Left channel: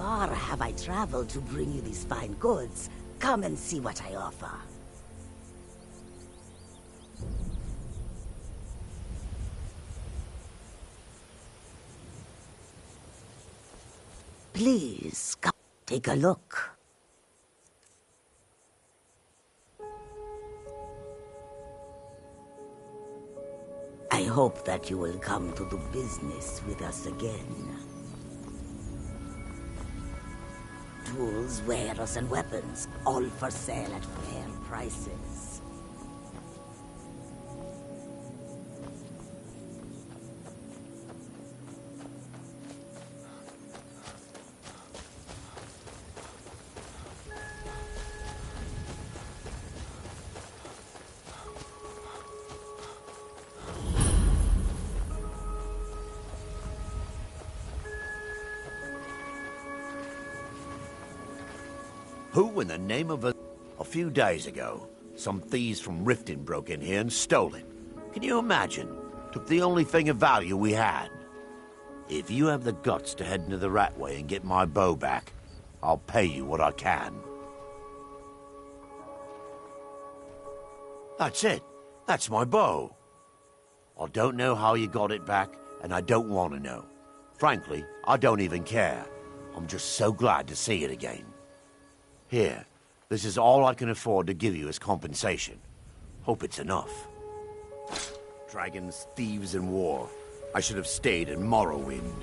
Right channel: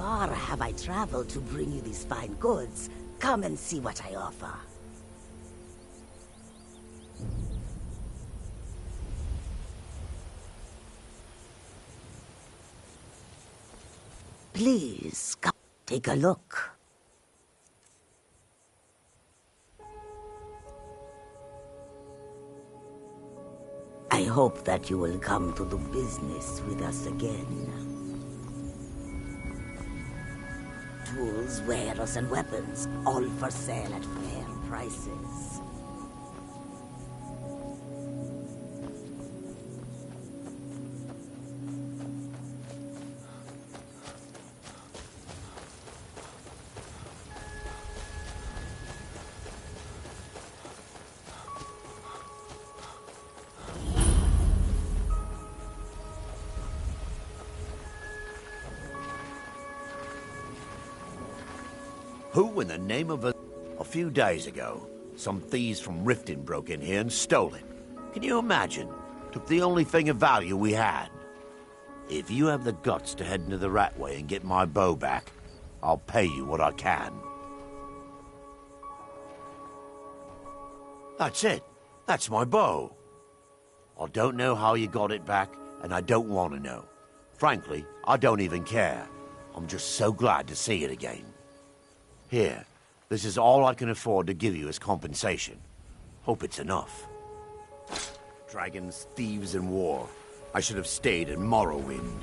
far have I traveled to bring you these fine goods? Come and see what I offer. Please, come take a look. I hope that you will come to do business with us again. Tools, wares, and weapons, all for sale at fair prices. Who in the name of a few days ago, some thieves from Riften broke in here and stole it. Can you imagine? Took the only thing of value we had. If you have the guts to head into the Ratway and get my bow back, I'll pay you what I can. That's it. That's my bow. I don't know how you got it back, and I don't want to know. Frankly, I don't even care. I'm just so glad to see it again. Here, this is all I can afford to give you as compensation. Hope it's enough. Dragons, thieves, and war. I should have stayed in Morrowind.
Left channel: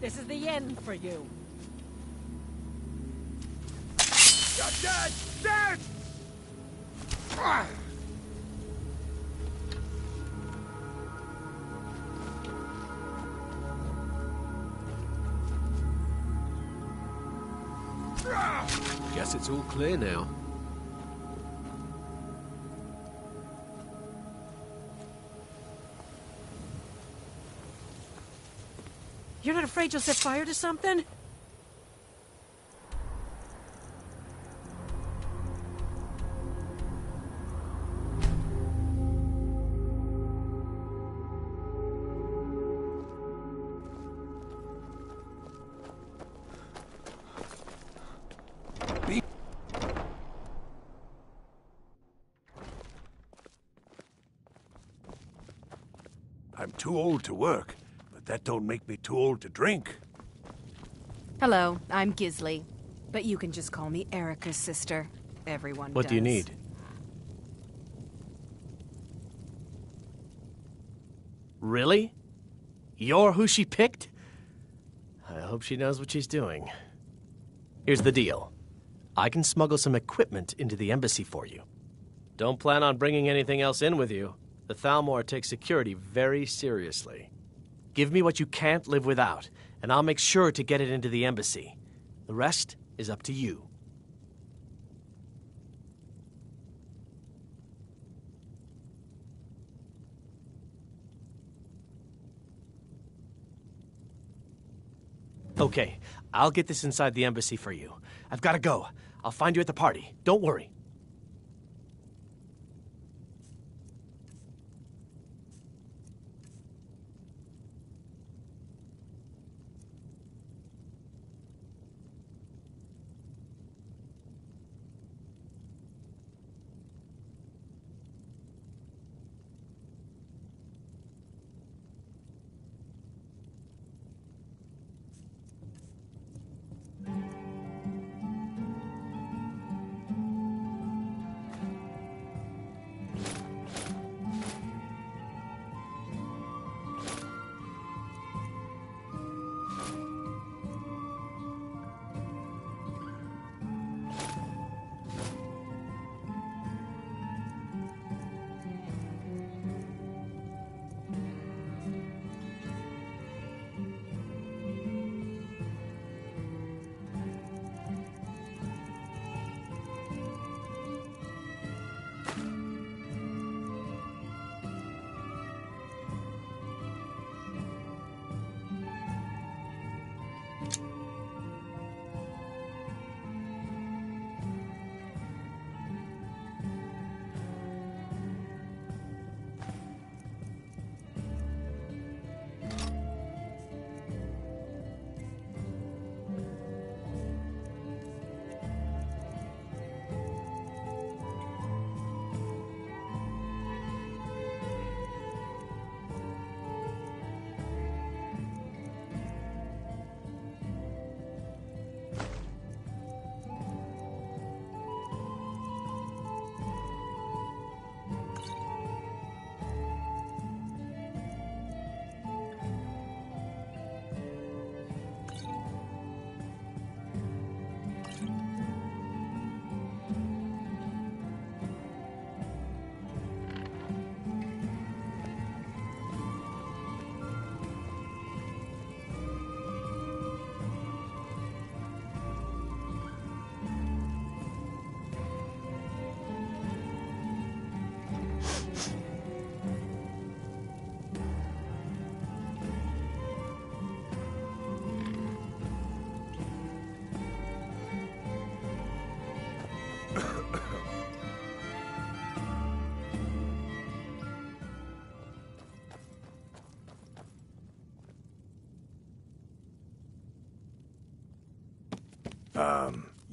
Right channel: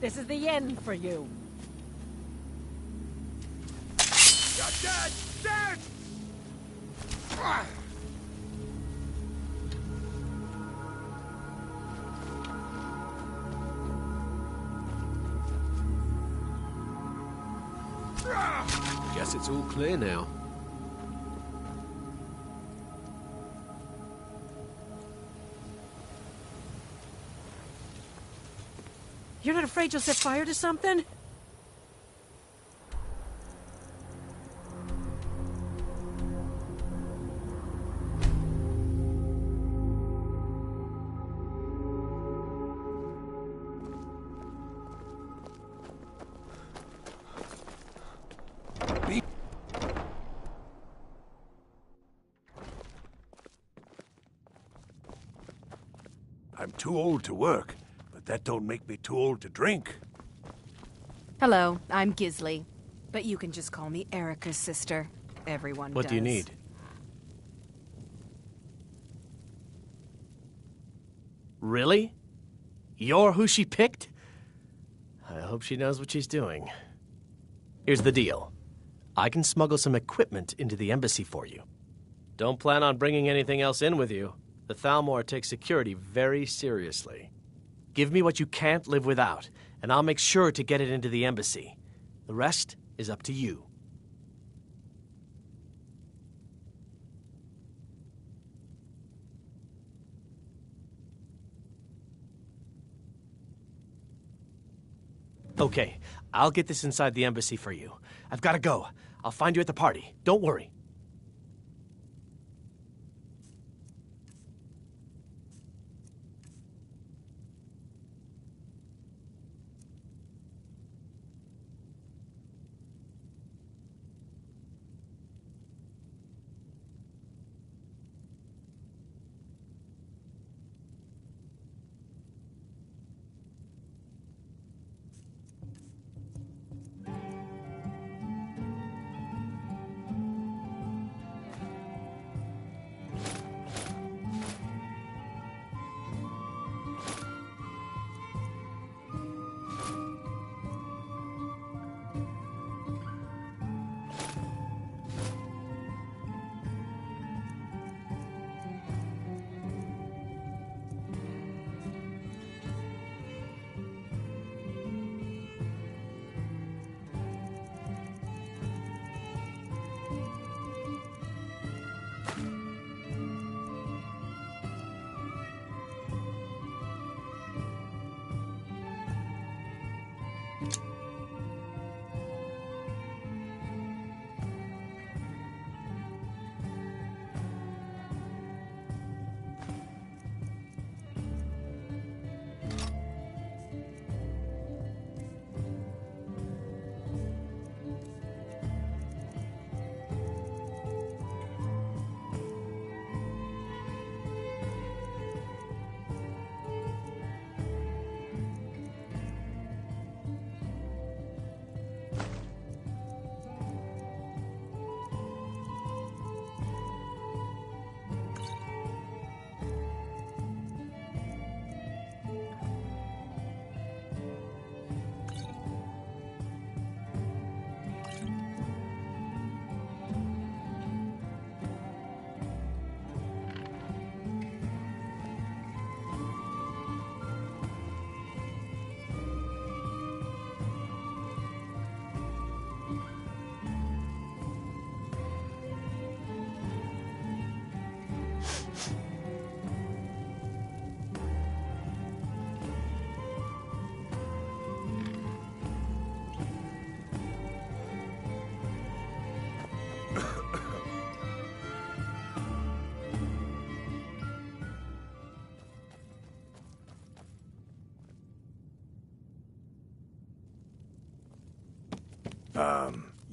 This is the end for you. You're dead! Dead! Guess it's all clear now. You're not afraid you'll set fire to something? I'm too old to work, but that don't make me too old to drink. Hello, I'm Gisley, but you can just call me Erica's sister. Everyone does. What do you need? Really? You're who she picked? I hope she knows what she's doing. Here's the deal. I can smuggle some equipment into the embassy for you. Don't plan on bringing anything else in with you. The Thalmor takes security very seriously. Give me what you can't live without, and I'll make sure to get it into the embassy. The rest is up to you. Okay, I'll get this inside the embassy for you. I've got to go. I'll find you at the party. Don't worry.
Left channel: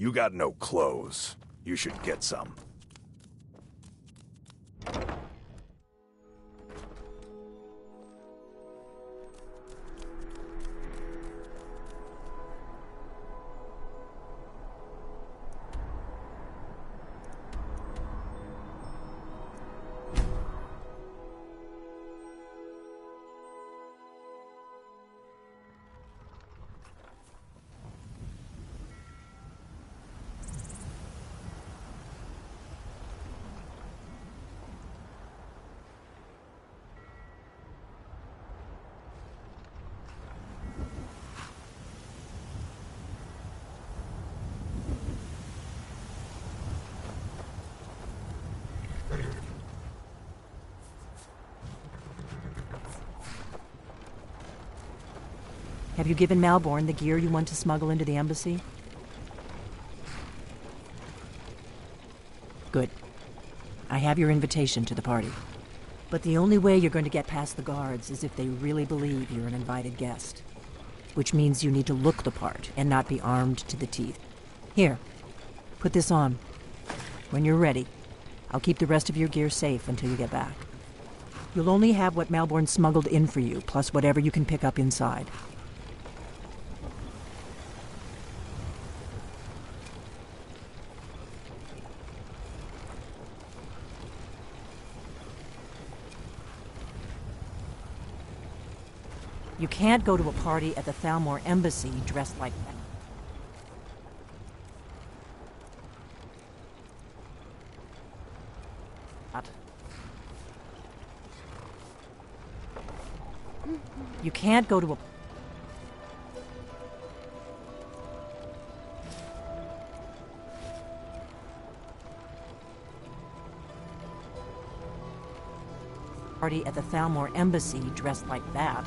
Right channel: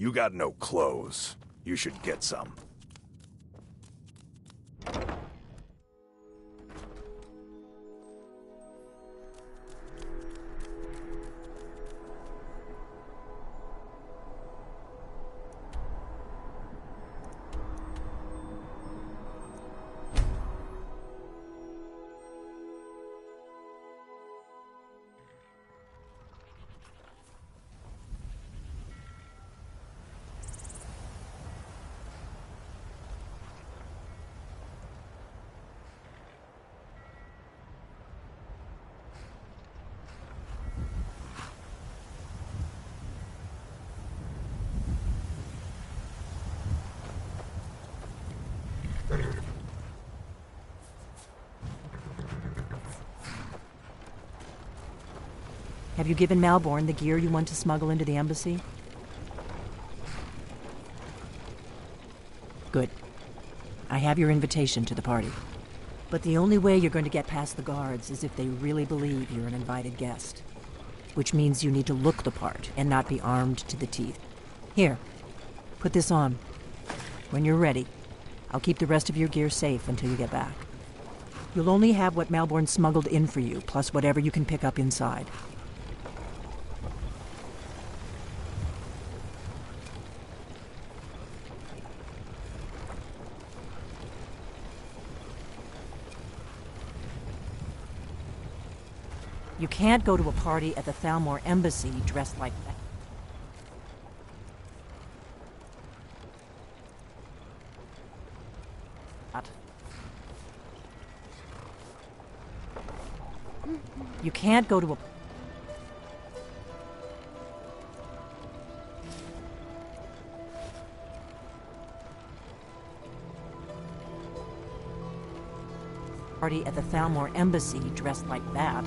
You got no clothes. You should get some. Have you given Malborn the gear you want to smuggle into the embassy? Good. I have your invitation to the party. But the only way you're going to get past the guards is if they really believe you're an invited guest. Which means you need to look the part and not be armed to the teeth. Here, put this on. When you're ready, I'll keep the rest of your gear safe until you get back. You'll only have what Malborn smuggled in for you, plus whatever you can pick up inside. You can't go to a party at the Thalmor embassy dressed like that. You can't go to a party at the Thalmor Embassy dressed like that.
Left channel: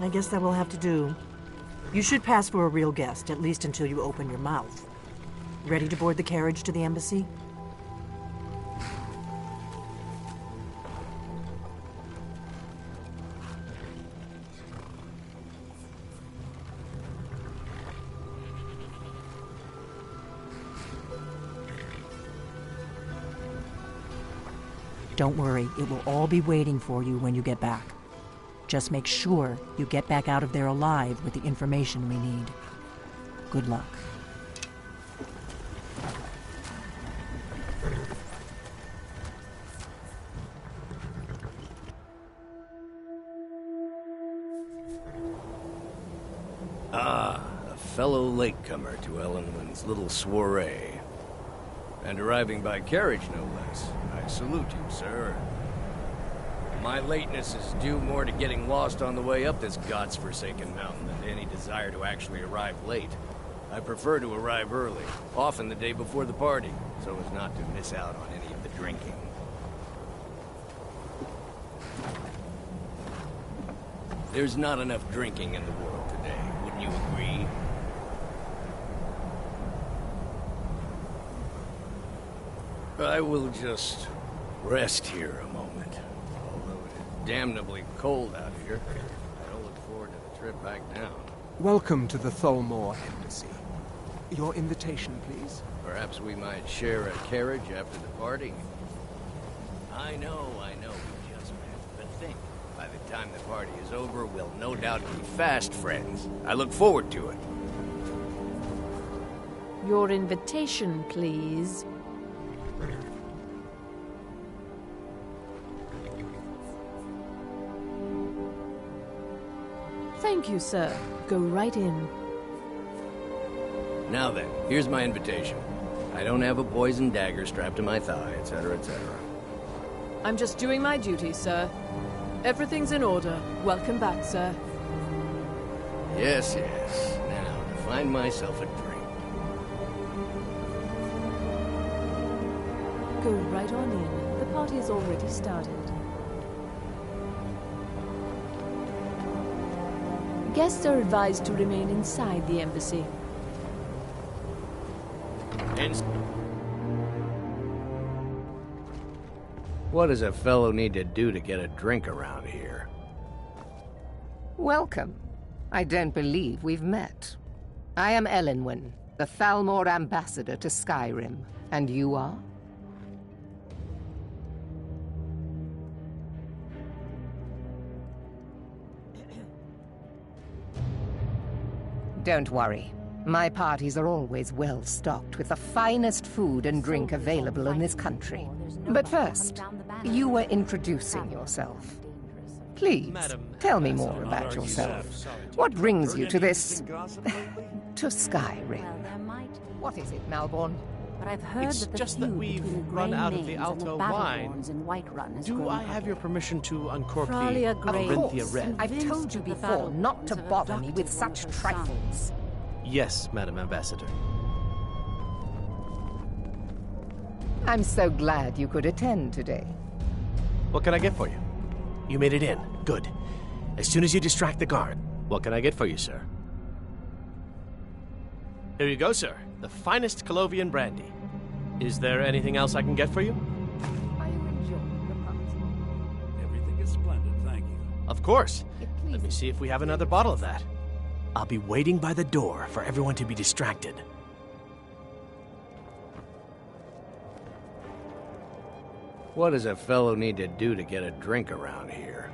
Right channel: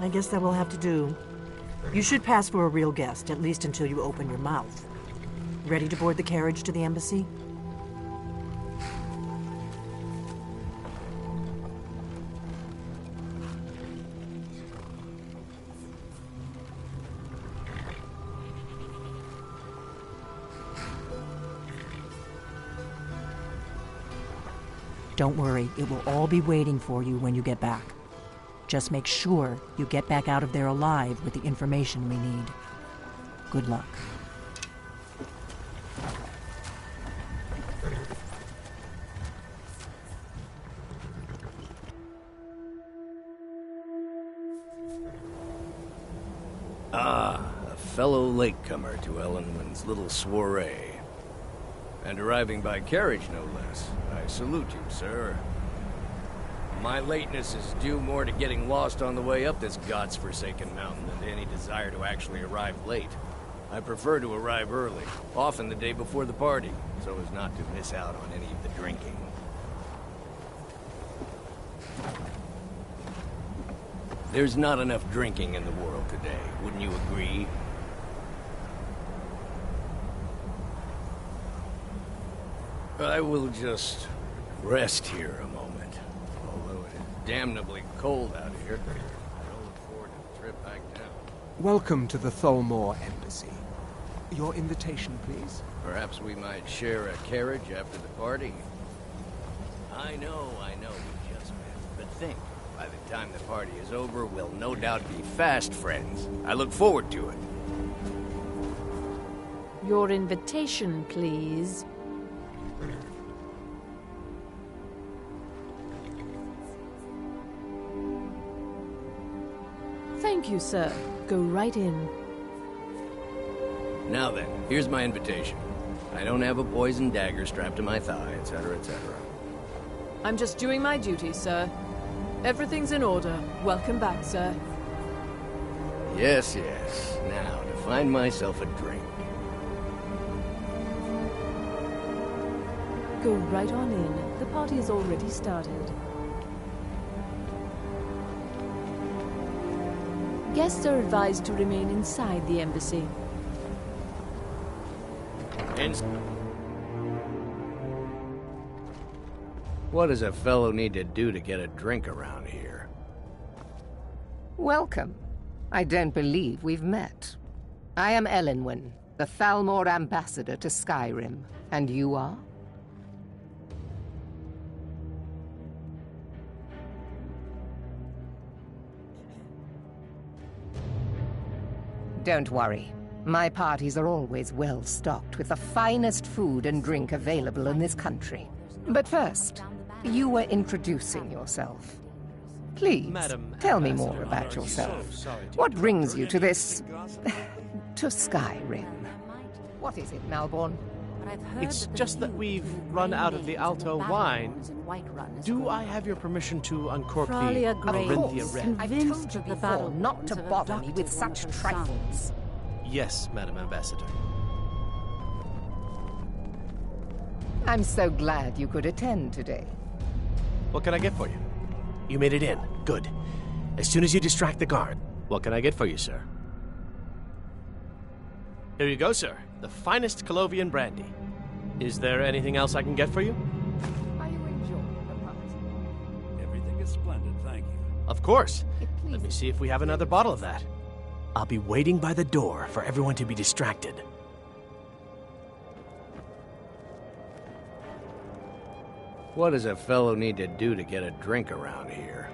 I guess that will have to do. You should pass for a real guest, at least until you open your mouth. Ready to board the carriage to the embassy? Don't worry, it will all be waiting for you when you get back. Just make sure you get back out of there alive with the information we need. Good luck. Ah, a fellow latecomer to Ellenwyn's little soiree. And arriving by carriage, no less. I salute you, sir. My lateness is due more to getting lost on the way up this god's-forsaken mountain than to any desire to actually arrive late. I prefer to arrive early, often the day before the party, so as not to miss out on any of the drinking. There's not enough drinking in the world today, wouldn't you agree? I will just rest here a moment. Although it is damnably cold out here, I don't look forward to the trip back down. Welcome to the Thalmor Embassy. Your invitation, please? Perhaps we might share a carriage after the party? I know, we just met. But think, by the time the party is over, we'll no doubt be fast friends. I look forward to it. Your invitation, please. Thank you, sir. Go right in. Now then, here's my invitation. I don't have a poisoned dagger strapped to my thigh, etc., etc. I'm just doing my duty, sir. Everything's in order. Welcome back, sir. Yes, yes. Now, to find myself a drink. Go right on in. The party has already started. Guests are advised to remain inside the embassy. What does a fellow need to do to get a drink around here? Welcome. I don't believe we've met. I am Ellenwyn, the Thalmor ambassador to Skyrim. And you are? Don't worry. My parties are always well stocked with the finest food and drink available in this country. But first, you were introducing yourself. Please, tell me more about yourself. What brings you to this... to Skyrim? What is it, Malborn? It's just that we've run out of the Alto wine. Do I have your permission to uncork the Corinthia Red? I've told you before not to bother me with such trifles. Yes, Madam Ambassador. I'm so glad you could attend today. What can I get for you? You made it in. Good. As soon as you distract the guard. What can I get for you, sir? Here you go, sir. The finest Colovian brandy. Is there anything else I can get for you? Are you enjoying the party? Everything is splendid, thank you. Of course. Let me see if we have another bottle of that. I'll be waiting by the door for everyone to be distracted. What does a fellow need to do to get a drink around here?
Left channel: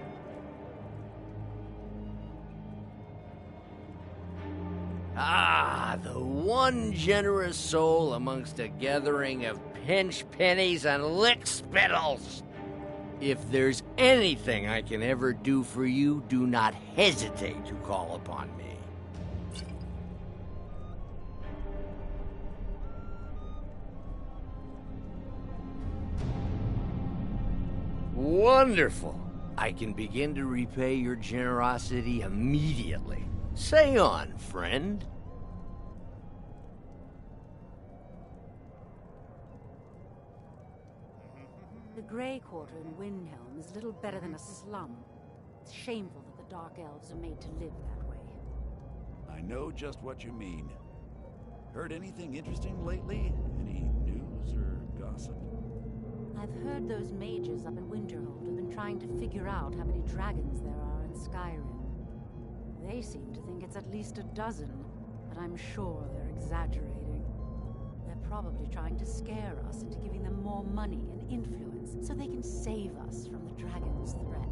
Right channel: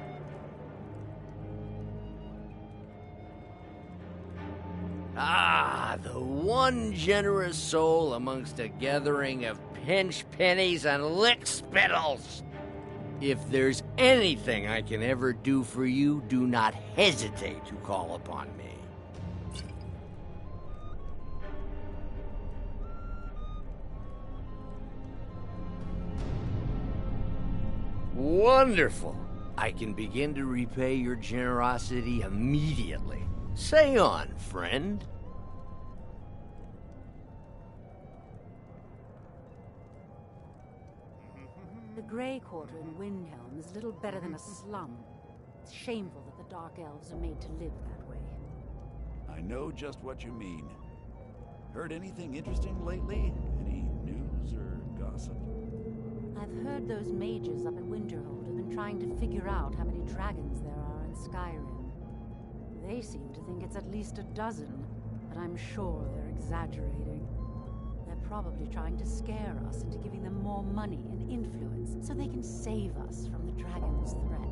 Ah, the one generous soul amongst a gathering of pinch pennies and lick spittles. If there's anything I can ever do for you, do not hesitate to call upon me. Wonderful. I can begin to repay your generosity immediately. Say on, friend. The Grey Quarter in Windhelm is little better than a slum. It's shameful that the Dark Elves are made to live that way. I know just what you mean. Heard anything interesting lately? Any news or gossip? I've heard those mages up in Winterhold have been trying to figure out how many dragons there are in Skyrim. They seem to think it's at least a dozen, but I'm sure they're exaggerating. They're probably trying to scare us into giving them more money and influence so they can save us from the dragon's threat.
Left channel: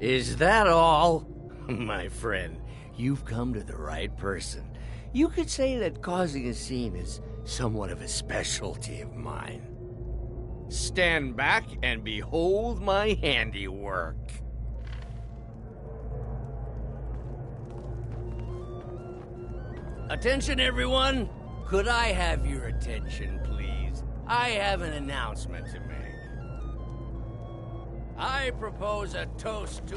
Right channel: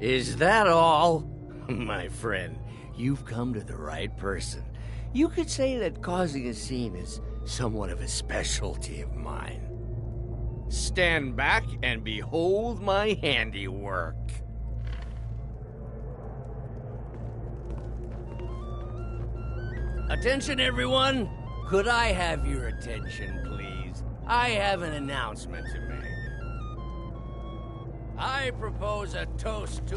Is that all? My friend, you've come to the right person. You could say that causing a scene is somewhat of a specialty of mine. Stand back and behold my handiwork. Attention, everyone! Could I have your attention, please? I have an announcement to make. I propose a toast to...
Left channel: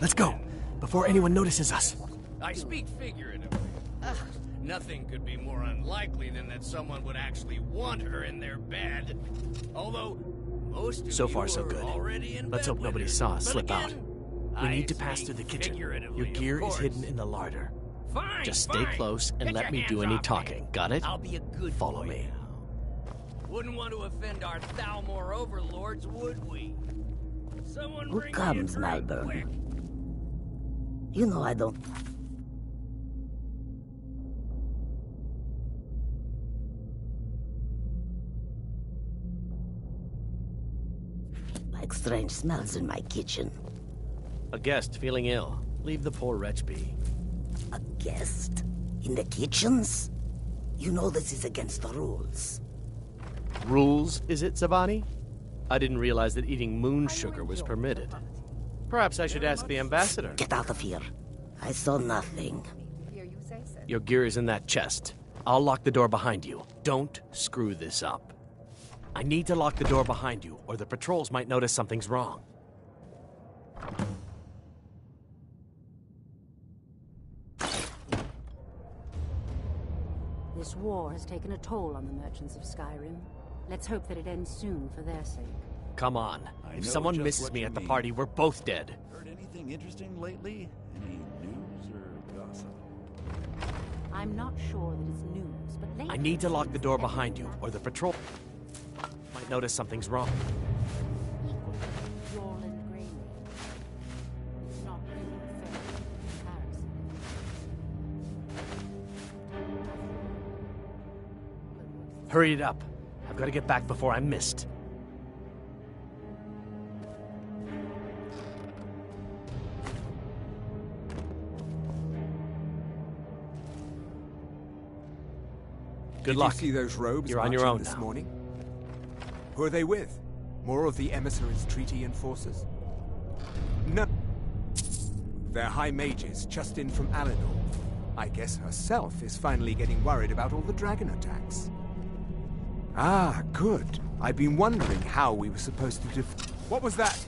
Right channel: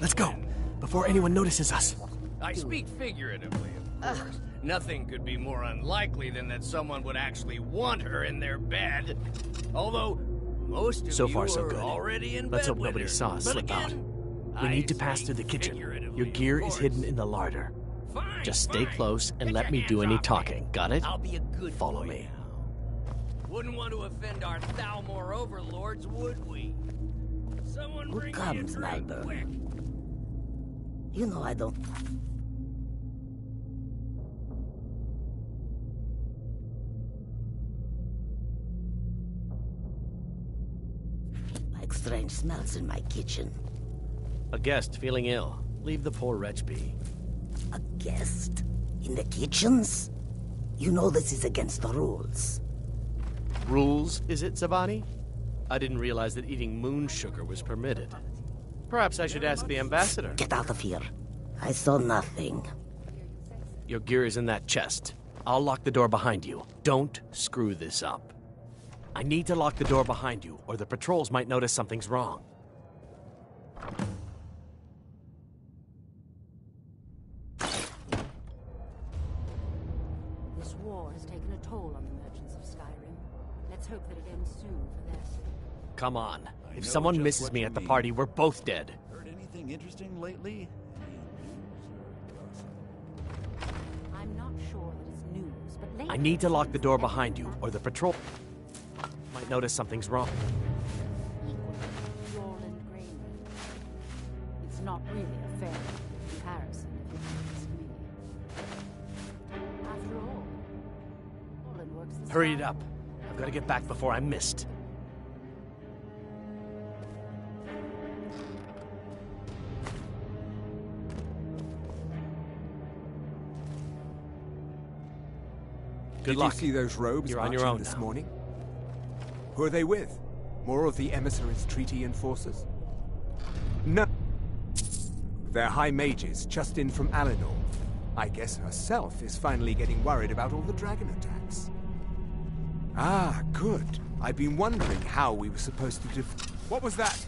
Let's go, before anyone notices us. I speak figuratively, of course. Nothing could be more unlikely than that someone would actually want her in their bed. Although, most of so you far, so are good. already in Let's bed hope nobody with her. saw us But slip again, out. We I need to pass speak through the kitchen. figuratively, Your gear of is course. hidden in the larder. Fine, Just stay fine. close and Get let your me do hands any off talking. me. Got it? I'll be a good Follow boy me. now. Wouldn't want to offend our Thalmor overlords, would we? Someone Who bring me a comes, drink, Malborn? quick. You know I don't... like strange smells in my kitchen. A guest feeling ill. Leave the poor wretch be. A guest? In the kitchens? You know this is against the rules. Rules, is it, Zavani? I didn't realize that eating moon sugar was permitted. Perhaps I should ask the ambassador. Get out of here. I saw nothing. Your gear is in that chest. I'll lock the door behind you. Don't screw this up. I need to lock the door behind you, or the patrols might notice something's wrong. This war has taken a toll on the merchants of Skyrim. Let's hope that it ends soon for their sake. Come on. I If know someone just misses what me you at the mean. party, we're both dead. Heard anything interesting lately? Any news or gossip? I'm not sure that it's news, but lately I need to it lock seems the door that behind you, everything or the patrol might notice something's wrong. equal to Yorland Grey Mane. It's not really a fair comparison, if you ask me. After all, Yorland works the Hurry it up. I've got to get back before I'm missed. Good luck. Did you see those robes You're on your marching own this now. morning? Who are they with? More of the emissaries' treaty enforcers? No. They're high mages just in from Alinor. I guess herself is finally getting worried about all the dragon attacks. Ah, good. I've been wondering how we were supposed to What was that?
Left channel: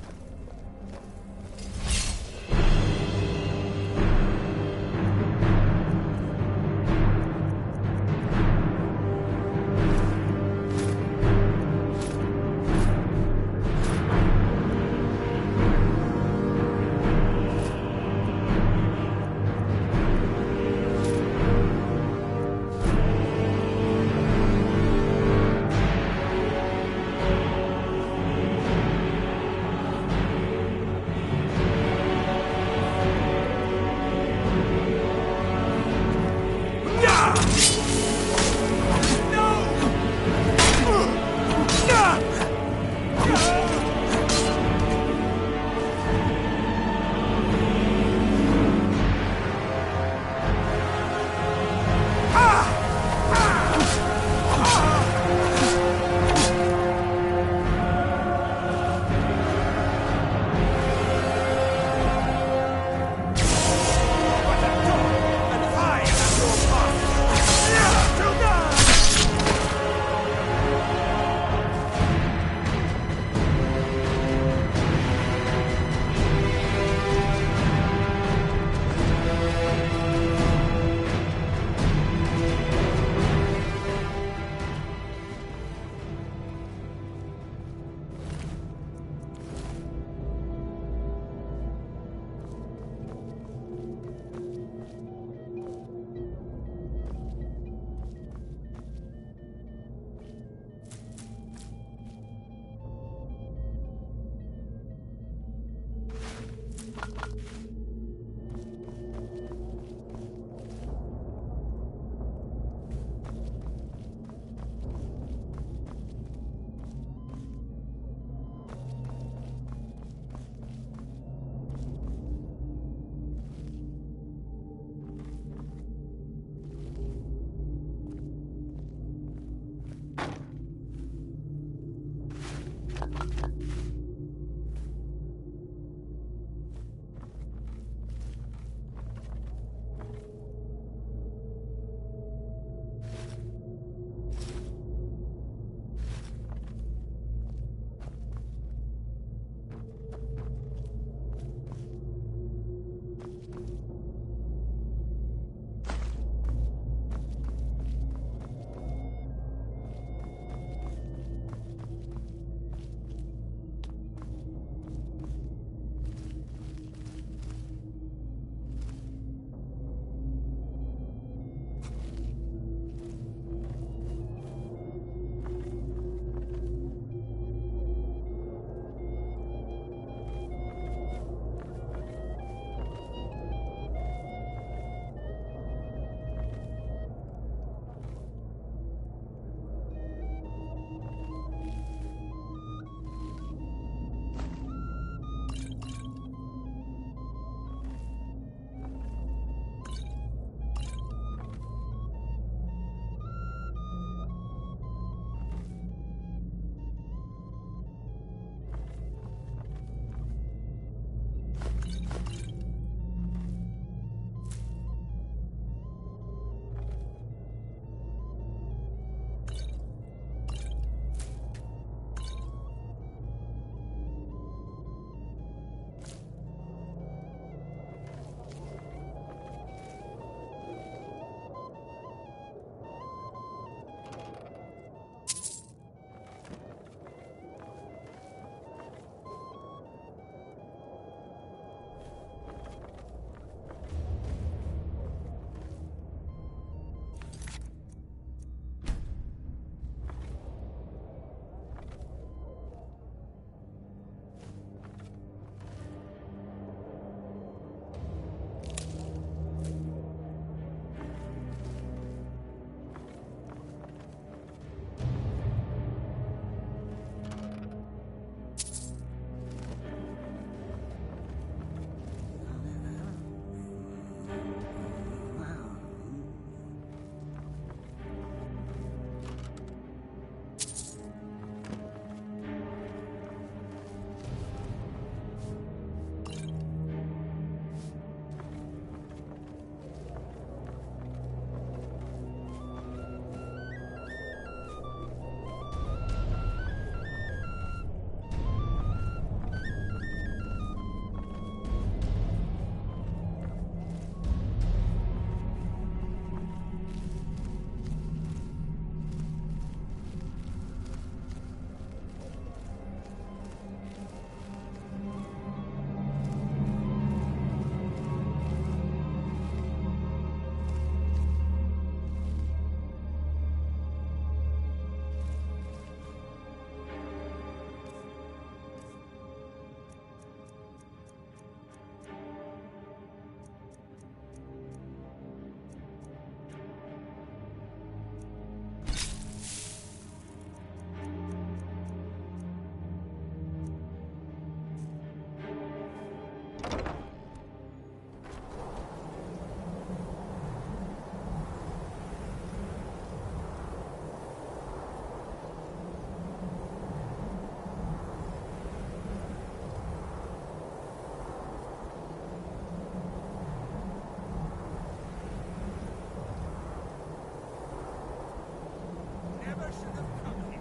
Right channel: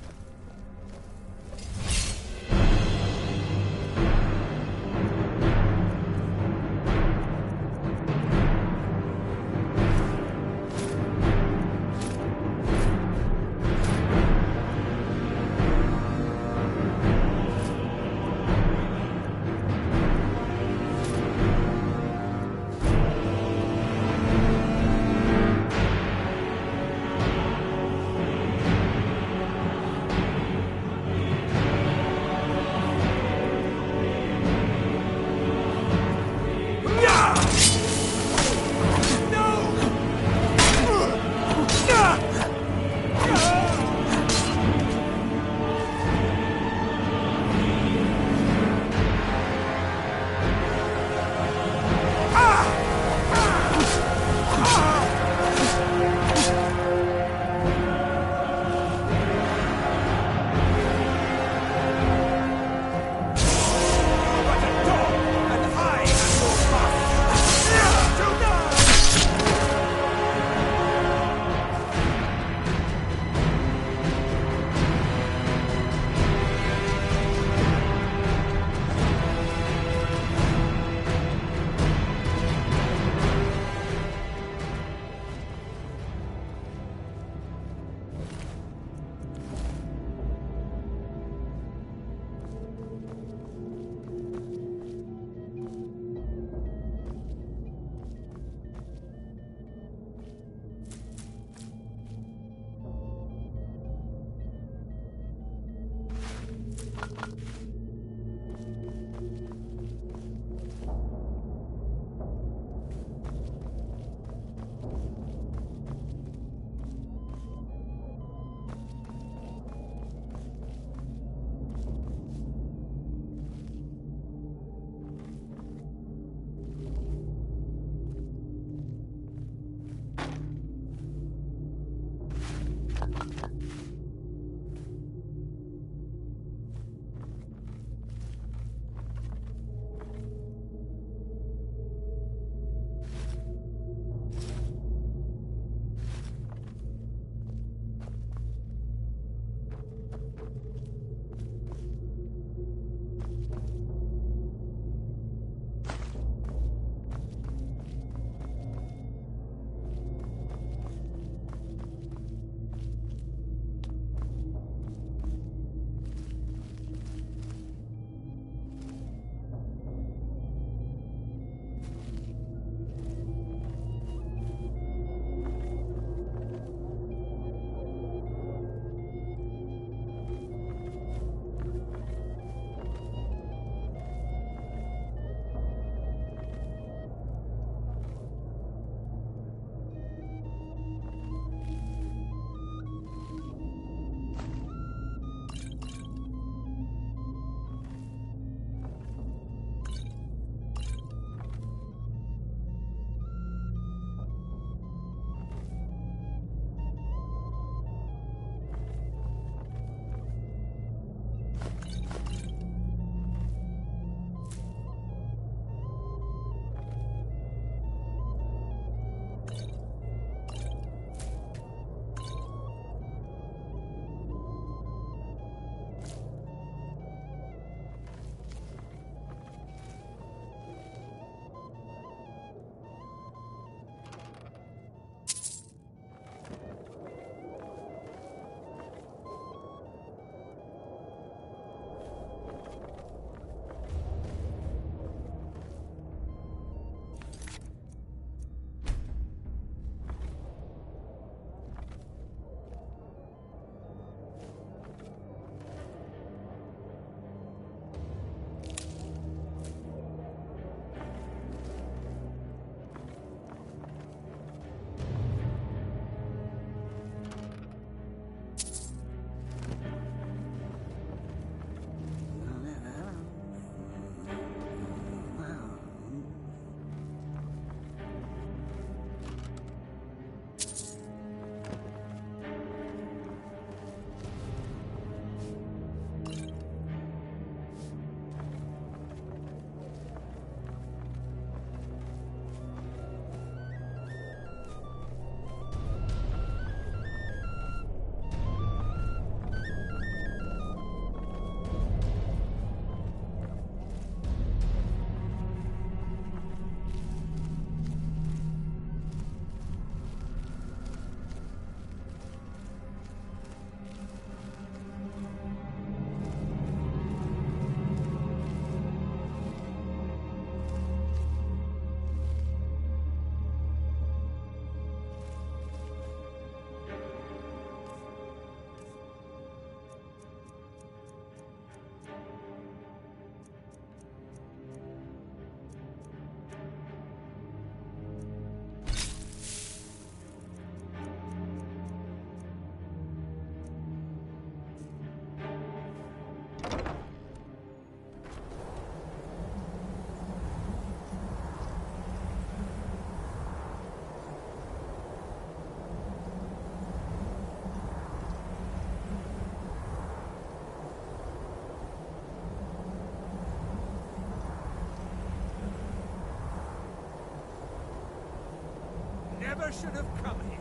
never should have come here.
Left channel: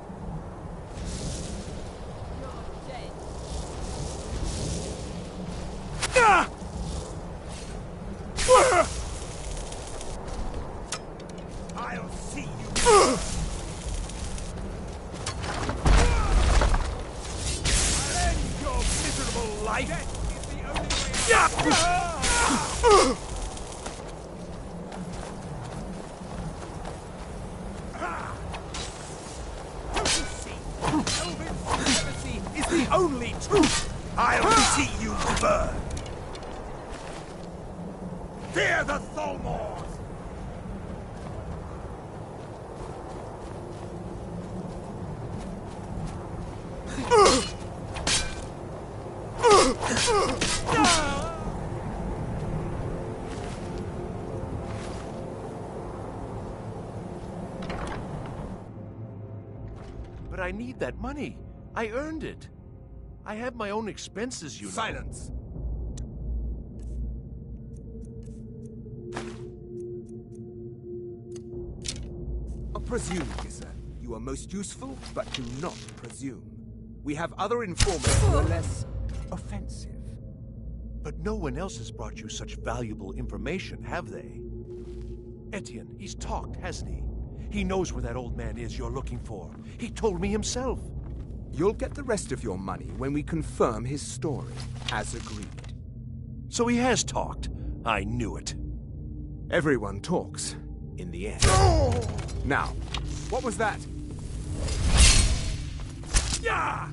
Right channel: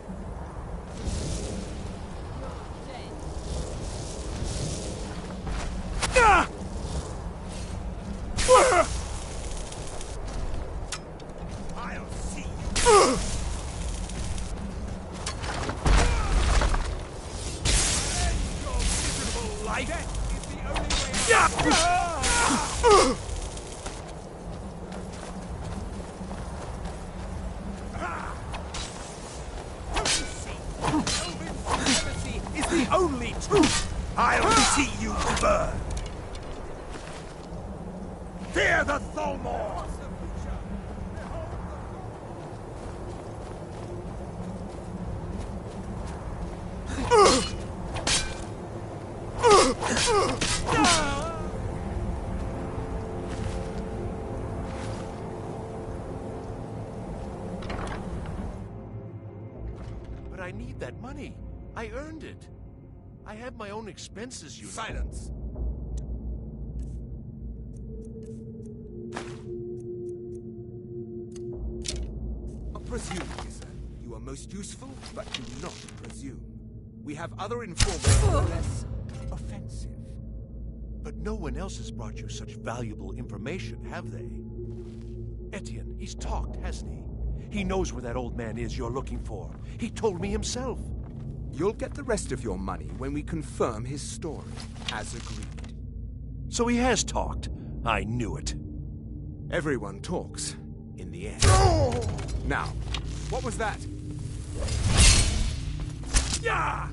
You're dead. Ah! I'll see you. I'll end your miserable life. Death is the only way out. Don't you see? Elven supremacy is the only truth. I'll see you burn. Fear the Thalmor! But I need that money. I earned it. I have my own expenses, you know. Silence! Not presume, Gissa. You are most useful, but do not presume. We have other informants who are less offensive. But no one else has brought you such valuable information, have they? Etienne, he's talked, hasn't he? He knows where that old man is you're looking for. He told me himself. You'll get the rest of your money when we confirm his story, as agreed. So he has talked. I knew it. Everyone talks, in the end. Now, what was that? Yeah!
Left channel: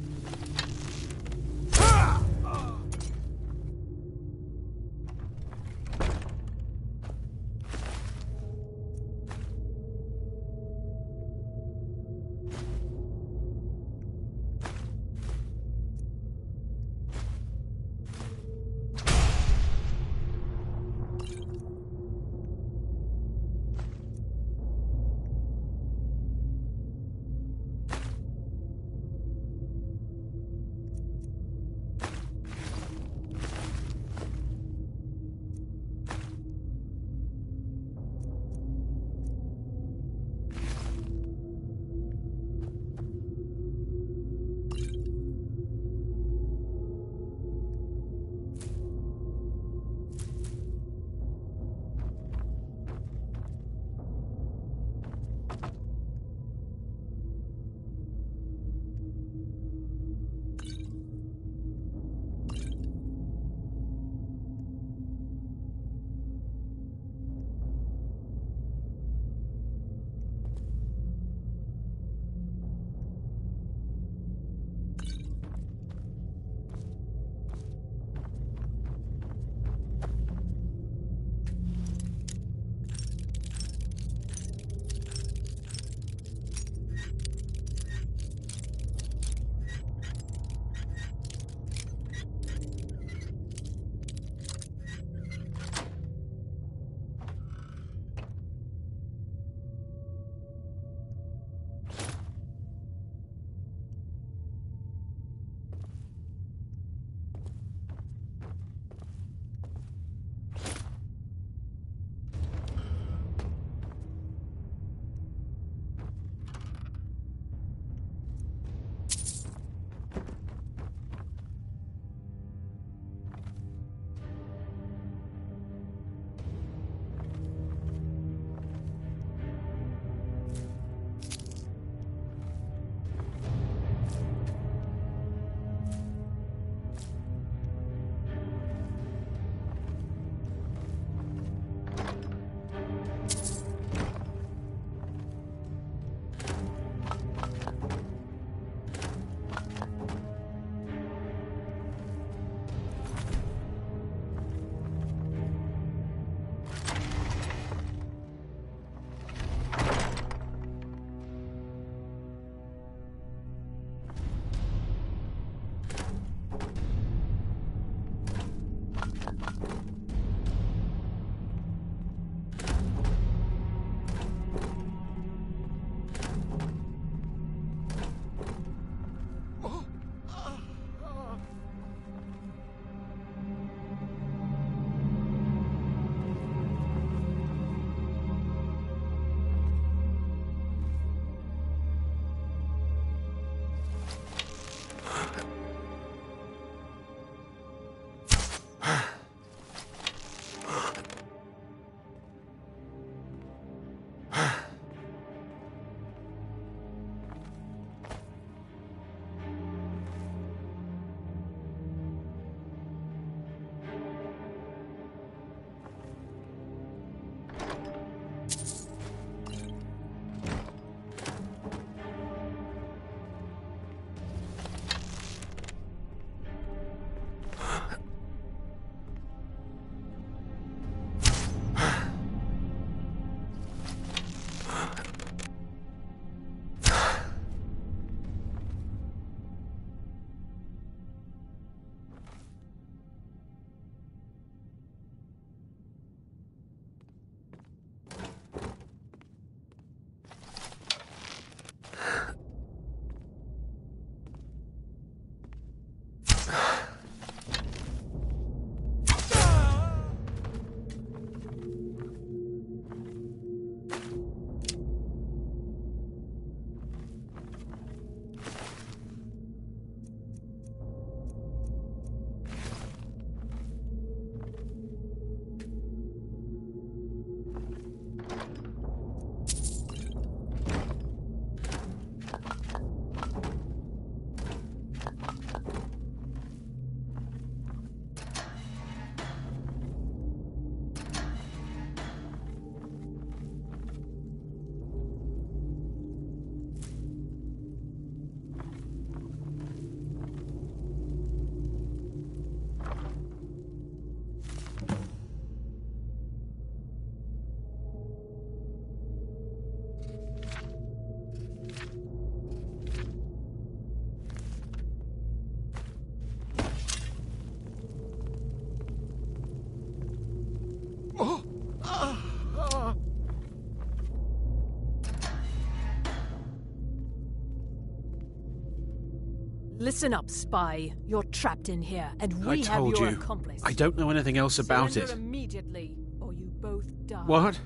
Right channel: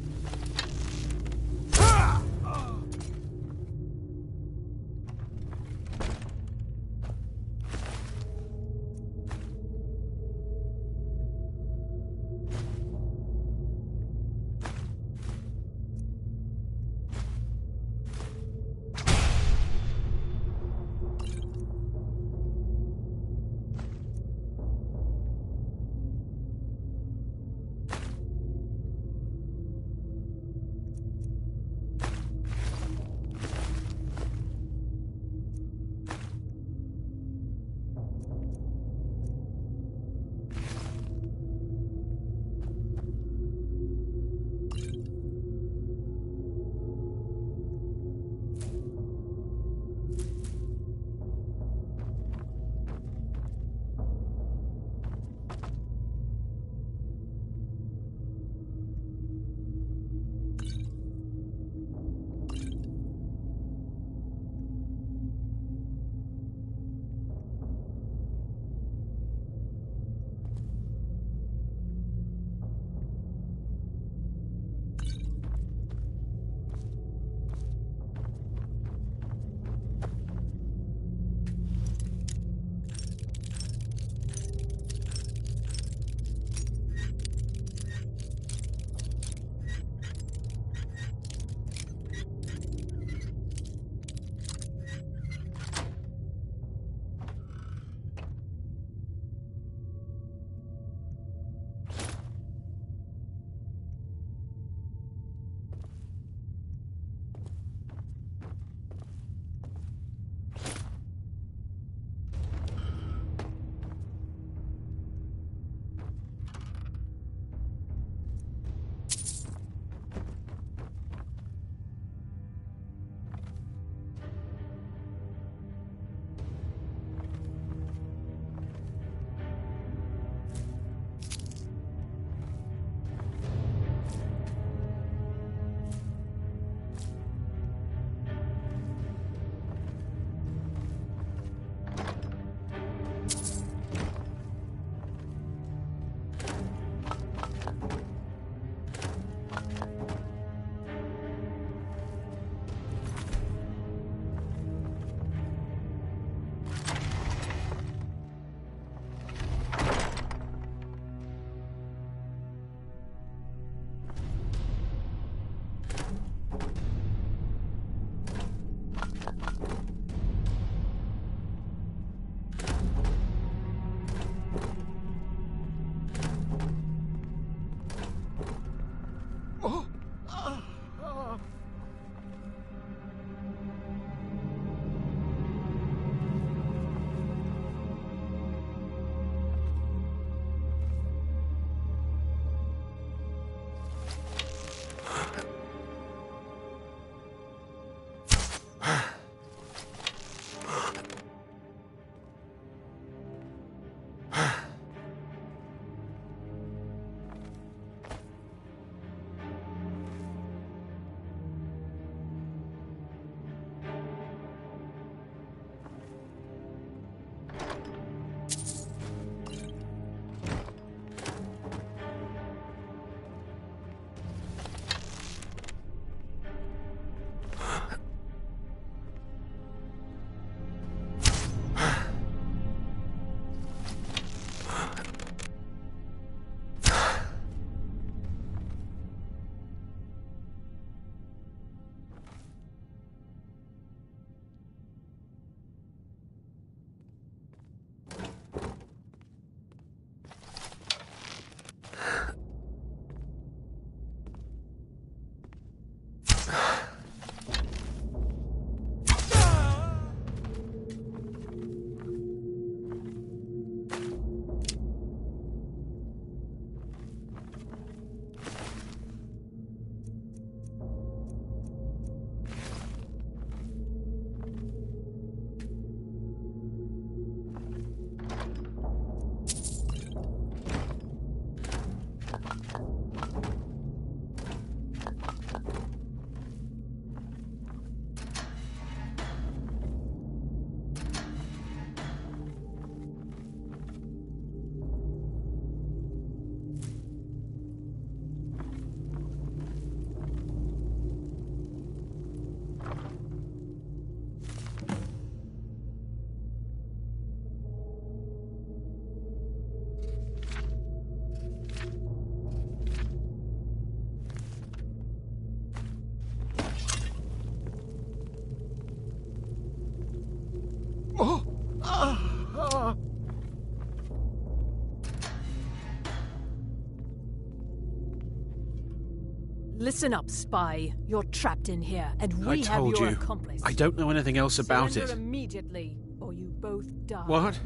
Listen up, spy. You're trapped in here, and I we have told your you. accomplice. I don't know anything else about Surrender it. immediately, or you both die. What?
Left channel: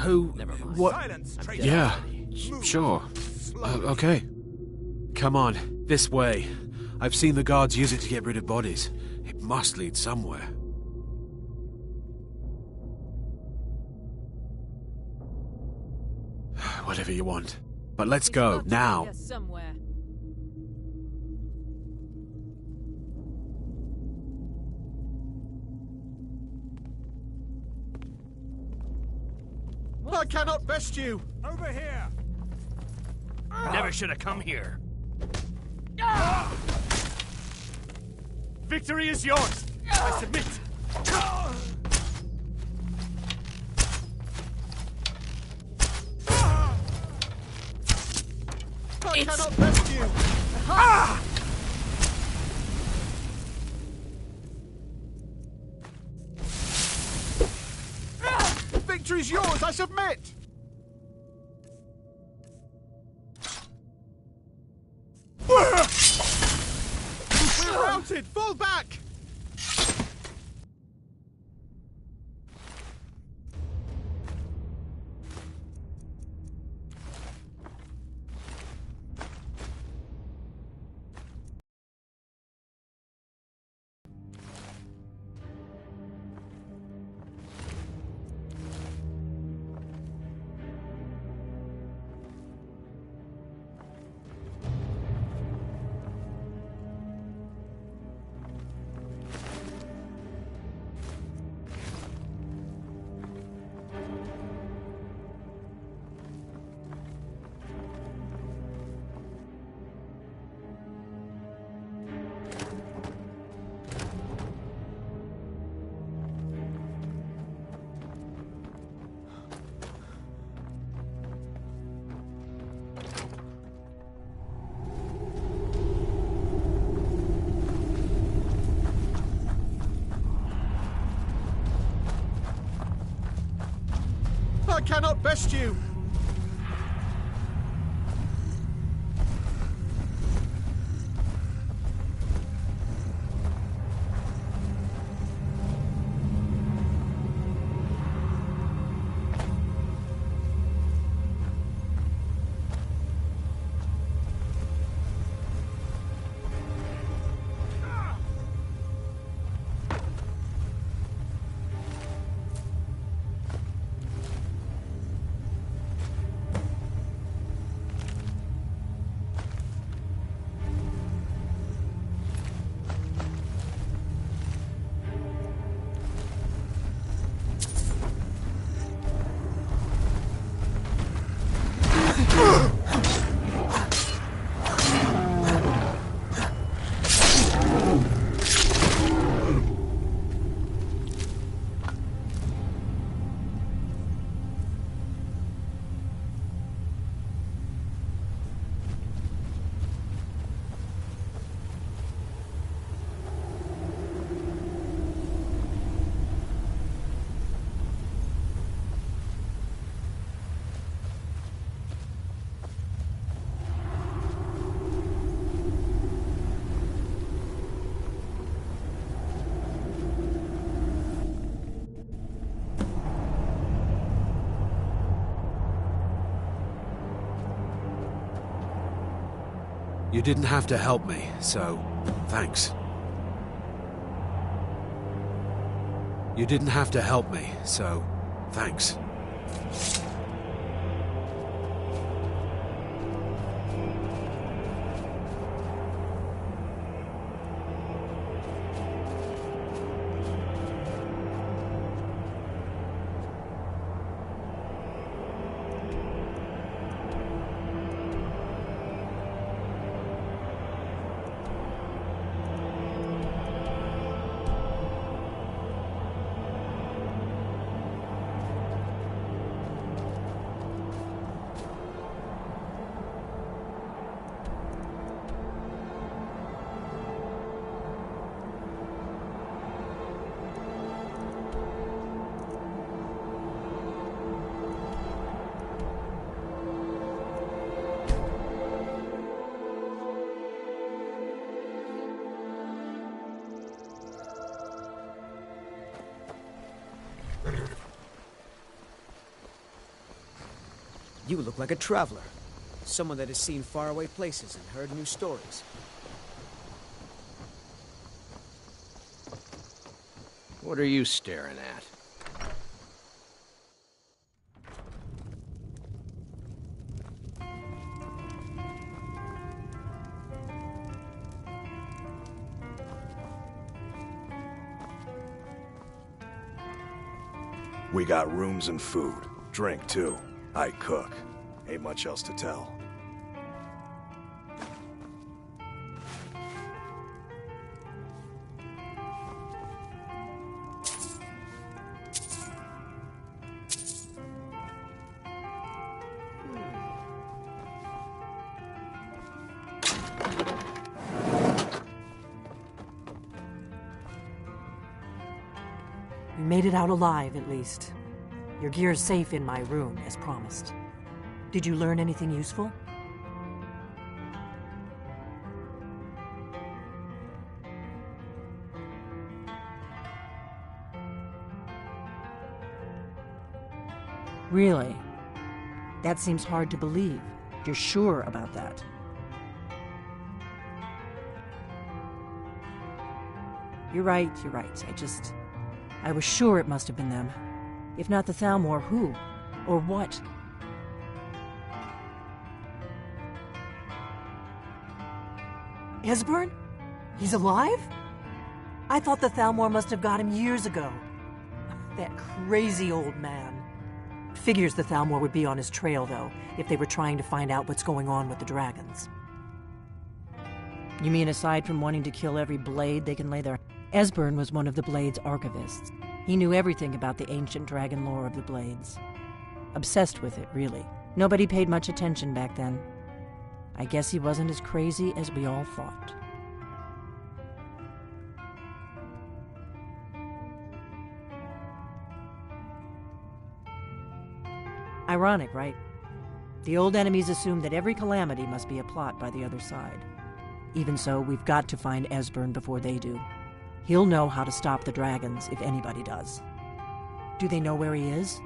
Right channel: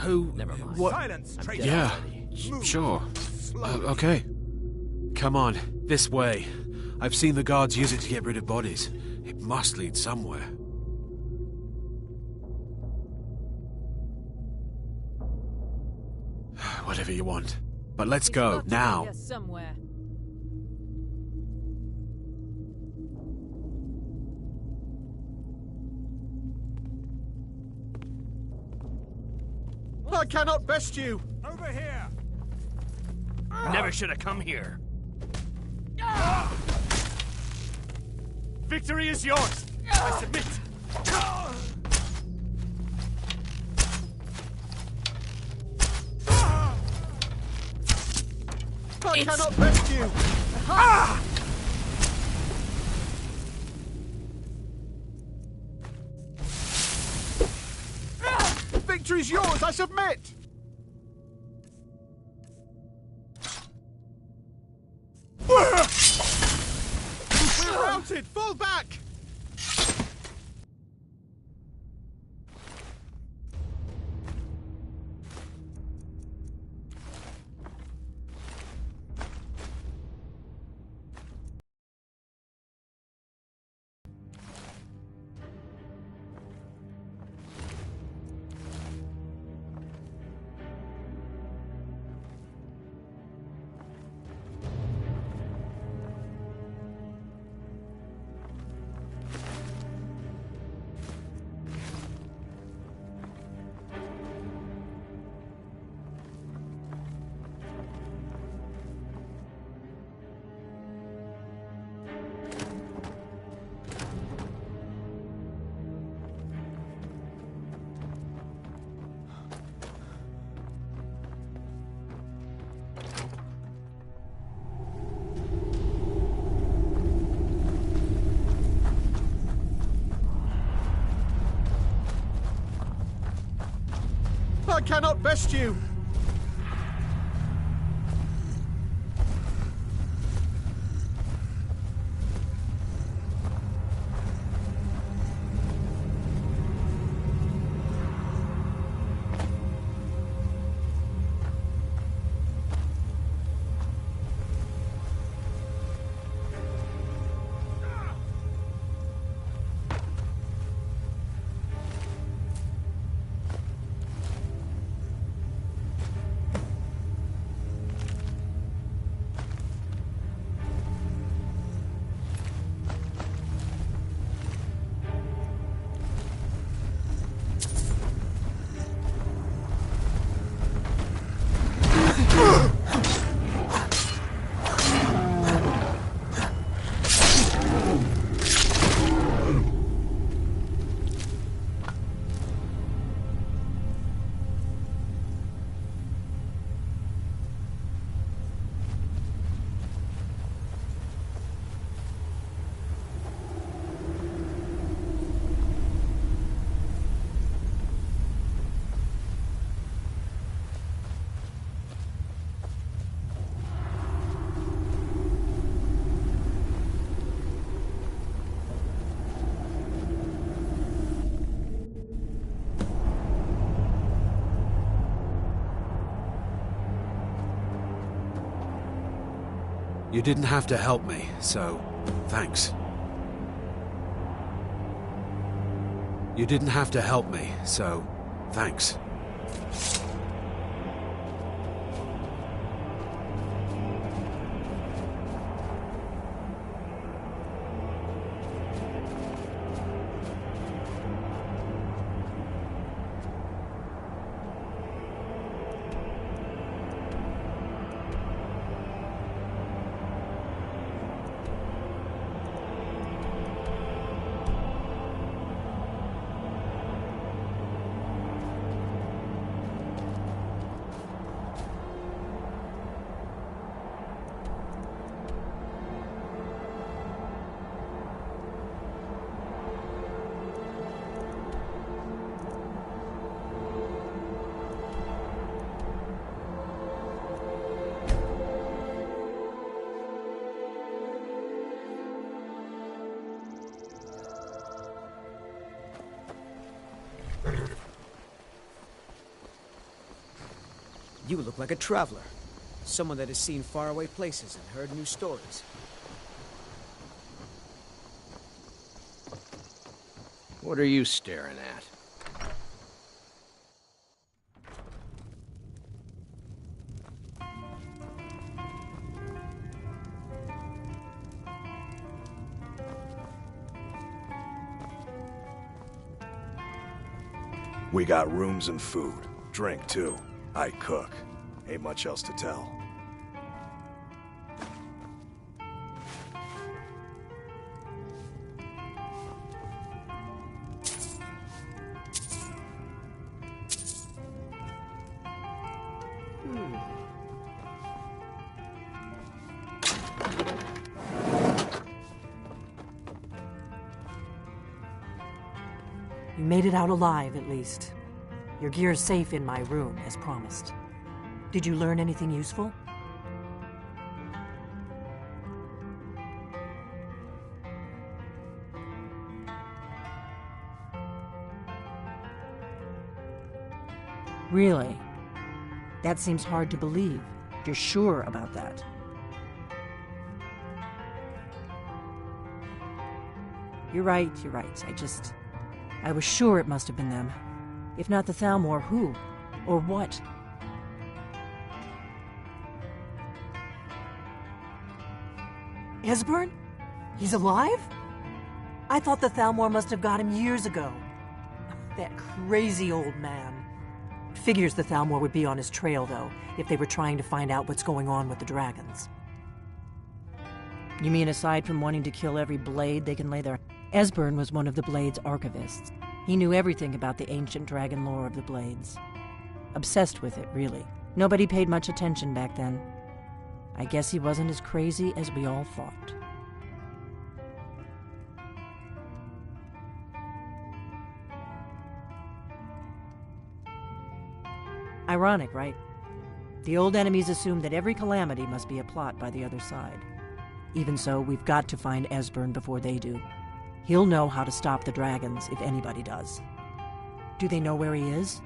Who? Never mind. What? Silence, traitor! Yeah, Move. sure. Slowly. Okay. Come on, this way. I've seen the guards use it to get rid of bodies. It must lead somewhere. Whatever you want. But let's He's go, got to be now. here somewhere. I cannot best you! Over here! Never should have come here. Victory is yours! I submit! I cannot best you! Victory's yours! I submit! We're routed! Fall back! I cannot best you! You didn't have to help me, so thanks. You didn't have to help me, so thanks. You look like a traveler. Someone that has seen faraway places and heard new stories. What are you staring at? We got rooms and food. Drink, too. I cook. Ain't much else to tell. You made it out alive, at least. Your gear's safe in my room, as promised. Did you learn anything useful? Really? That seems hard to believe. You're sure about that? You're right. I was sure it must have been them. If not the Thalmor, who? Or what? Esbern? He's alive? I thought the Thalmor must have got him years ago. That crazy old man. Figures the Thalmor would be on his trail, though, if they were trying to find out what's going on with the dragons. You mean aside from wanting to kill every blade they can lay their... Esbern was one of the Blades' archivists. He knew everything about the ancient dragon lore of the Blades. Obsessed with it, really. Nobody paid much attention back then. I guess he wasn't as crazy as we all thought. Ironic, right? The old enemies assumed that every calamity must be a plot by the other side. Even so, we've got to find Esbern before they do. He'll know how to stop the dragons, if anybody does. Do they know where he is?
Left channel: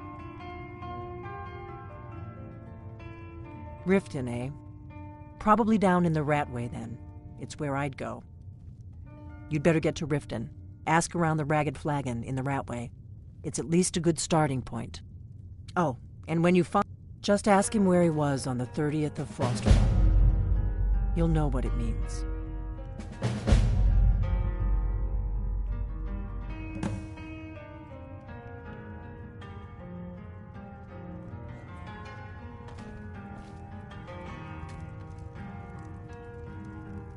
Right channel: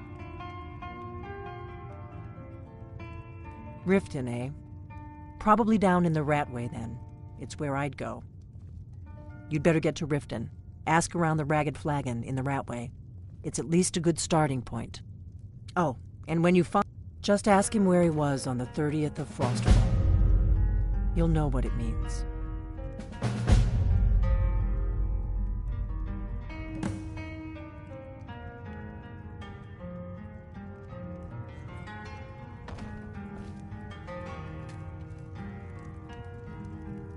Riften, eh? Probably down in the Ratway, then. It's where I'd go. You'd better get to Riften. Ask around the Ragged Flagon in the Ratway. It's at least a good starting point. Oh, and when you find... Just ask him where he was on the 30th of Frosterfall. You'll know what it means.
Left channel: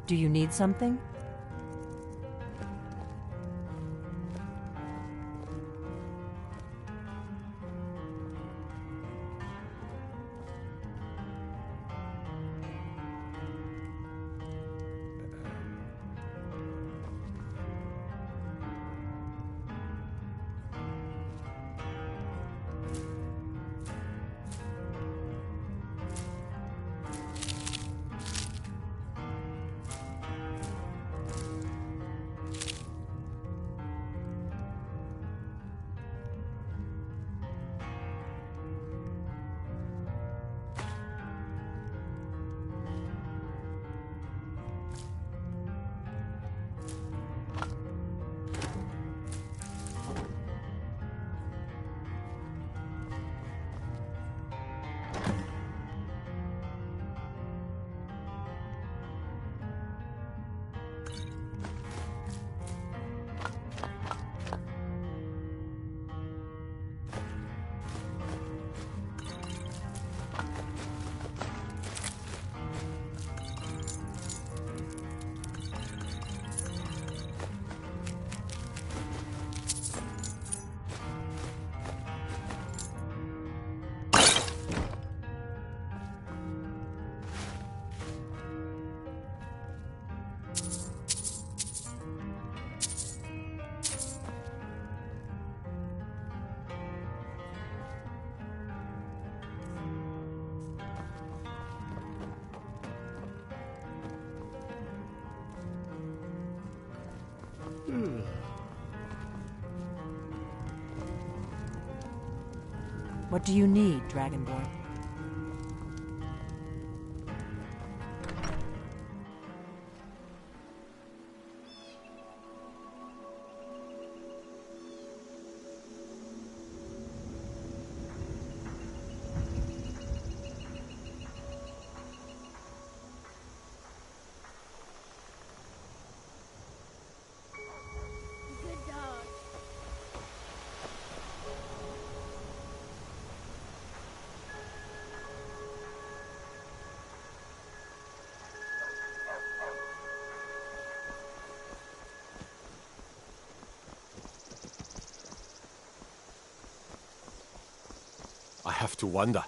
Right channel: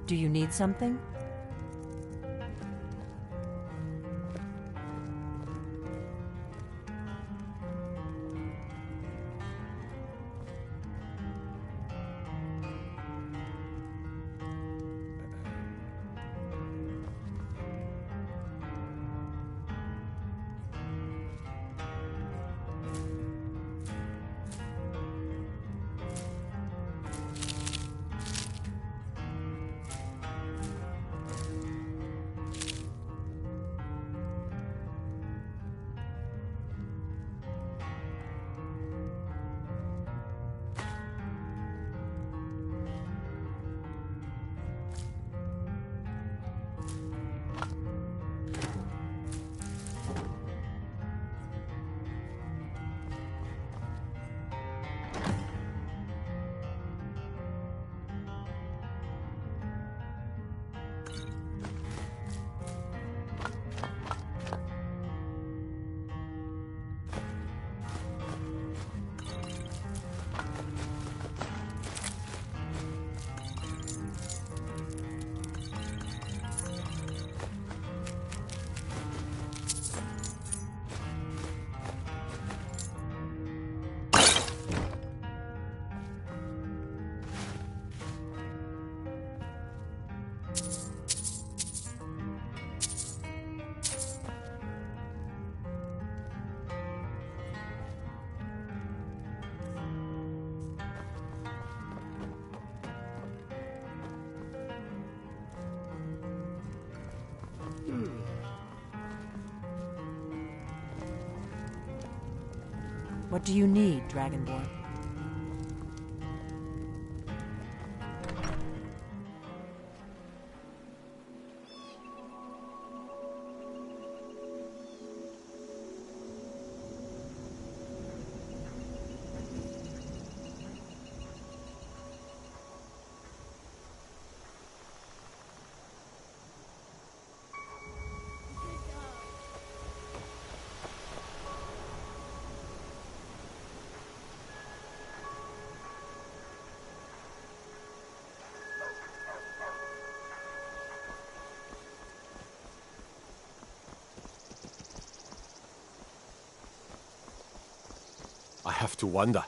Do you need something? What do you need, Dragonborn? I have to wonder.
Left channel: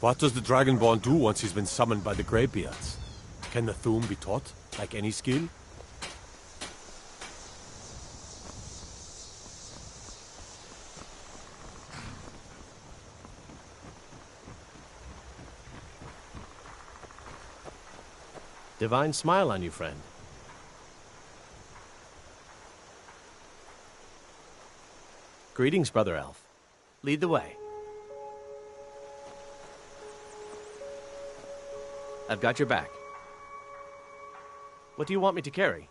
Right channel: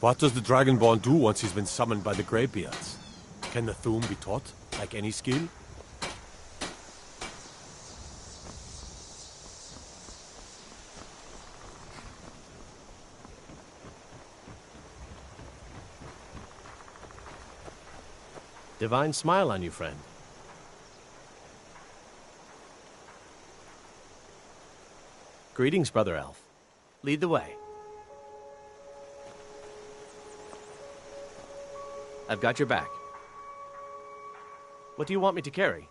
What does the Dragonborn do once he's been summoned by the Greybeards? Can the Thu'um be taught, like any skill? Divine smile on you, friend. Greetings, Brother Elf. Lead the way. I've got your back. What do you want me to carry?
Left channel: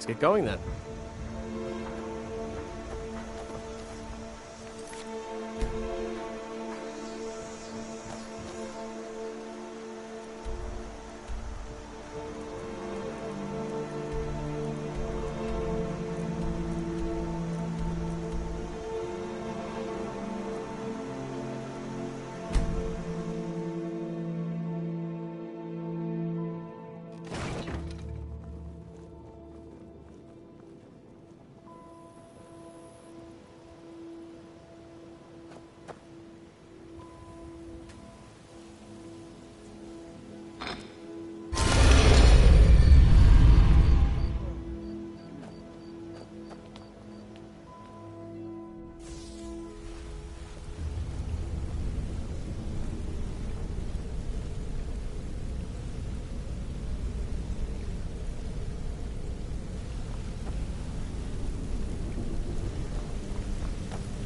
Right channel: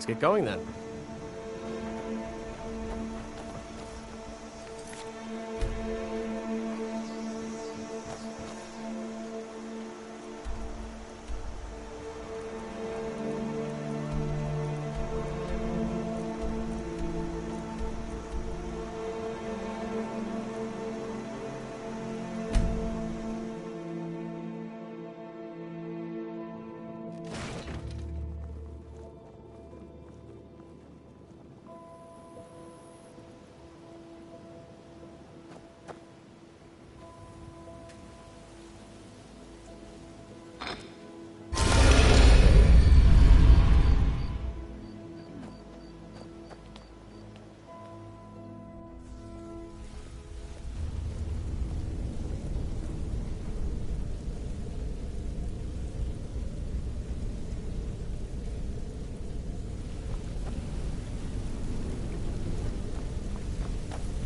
Let's get going then.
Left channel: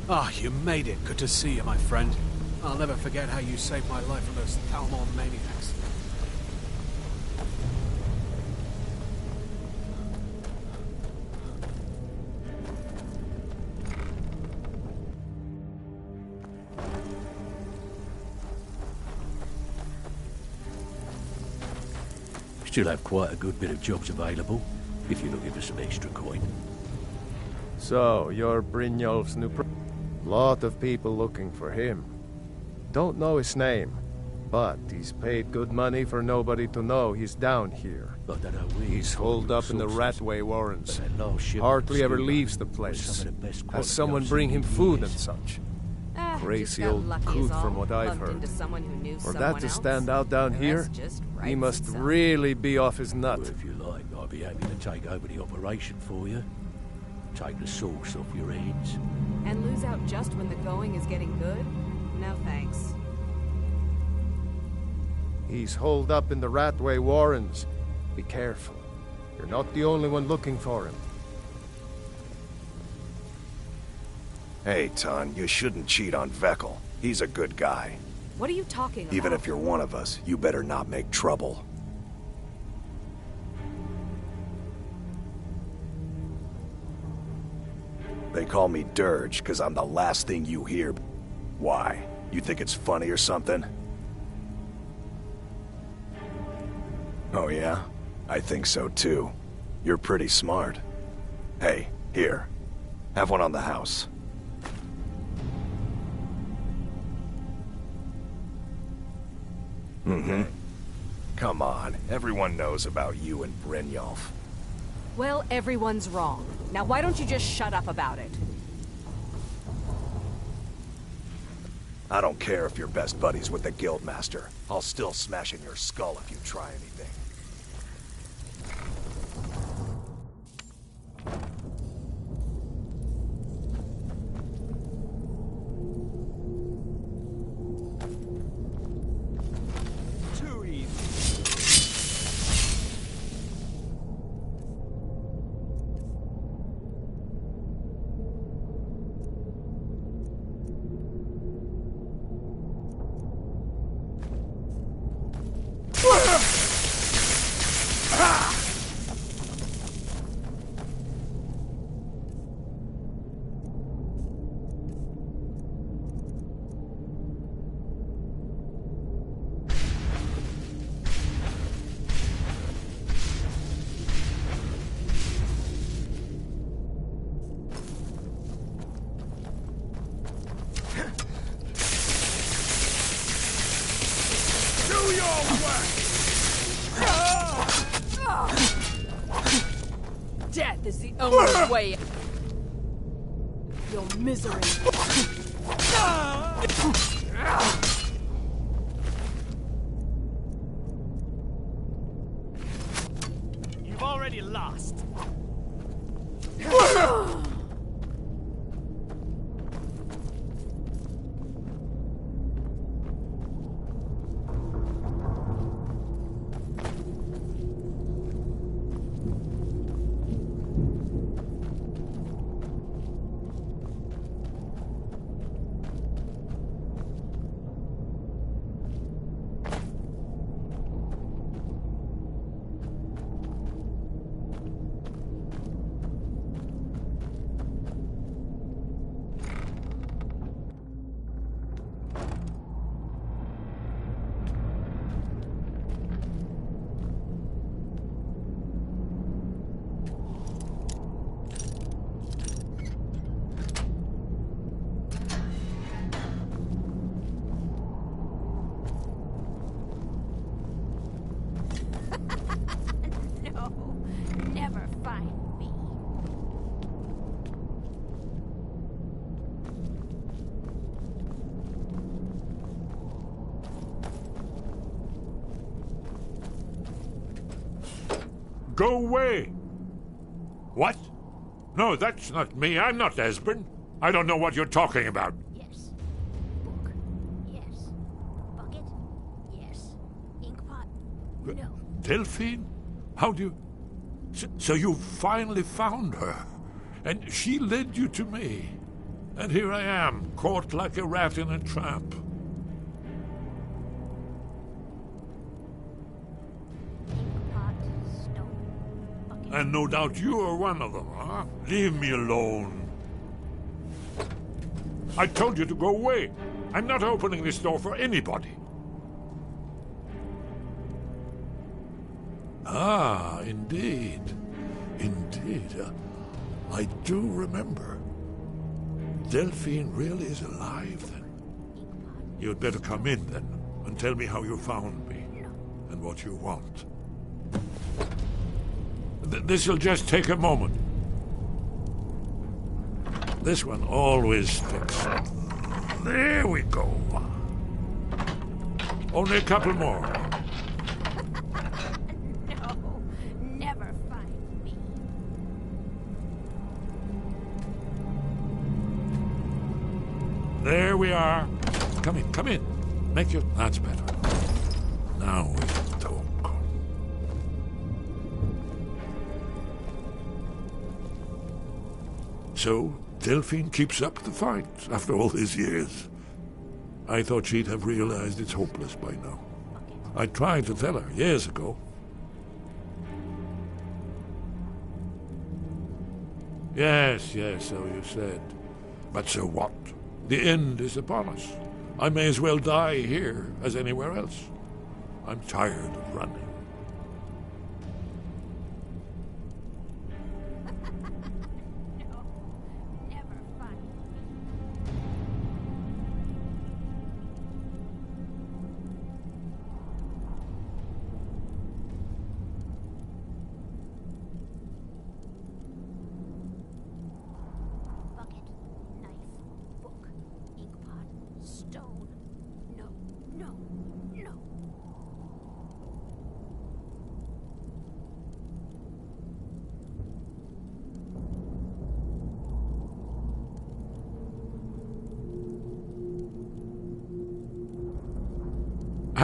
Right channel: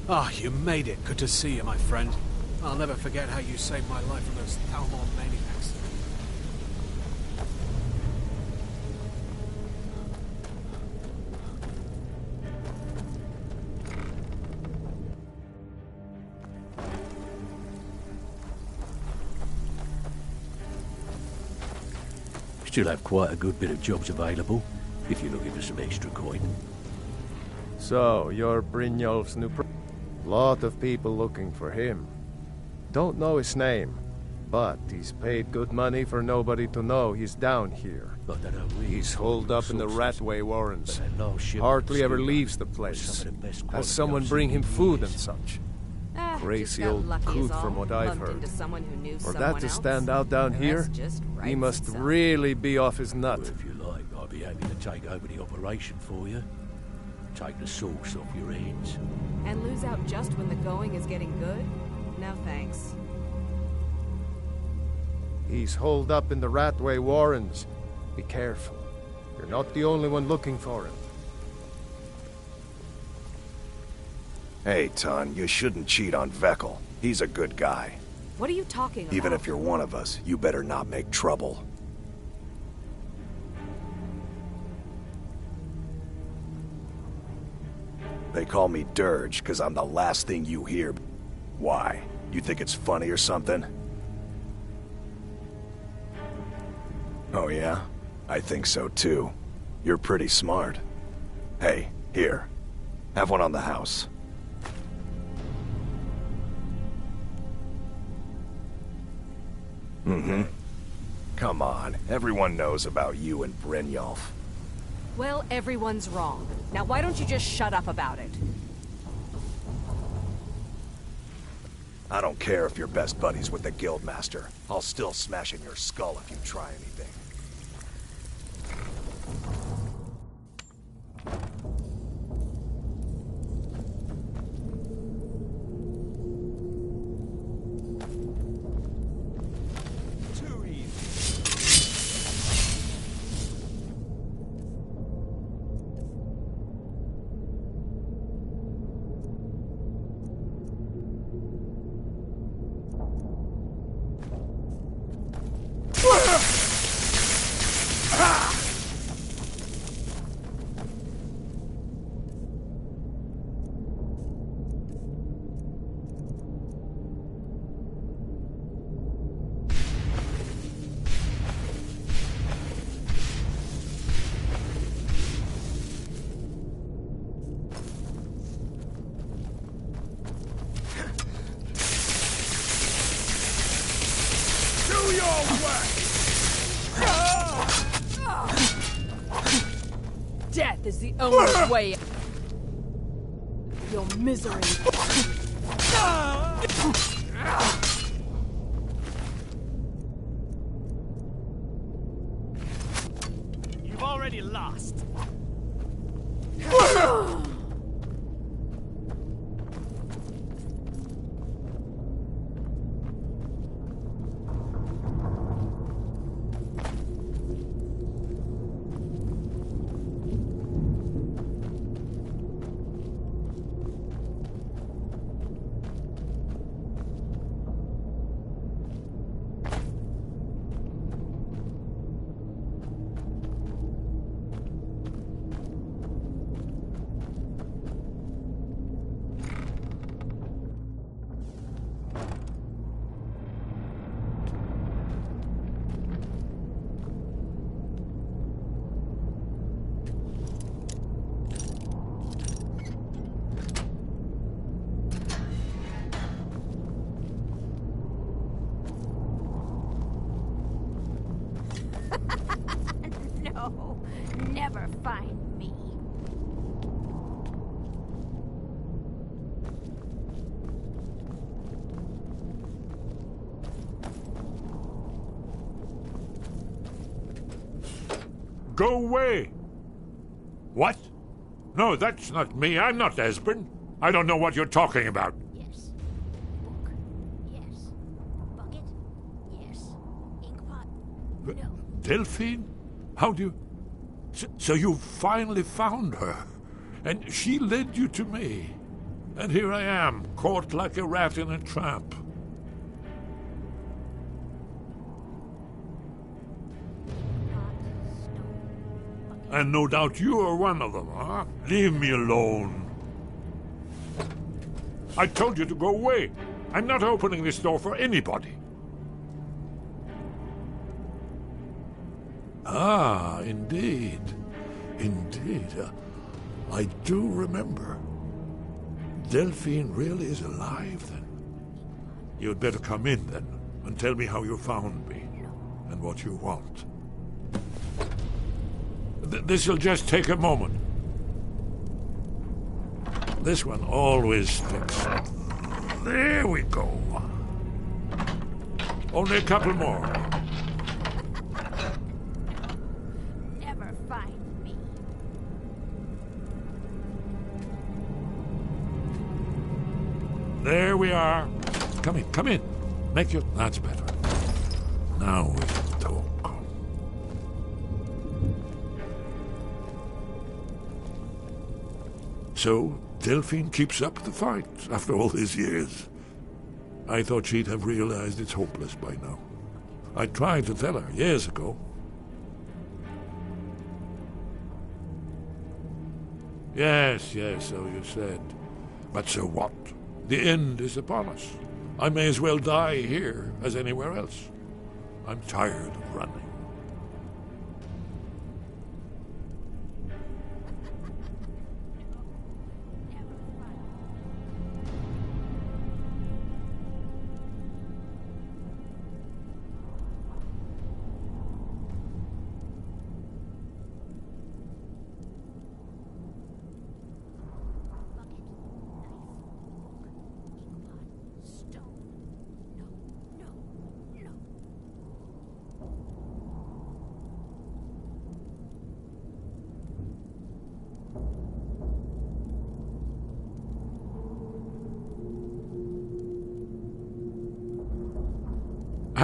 Ah, you made it. Good to see you, my friend. I'll never forget how you saved my life from those Thalmor maniacs. Still have quite a good bit of jobs available, if you're looking for some extra coin. So, you're Brynjolf's new Lot of people looking for him. Don't know his name, but he's paid good money for nobody to know he's down here. He's holed up in the Ratway Warrens. Hardly ever leaves the place. Has someone bring him food and such. Crazy old coot from what I've heard. For that to stand out down here, he must really be off his nut. Well, if you like, I'll be happy to take over the operation for you. Take the sauce off your hands. And lose out just when the going is getting good? No thanks. He's holed up in the Ratway Warrens. Be careful. You're not the only one looking for him. Hey, Ton, you shouldn't cheat on Vekkel. He's a good guy. What are you talking about? Even if you're one of us, you better not make trouble. They call me Dirge because I'm the last thing you hear. Why? You think it's funny or something? Oh yeah? I think so too. You're pretty smart. Hey, here. Have one on the house. Mm-hmm. Come on, everyone knows about you and Brynjolf. Well, everyone's wrong. Now why don't you just shut up about it? I don't care if you're best buddies with the Guildmaster. I'll still smash in your skull if you try anything. Too easy. Death is the only way. Your misery. You've already lost. No, never find me. Go away! What? No, that's not me. I'm not Esbern. I don't know what you're talking about. Yes. Book. Yes. Bucket. Yes. Inkpot. No. Delphine? How do you... So you finally found her, and she led you to me. And here I am, caught like a rat in a trap. And no doubt you're one of them, huh? Leave me alone. I told you to go away. I'm not opening this door for anybody. Ah, indeed. Indeed. I do remember. Delphine really is alive, then. You'd better come in, then, and tell me how you found me, and what you want. This'll just take a moment. This one always sticks. There we go. Only a couple more. No, never find me. There we are. Come in, come in. Make your... That's better. Now we can talk. So, Delphine keeps up the fight after all these years. I thought she'd have realized it's hopeless by now. I tried to tell her years ago. Yes, so you said. But so what? The end is upon us. I may as well die here as anywhere else. I'm tired of running.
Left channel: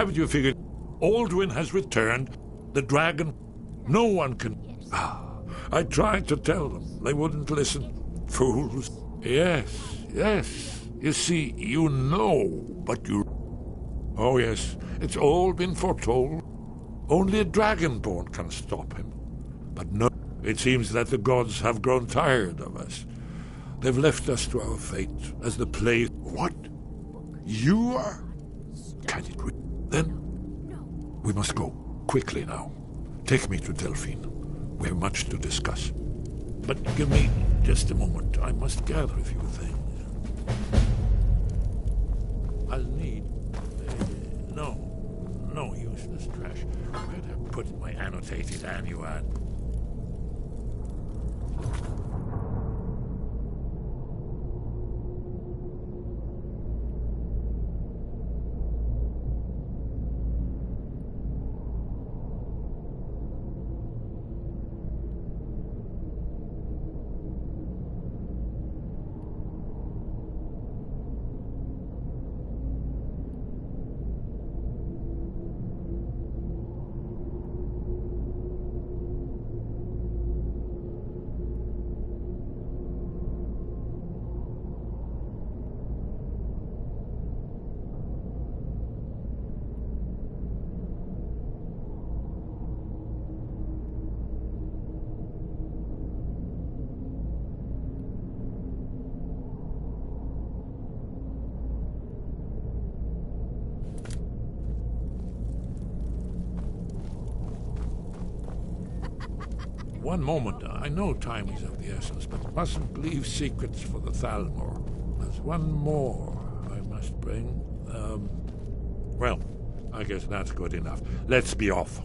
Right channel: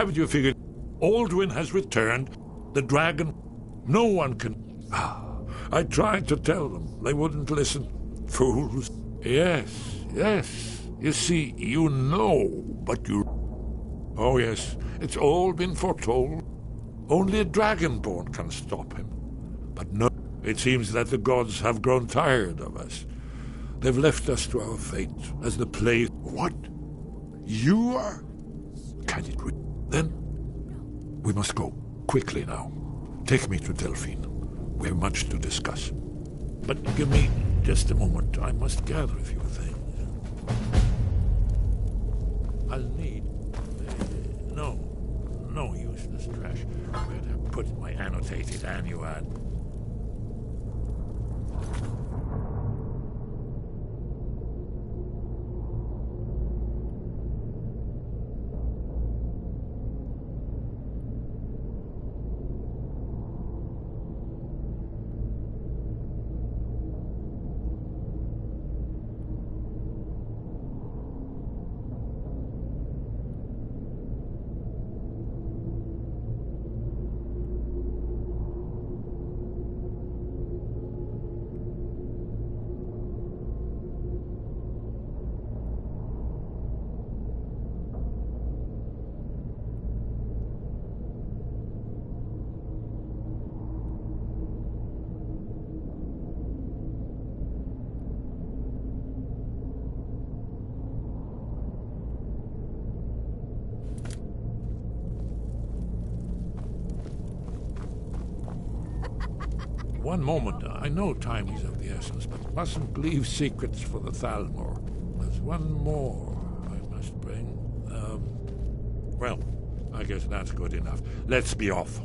Haven't you figured? Alduin has returned. The dragon. No one can... I tried to tell them. They wouldn't listen. Fools. Yes, yes. You see, you know, but you... Oh, yes. It's all been foretold. Only a dragonborn can stop him. But no, it seems that the gods have grown tired of us. They've left us to our fate as the place... What? You are... Can it re... Then? We must go. Quickly now. Take me to Delphine. We have much to discuss. But give me just a moment. I must gather a few things. I'll need... No useless trash. Where'd I put my annotated annuad? One moment. I know time is of the essence, but mustn't leave secrets for the Thalmor. There's one more I must bring. Well, I guess that's good enough. Let's be off.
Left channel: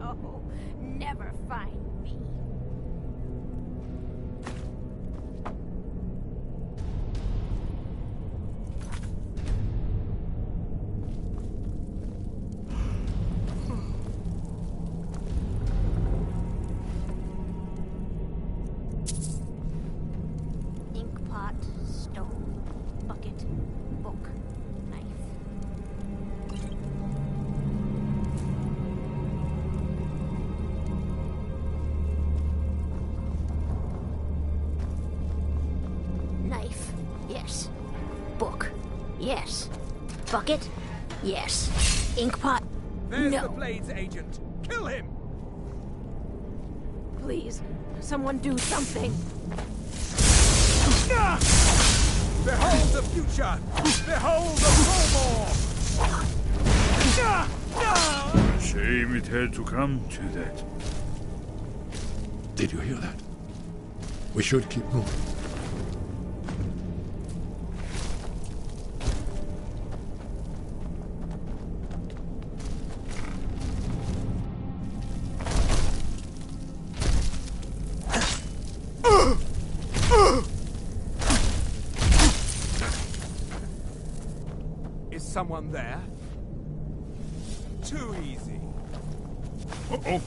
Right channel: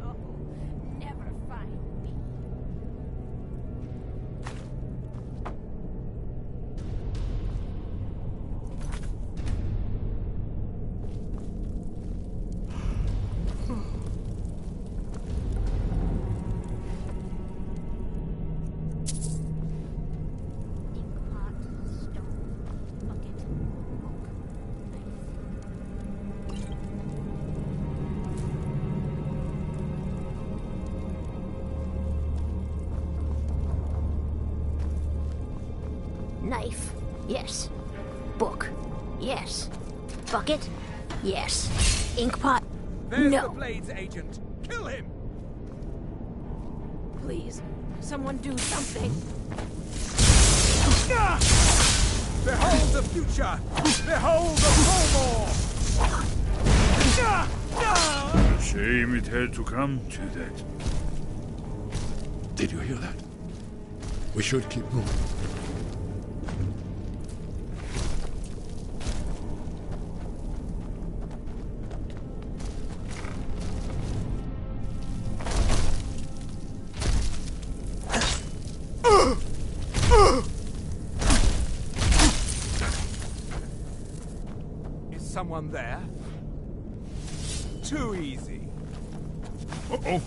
No, never find me. Inkpot, stone, bucket, book, knife. Knife, yes. Book, yes. Bucket, yes. Inkpot, There's no. the Blades agent. Kill him! Please, someone do something. Behold the future! Behold the Thalmor! A shame it had to come to that. Did you hear that? We should keep moving. Is someone there? Too easy. Uh-oh.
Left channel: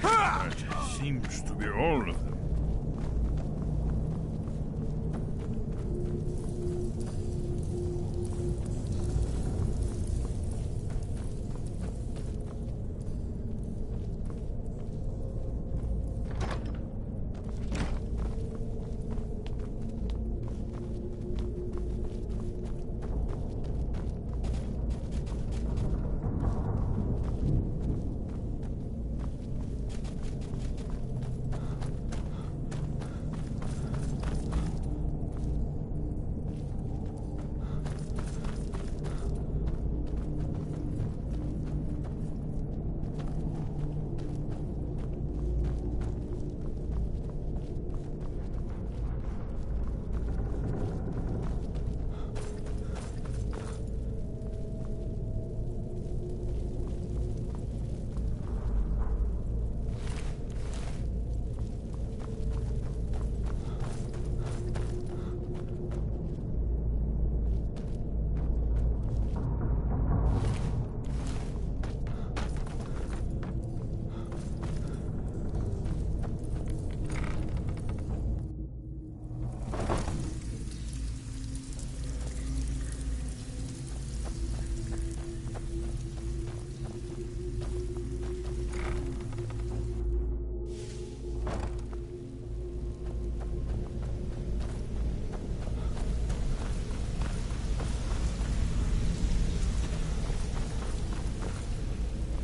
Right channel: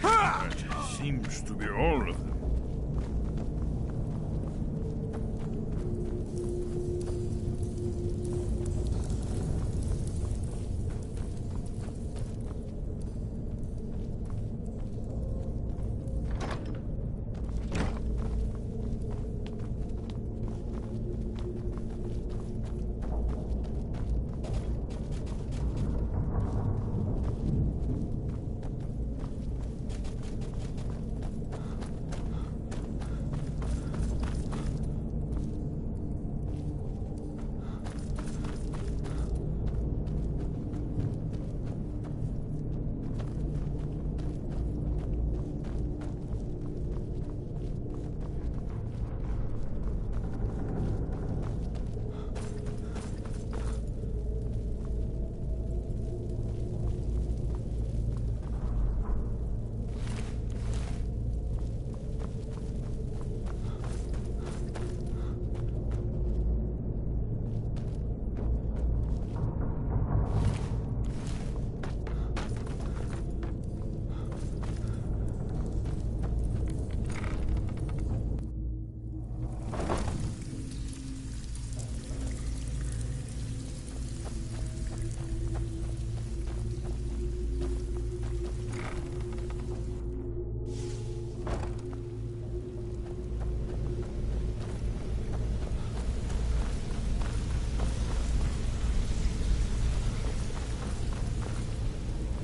That seems to be all of them.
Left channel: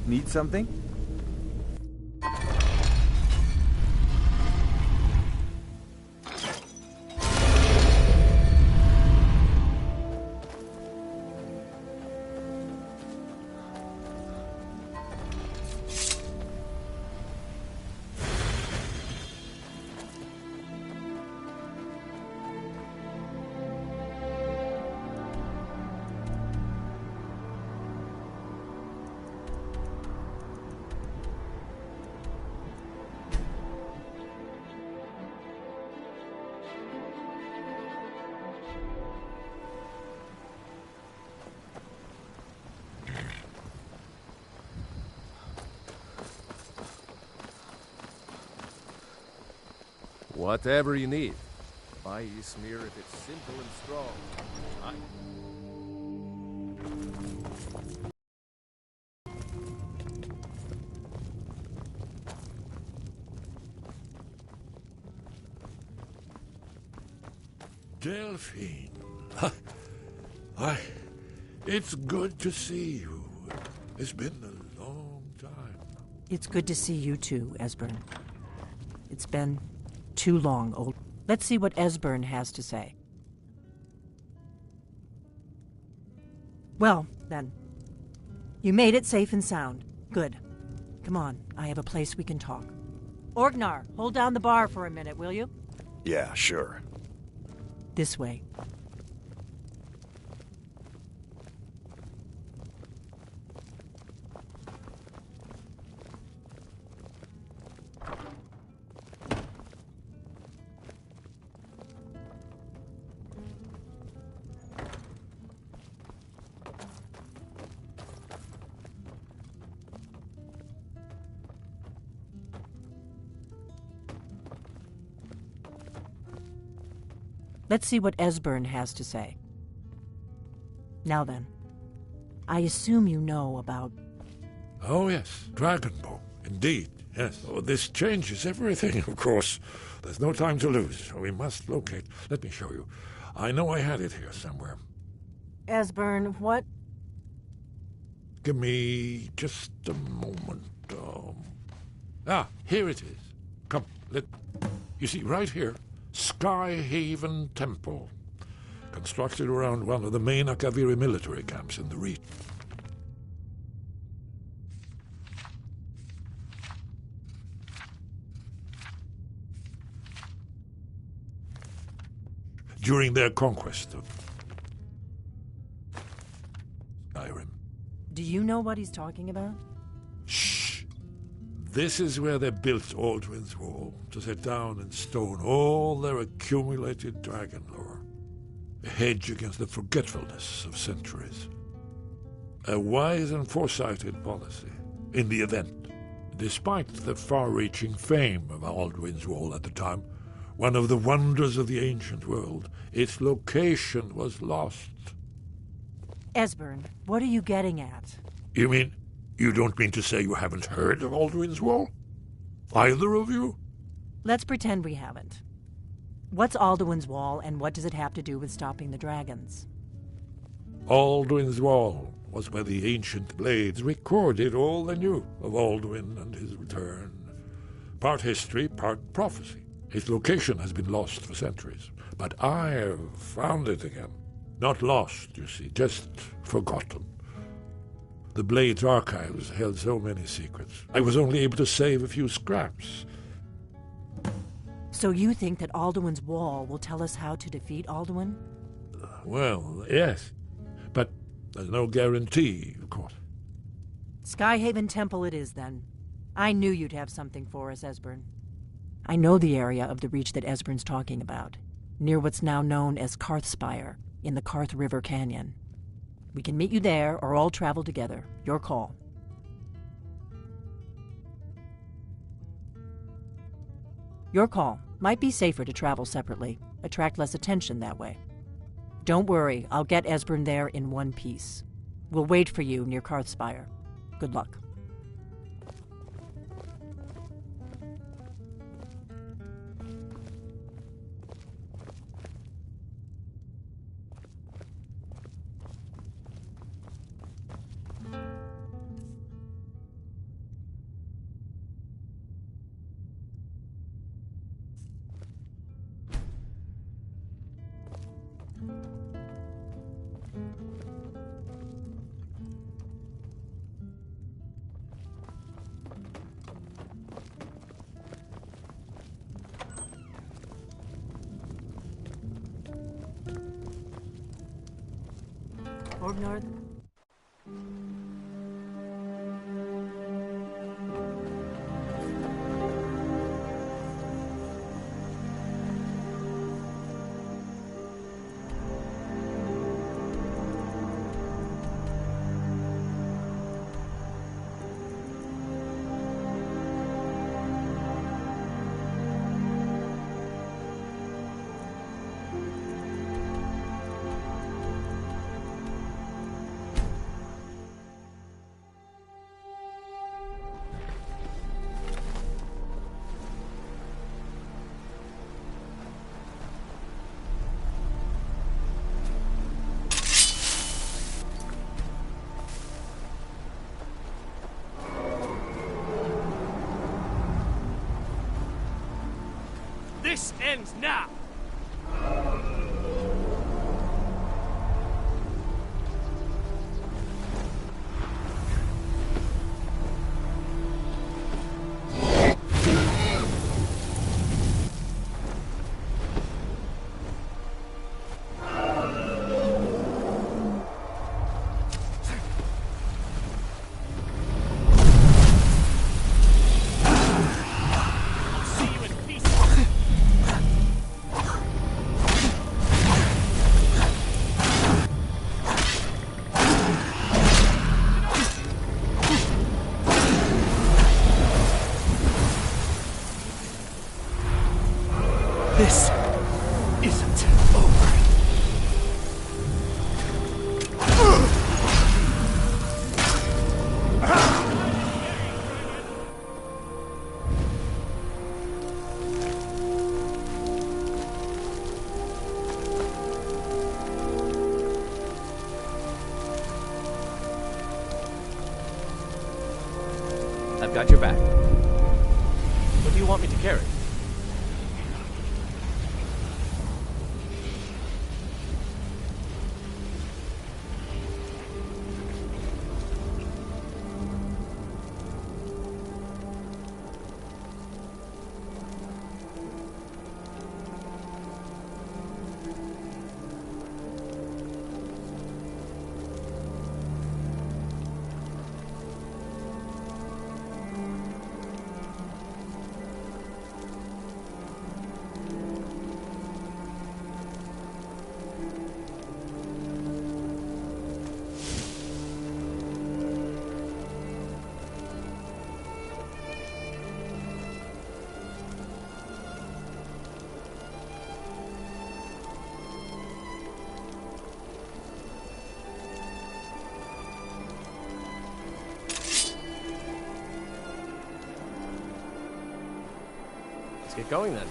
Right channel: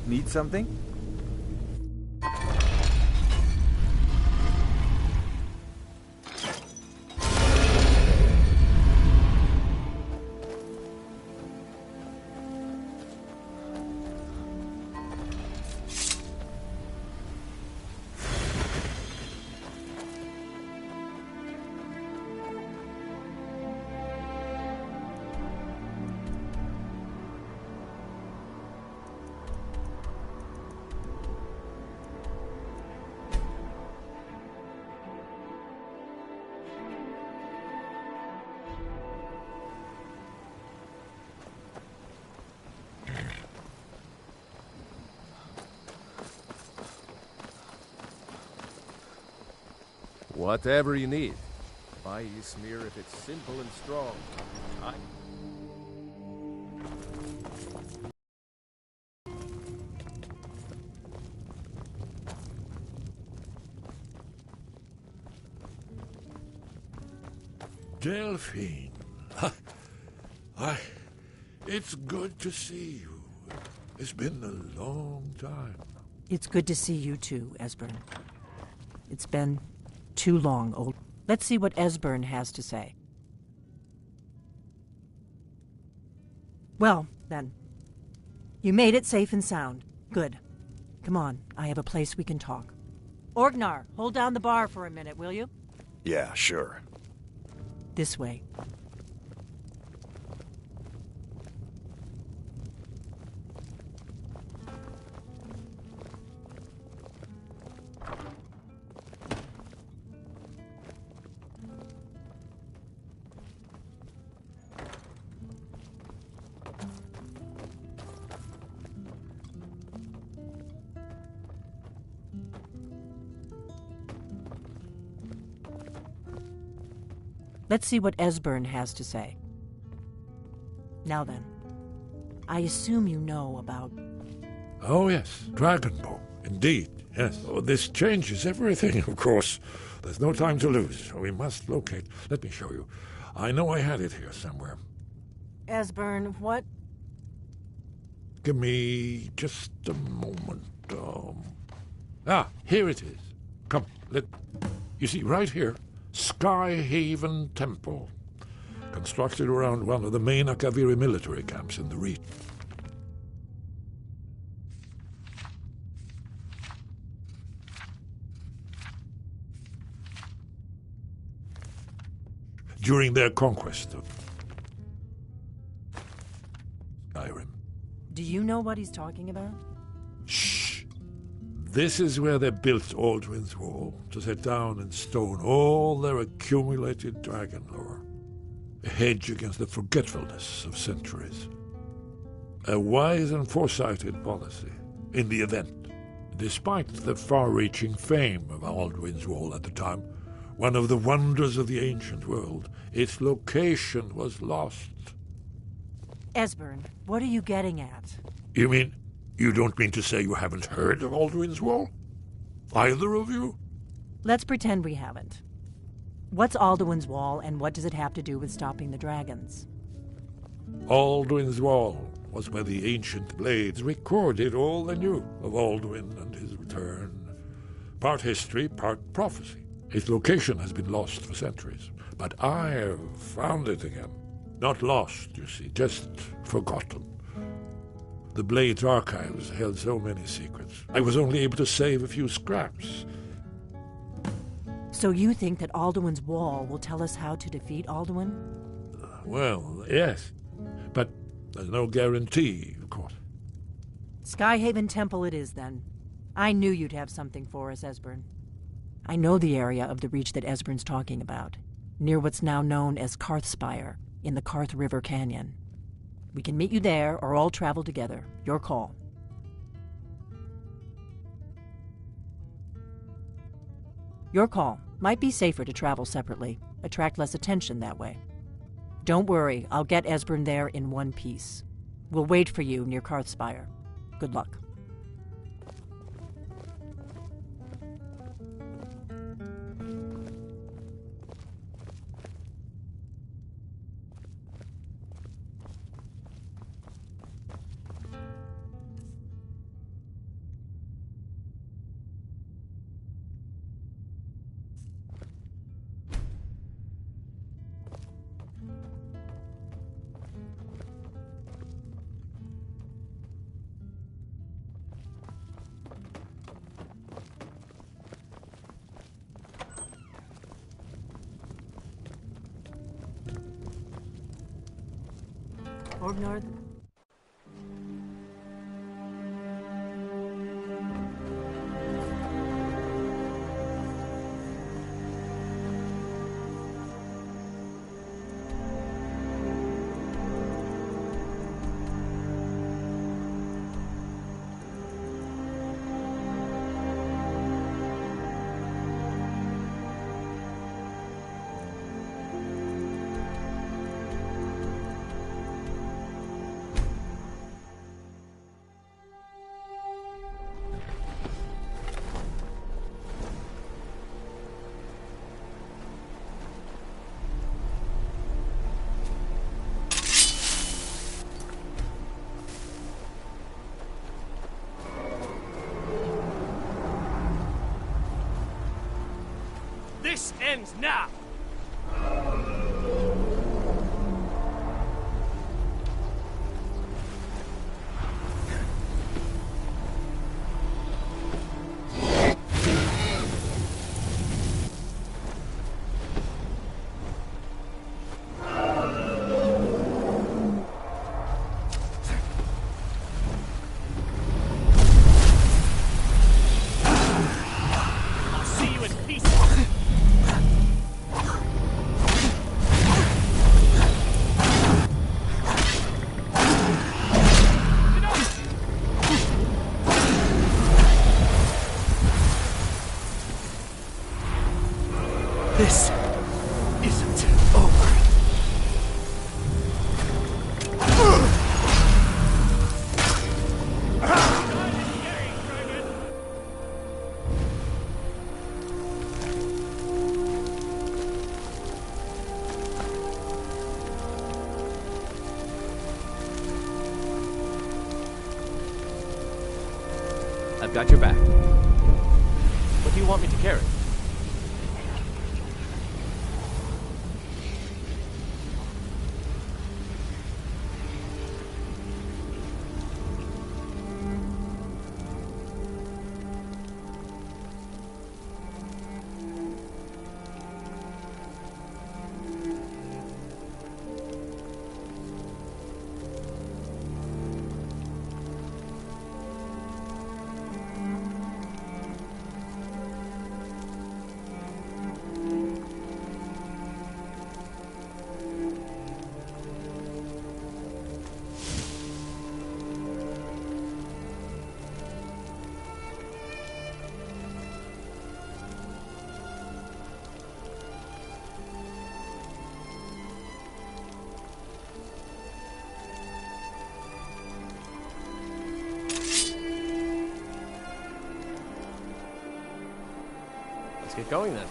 Need something? Whatever you need. Buy Ysmir if it's simple and strong. Delphine. It's good to see you. It's been a long time. It's good to see you too, Esbern. It's been too long, old. Let's see what Esbern has to say. Well, then. You made it safe and sound. Good. Come on, I have a place we can talk. Orgnar, hold down the bar for a minute, will you? Yeah, sure. This way. Let's see what Esbern has to say. Now then, I assume you know about... Oh, yes, Dragonbow. Indeed, yes. Oh, this changes everything, of course. There's no time to lose. We must locate. Let me show you. I know I had it here somewhere. Esbern, what? Give me just a moment. Here it is. Come, you see, right here, Skyhaven Temple, constructed around one of the main Akaviri military camps in the region. During their conquest of Skyrim. Do you know what he's talking about? Shh! This is where they built Aldwin's Wall, to set down in stone all their accumulated dragon lore. A hedge against the forgetfulness of centuries. A wise and foresighted policy, in the event. Despite the far-reaching fame of Aldwin's Wall at the time, one of the wonders of the ancient world, its location was lost. Esbern, what are you getting at? You mean, you don't mean to say you haven't heard of Aldwin's Wall? Either of you? Let's pretend we haven't. What's Alduin's Wall, and what does it have to do with stopping the dragons? Alduin's Wall was where the ancient blades recorded all they knew of Alduin and his return. Part history, part prophecy. Its location has been lost for centuries, but I have found it again. Not lost, you see, just forgotten. The Blade's archives held so many secrets. I was only able to save a few scraps. So you think that Alduin's Wall will tell us how to defeat Alduin? Well, yes. But there's no guarantee, of course. Skyhaven Temple it is, then. I knew you'd have something for us, Esbern. I know the area of the reach that Esbern's talking about, near what's now known as Karthspire, in the Karth River Canyon. We can meet you there, or all travel together. Your call. Your call. Might be safer to travel separately. Attract less attention that way. Don't worry, I'll get Esbern there in one piece. We'll wait for you near Karthspire. Good luck. Or north. This ends now! This isn't over. I've got your back. What do you want me to carry? Let's get going then.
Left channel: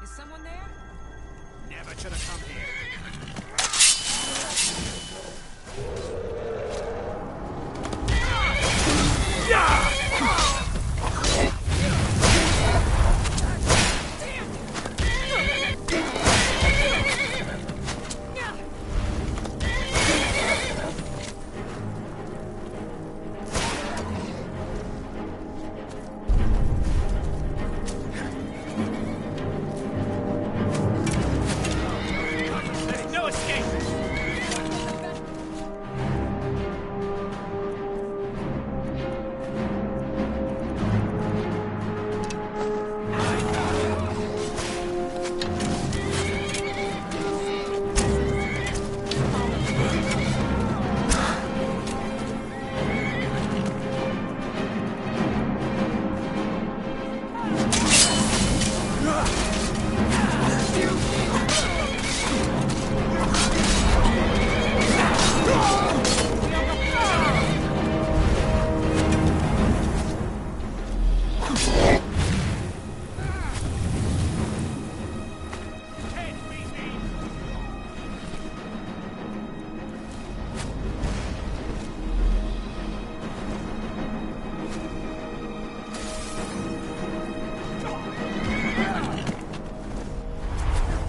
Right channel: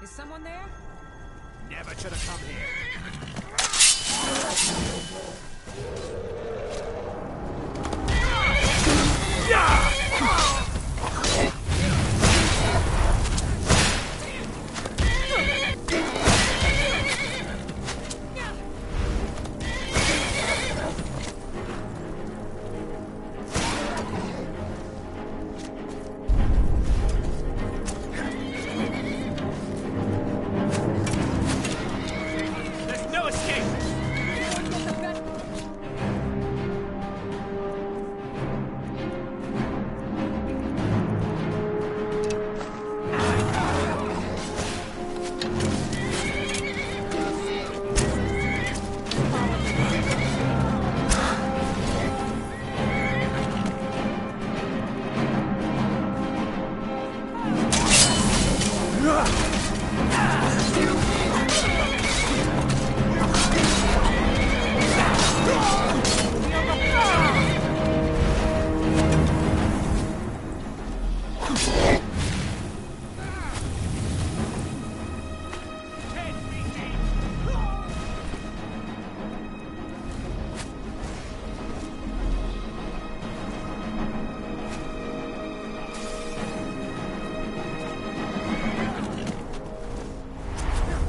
Is someone there? Never should have come here. There's no escape!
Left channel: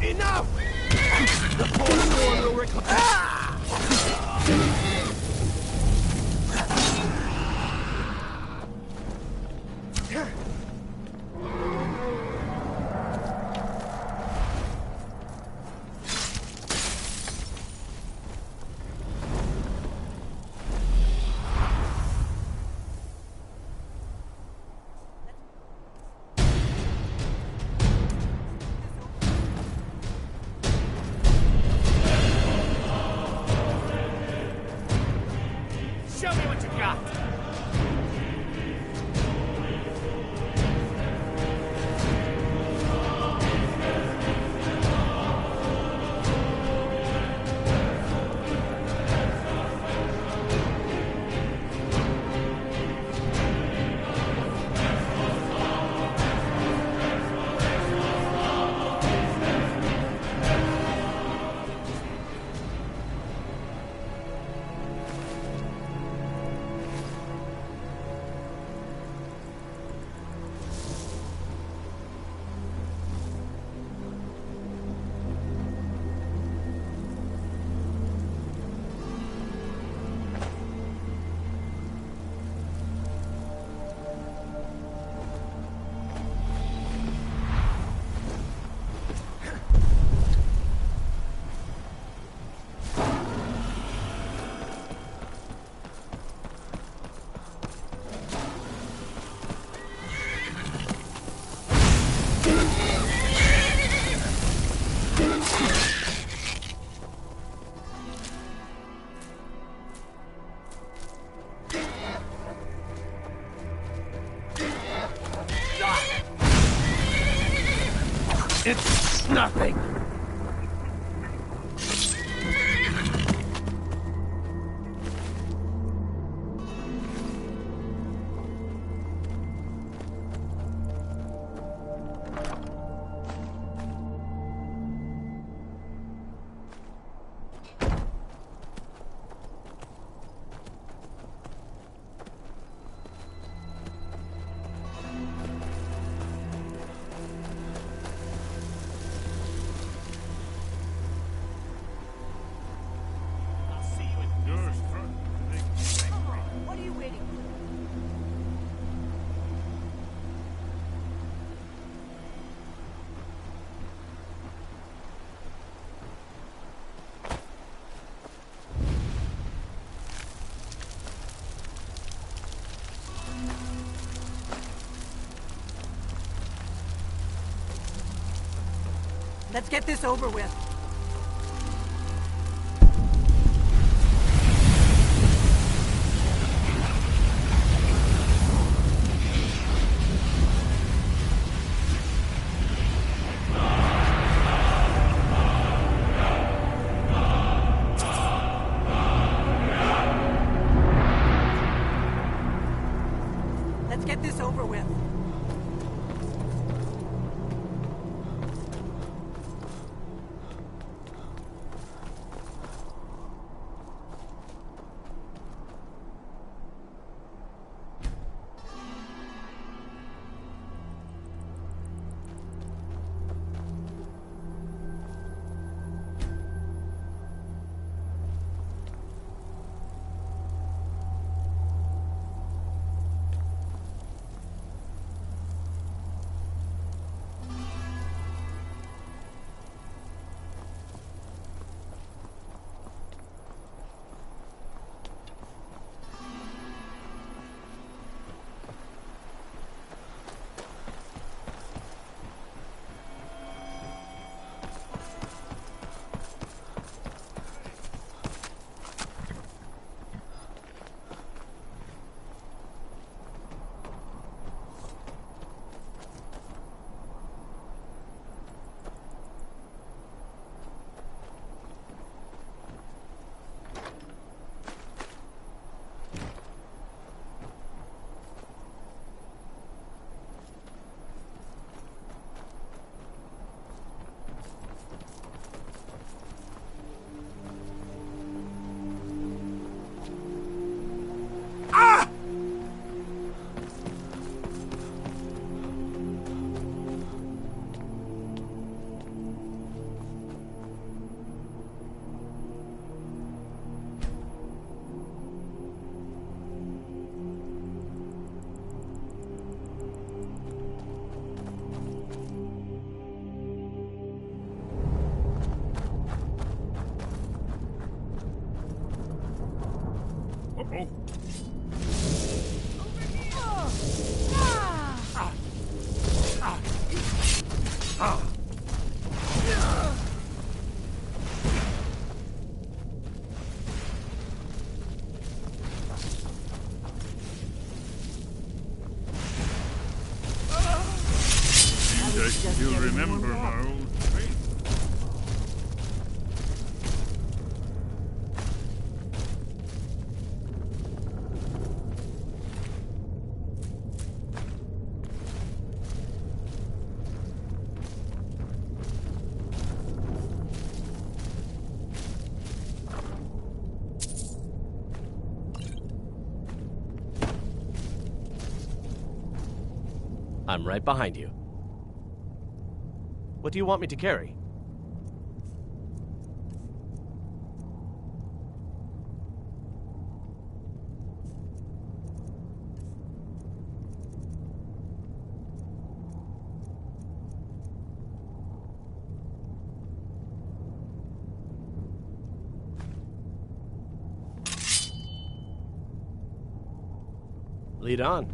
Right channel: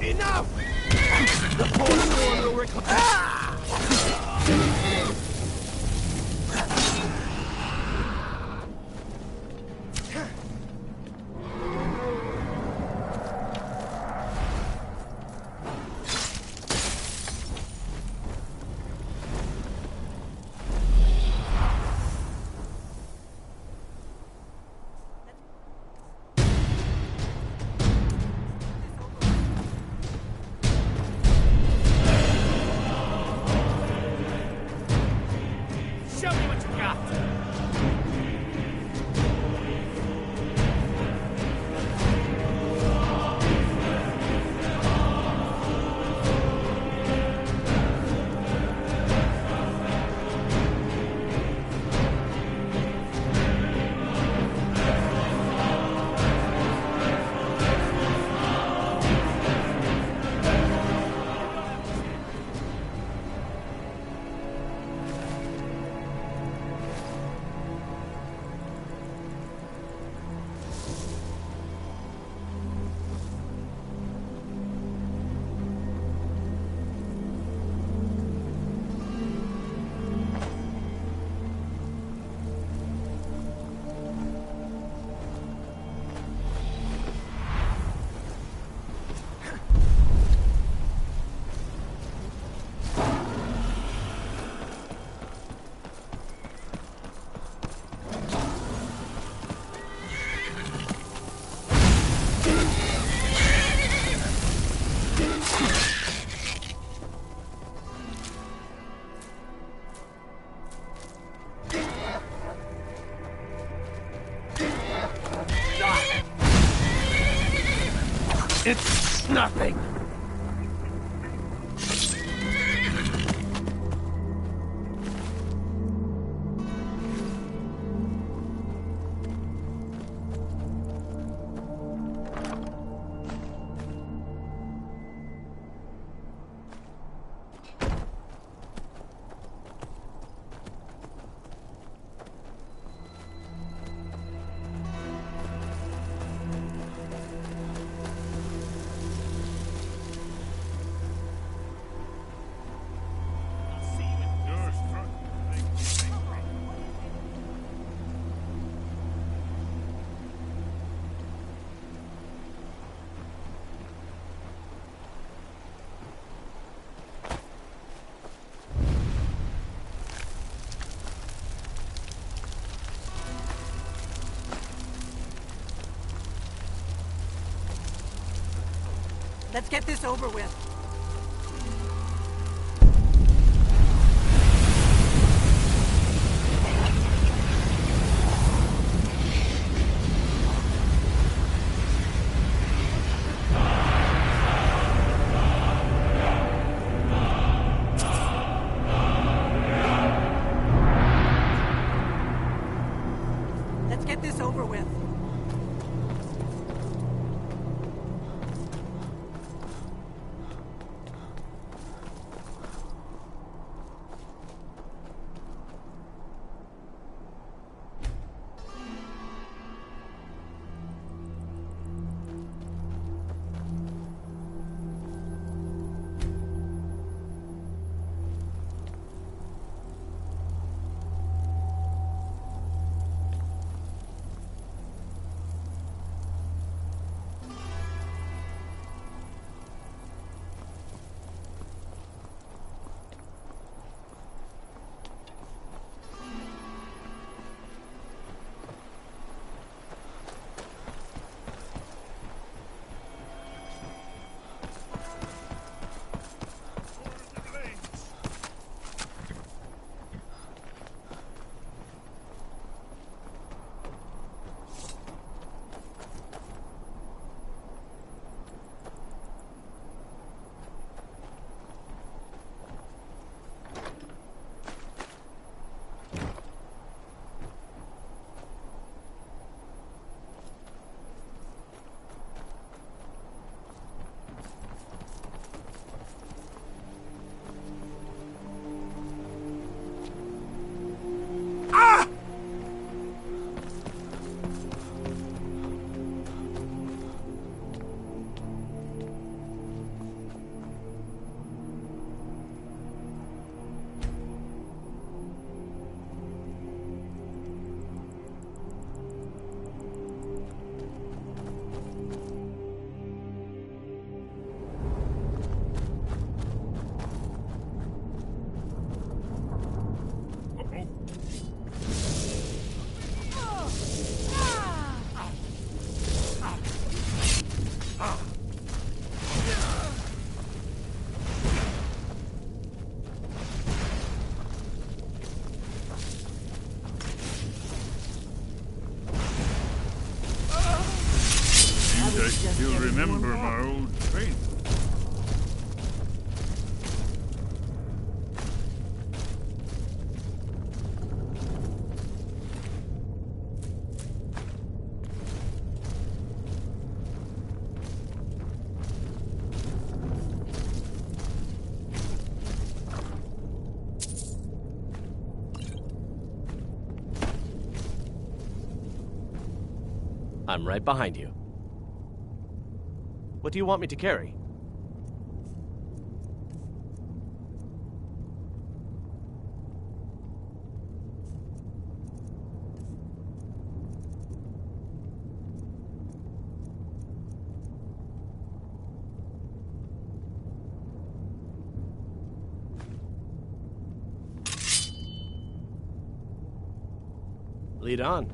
Enough! The Forsworn will Show me what you got! It's nothing. Let's get this over with. Let's get this over with. I still remember my old faith. I'm right behind you. What do you want me to carry? Lead on.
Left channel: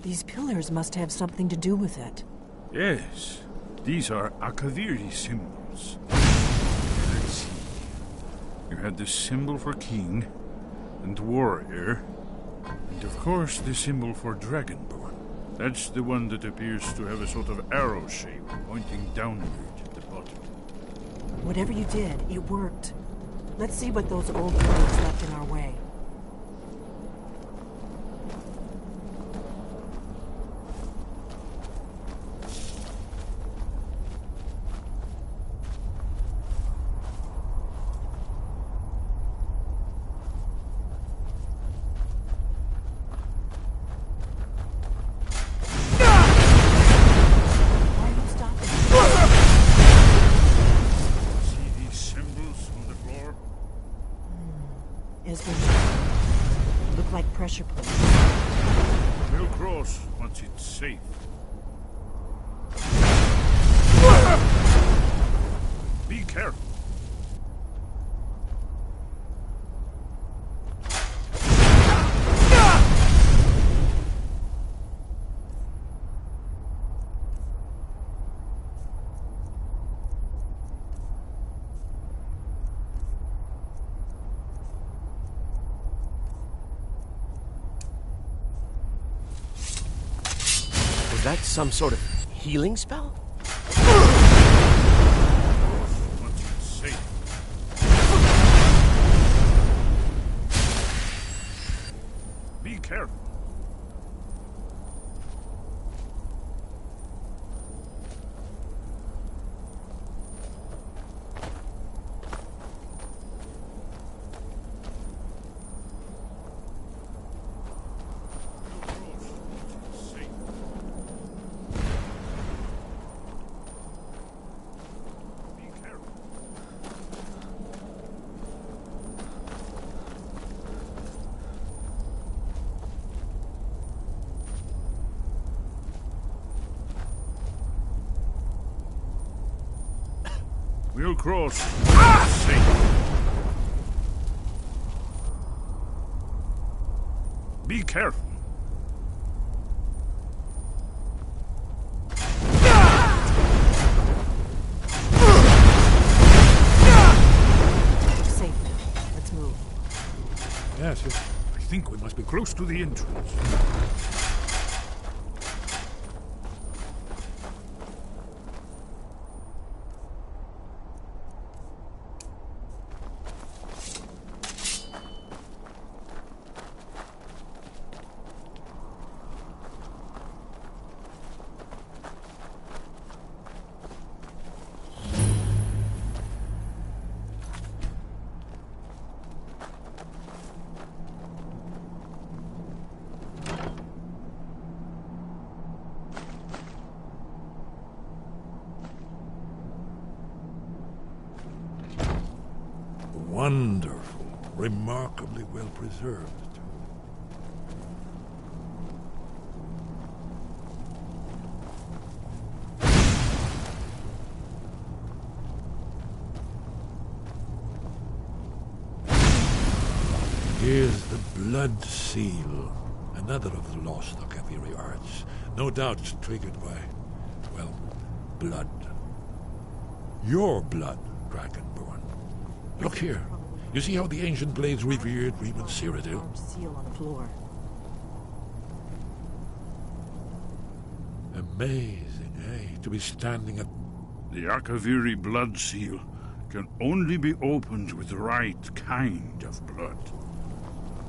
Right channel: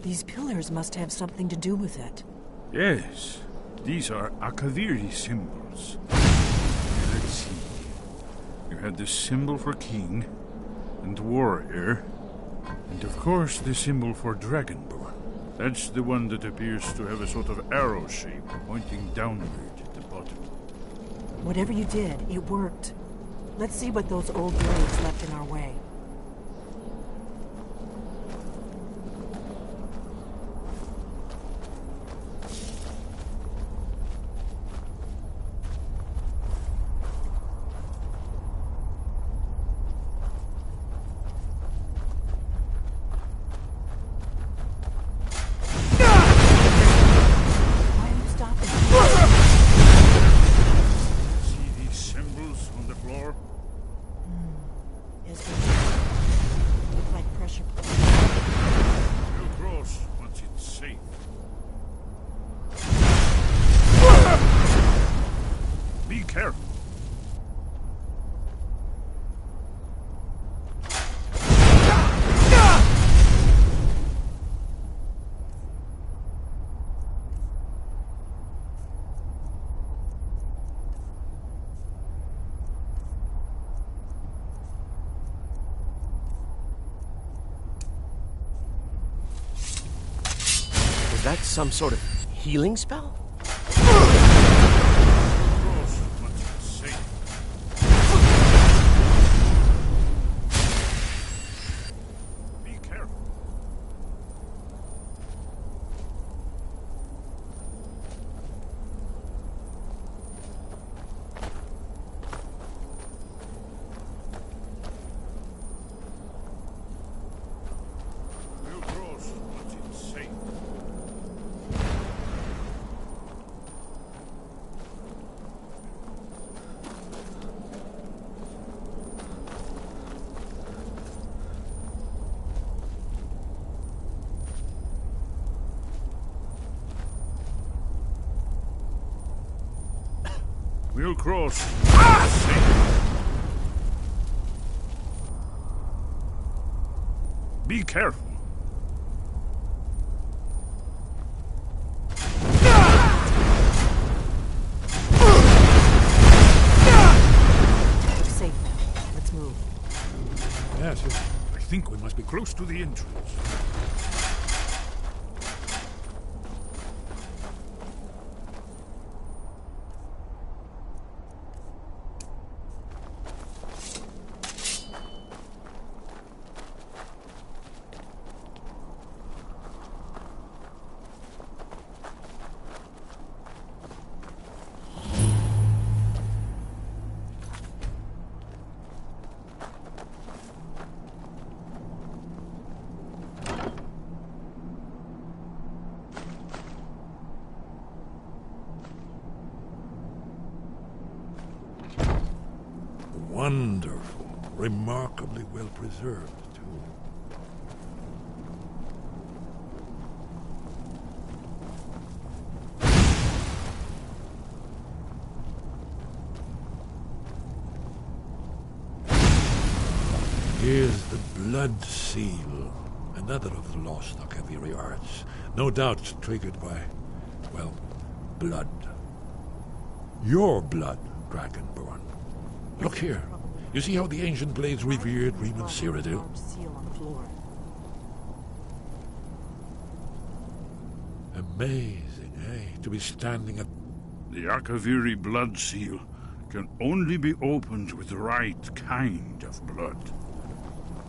These pillars must have something to do with it. Yes, these are Akaviri symbols. Let's see. You had the symbol for king and warrior, and of course the symbol for dragonborn. That's the one that appears to have a sort of arrow shape pointing downward at the bottom. Whatever you did, it worked. Let's see what those old roads left in our way. Look like pressure plates. We'll cross once it's safe. Be careful. Was that some sort of healing spell? Be careful. We'll cross. Safe. Be careful. We're safe now. Let's move. Yes, I think we must be close to the entrance. Wonderful. Remarkably well preserved, too. Here's the Blood Seal, another of the lost Akaviri arts, no doubt triggered by, well, blood. Your blood, Dragonborn. Look here. You see how the ancient blades revered Riemann Cyrodiil? Seal on the floor. Amazing, eh? To be standing at... The Akaviri blood seal can only be opened with the right kind of blood.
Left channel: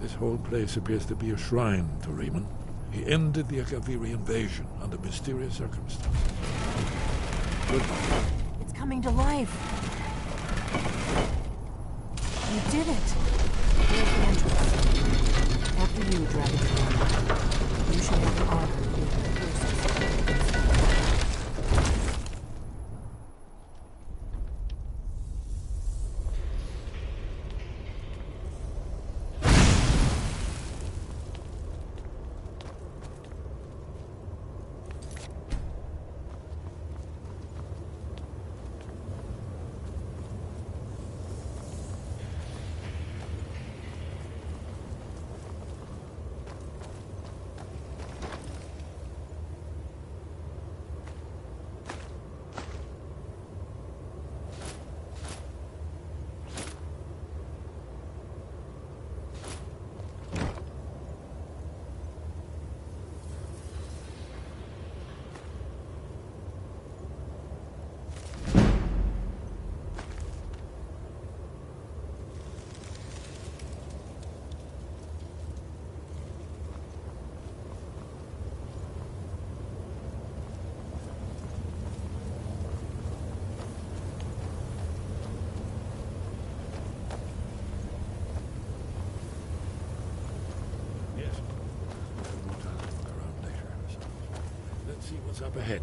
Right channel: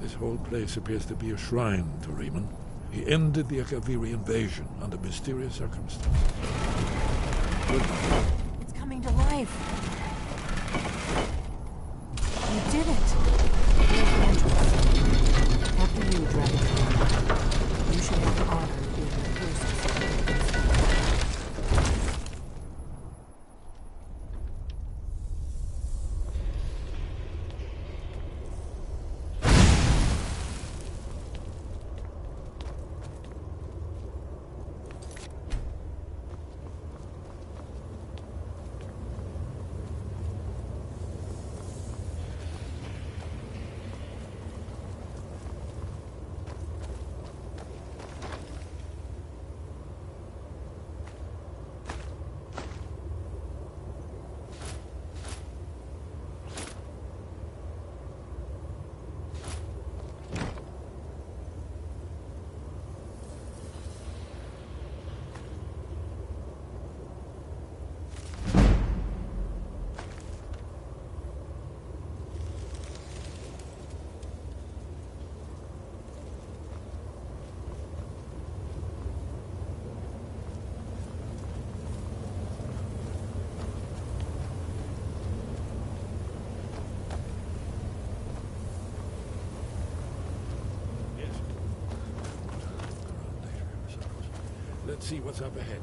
This whole place appears to be a shrine to Riemann. He ended the Akaviri invasion under mysterious circumstances. It's coming to life. You did it. Here's the entrance. After you, Dragon. You should have the honor of being the closest. Let's see what's up ahead.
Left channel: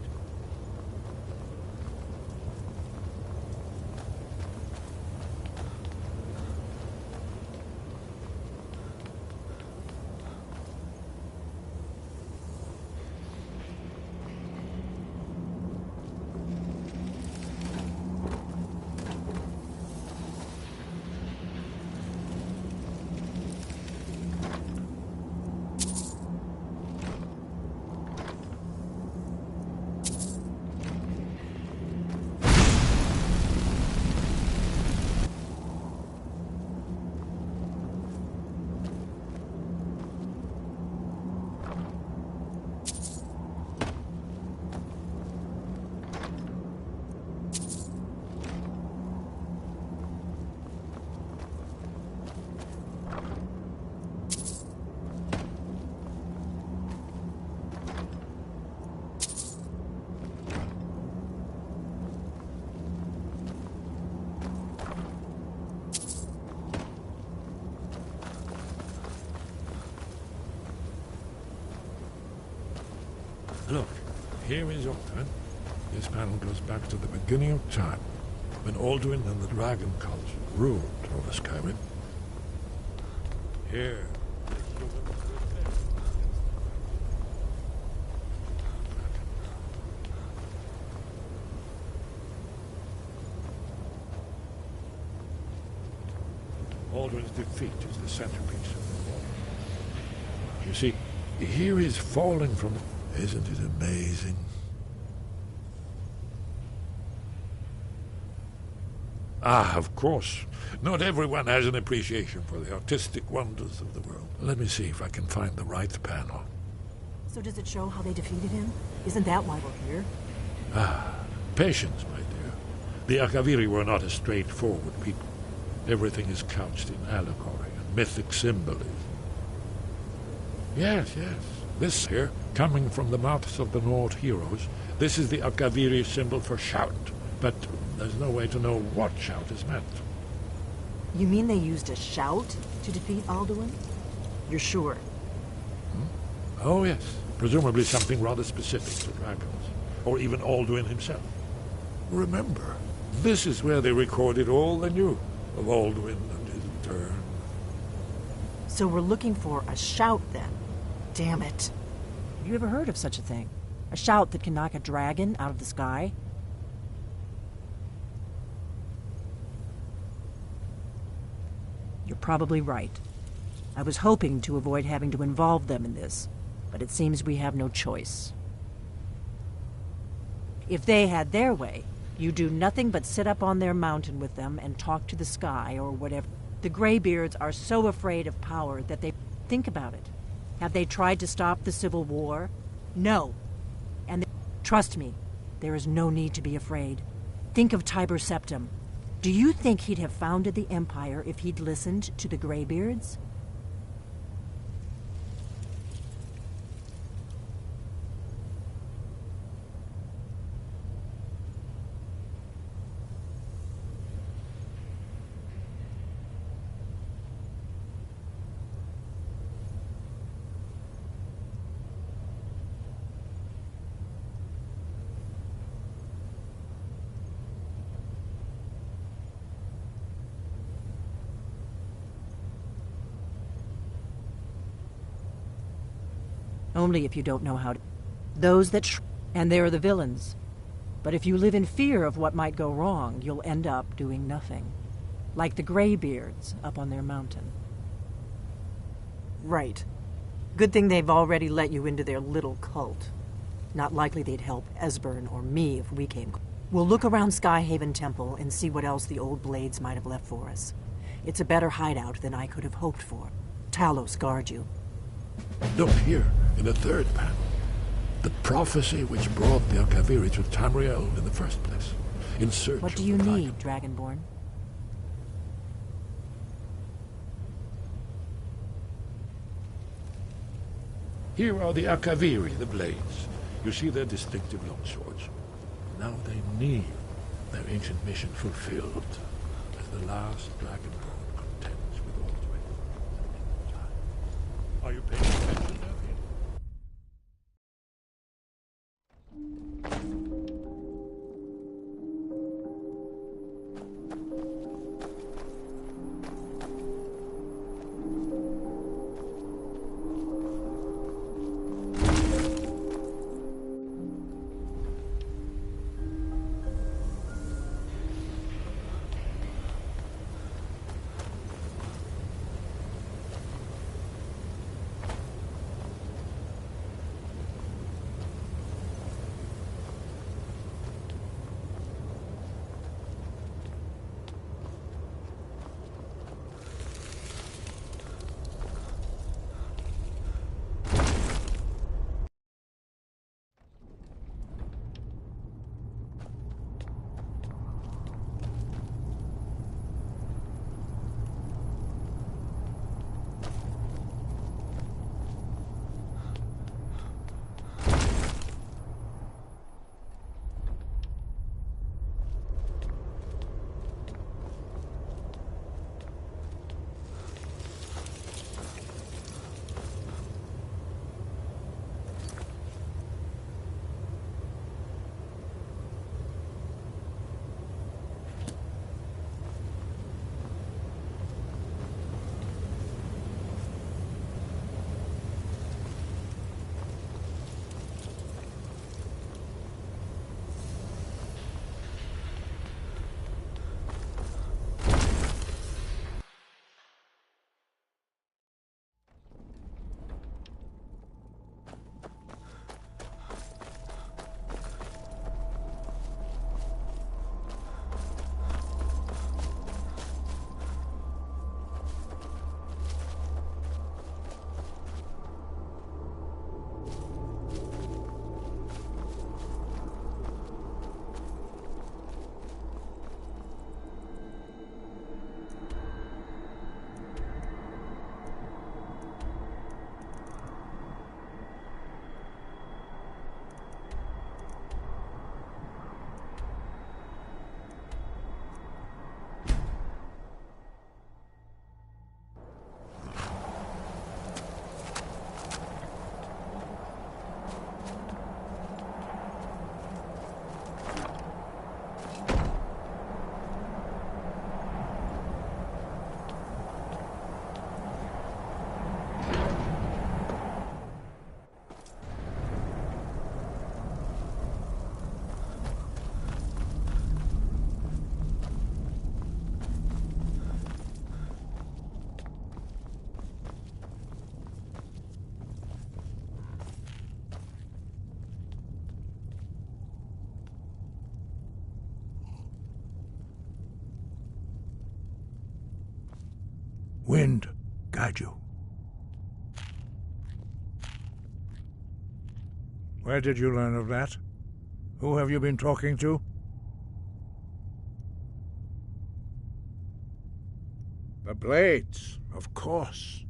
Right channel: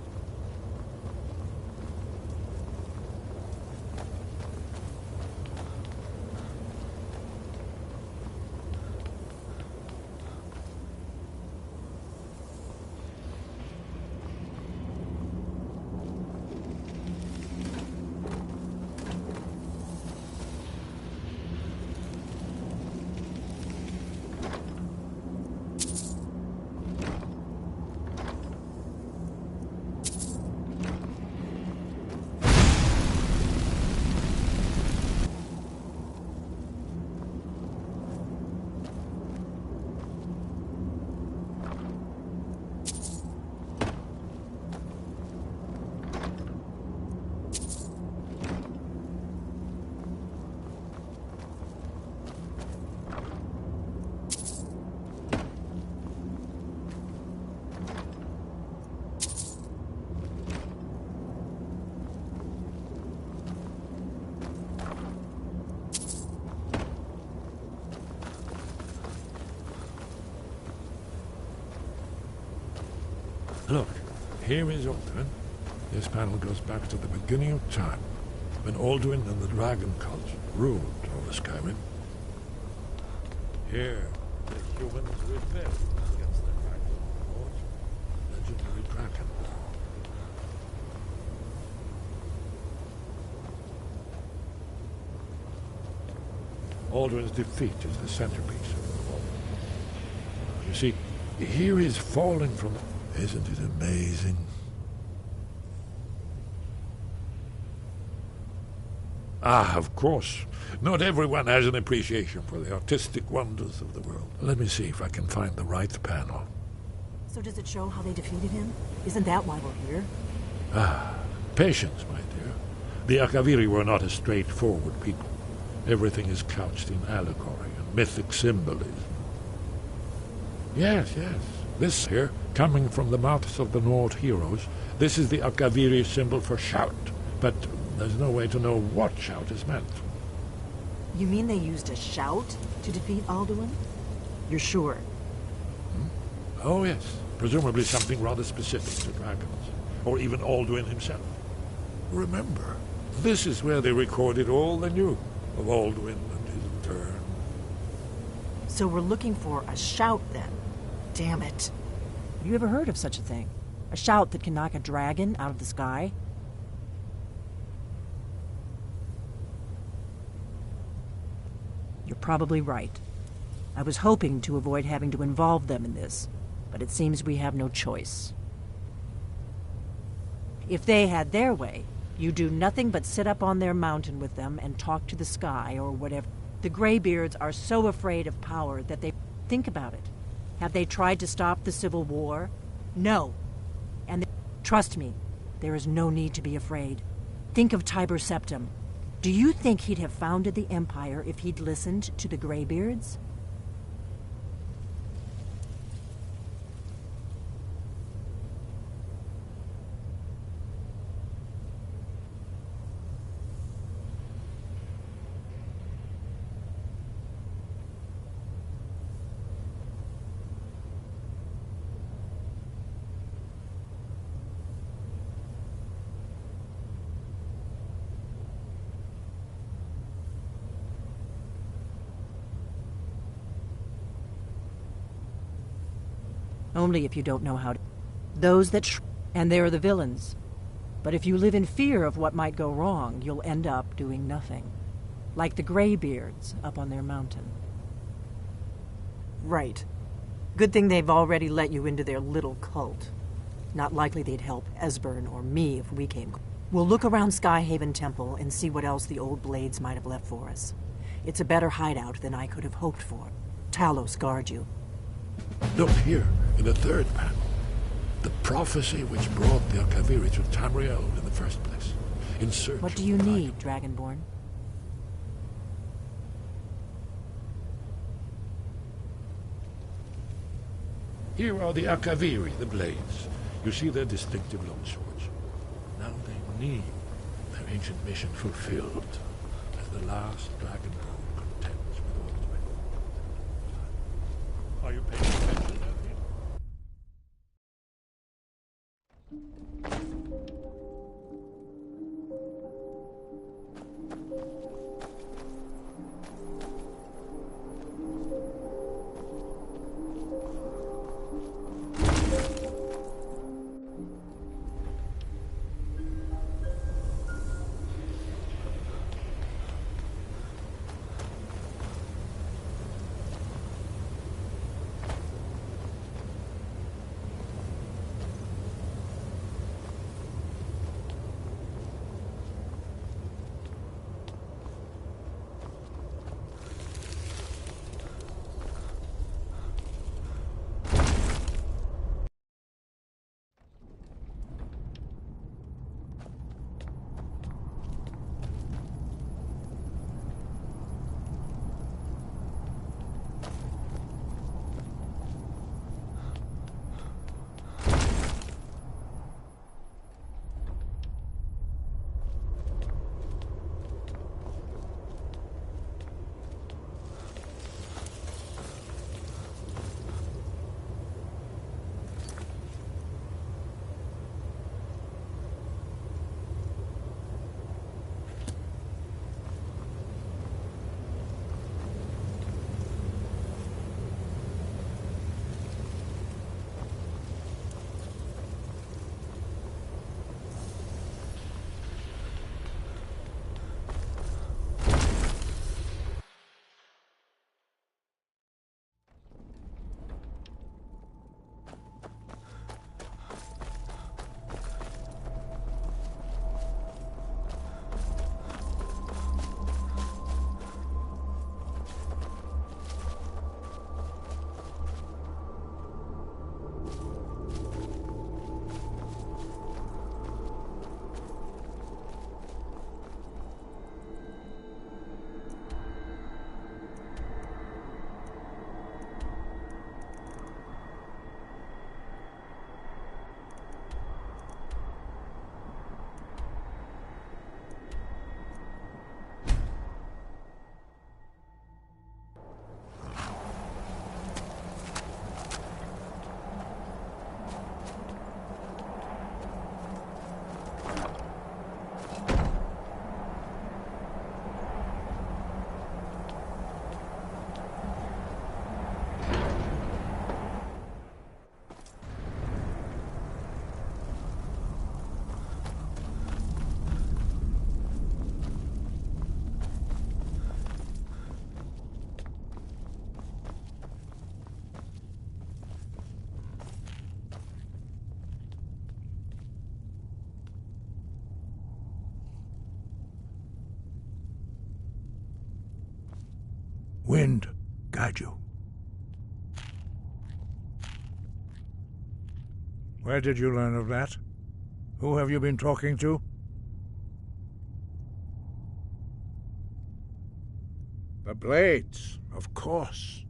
Look, here is Alduin. This panel goes back to the beginning of time, when Alduin and the Dragon Cult ruled over Skyrim. Here, the humans rebelled against the Dragon, legendary dragon. Alduin's defeat is the centerpiece of the wall. You see, here is falling from the... Isn't it amazing? Ah, of course. Not everyone has an appreciation for the artistic wonders of the world. Let me see if I can find the right panel. So does it show how they defeated him? Isn't that why we're here? Ah, patience, my dear. The Akaviri were not a straightforward people. Everything is couched in allegory and mythic symbolism. Yes, yes. This here, coming from the mouths of the Nord heroes, this is the Akaviri symbol for shout. But there's no way to know what shout is meant. You mean they used a shout to defeat Alduin? You're sure? Oh, yes. Presumably something rather specific to dragons. Or even Alduin himself. Remember, this is where they recorded all they knew of Alduin and his return. So we're looking for a shout, then? Damn it. Have you ever heard of such a thing? A shout that can knock a dragon out of the sky? You're probably right. I was hoping to avoid having to involve them in this, but it seems we have no choice. If they had their way, you do nothing but sit up on their mountain with them and talk to the sky or whatever. The Greybeards are so afraid of power that they think about it. Have they tried to stop the Civil War? No. And trust me, there is no need to be afraid. Think of Tiber Septim. Do you think he'd have founded the Empire if he'd listened to the Greybeards? Only if you don't know how to. Those that and they're the villains. But if you live in fear of what might go wrong, you'll end up doing nothing. Like the Greybeards up on their mountain. Right. Good thing they've already let you into their little cult. Not likely they'd help Esbern or me if we came. We'll look around Skyhaven Temple and see what else the old blades might have left for us. It's a better hideout than I could have hoped for. Talos guard you. Look here, in the third panel. The prophecy which brought the Akaviri to Tamriel in the first place. In search What do you need, Dragonborn? Here are the Akaviri, the blades. You see their distinctive longswords. Now they need their ancient mission fulfilled as the last Dragonborn contends with Aldrin. Are you paying attention, Elfie? wind guide you. Where did you learn of that? Who have you been talking to? The Blades, of course.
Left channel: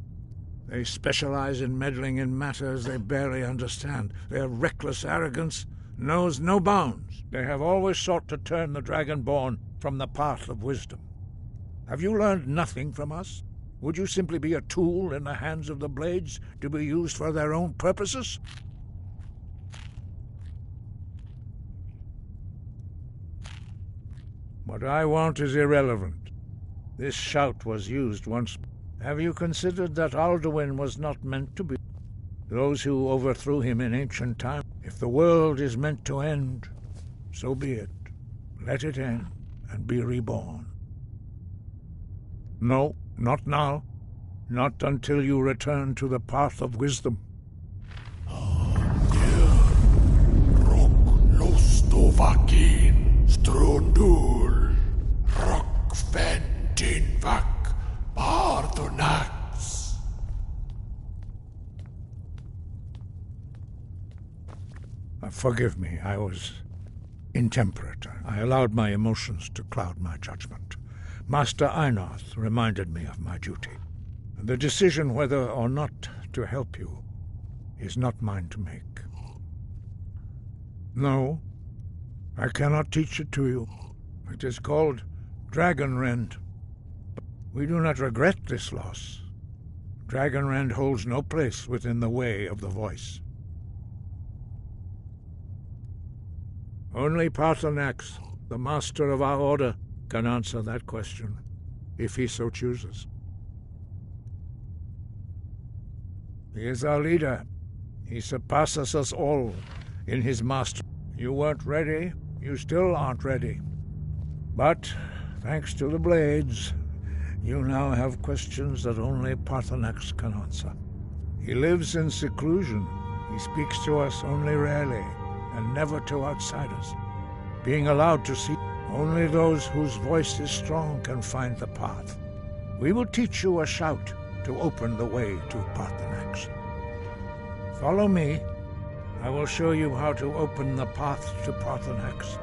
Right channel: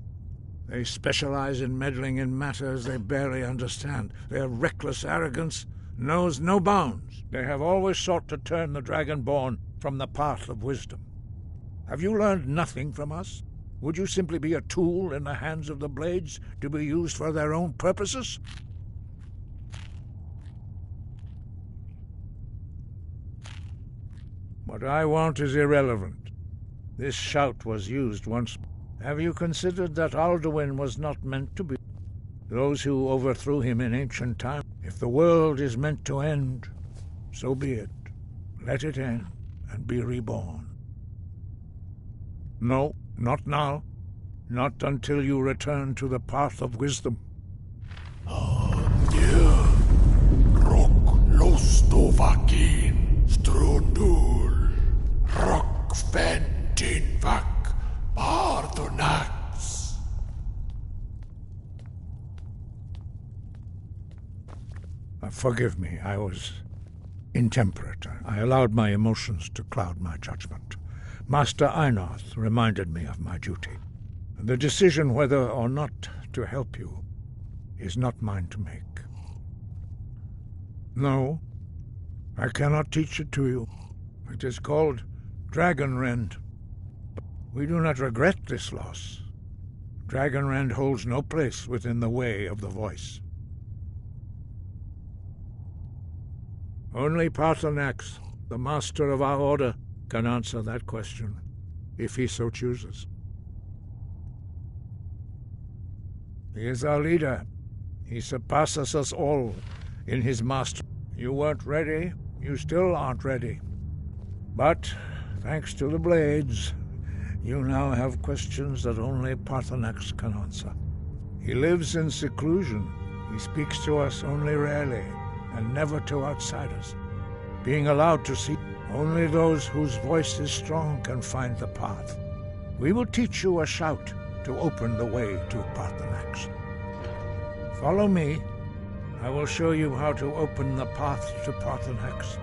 They specialize in meddling in matters they barely understand. Their reckless arrogance knows no bounds. They have always sought to turn the Dragonborn from the path of wisdom. Have you learned nothing from us? Would you simply be a tool in the hands of the Blades to be used for their own purposes? What I want is irrelevant. This shout was used once. Have you considered that Alduin was not meant to be? Those who overthrew him in ancient times. If the world is meant to end, so be it. Let it end and be reborn. No, not now. Not until you return to the path of wisdom. Rock lostovakin strundul rock ventin vak pardonax. Forgive me, I was intemperate. I allowed my emotions to cloud my judgment. Master Einarth reminded me of my duty. The decision whether or not to help you is not mine to make. No, I cannot teach it to you. It is called Dragonrend. We do not regret this loss. Dragonrend holds no place within the way of the voice. Only Paarthurnax, the master of our order, can answer that question, if he so chooses. He is our leader. He surpasses us all in his mastery. You weren't ready. You still aren't ready. But, thanks to the Blades, you now have questions that only Paarthurnax can answer. He lives in seclusion. He speaks to us only rarely, and never to outsiders. Being allowed to see, only those whose voice is strong can find the path. We will teach you a shout to open the way to Paarthurnax. Follow me. I will show you how to open the path to Paarthurnax.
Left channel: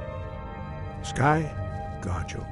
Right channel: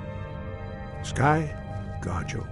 Sky, guard you.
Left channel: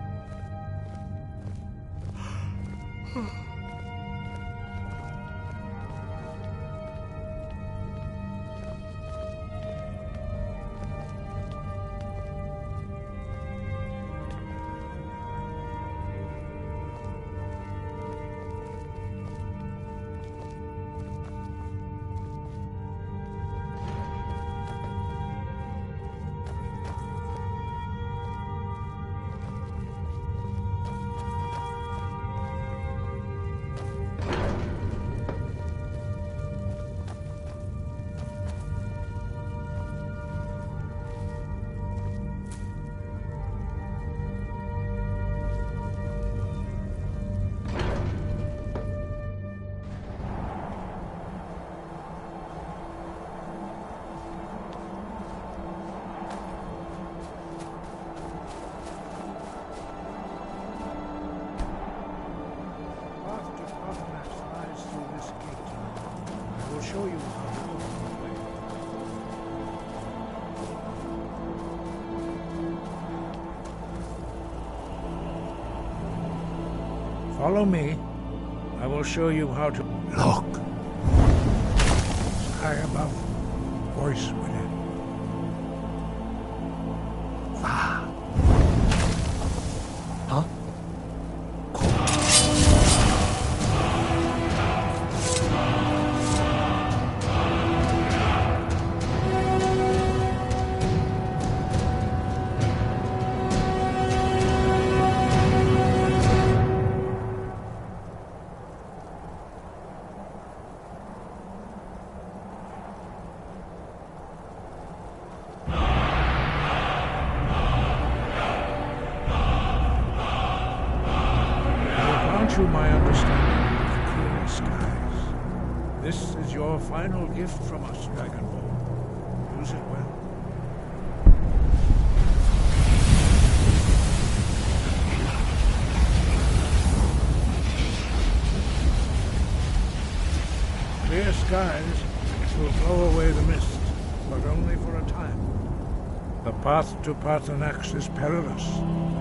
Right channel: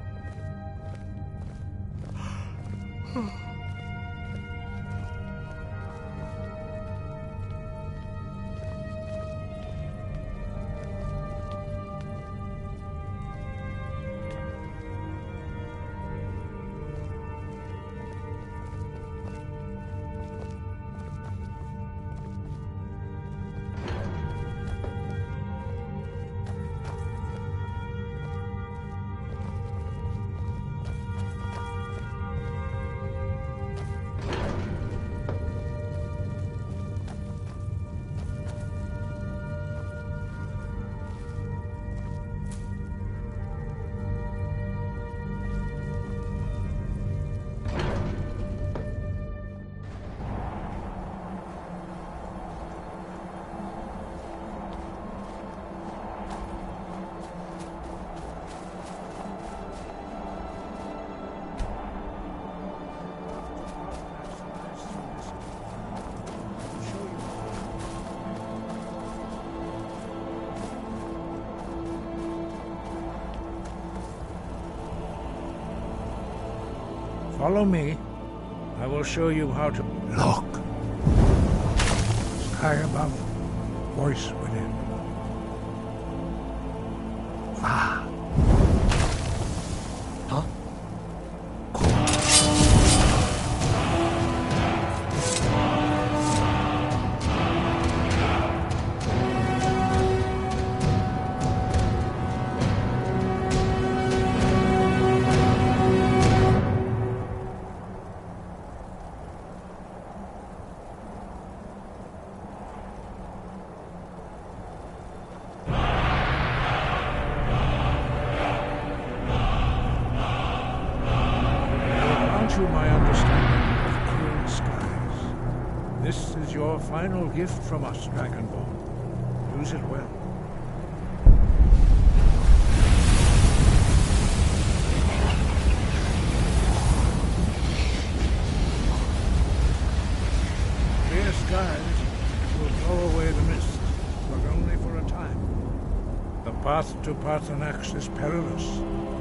Follow me. I will show you how to... Look. Sky above, voice within. Va. Huh? You my understanding of clear skies. This is your final gift from us, Dragonborn. Use it well. clear skies will blow away the mist, but only for a time. The path to Parthenax is perilous,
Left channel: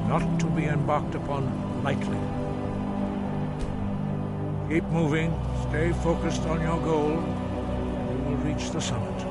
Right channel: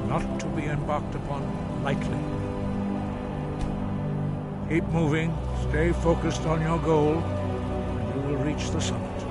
not to be embarked upon lightly. Keep moving, stay focused on your goal, and you will reach the summit.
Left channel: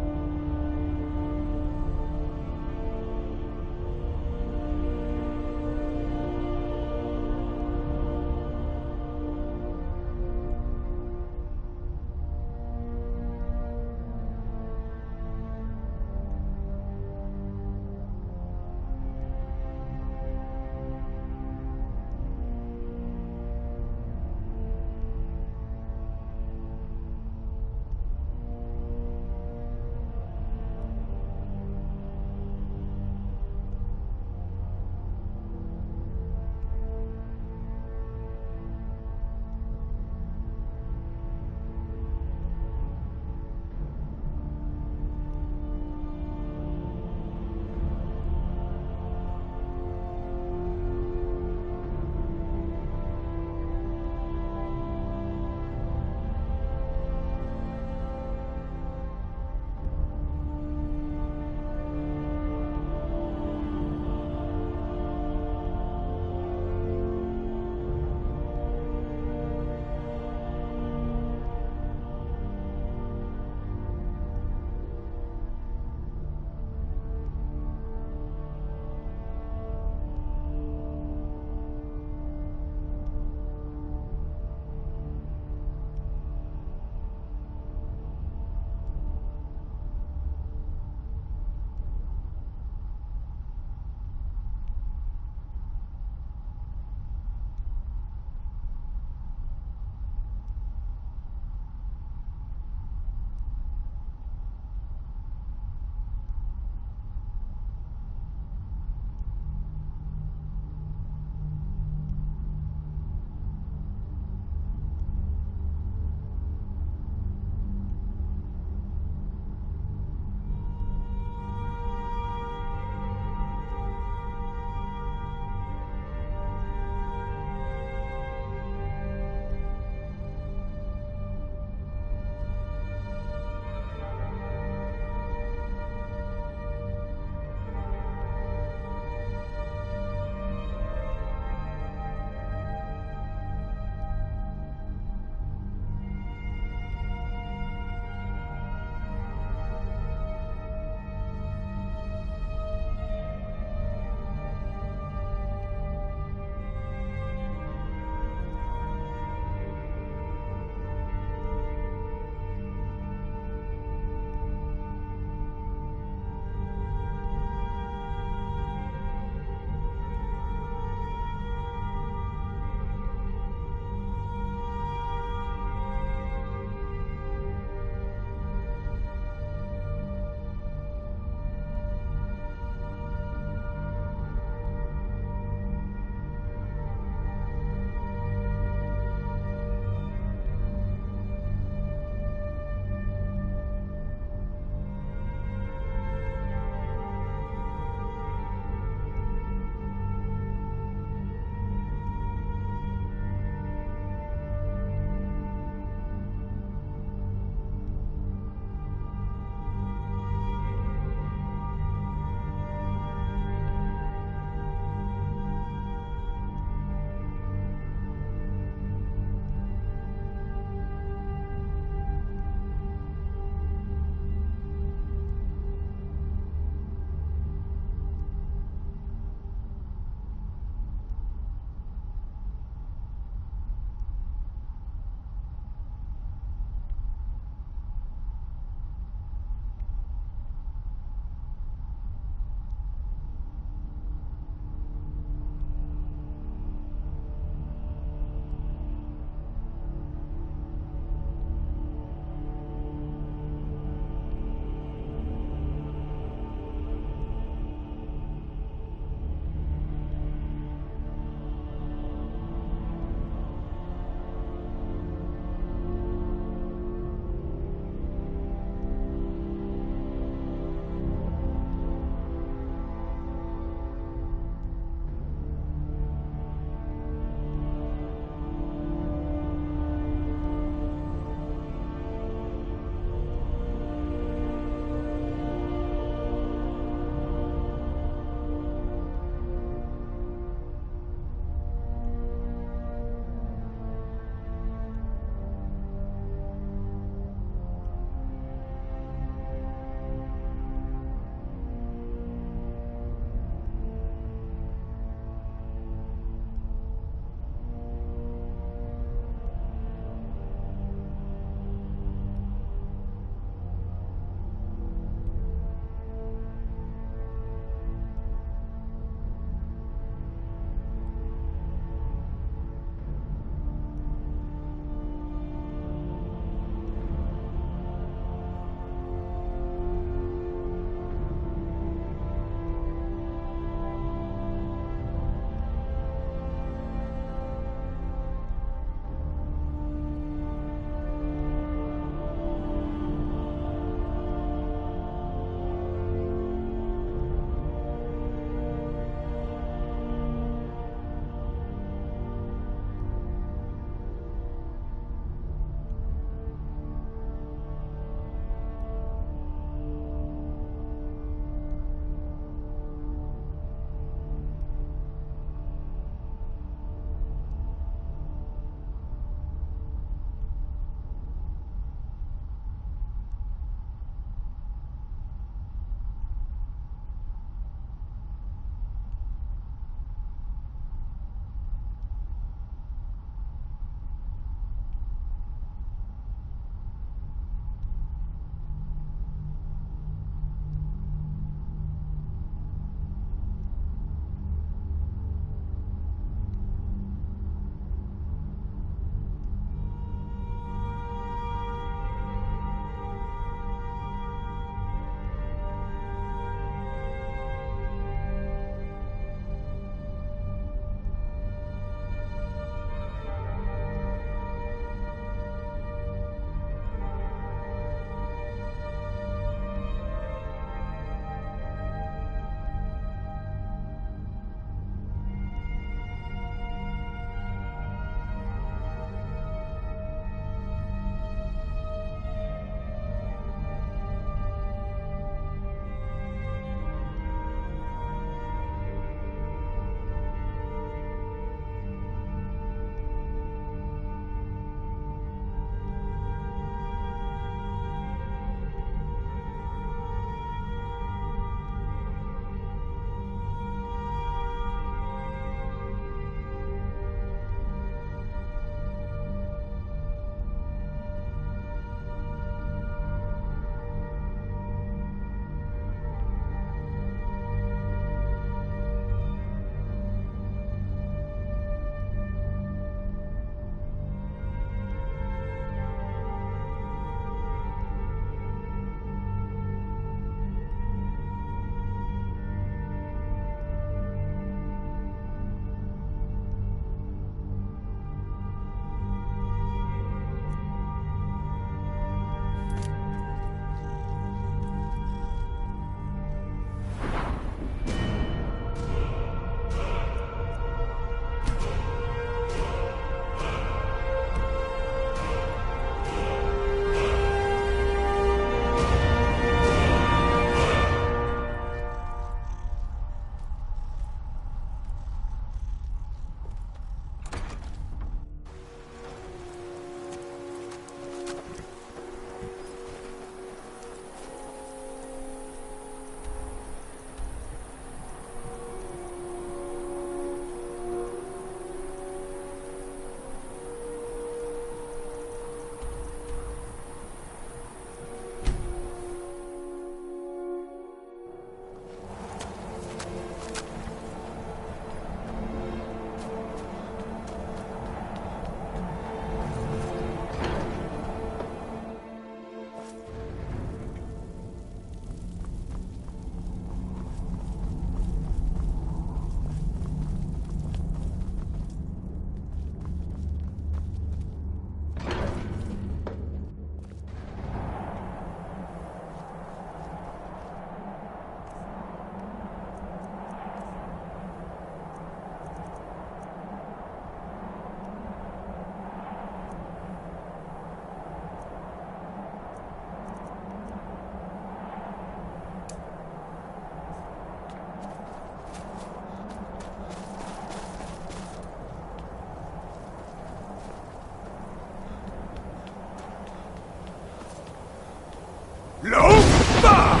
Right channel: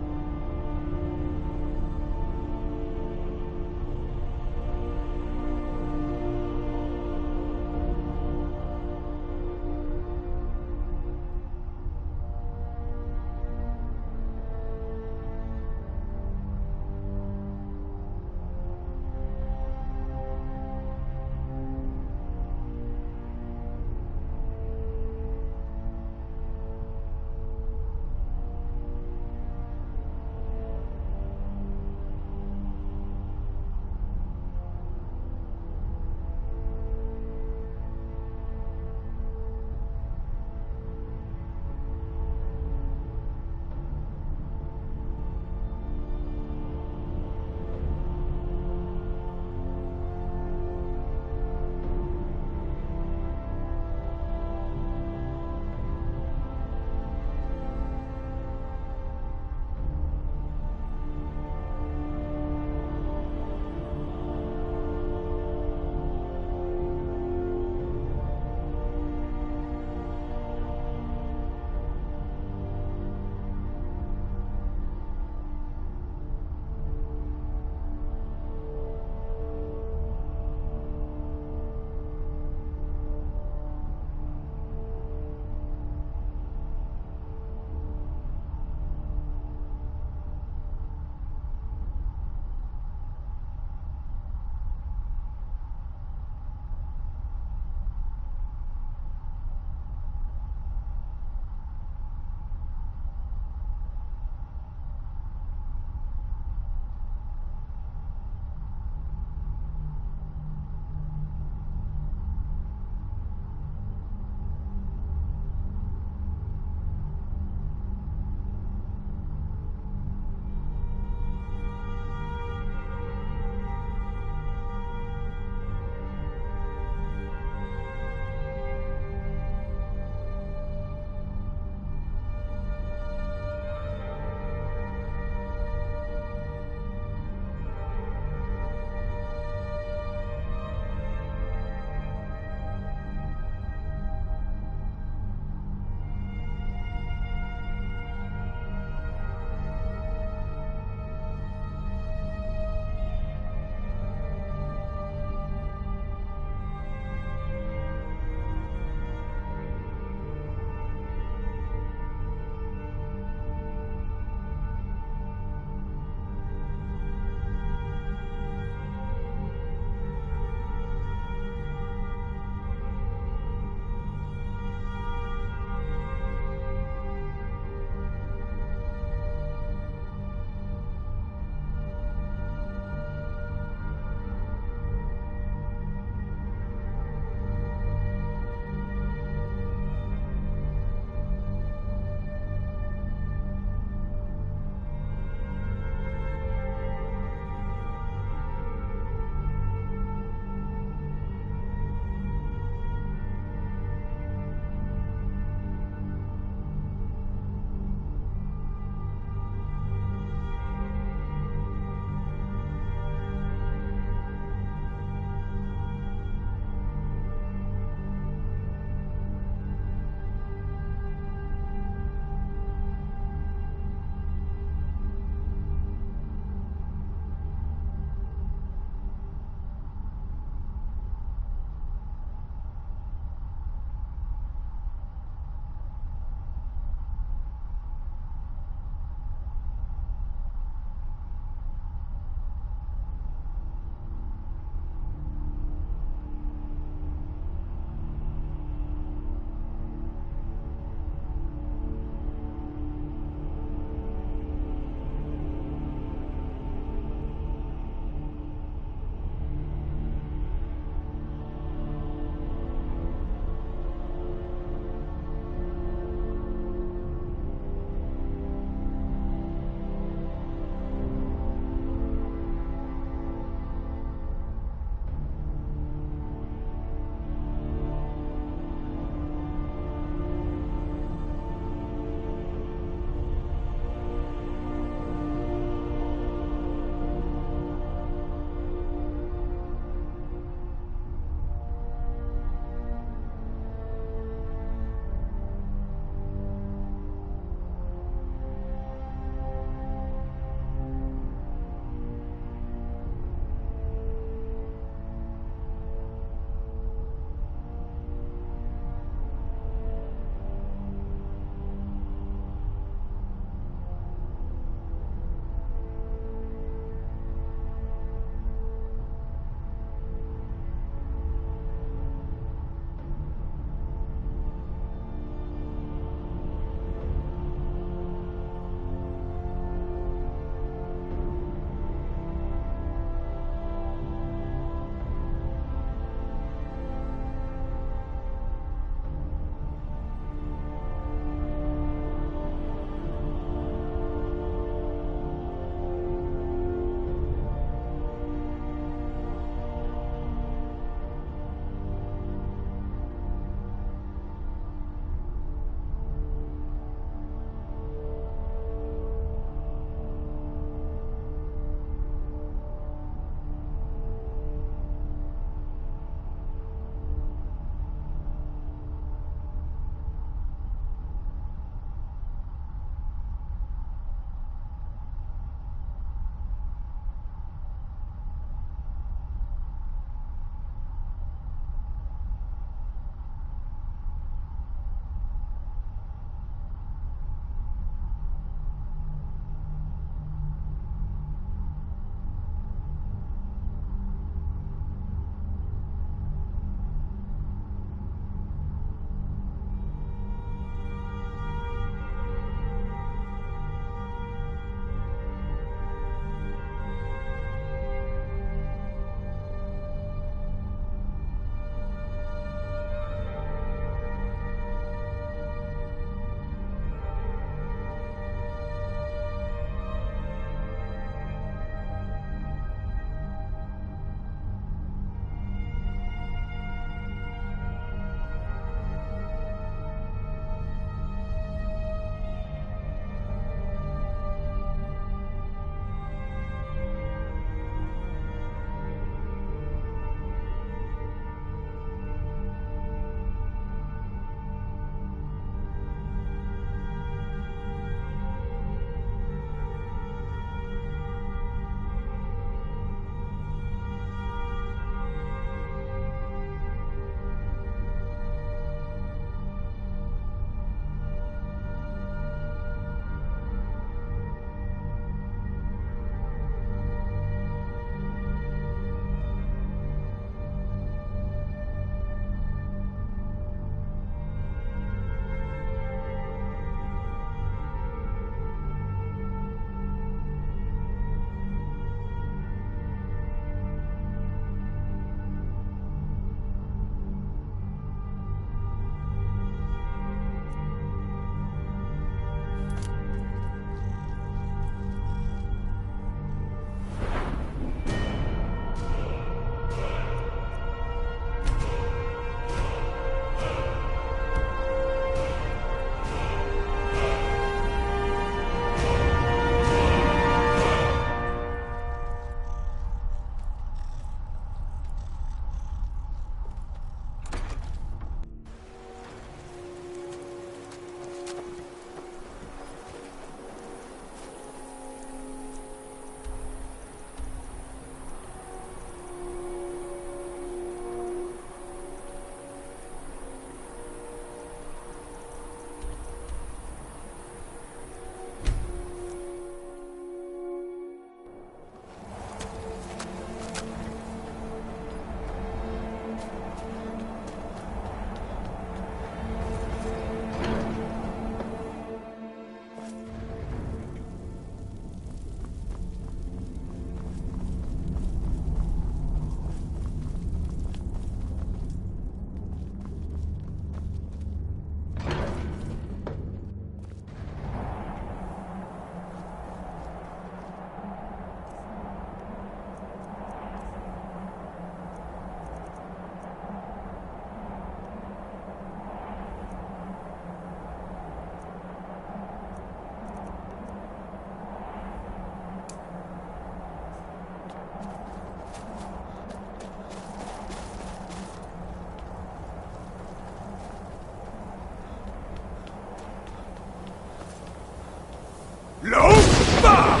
Lofa!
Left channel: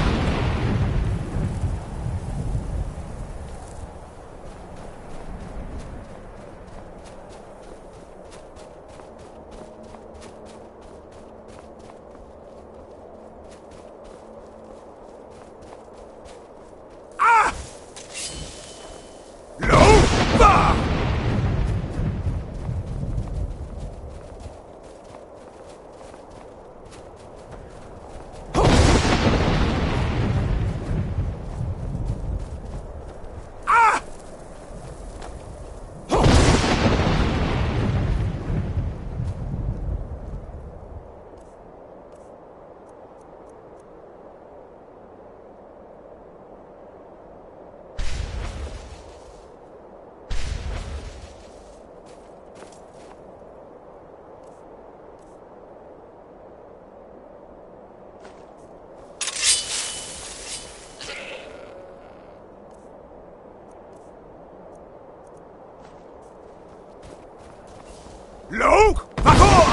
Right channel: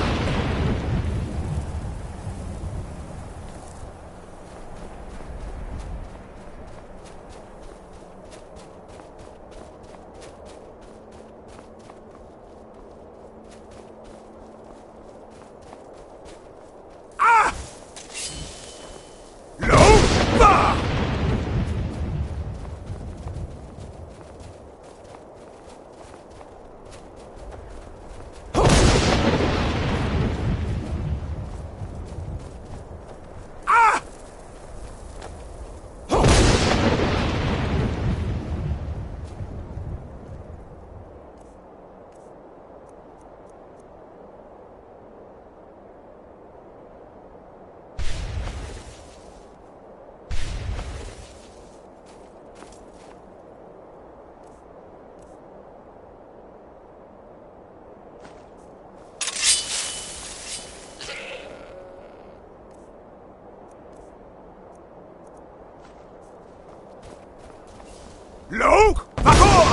Log Vakor!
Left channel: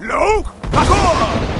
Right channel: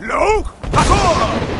Log Vakor!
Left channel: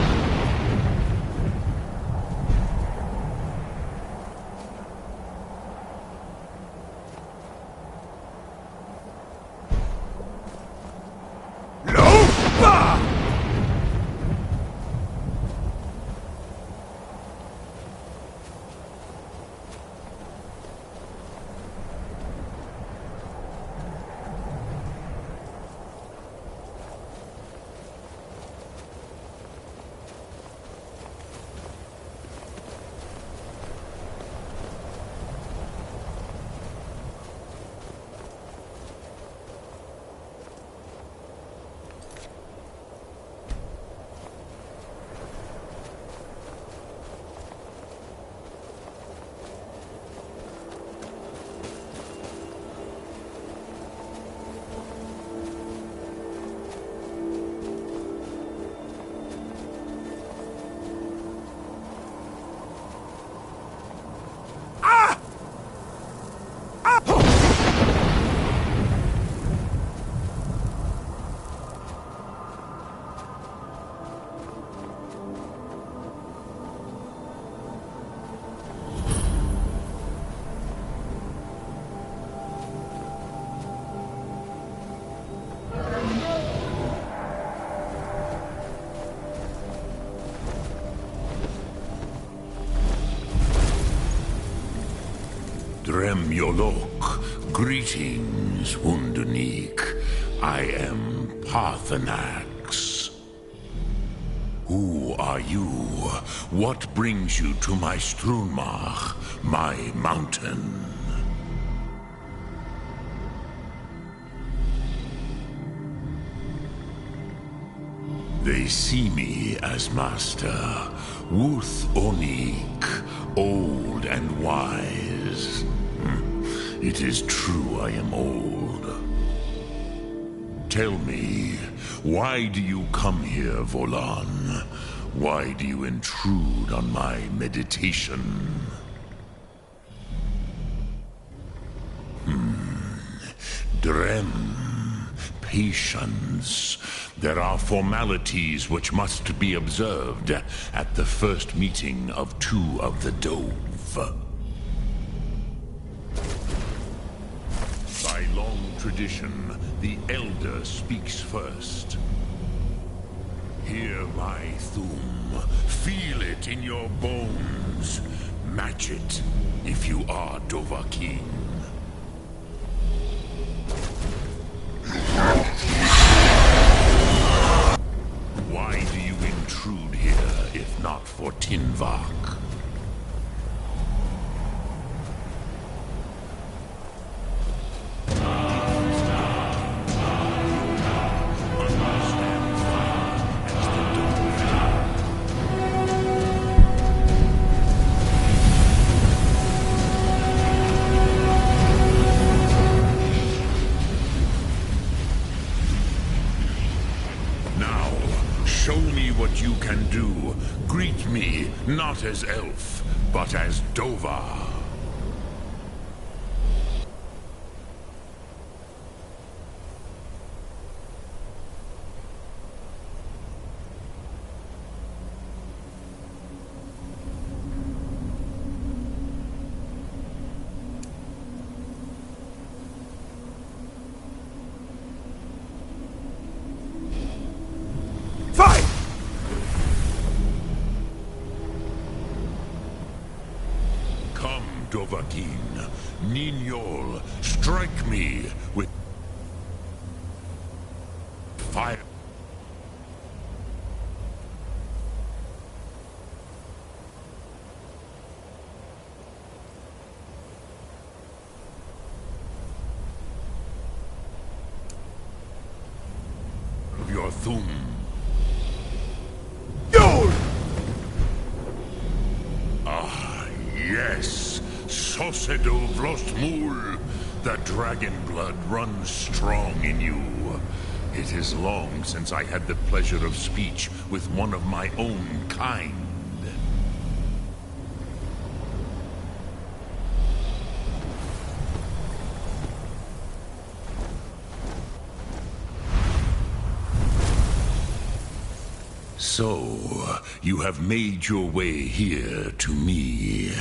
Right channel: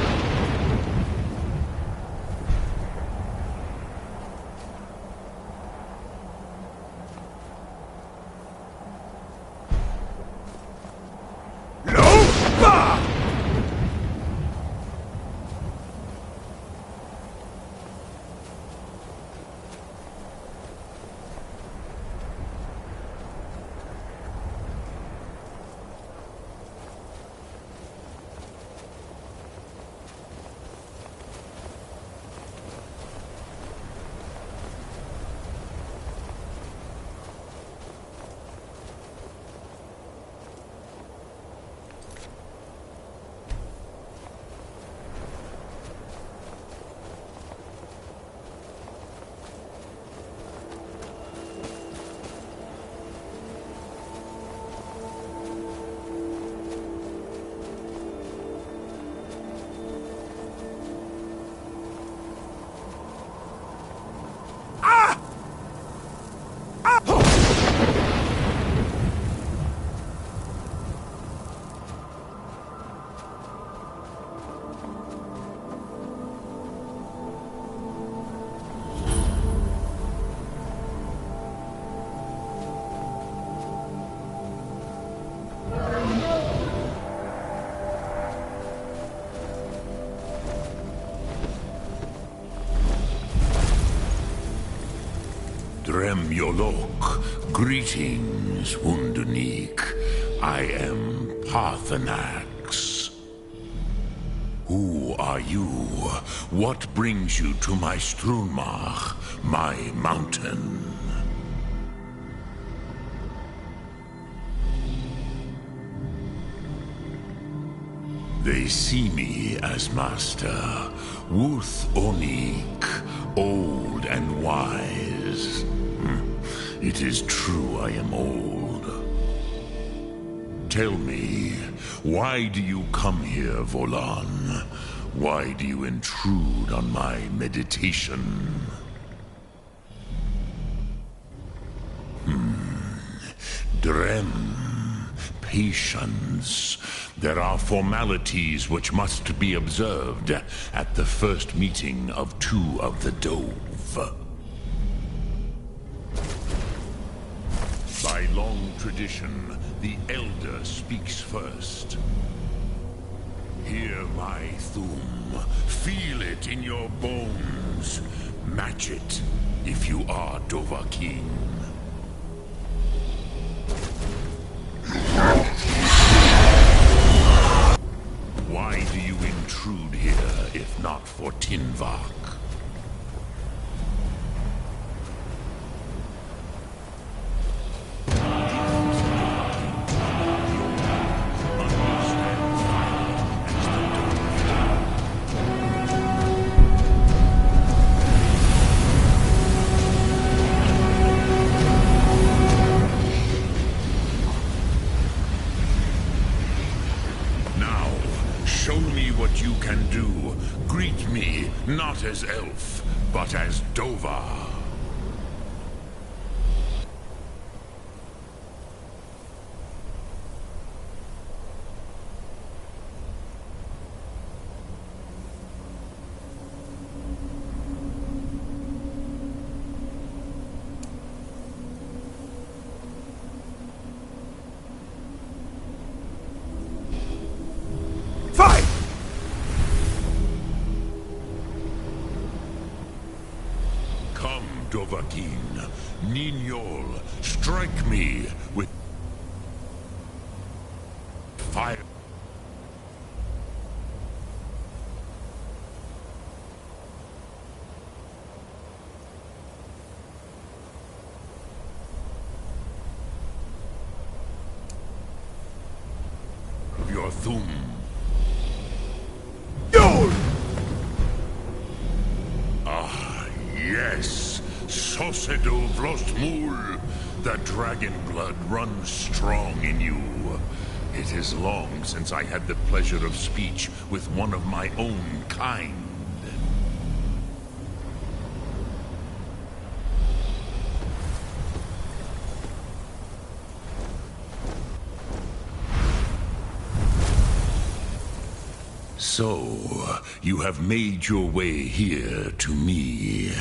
Dremyolok, greetings, Undunik. I am Parthenax. Who are you? What brings you to my Strunmach, my mountain? They see me as master, Wuth Onik, old and wise. It is true I am old. Tell me, why do you come here, Volan? Why do you intrude on my meditation? Drem. Patience. There are formalities which must be observed at the first meeting of two of the Dove. By long tradition, the Elder speaks first. Hear my Thum. Feel it in your bones. Match it if you are Dovahkiin. Why do you intrude here, if not for Tinvak? Show me what you can do. Greet me, not as elf, but as Dova. Fight! Come, Dovahkiin. Ninyol, strike me with fire. Of your Thum. Ah, yes. Sosedo Vlostmul. The dragon blood runs strong in you. It is long since I had the pleasure of speech with one of my own kind. So, you have made your way here to me.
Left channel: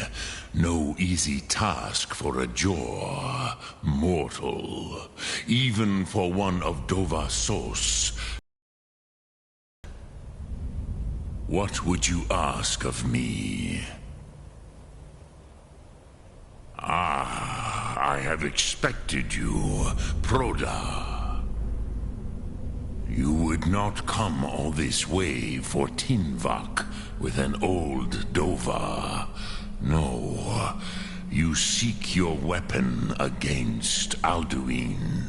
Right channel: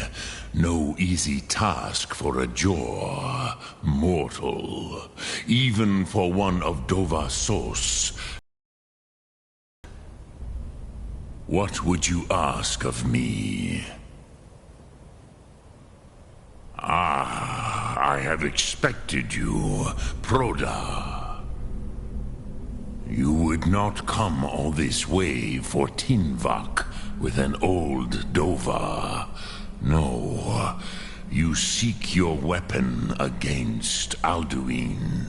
No easy task for a Jor, mortal. Even for one of Dova Sos. What would you ask of me? Ah, I have expected you, Proda. You would not come all this way for Tinvak with an old Dova. No, you seek your weapon against Alduin.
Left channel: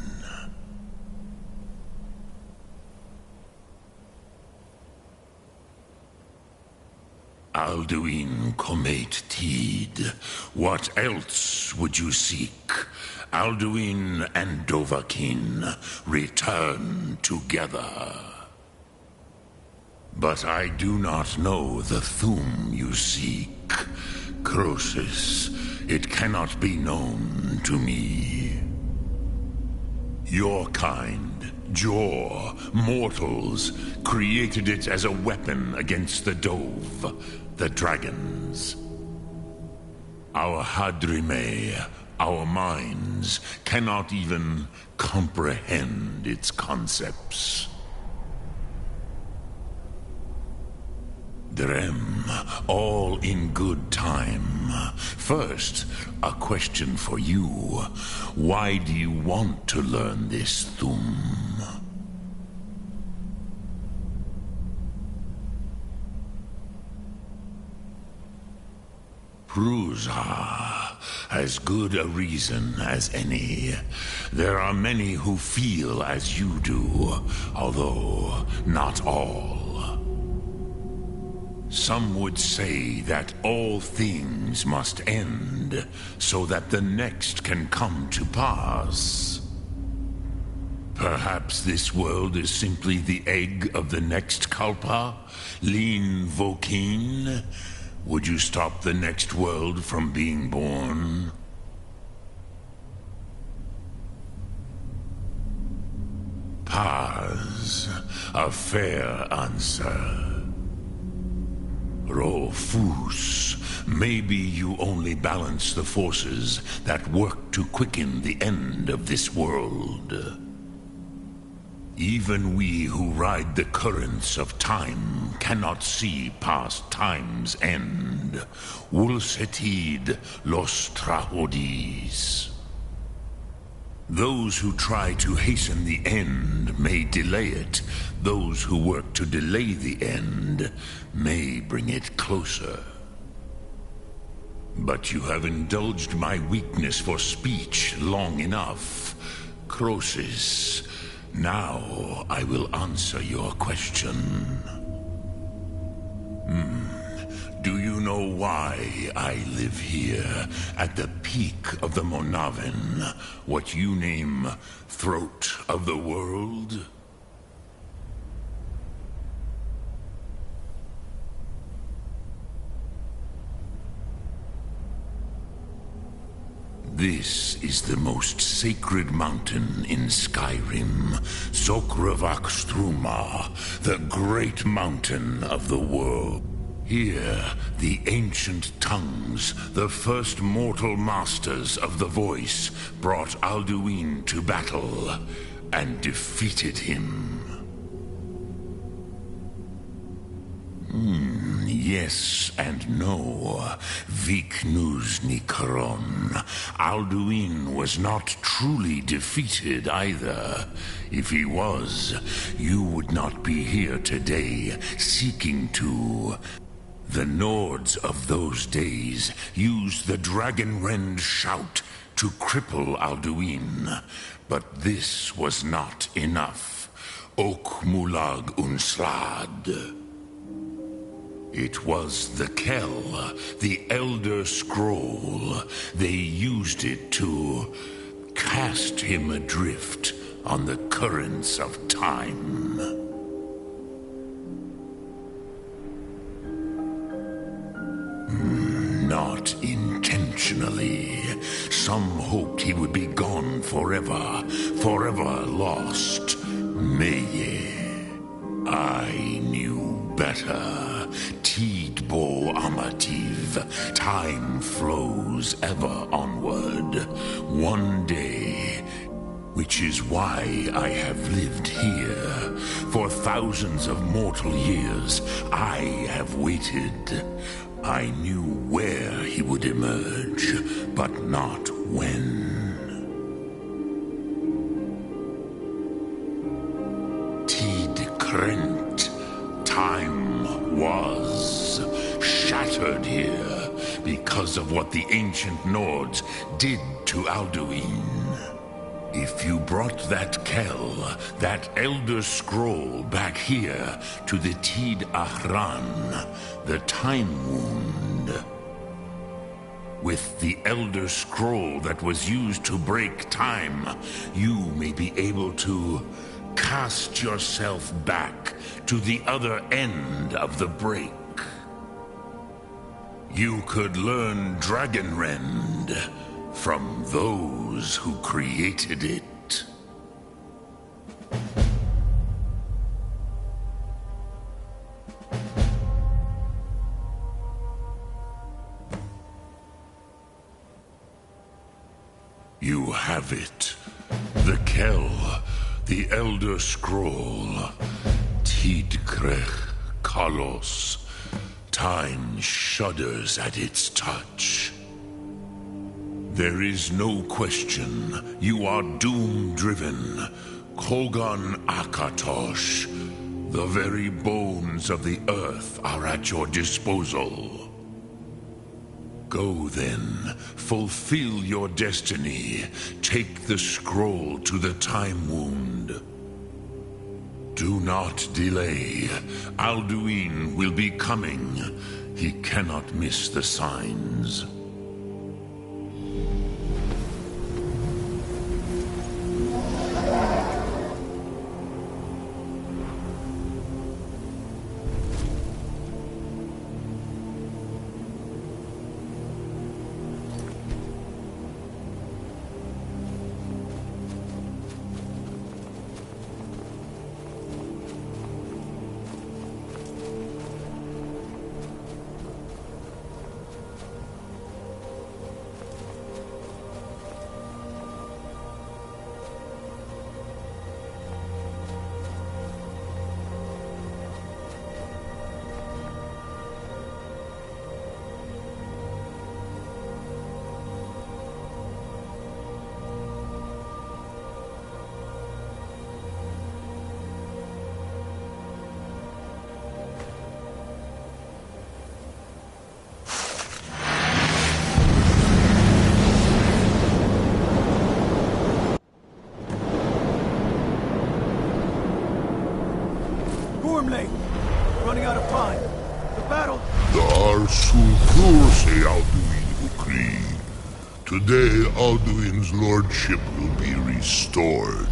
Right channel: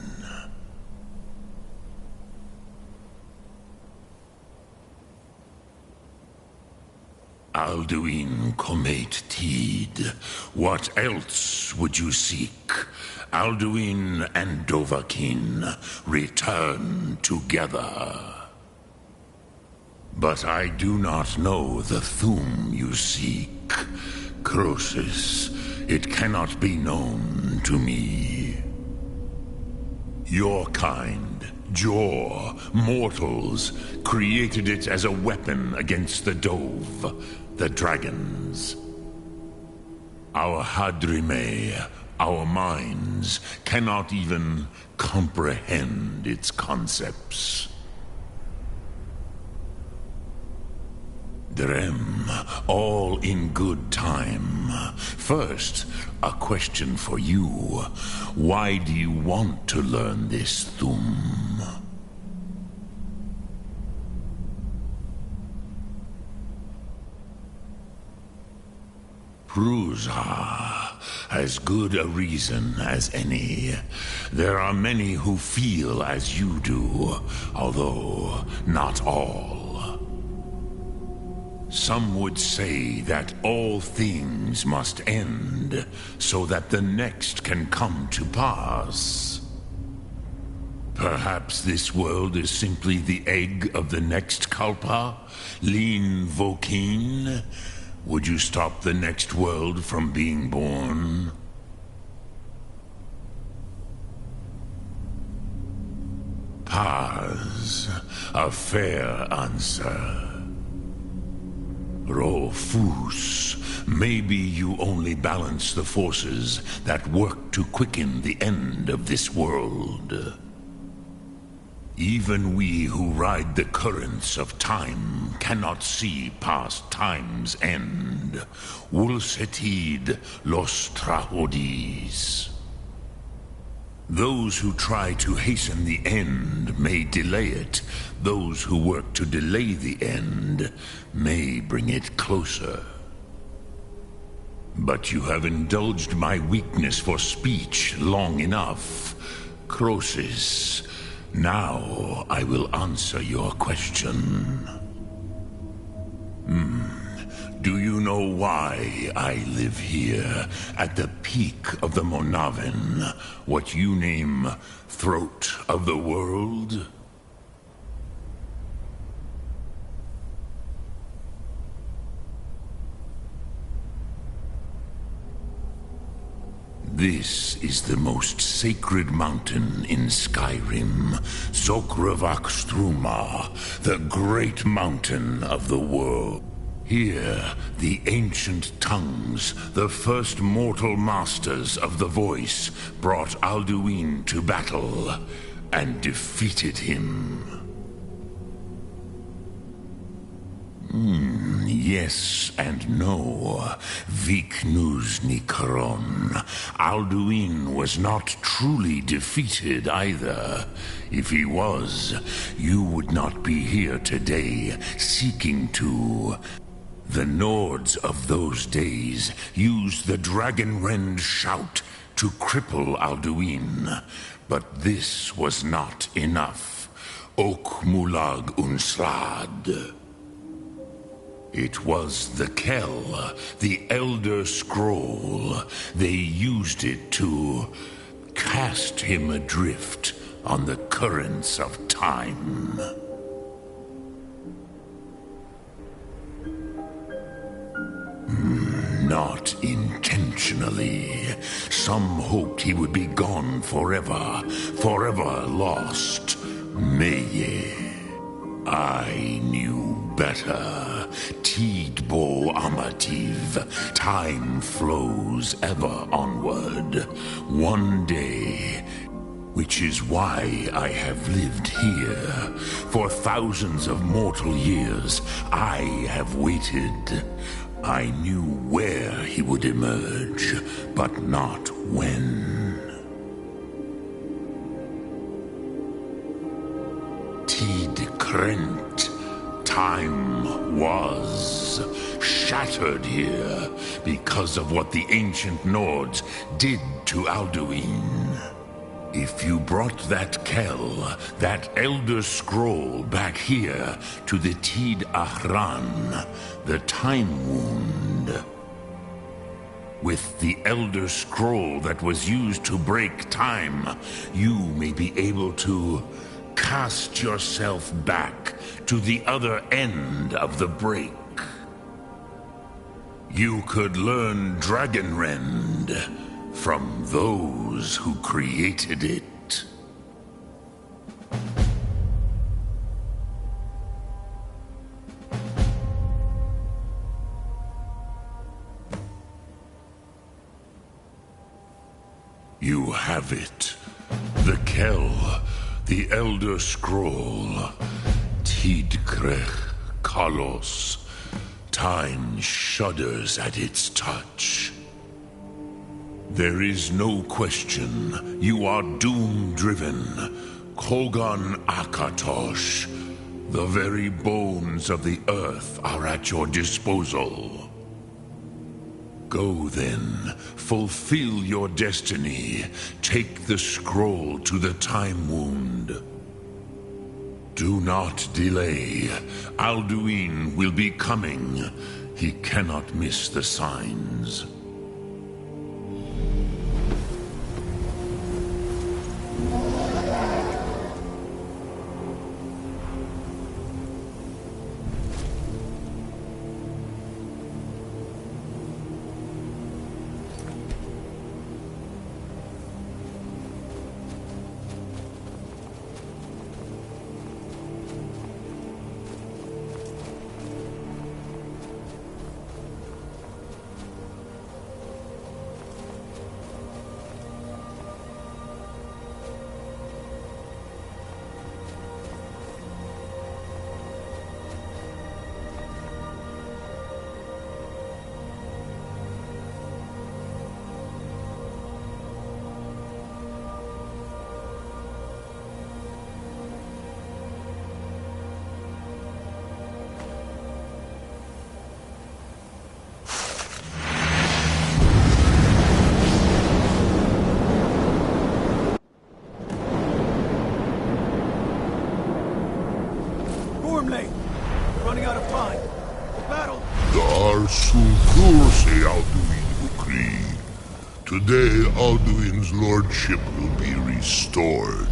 Alduin Comate Tid. What else would you seek? Alduin and Dovahkiin return together. But I do not know the Thum you seek. Croesus, it cannot be known to me. Your kind, Jor, mortals, created it as a weapon against the Dove, the dragons. Our Hadrime, our minds, cannot even comprehend its concepts. Drem, all in good time. First, a question for you. Why do you want to learn this Thum? Prusa, as good a reason as any. There are many who feel as you do, although not all. Some would say that all things must end so that the next can come to pass. Perhaps this world is simply the egg of the next Kalpa, Lin Vokin. Would you stop the next world from being born? Paz, a fair answer. Rofus, maybe you only balance the forces that work to quicken the end of this world. Even we who ride the currents of time cannot see past time's end. Wulsetid los trahodis. Those who try to hasten the end may delay it. Those who work to delay the end may bring it closer. But you have indulged my weakness for speech long enough. Croesus, now I will answer your question. Do you know why I live here, at the peak of the Monavin, what you name Throat of the World? This is the most sacred mountain in Skyrim, Zokravakstruma, the great mountain of the world. Here, the ancient tongues, the first mortal masters of the voice, brought Alduin to battle and defeated him. Yes and no. Viknus Nikron. Alduin was not truly defeated either. If he was, you would not be here today seeking to... The Nords of those days used the Dragonrend shout to cripple Alduin, but this was not enough. Ok Mulag Unslad. It was the Kell, the Elder Scroll. They used it to cast him adrift on the currents of time. Not intentionally. Some hoped he would be gone forever, forever lost. Meye. I knew better. Tidbo Amativ. Time flows ever onward. One day, which is why I have lived here. For thousands of mortal years, I have waited. I knew where he would emerge, but not when. Tid Krent. Time was shattered here because of what the ancient Nords did to Alduin. If you brought that Kell, that Elder Scroll back here to the Tid Ahran, the Time Wound, with the Elder Scroll that was used to break time, you may be able to cast yourself back to the other end of the break. You could learn Dragonrend from those who created it. You have it. The Kell, the Elder Scroll, Tidkrech Kalos. Time shudders at its touch. There is no question. You are doom-driven. Kogan Akatosh. The very bones of the earth are at your disposal. Go then, fulfill your destiny. Take the scroll to the Time Wound. Do not delay. Alduin will be coming. He cannot miss the signs. Gormley! Running out of time. The battle... Dar Sulfurse Alduin Ukri. Today, Alduin's lordship will be restored.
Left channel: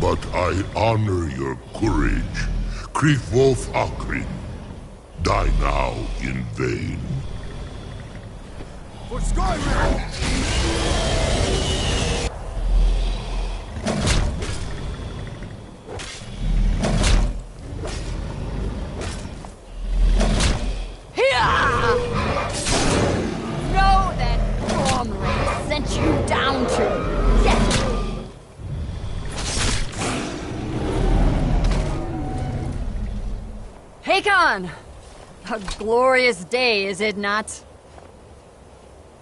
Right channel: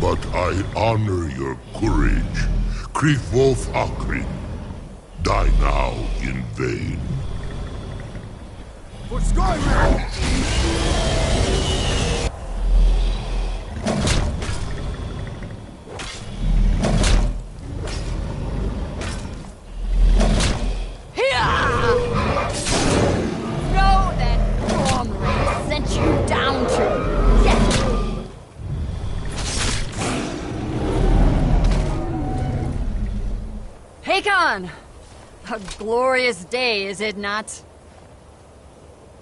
But I honor your courage. Krifwolf Akrin. Die now in vain. For Skyrim! A glorious day, is it not?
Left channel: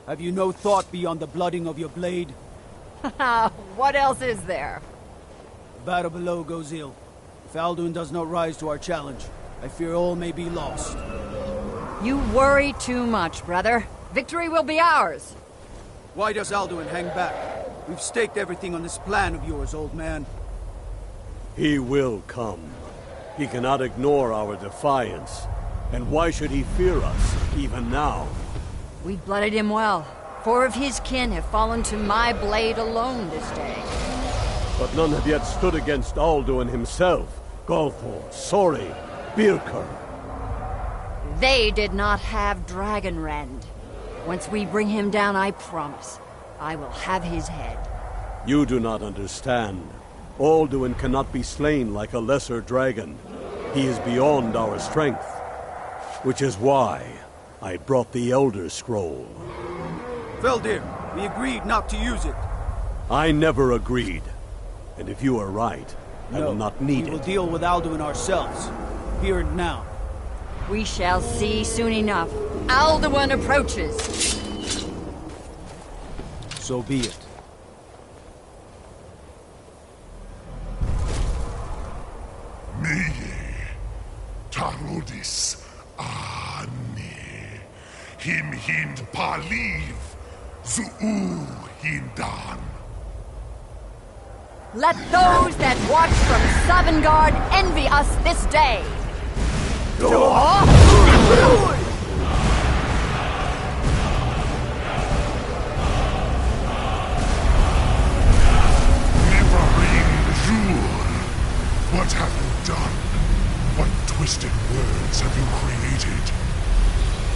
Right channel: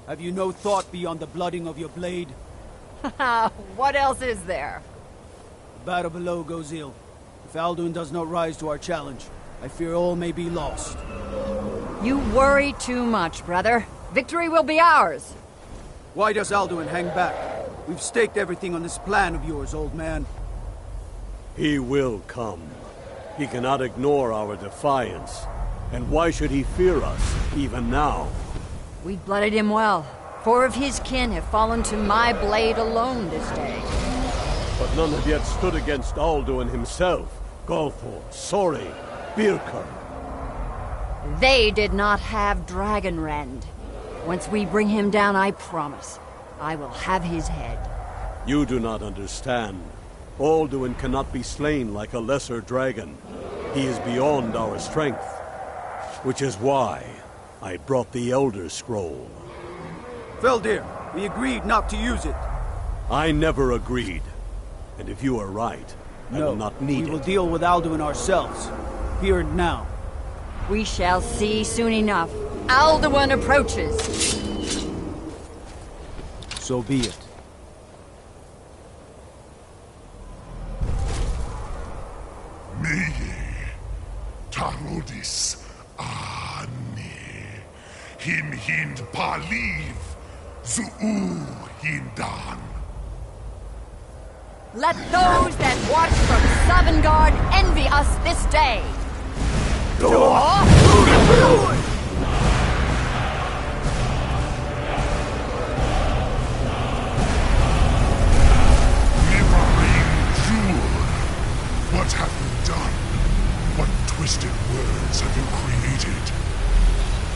Have you no thought beyond the blooding of your blade? What else is there? The battle below goes ill. If Alduin does not rise to our challenge, I fear all may be lost. You worry too much, brother. Victory will be ours. Why does Alduin hang back? We've staked everything on this plan of yours, old man. He will come. He cannot ignore our defiance. And why should he fear us, even now? We blooded him well. 4 of his kin have fallen to my blade alone this day. But none have yet stood against Alduin himself. Golthor, Sori, Birker. They did not have Dragonrend. Once we bring him down, I promise, I will have his head. You do not understand. Alduin cannot be slain like a lesser dragon. He is beyond our strength. Which is why I brought the Elder Scroll. Veldir, we agreed not to use it. I never agreed. And if you are right, I will not need it. We will deal with Alduin ourselves. Here and now. We shall see soon enough. Alduin approaches. So be it. Meye, Tarodis, Ani, Him Hind Paliv, Zuu Hindan. Let those that watch from Sovngarde envy us this day. What have you done? What twisted words have you created?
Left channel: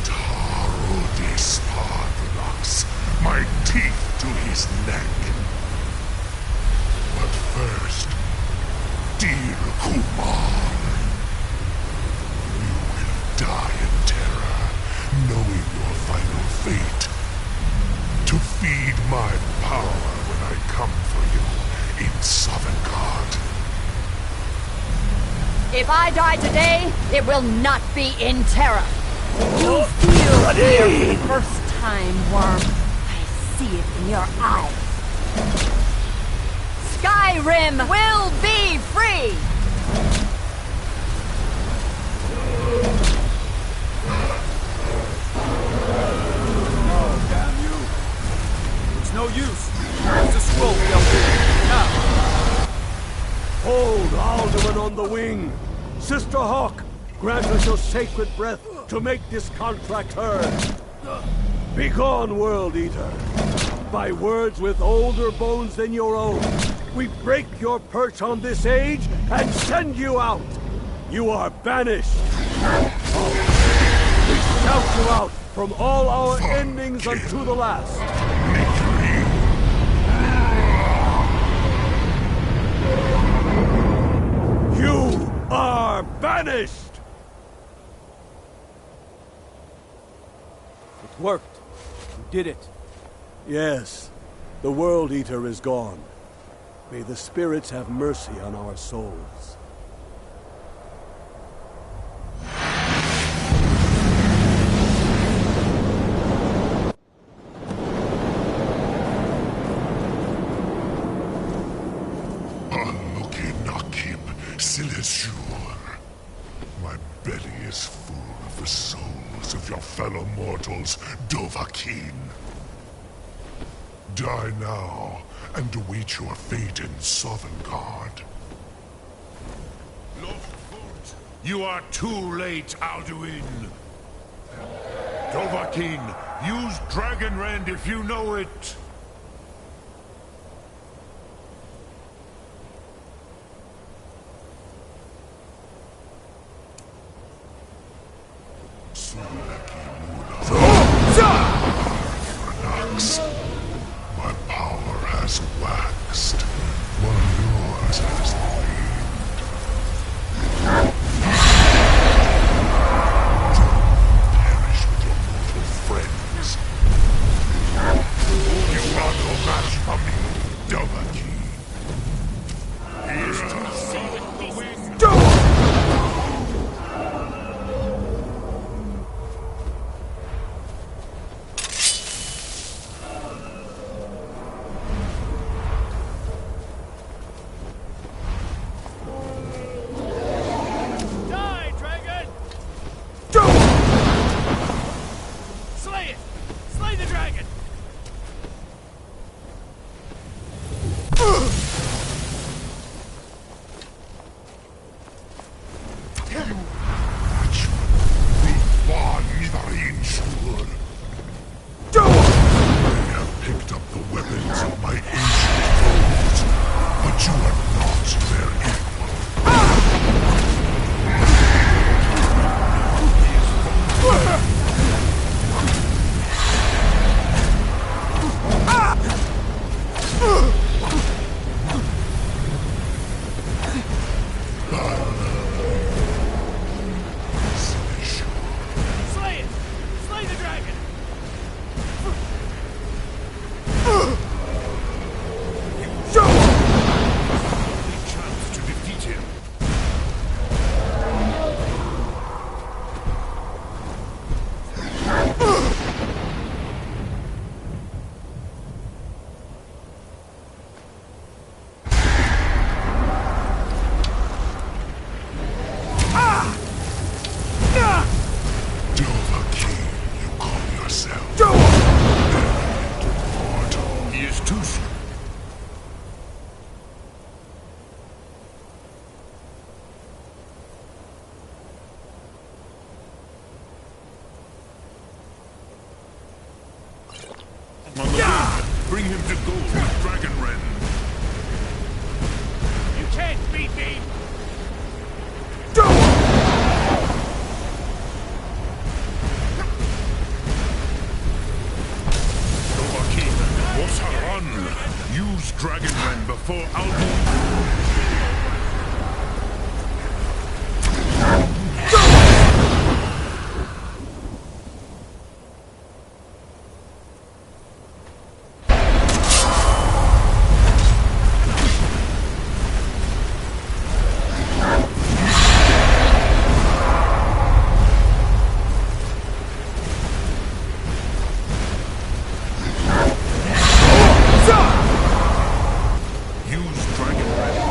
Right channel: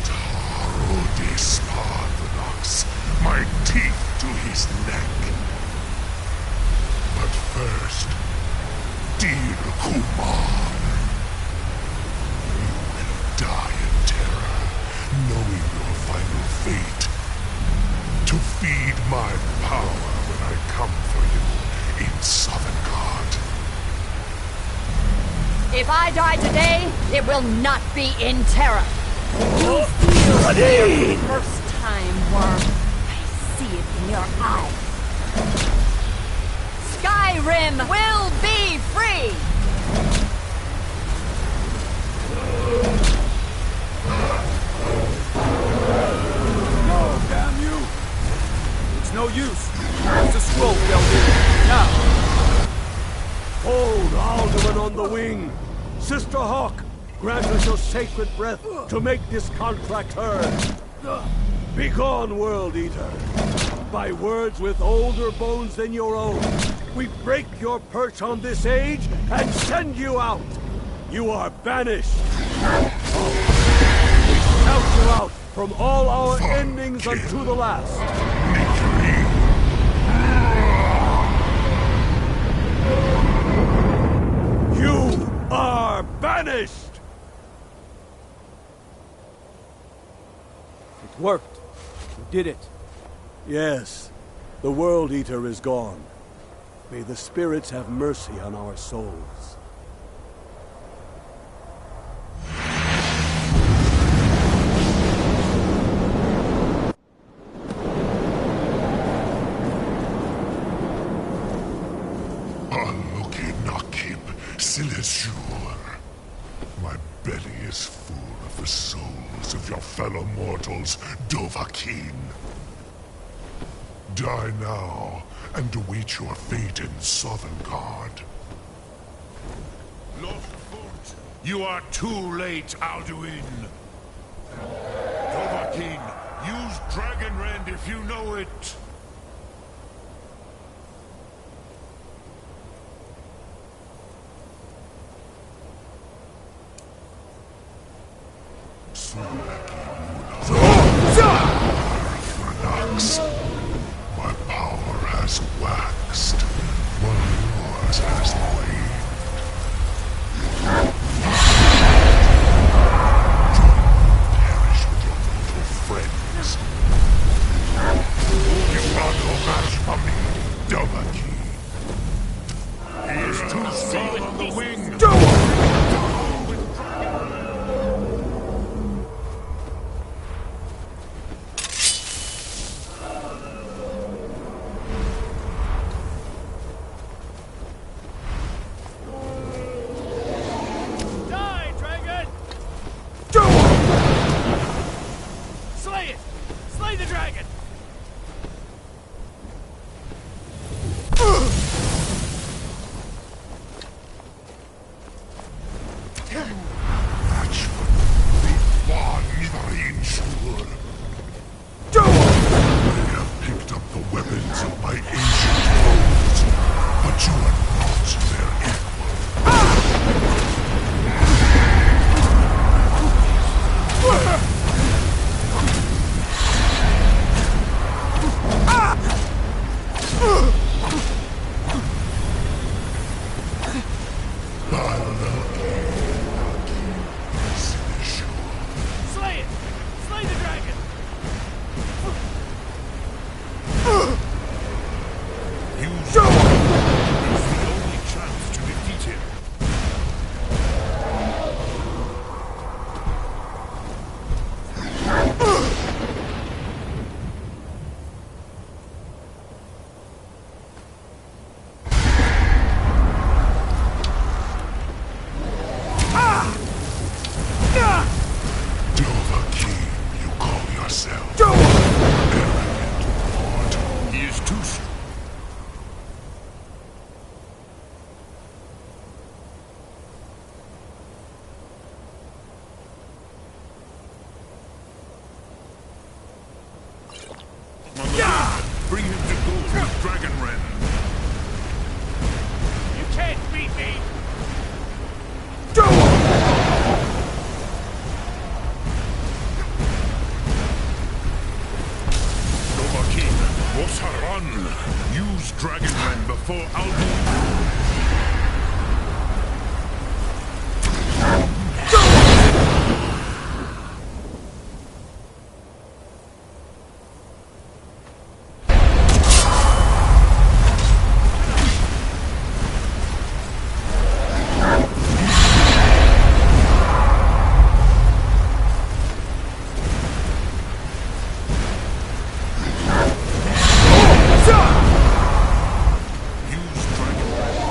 Tarodis Parthenos, my teeth to his neck. But first, dear Kumar, you will die in terror, knowing your final fate. To feed my power when I come for you in Sovngarde. If I die today, it will not be in terror. You feel fear for the first time, Worm. I see it in your eyes. Skyrim will be free! No, damn you! It's no use. Use the scroll, Veldir. Now! Hold the wing. Sister Hawk, grant us your sacred breath to make this contract hers. Begone, World Eater. By words with older bones than your own, we break your perch on this age and send you out. You are banished. We shout you out from all our endings unto the last. You are banished! It worked. You did it. Yes, the World Eater is gone. May the spirits have mercy on our souls. My belly is full of the souls of your fellow mortals, Dovahkiin. Die now, and await your fate in Sovngarde. Lost Fort, you are too late, Alduin. Dovahkiin, use Dragonrend if you know it. My power has waxed, while yours has waned. Perish with your mortal friends. You are no match for me, Dovahkiin. He is too strong on the wing. Bring him to gold with Dragonrend. You can't beat me! Dovahkiin, Osaran! Use Dragonrend before Alduin. Use Dragonrend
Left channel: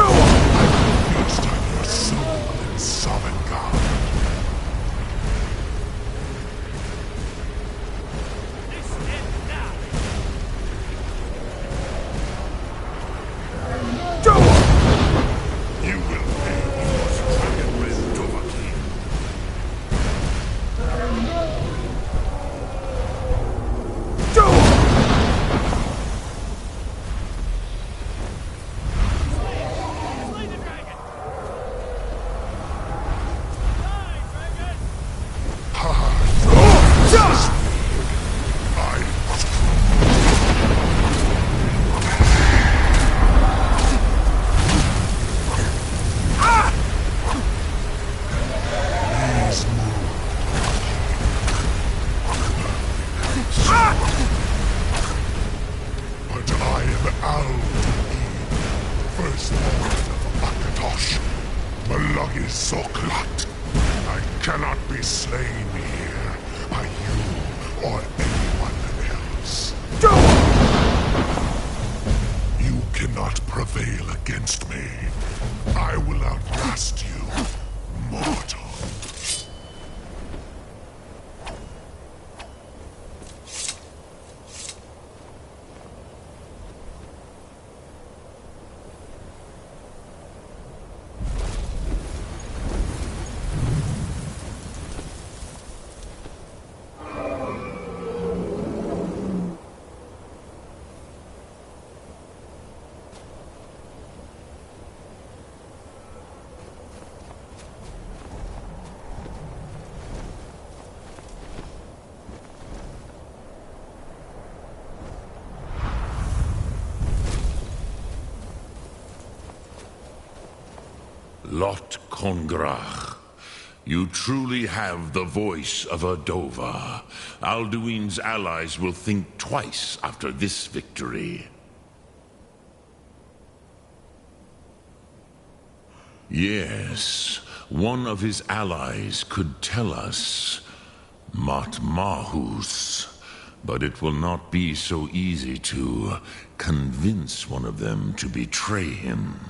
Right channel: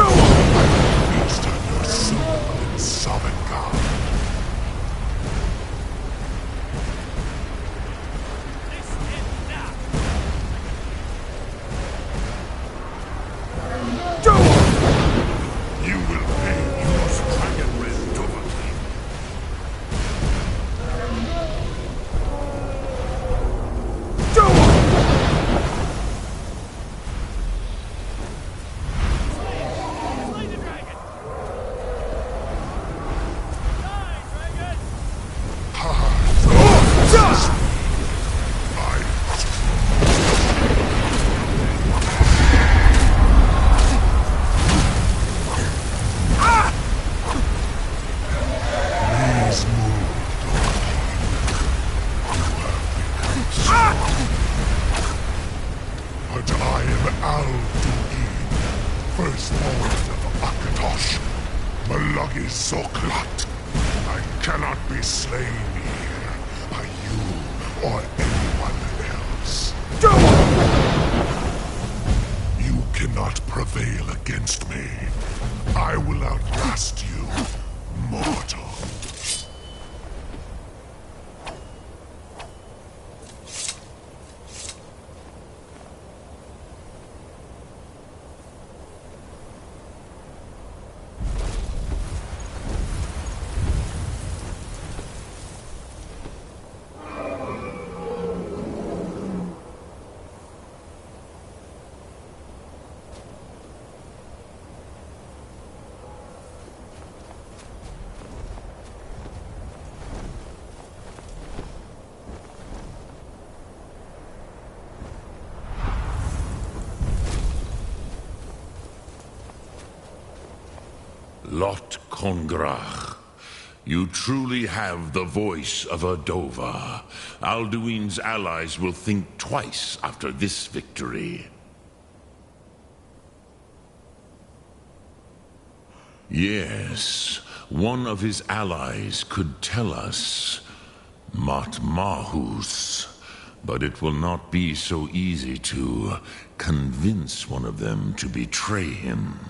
I will feast on your soul in Sovngarde. You will pay yours, Dragon Red Dovahkiin. But I am Al-Duin, firstborn of Akatosh, Malagi Soklat. I cannot be slain here by you or anyone else. You cannot prevail against me. I will outlast you, mortal. Lot Kongrach, you truly have the voice of a Dova. Alduin's allies will think twice after this victory. Yes, one of his allies could tell us. Matmahus. But it will not be so easy to convince one of them to betray him.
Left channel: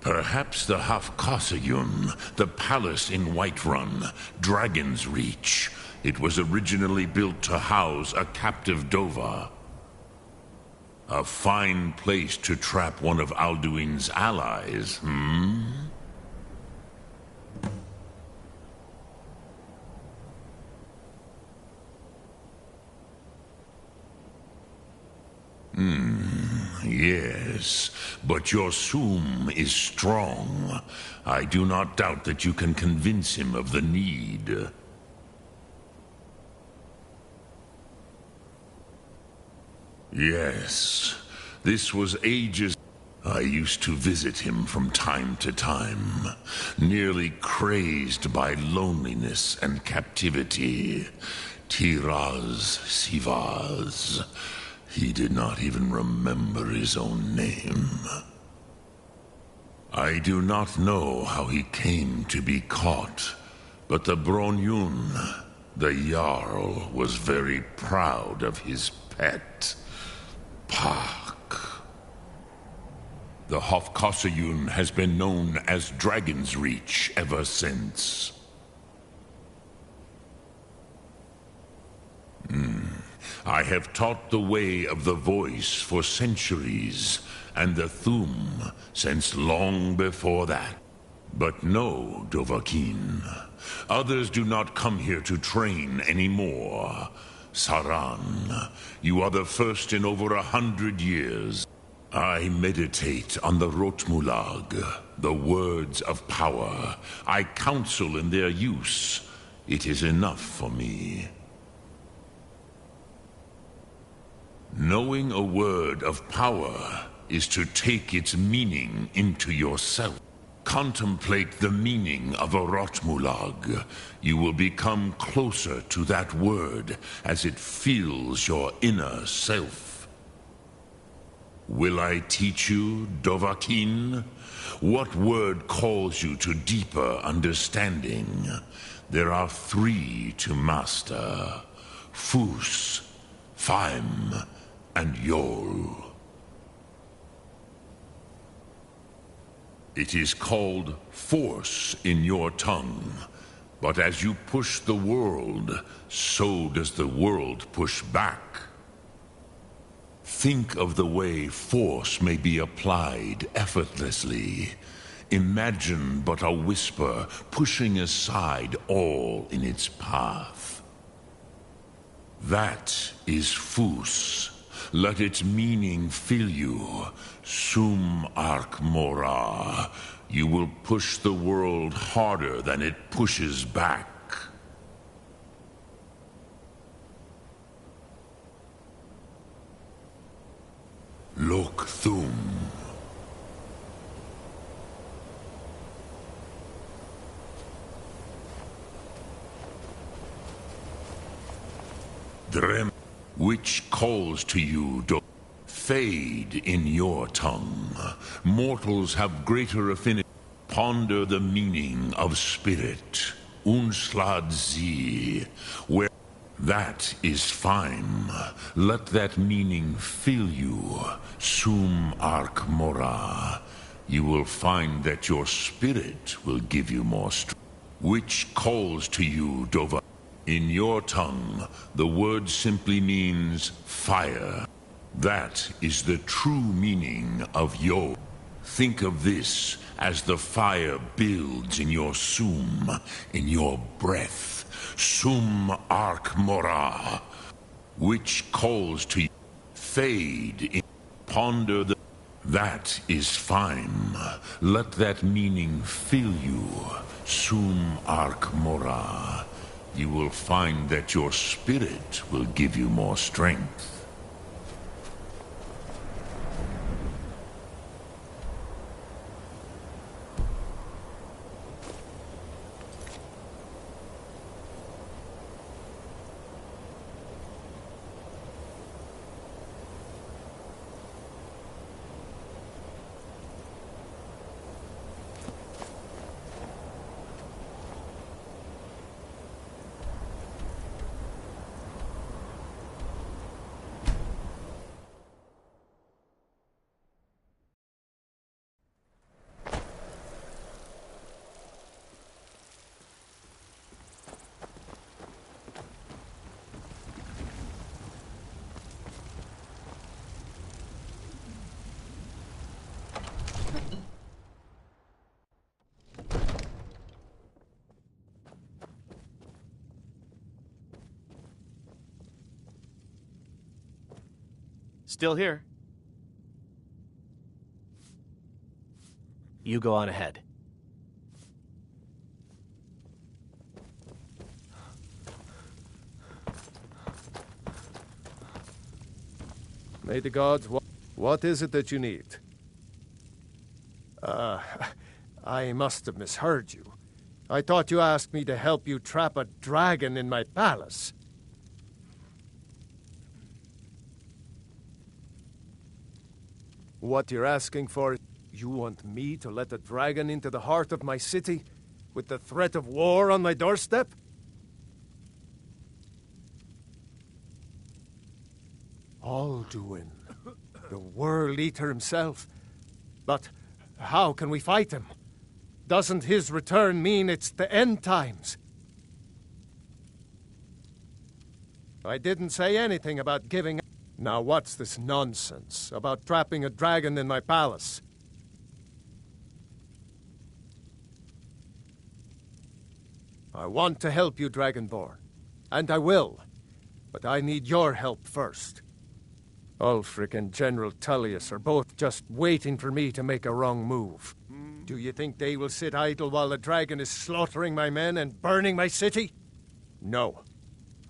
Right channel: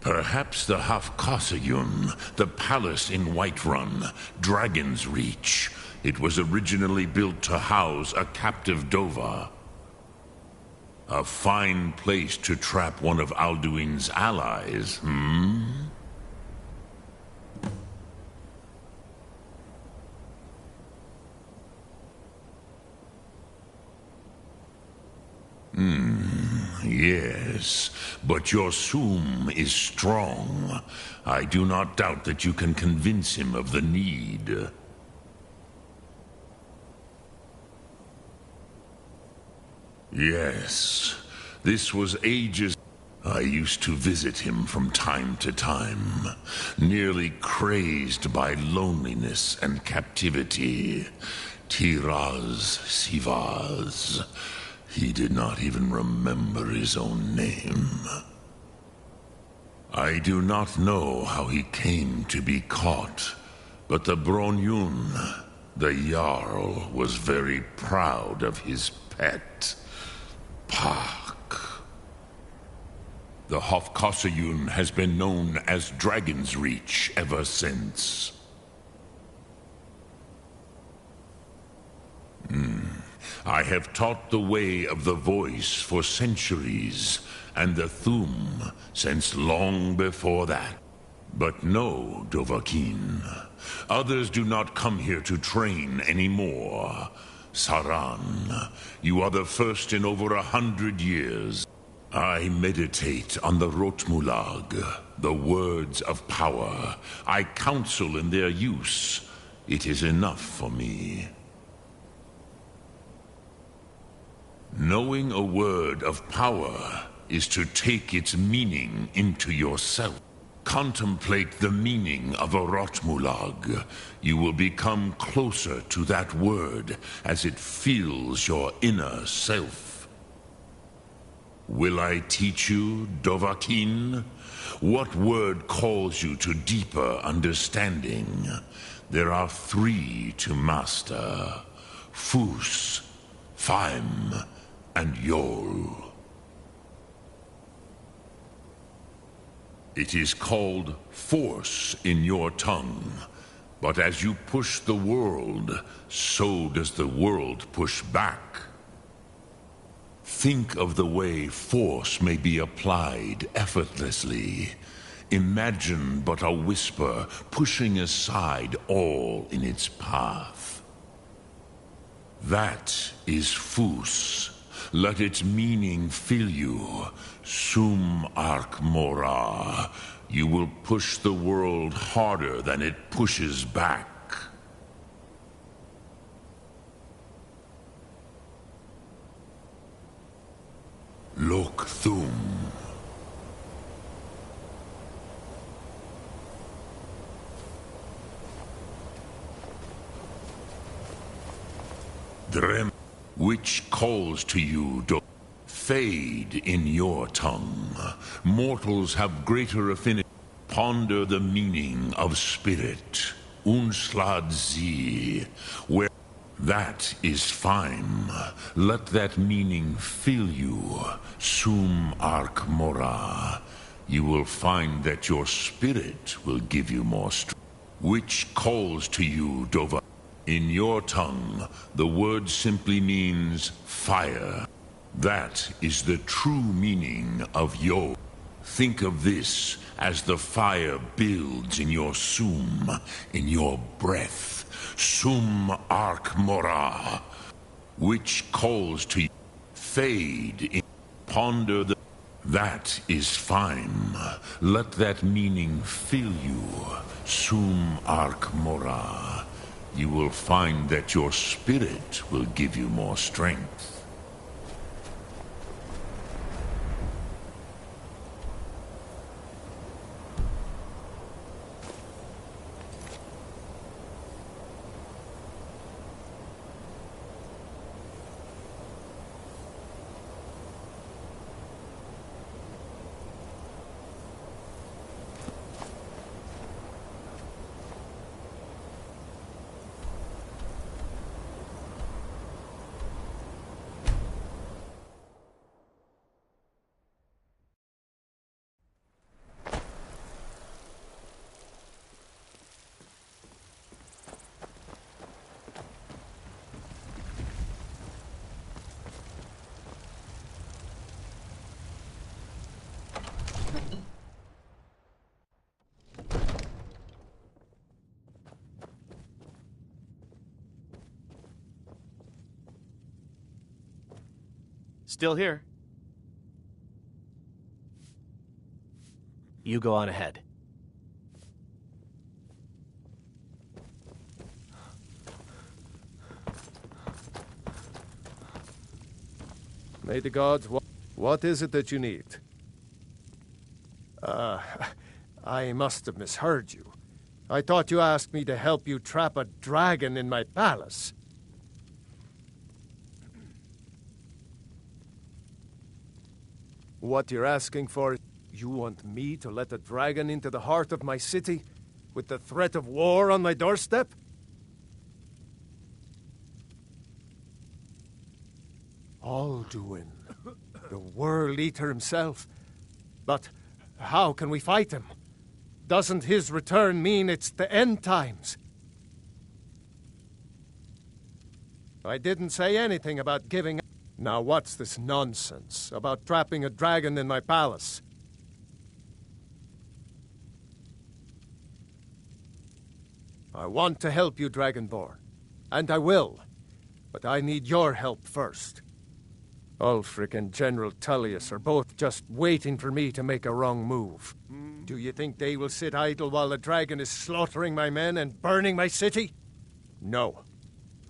Perhaps the Hafkasayun, the palace in Whiterun, Dragon's Reach. It was originally built to house a captive Dova. A fine place to trap one of Alduin's allies, Yes, but your Soom is strong. I do not doubt that you can convince him of the need. Yes, this was ages. I used to visit him from time to time, nearly crazed by loneliness and captivity. Tiraz Sivaz. He did not even remember his own name. I do not know how he came to be caught, but the Bronyun, the Jarl, was very proud of his pet, Pak. The Hofkosayun has been known as Dragon's Reach ever since. I have taught the way of the voice for centuries, and the Thum since long before that. But no, Dovahkiin. Others do not come here to train anymore. Saran, you are the first in over 100 years. I meditate on the Rotmulag, the words of power. I counsel in their use. It is enough for me. Knowing a word of power is to take its meaning into yourself. Contemplate the meaning of a Rotmulag. You will become closer to that word as it fills your inner self. Will I teach you, Dovahkiin? What word calls you to deeper understanding? There are 3 to master. Fus, Faim, and Yol. It is called force in your tongue. But as you push the world, so does the world push back. Think of the way force may be applied effortlessly. Imagine but a whisper pushing aside all in its path. That is Fus. Let its meaning fill you. Sum arc mora. You will push the world harder than it pushes back. Lok Thum. Drem, which calls to you, fade in your tongue. Mortals have greater affinity. Ponder the meaning of spirit. Unslad zi, where that is fine. Let that meaning fill you. Sum arc mora. You will find that your spirit will give you more strength. Which calls to you, Dova. In your tongue, the word simply means fire. That is the true meaning of Yo. Think of this as the fire builds in your sum, in your breath. Sum arc mora, which calls to you. Fade in. Ponder the. That is fine. Let that meaning fill you. Sum arc mora. You will find that your spirit will give you more strength. Still here. You go on ahead. May the gods... What is it that you need? I must have misheard you. I thought you asked me to help you trap a dragon in my palace. What you're asking for, you want me to let a dragon into the heart of my city, with the threat of war on my doorstep? Alduin, the World Eater himself. But how can we fight him? Doesn't his return mean it's the end times? I didn't say anything about giving up. Now what's this nonsense about trapping a dragon in my palace? I want to help you, Dragonborn, and I will, but I need your help first. Ulfric and General Tullius are both just waiting for me to make a wrong move. Do you think they will sit idle while the dragon is slaughtering my men and burning my city? No.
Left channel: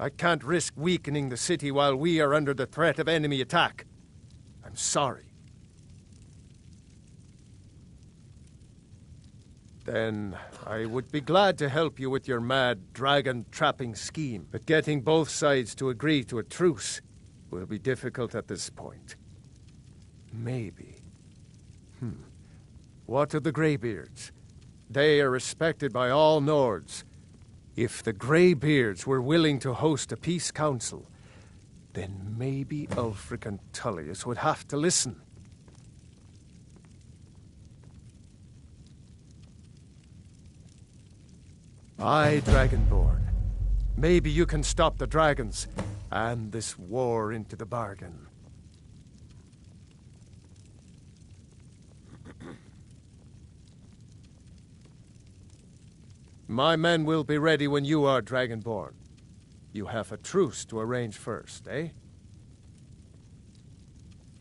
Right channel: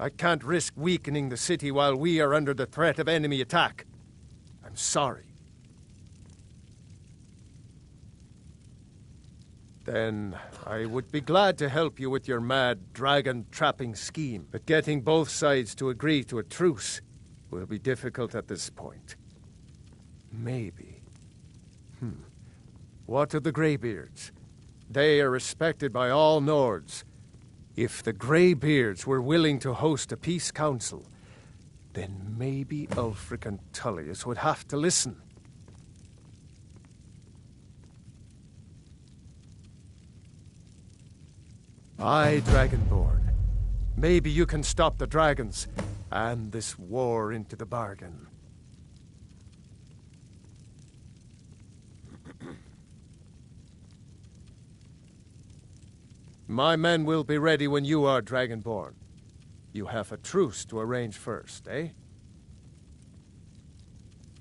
I can't risk weakening the city while we are under the threat of enemy attack. I'm sorry. Then I would be glad to help you with your mad dragon-trapping scheme, but getting both sides to agree to a truce will be difficult at this point. Maybe. What of the Greybeards? They are respected by all Nords. If the Greybeards were willing to host a peace council, then maybe Ulfric and Tullius would have to listen. I, Dragonborn. Maybe you can stop the dragons, and this war into the bargain. My men will be ready when you are, Dragonborn. You have a truce to arrange first, eh?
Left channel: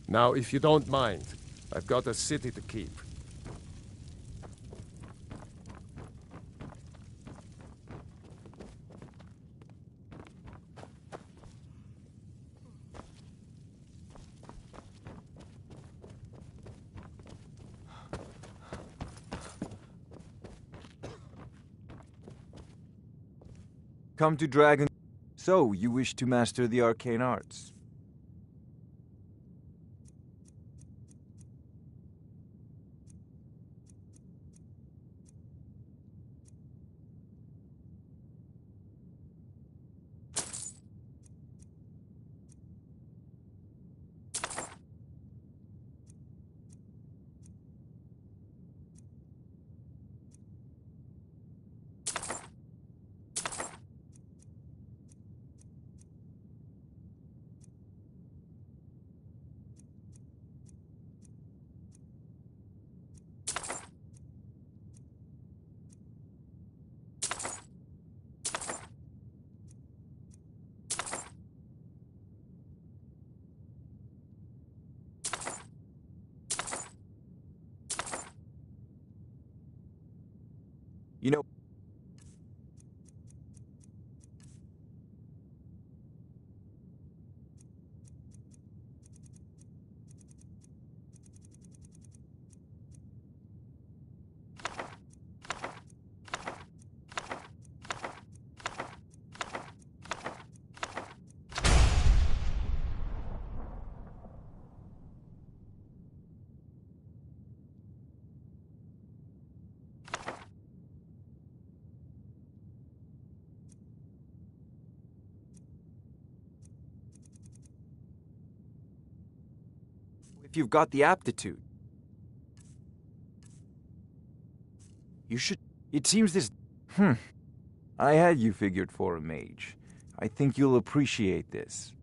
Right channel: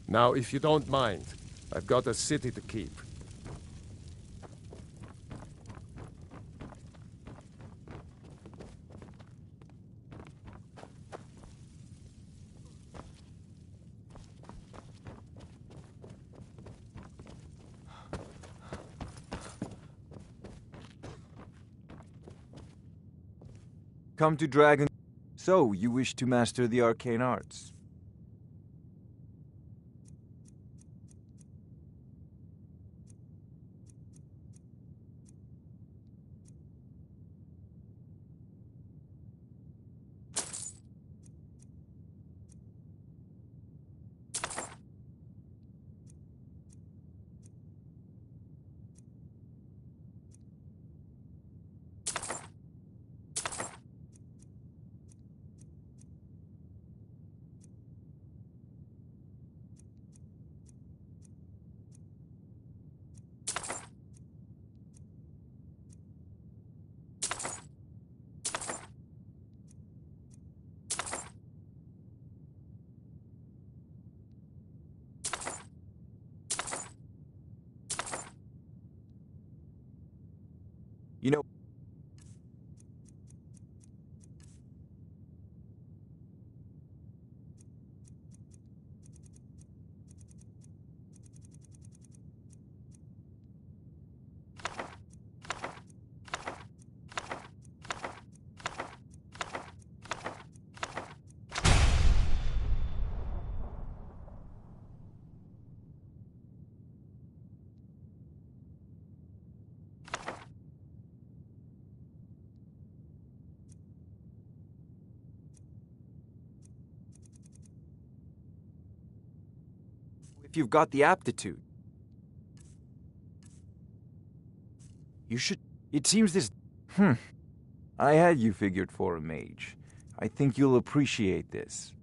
Now, if you don't mind, I've got a city to keep. Come to Dragon. So, you wish to master the arcane arts? You know... If you've got the aptitude. You should... It seems this... I had you figured for a mage. I think you'll appreciate this.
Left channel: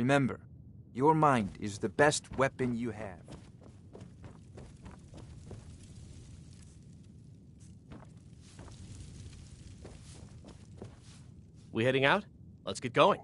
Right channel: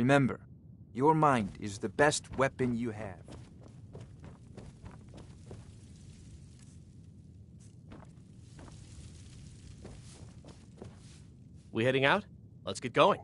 Remember, your mind is the best weapon you have. We heading out? Let's get going.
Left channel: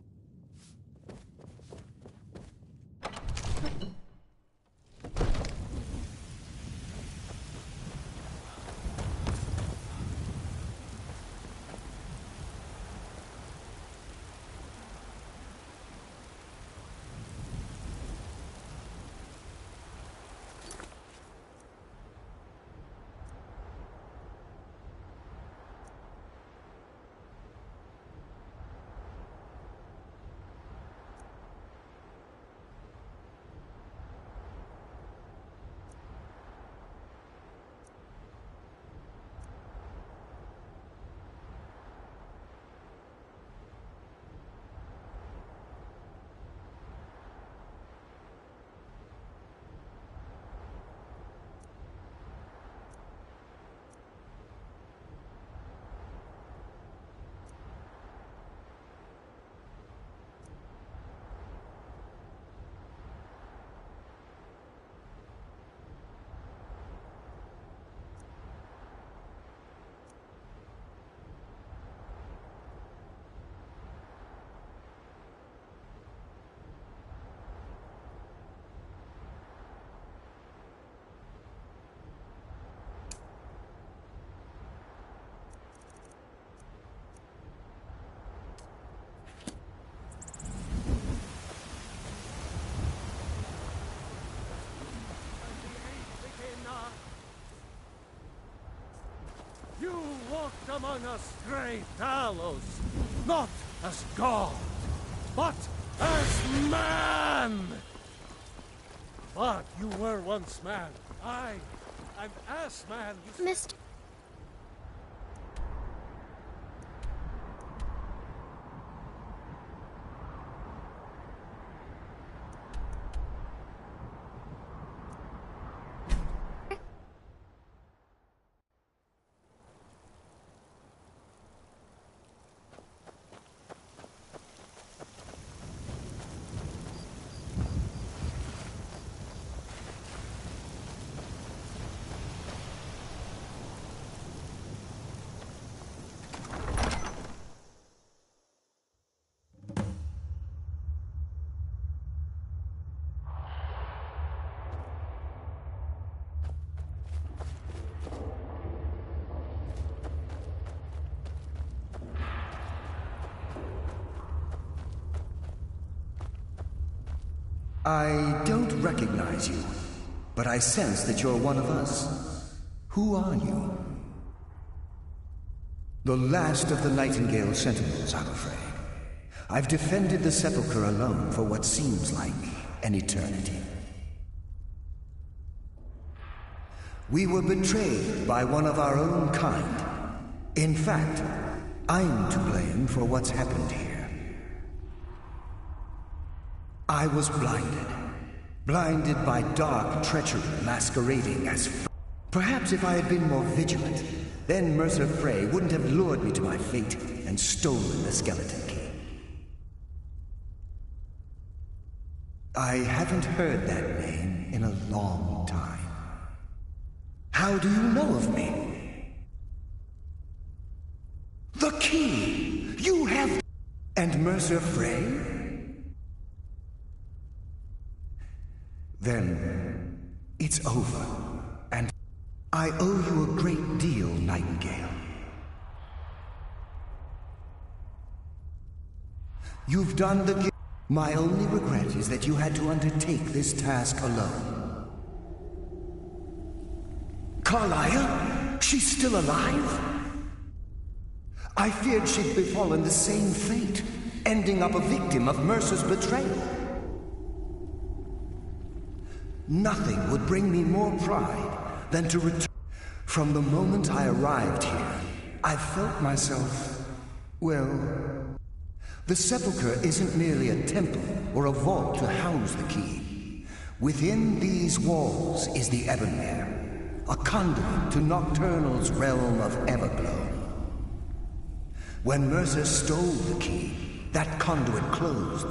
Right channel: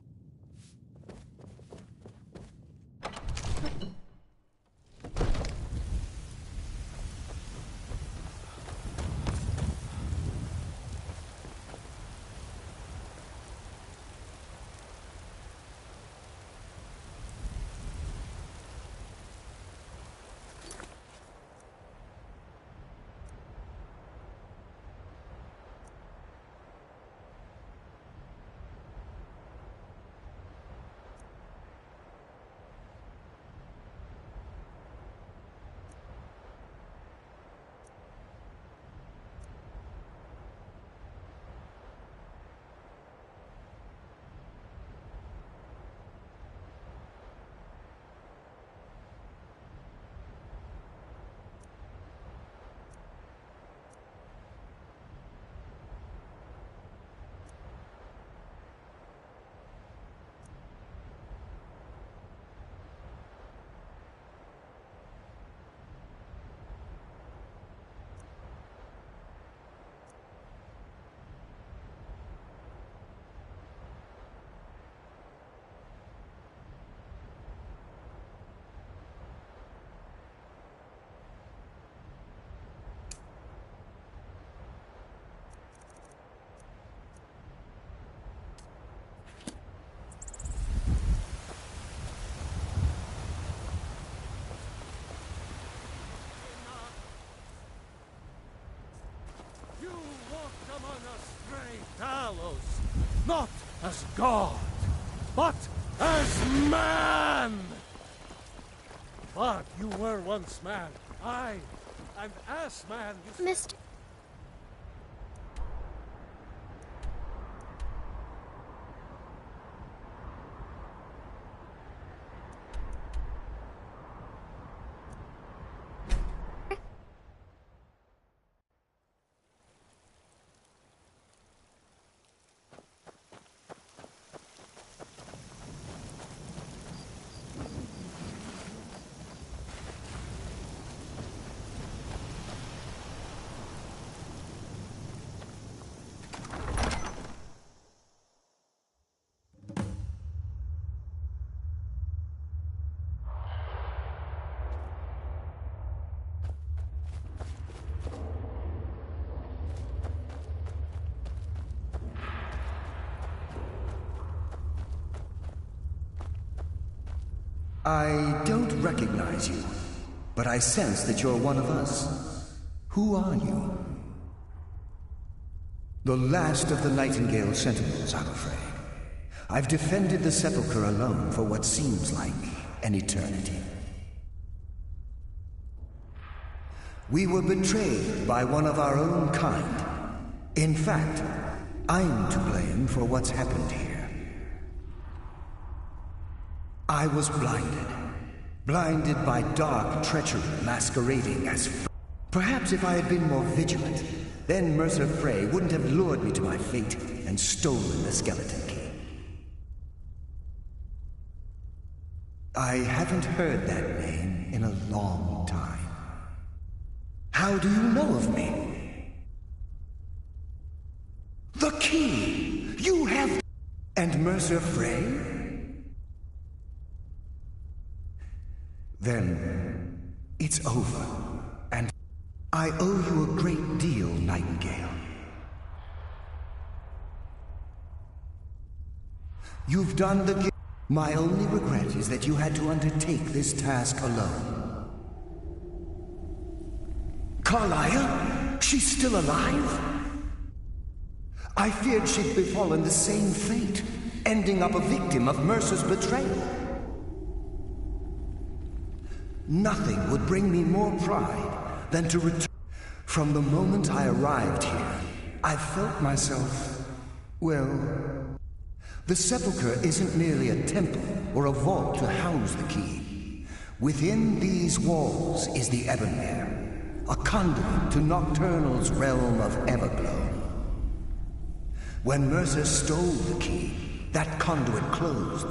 You walked among us, stray Talos, not as God, but as man! But you were once man. And as man, you... Mr. I don't recognize you, but I sense that you're one of us. Who are you? The last of the Nightingale Sentinels, I'm afraid. I've defended the Sepulchre alone for what seems like an eternity. We were betrayed by one of our own kind. In fact, I'm to blame for what's happened here. I was blinded by dark treachery masquerading as... Perhaps if I had been more vigilant, then Mercer Frey wouldn't have lured me to my fate and stolen the skeleton key. I haven't heard that name in a long time. How do you know of me? The key! You have... And Mercer Frey? Then it's over, and I owe you a great deal, Nightingale. You've done the... My only regret is that you had to undertake this task alone. Carlia? She's still alive? I feared she'd befallen the same fate, ending up a victim of Mercer's betrayal. Nothing would bring me more pride than to return. From the moment I arrived here, I felt myself, well... The Sepulchre isn't merely a temple or a vault to house the key. Within these walls is the Ebonmere, a conduit to Nocturnal's realm of Everglow. When Mercer stole the key, that conduit closed,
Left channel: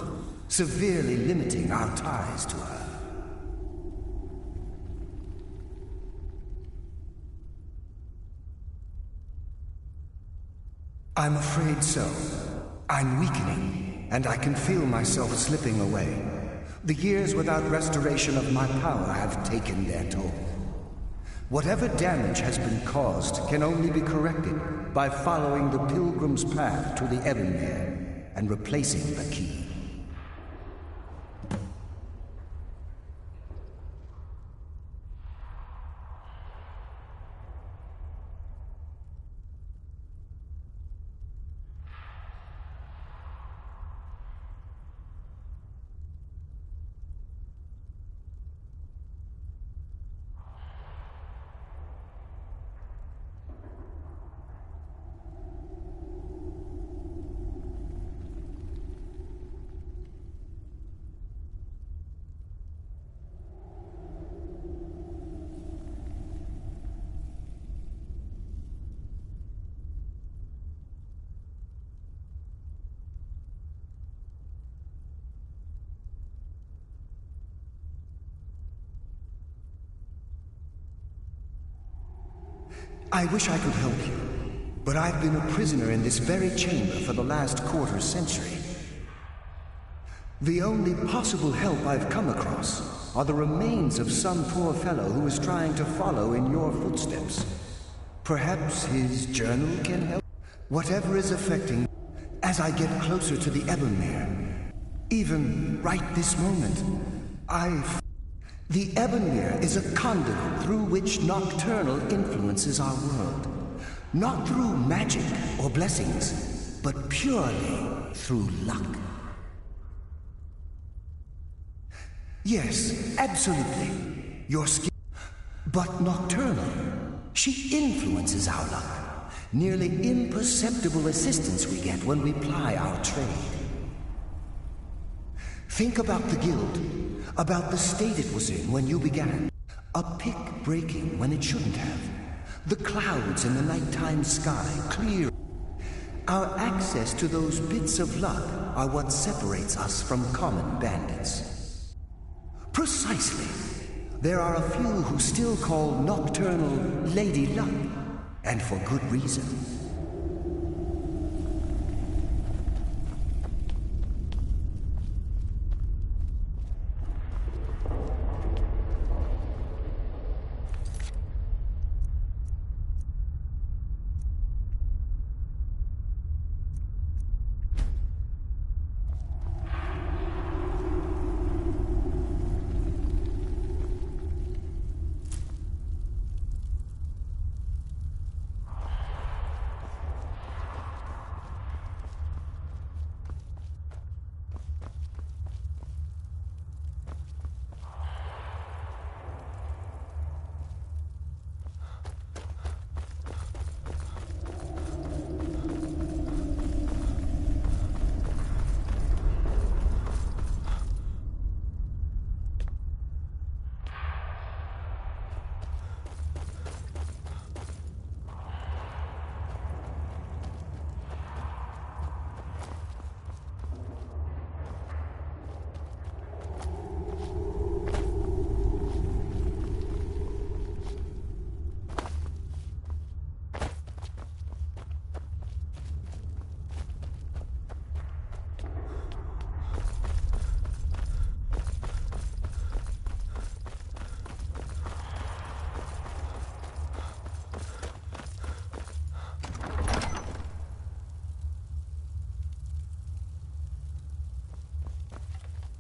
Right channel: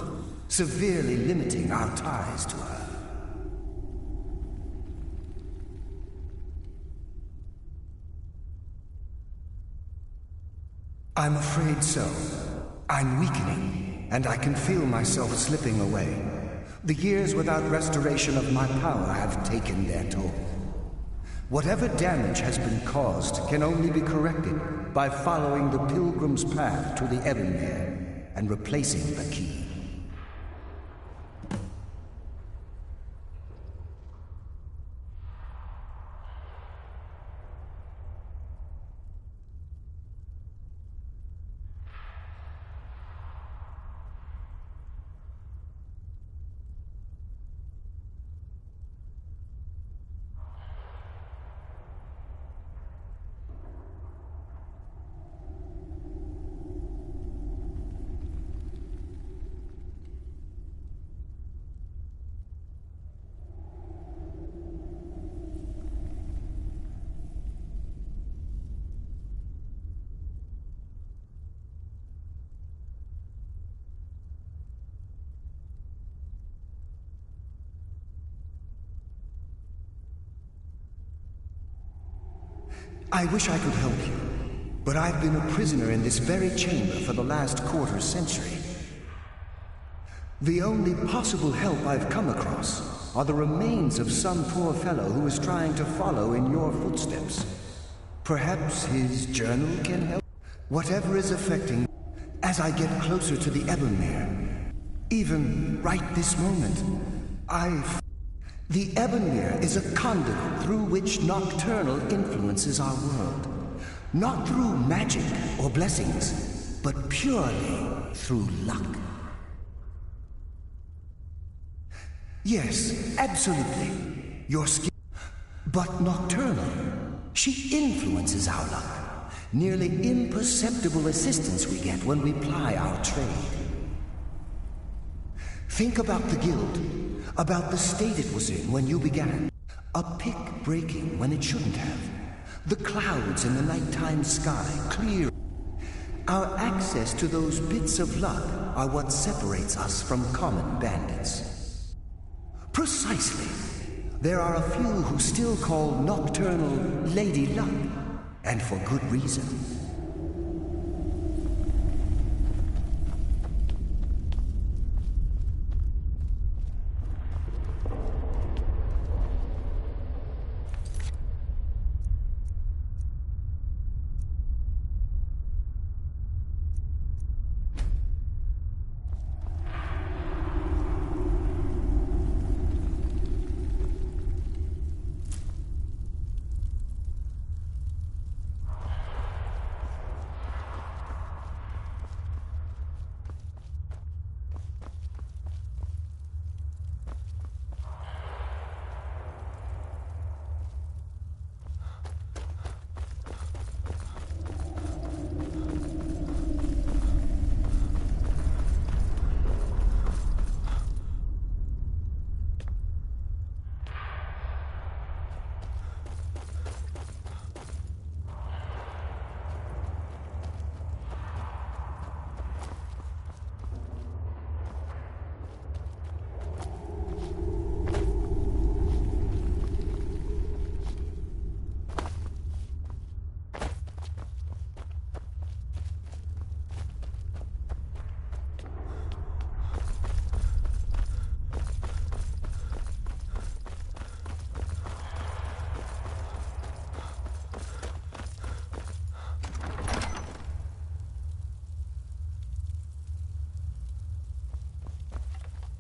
severely limiting our ties to her. I'm afraid so. I'm weakening, and I can feel myself slipping away. The years without restoration of my power have taken their toll. Whatever damage has been caused can only be corrected by following the pilgrim's path to the Ebonmere and replacing the key. I wish I could help you, but I've been a prisoner in this very chamber for the last quarter century. The only possible help I've come across are the remains of some poor fellow who is trying to follow in your footsteps. Perhaps his journal can help? Whatever is affecting as I get closer to the Ebonmere, even right this moment, The Ebonmere is a conduit through which Nocturnal influences our world. Not through magic or blessings, but purely through luck. Yes, absolutely. Your skill. But Nocturnal, she influences our luck. Nearly imperceptible assistance we get when we ply our trade. Think about the guild. About the state it was in when you began. A pick breaking when it shouldn't have. The clouds in the nighttime sky clear. Our access to those bits of luck are what separates us from common bandits. Precisely. There are a few who still call Nocturnal Lady Luck, and for good reason.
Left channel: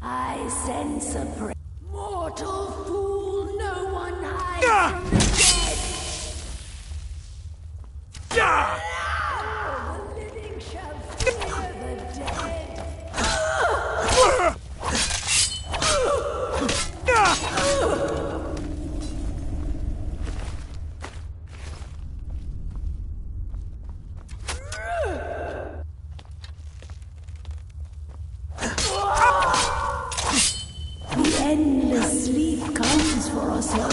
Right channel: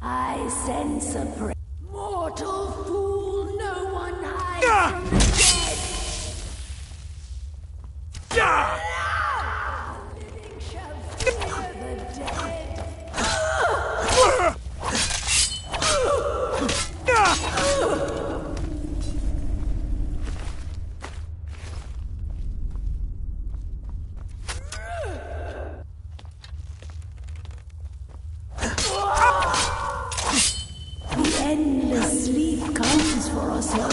I sense a mortal fool, no one hides from the dead. The living shall fear the dead. Endless sleep comes for us all.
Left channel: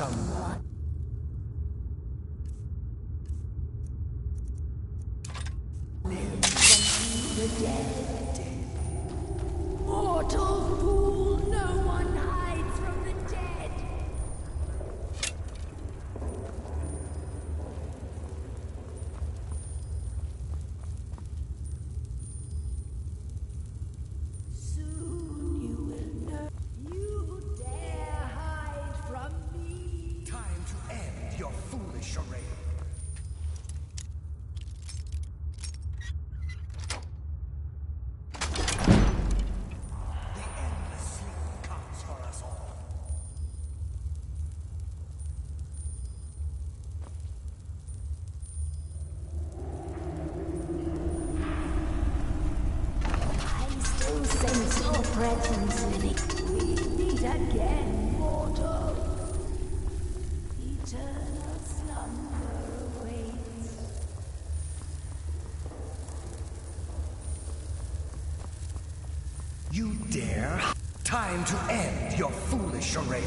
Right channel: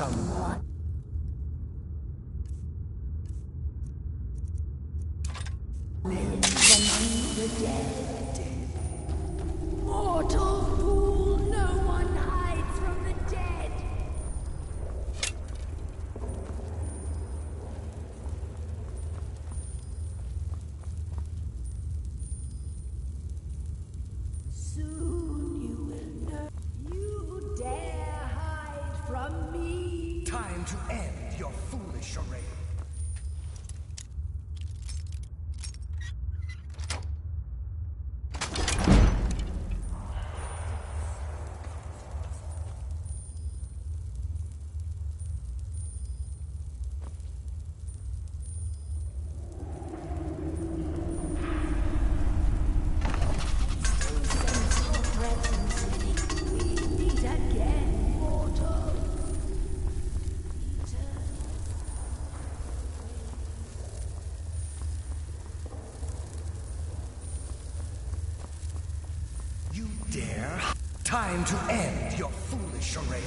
someone. The dead. Mortal fool, no one hides from the dead. Soon you will know. You dare hide from me. Time to end your foolish charade. You dare? Time to end your foolish charade.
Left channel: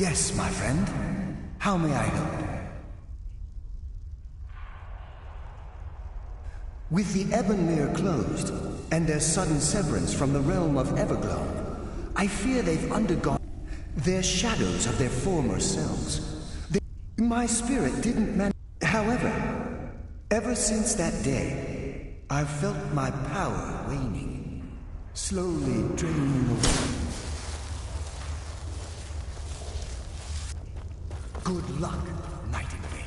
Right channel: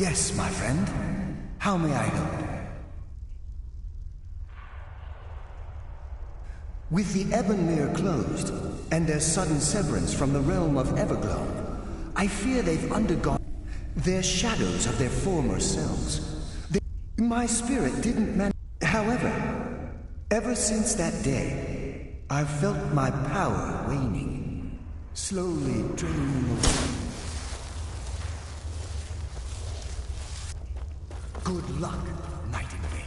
Yes, my friend. How may I help? With the Ebonmere closed, and their sudden severance from the realm of Everglow, I fear they've undergone their shadows of their former selves. My spirit didn't manage. However, ever since that day, I've felt my power waning, slowly draining away. Good luck, Nightingale.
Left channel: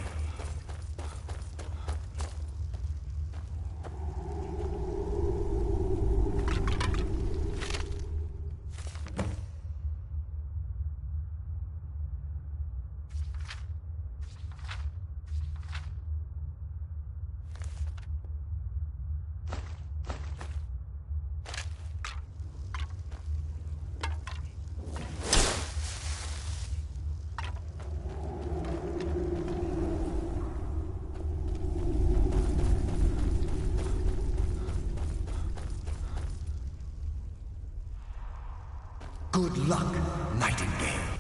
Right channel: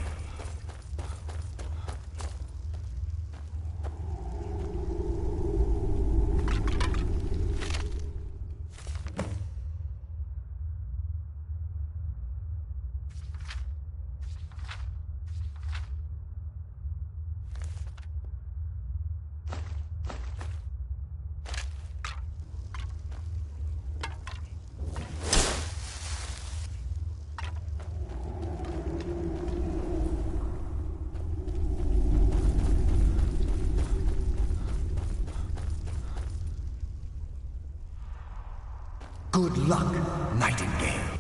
Good luck, Nightingale.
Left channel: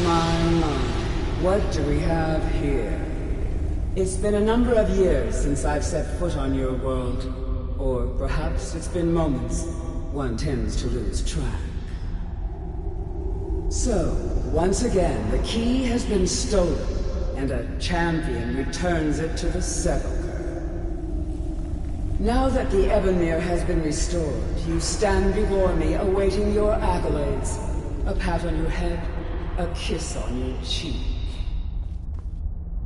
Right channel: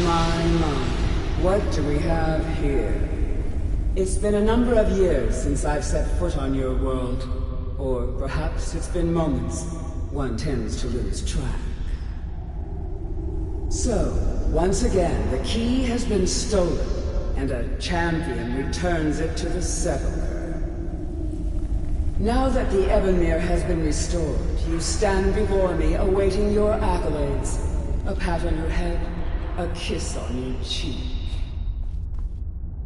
My, what do we have here? It's been a number of years since I've set foot on your world. Or perhaps it's been moments. One tends to lose track. So, once again, the key has been stolen, and a champion returns it to the Sepulchre. Now that the Ebonmere has been restored, you stand before me awaiting your accolades. A pat on your head, a kiss on your cheek.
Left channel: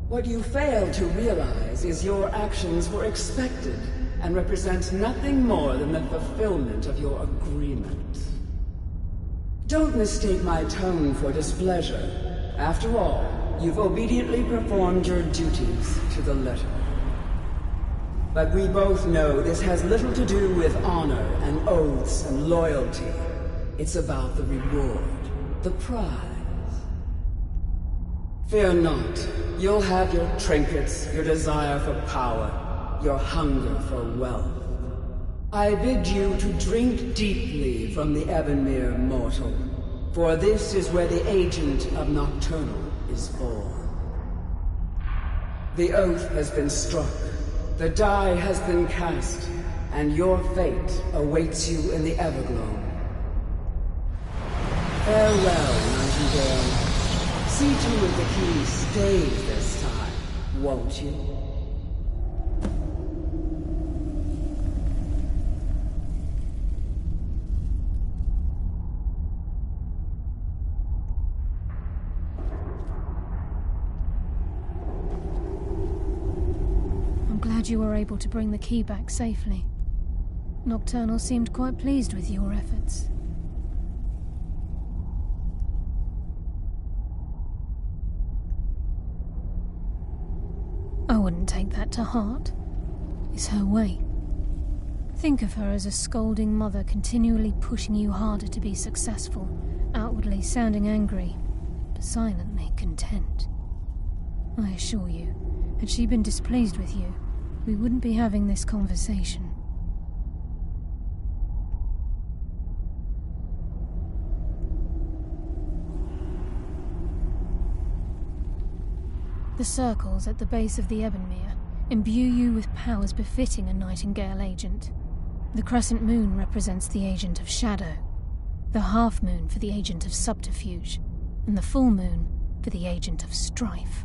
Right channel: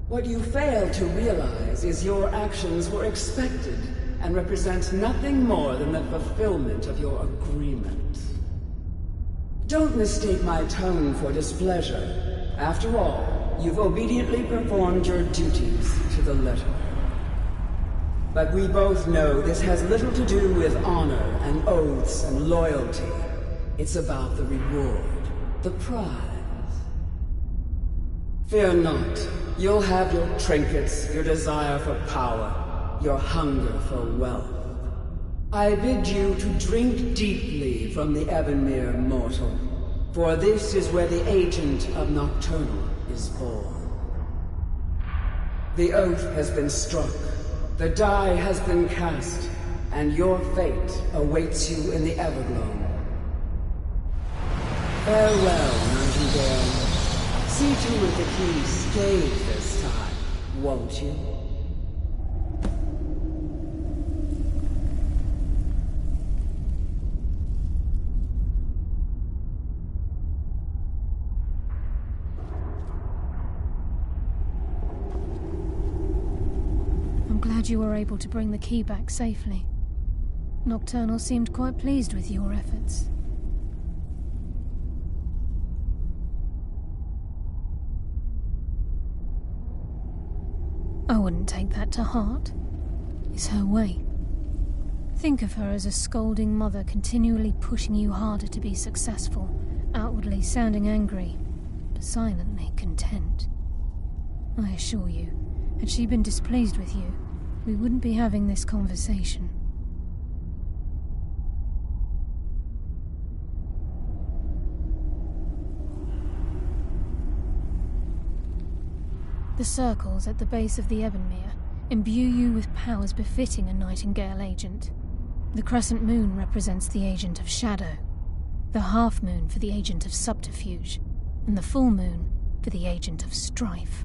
What you fail to realize is your actions were expected and represent nothing more than the fulfillment of your agreement. Don't mistake my tone for displeasure. After all, you've obediently performed your duties to the letter. But we both know this has little to do with honor and oaths and loyalty. It's about the reward, the prize. Fear not. You'll have your trinkets, your desire for power, your hunger for wealth. I bid you to drink deeply from the Ebonmere mortal, for this is where the agent of Nocturnal is born. The oath has been struck, the die has been cast, and your fate awaits you in the Everglow. Farewell, Nightingale. See to it the key stays this time, won't you? I'm glad you were able to bring the key back safely. Nocturnal seemed quite pleased with your efforts. I wouldn't take that to heart. It's her way. Think of her as a scolding mother continually pushing you harder to be successful, outwardly sounding angry, but silently content. I assure you, had she been displeased with you, we wouldn't be having this conversation. The circles at the base of the Ebonmere imbue you with powers befitting a Nightingale agent. The crescent moon represents the agent of shadow, the half moon for the agent of subterfuge, and the full moon for the agent of strife.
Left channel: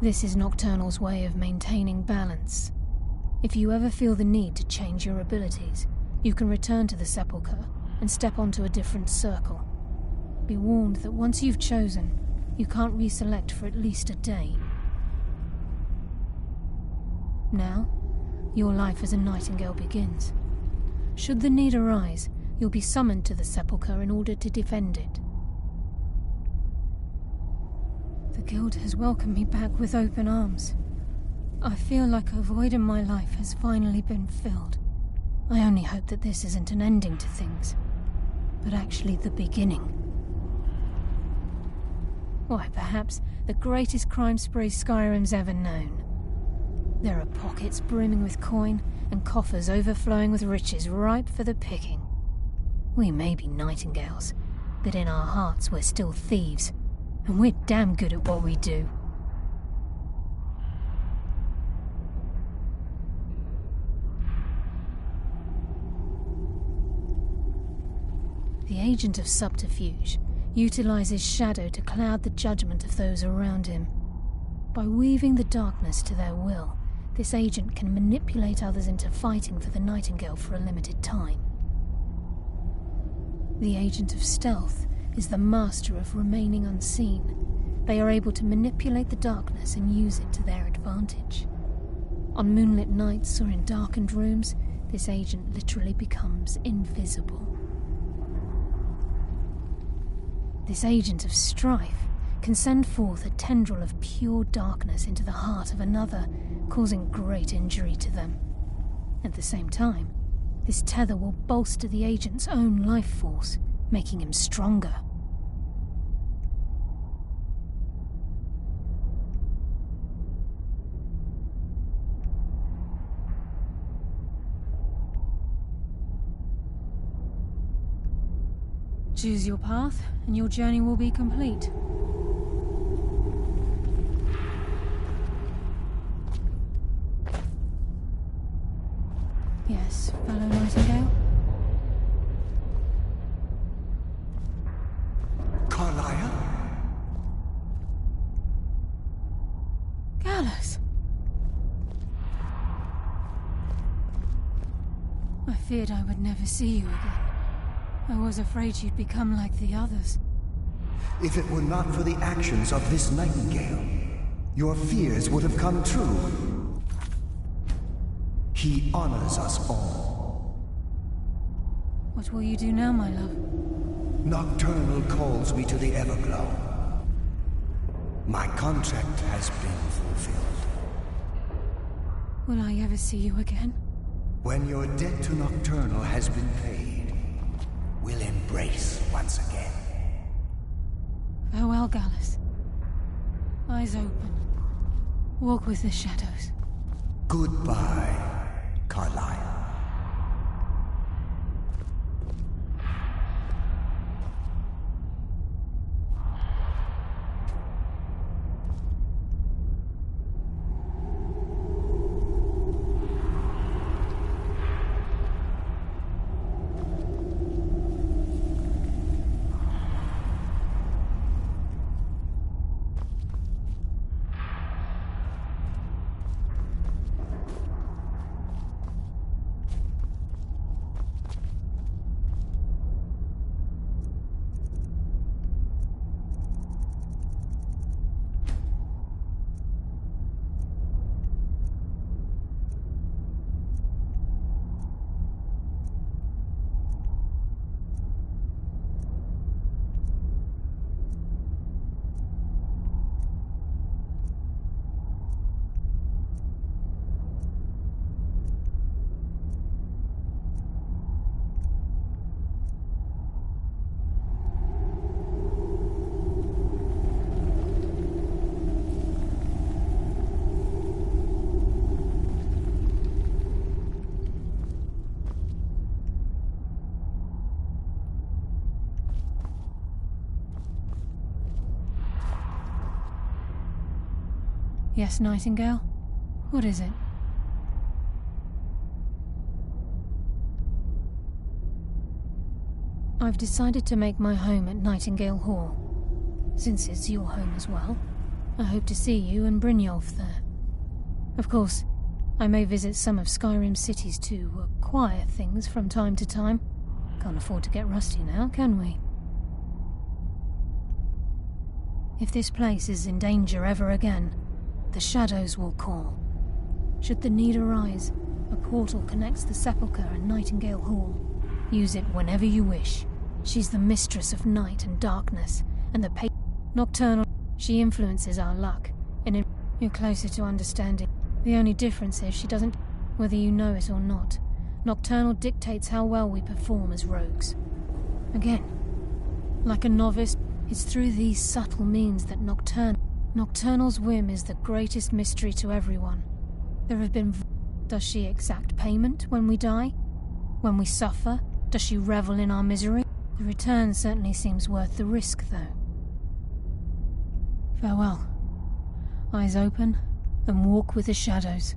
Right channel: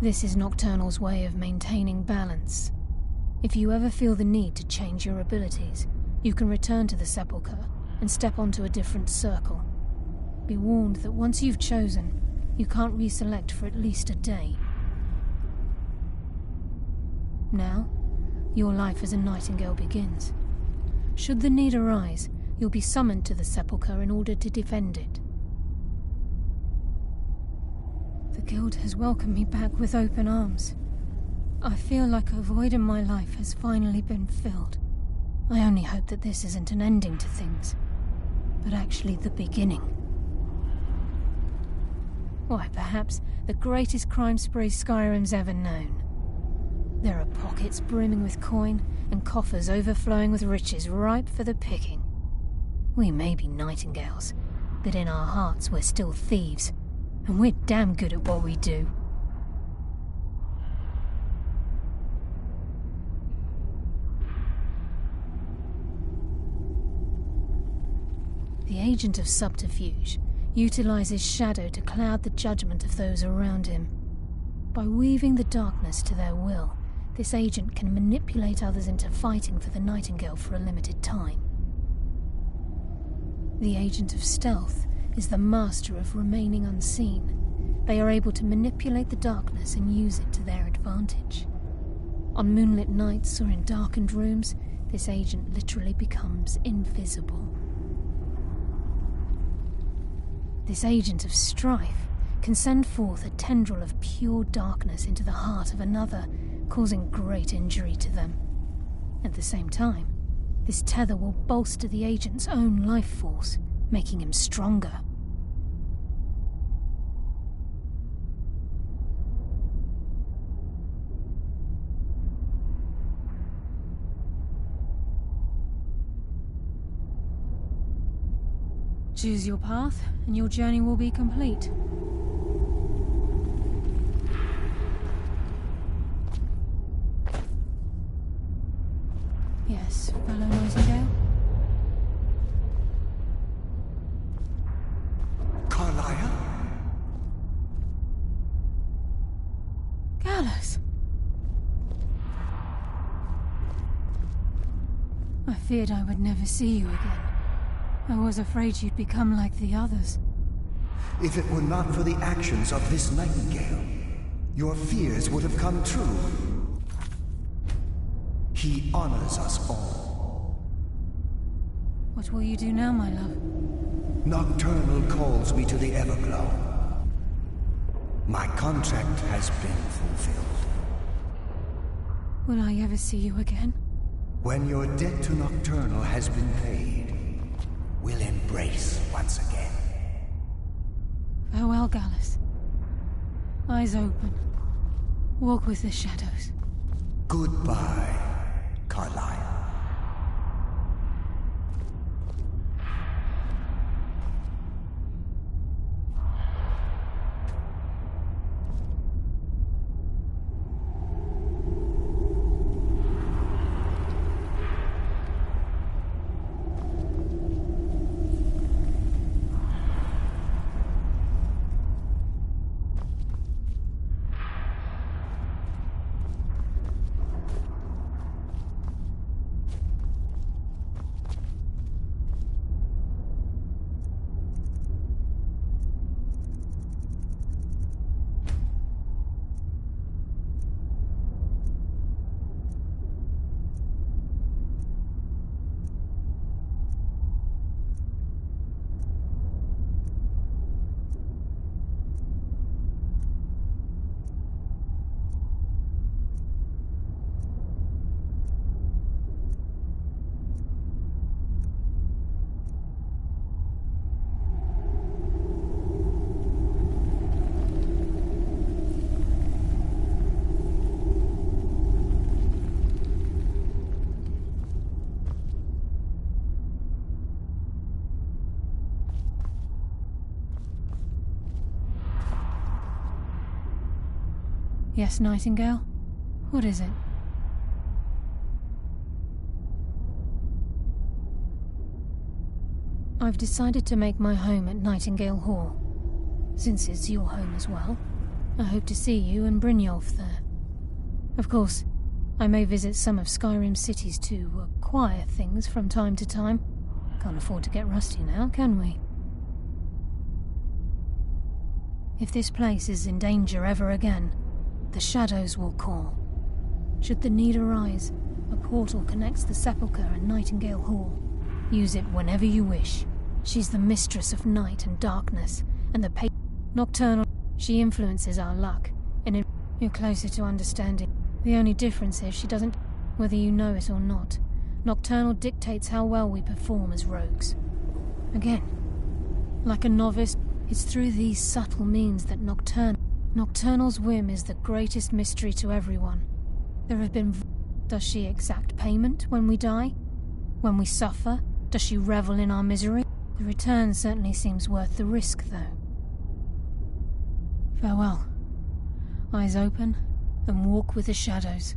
This is Nocturnal's way of maintaining balance. If you ever feel the need to change your abilities, you can return to the Sepulchre and step onto a different circle. Be warned that once you've chosen, you can't reselect for at least a day. Now, your life as a Nightingale begins. Should the need arise, you'll be summoned to the Sepulchre in order to defend it. The Guild has welcomed me back with open arms. I feel like a void in my life has finally been filled. I only hope that this isn't an ending to things, but actually the beginning. Why, perhaps the greatest crime spree Skyrim's ever known. There are pockets brimming with coin and coffers overflowing with riches ripe for the picking. We may be Nightingales, but in our hearts we're still thieves. And we're damn good at what we do. The agent of subterfuge utilizes shadow to cloud the judgment of those around him. By weaving the darkness to their will, this agent can manipulate others into fighting for the Nightingale for a limited time. The agent of stealth is the master of remaining unseen. They are able to manipulate the darkness and use it to their advantage. On moonlit nights or in darkened rooms, this agent literally becomes invisible. This agent of strife can send forth a tendril of pure darkness into the heart of another, causing great injury to them. At the same time, this tether will bolster the agent's own life force, making him stronger. Choose your path, and your journey will be complete. Yes, fellow Nightingale? Carlia? Gallus! I feared I would never see you again. I was afraid you'd become like the others. If it were not for the actions of this Nightingale, your fears would have come true. He honors us all. What will you do now, my love? Nocturnal calls me to the Everglow. My contract has been fulfilled. Will I ever see you again? When your debt to Nocturnal has been paid, we'll embrace once again. Farewell, Gallus. Eyes open. Walk with the shadows. Goodbye, Carlia. Yes, Nightingale? What is it? I've decided to make my home at Nightingale Hall. Since it's your home as well, I hope to see you and Brynjolf there. Of course, I may visit some of Skyrim's cities to acquire things from time to time. Can't afford to get rusty now, can we? If this place is in danger ever again, the shadows will call. Should the need arise, a portal connects the Sepulchre and Nightingale Hall. Use it whenever you wish. She's the mistress of night and darkness, and the Nocturnal. She influences our luck, and you're closer to understanding. The only difference is she doesn't, whether you know it or not. Nocturnal dictates how well we perform as rogues. Again, like a novice, it's through these subtle means that Nocturnal's whim is the greatest mystery to everyone. There have been... Does she exact payment when we die? When we suffer? Does she revel in our misery? The return certainly seems worth the risk, though. Farewell. Eyes open, and walk with the shadows.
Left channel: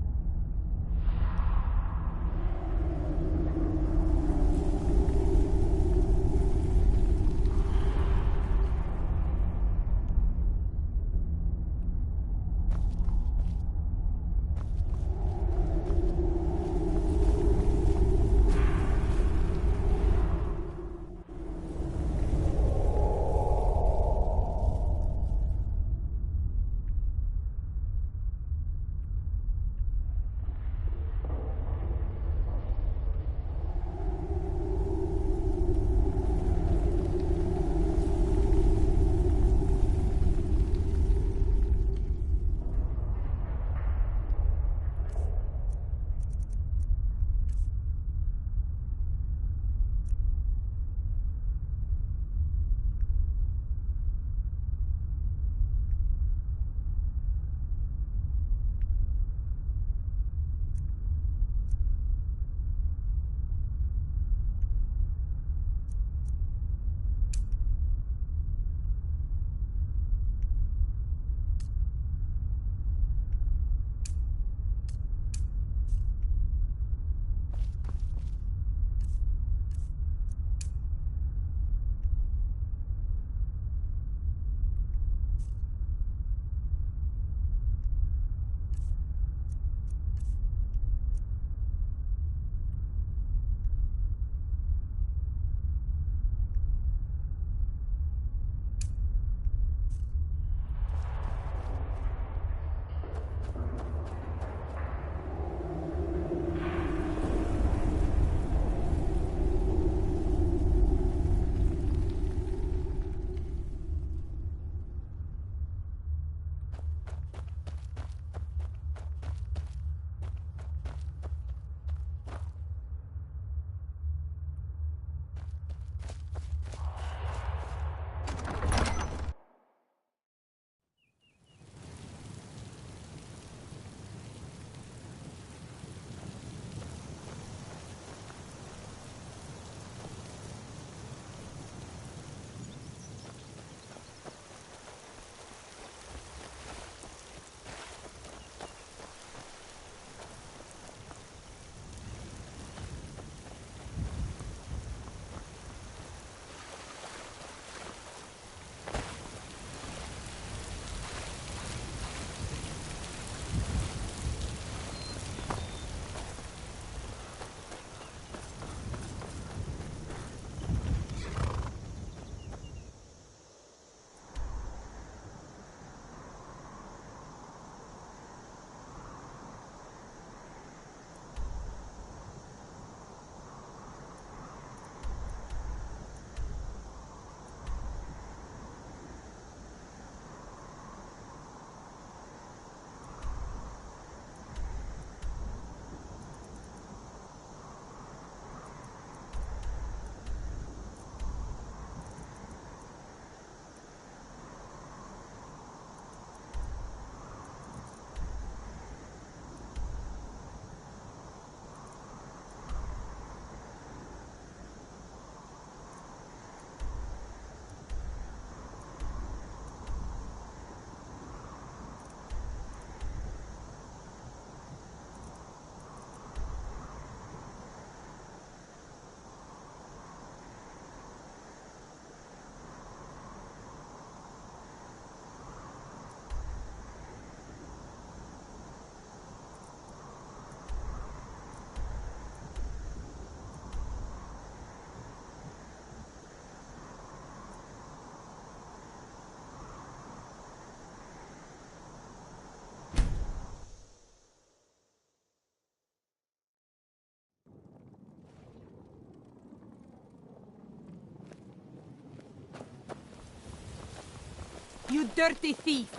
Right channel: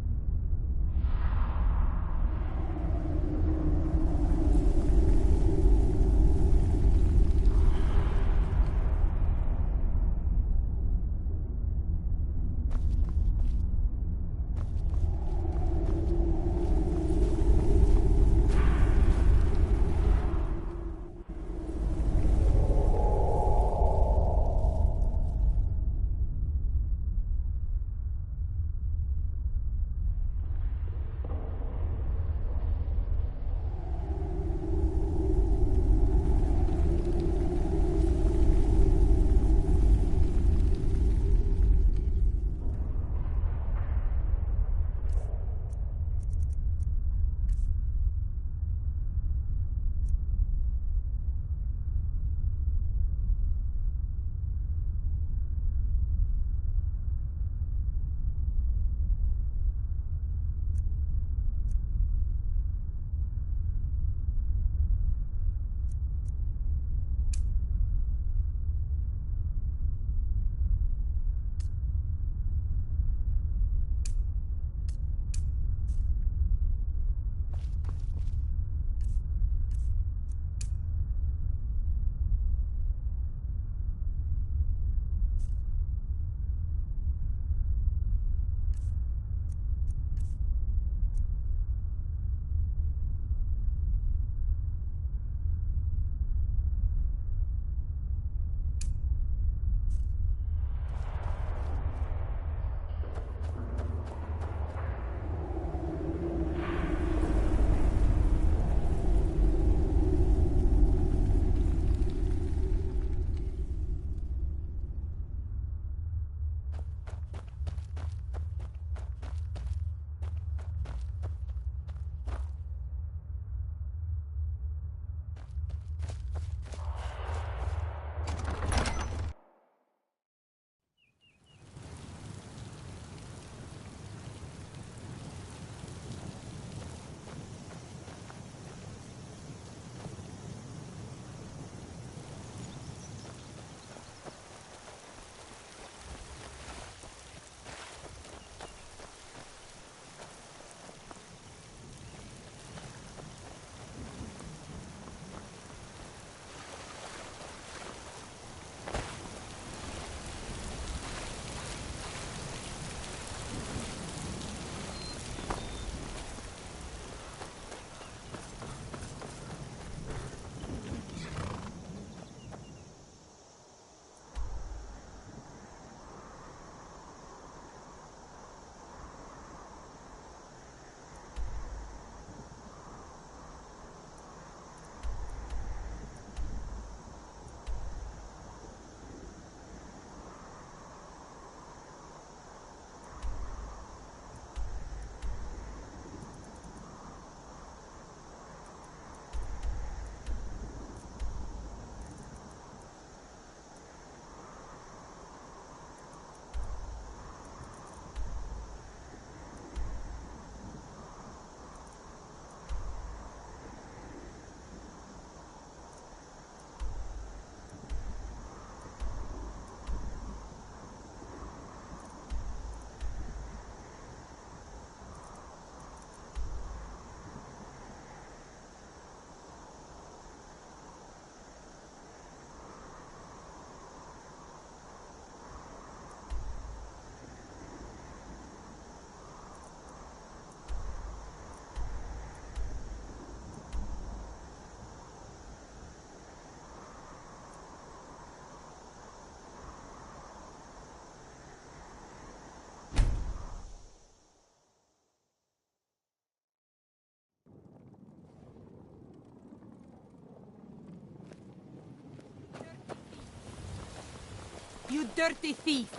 You dirty thief!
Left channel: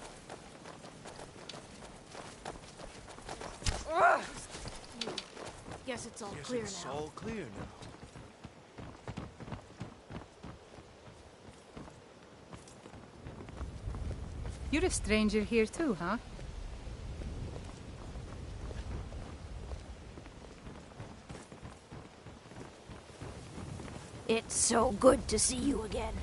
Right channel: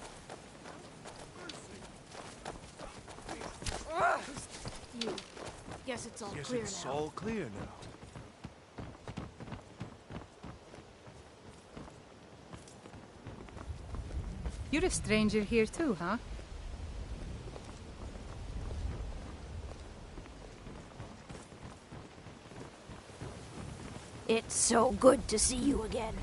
Guess it's all Guess clear it's now. all clear now. You're a stranger here too, huh? It's so good to see you again.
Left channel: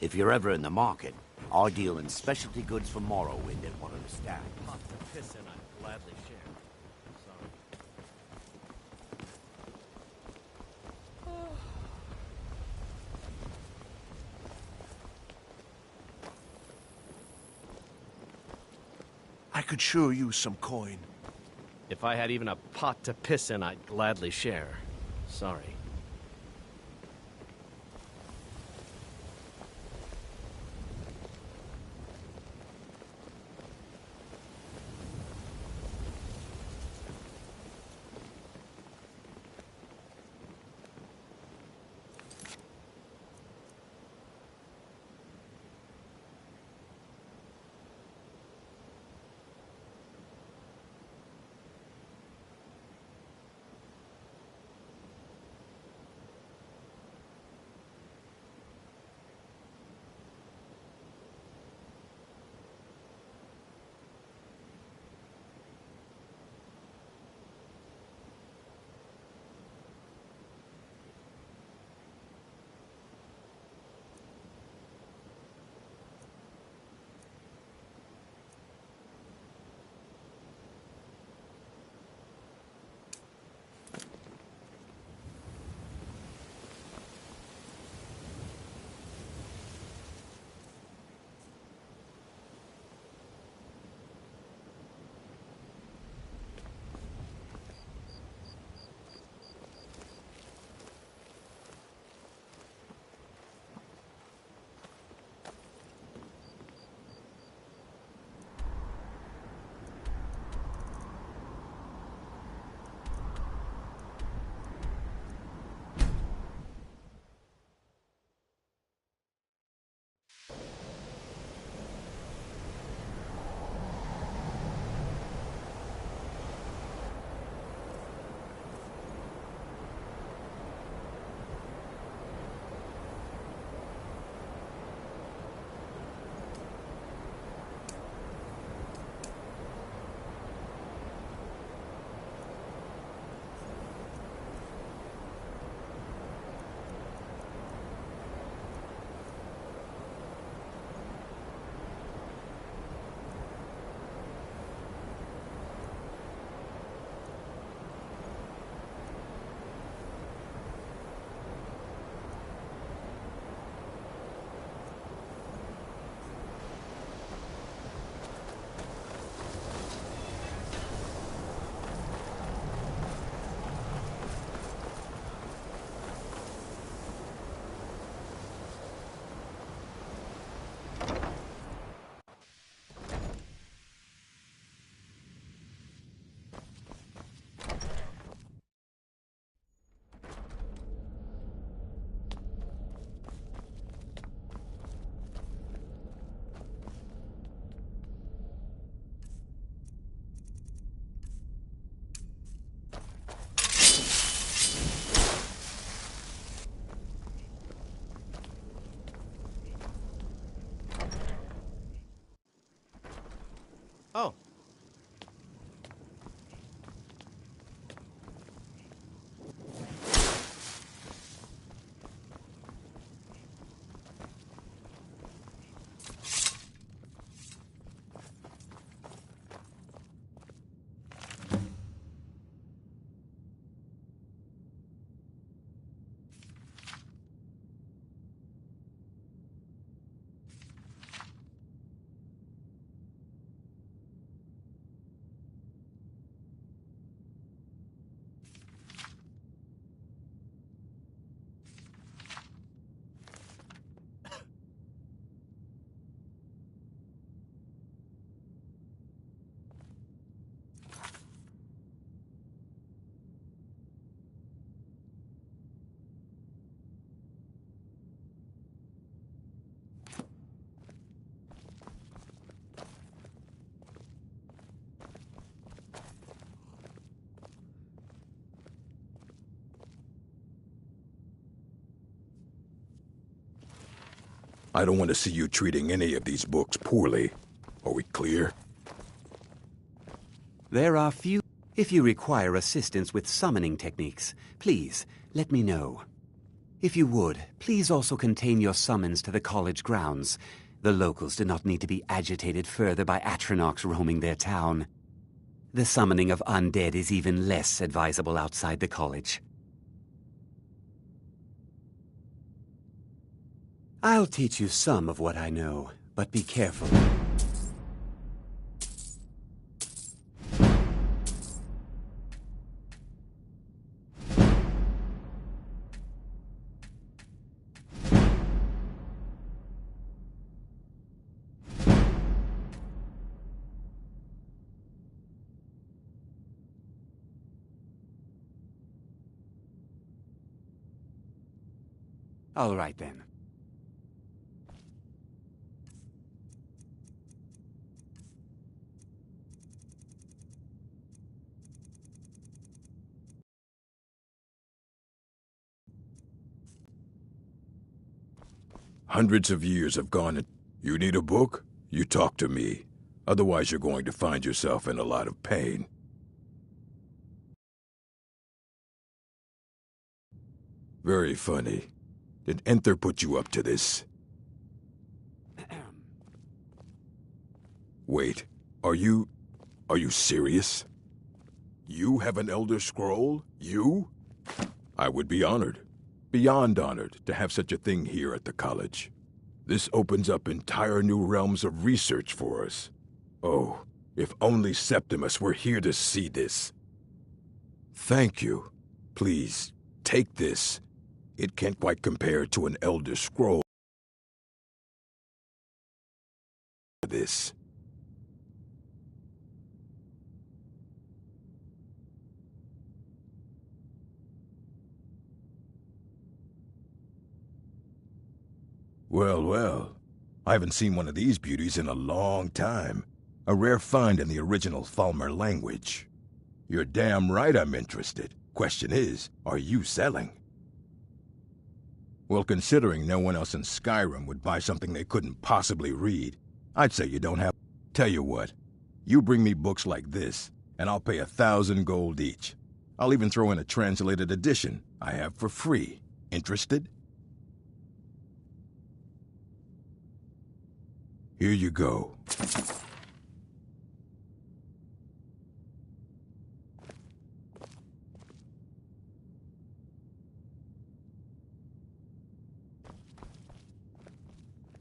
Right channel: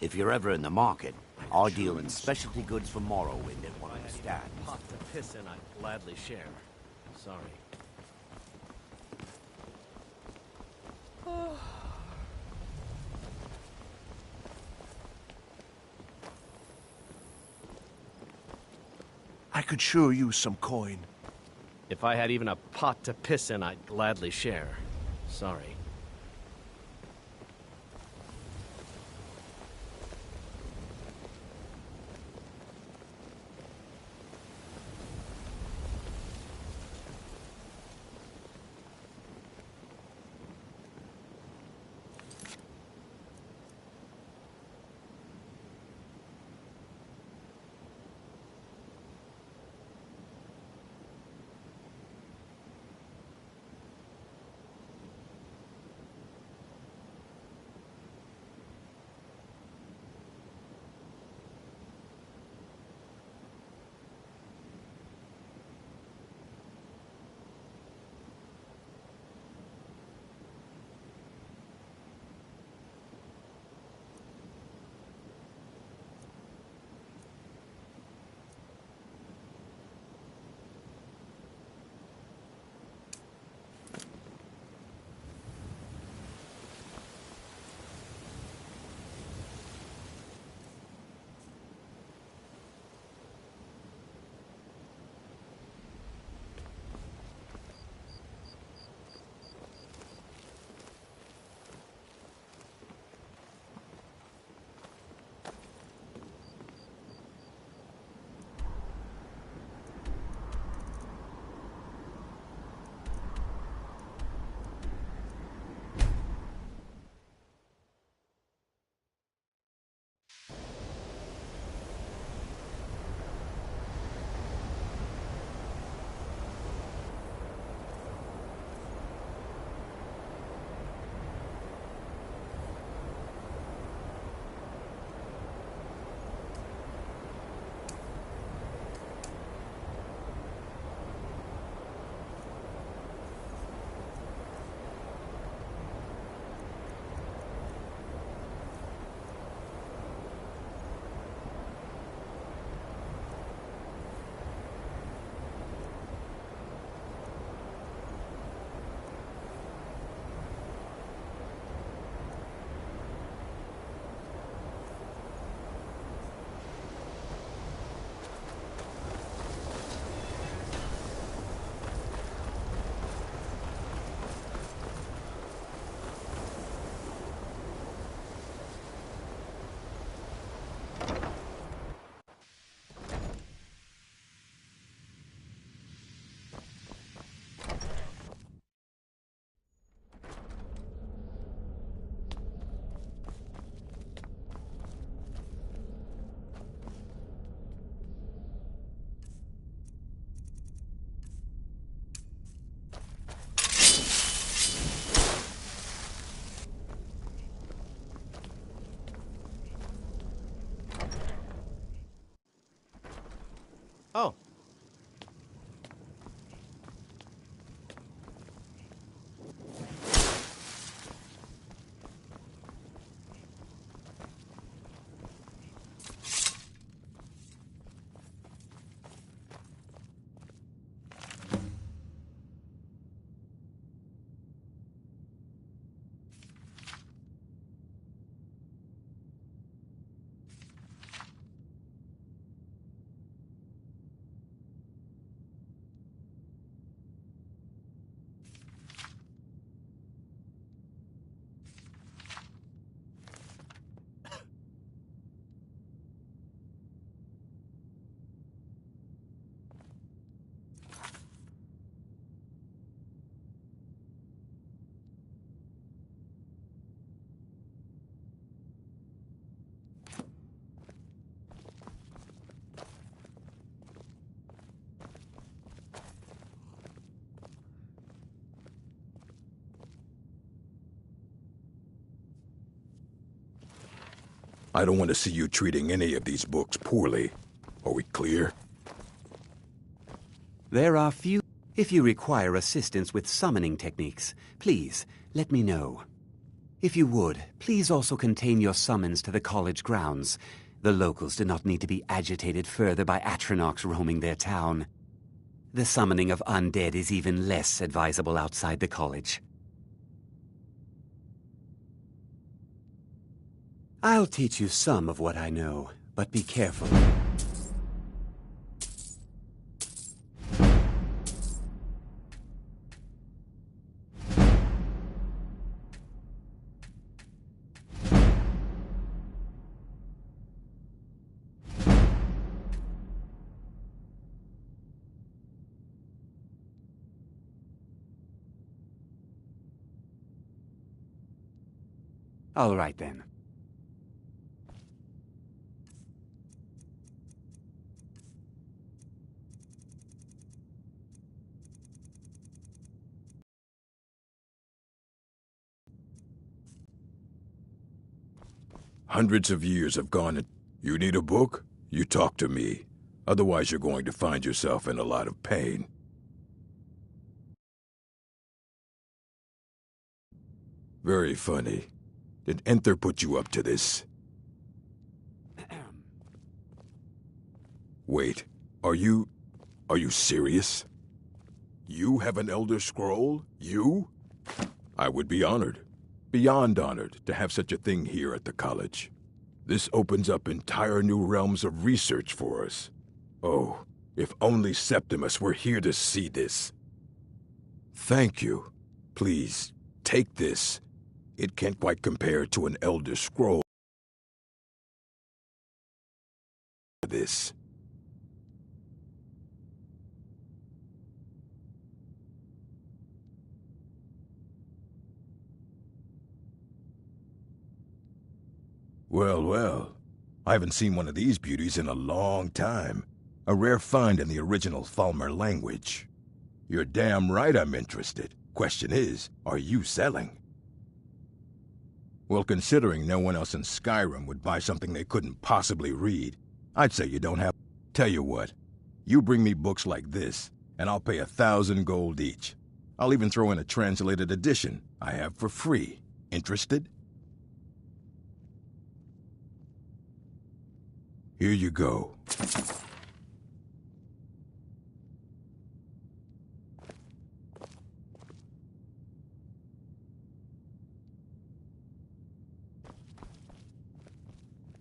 If you're ever in the market, I deal in specialty goods for Morrowind at one of the stands. Pot to piss in, I'd gladly share. Sorry. I could sure use some coin. If I had even a pot to piss in, I'd gladly share. Sorry. I don't want to see you treating any of these books poorly. Are we clear? There are few. If you require assistance with summoning techniques, please let me know. If you would, please also contain your summons to the college grounds. The locals do not need to be agitated further by Atronachs roaming their town. The summoning of undead is even less advisable outside the college. I'll teach you some of what I know, but be careful. All right, then. Hundreds of years have gone and you need a book? You talk to me. Otherwise you're going to find yourself in a lot of pain. Very funny. Did Enther put you up to this? Wait, are you serious? You have an Elder Scroll? You? I would be honored. Beyond honored to have such a thing here at the college. This opens up entire new realms of research for us. Oh, if only Septimus were here to see this. Thank you. Please, take this. It can't quite compare to an Elder Scroll. This. Well, well. I haven't seen one of these beauties in a long time. A rare find in the original Falmer language. You're damn right I'm interested. Question is, are you selling? Well, considering no one else in Skyrim would buy something they couldn't possibly read, I'd say you don't have... Tell you what, you bring me books like this, and I'll pay 1,000 gold each. I'll even throw in a translated edition I have for free. Interested? Here you go.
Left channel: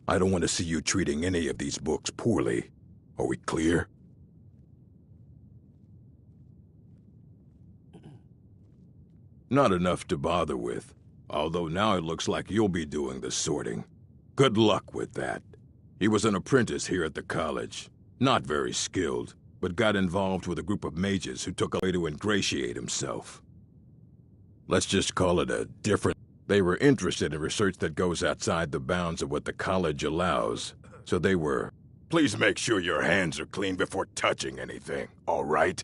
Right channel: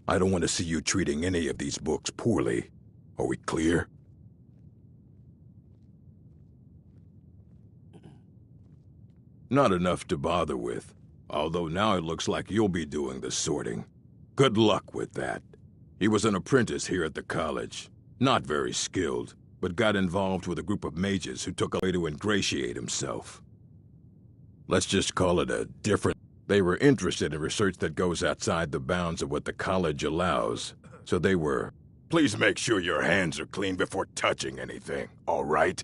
I don't want to see you treating any of these books poorly. Are we clear? Not enough to bother with, although now it looks like you'll be doing the sorting. Good luck with that. He was an apprentice here at the college. Not very skilled, but got involved with a group of mages who took a way to ingratiate himself. Let's just call it a different... They were interested in research that goes outside the bounds of what the college allows, so they were... Please make sure your hands are clean before touching anything, all right?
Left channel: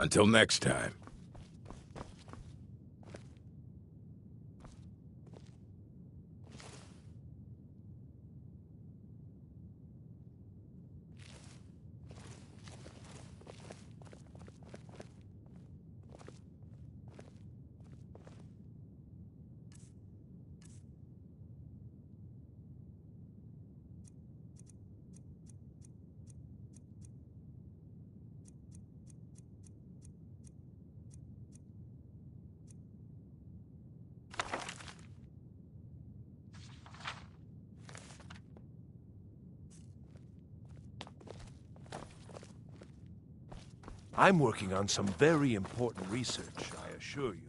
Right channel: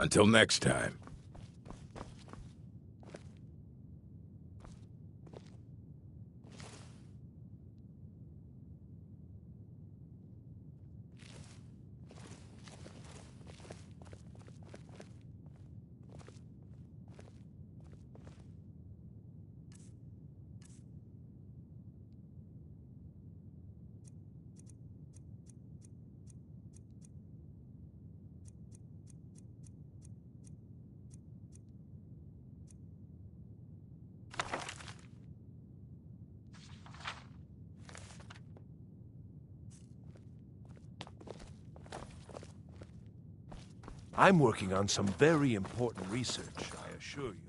Until next time. I'm working on some very important research, I assure you.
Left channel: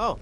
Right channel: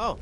Oh.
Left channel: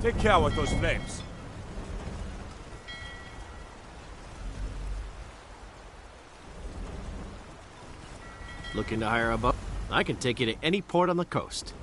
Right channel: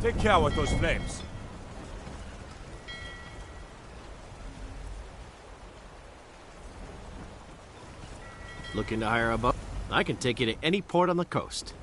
Take care with those flames. Looking to hire a boat? I can take you to any port on the coast.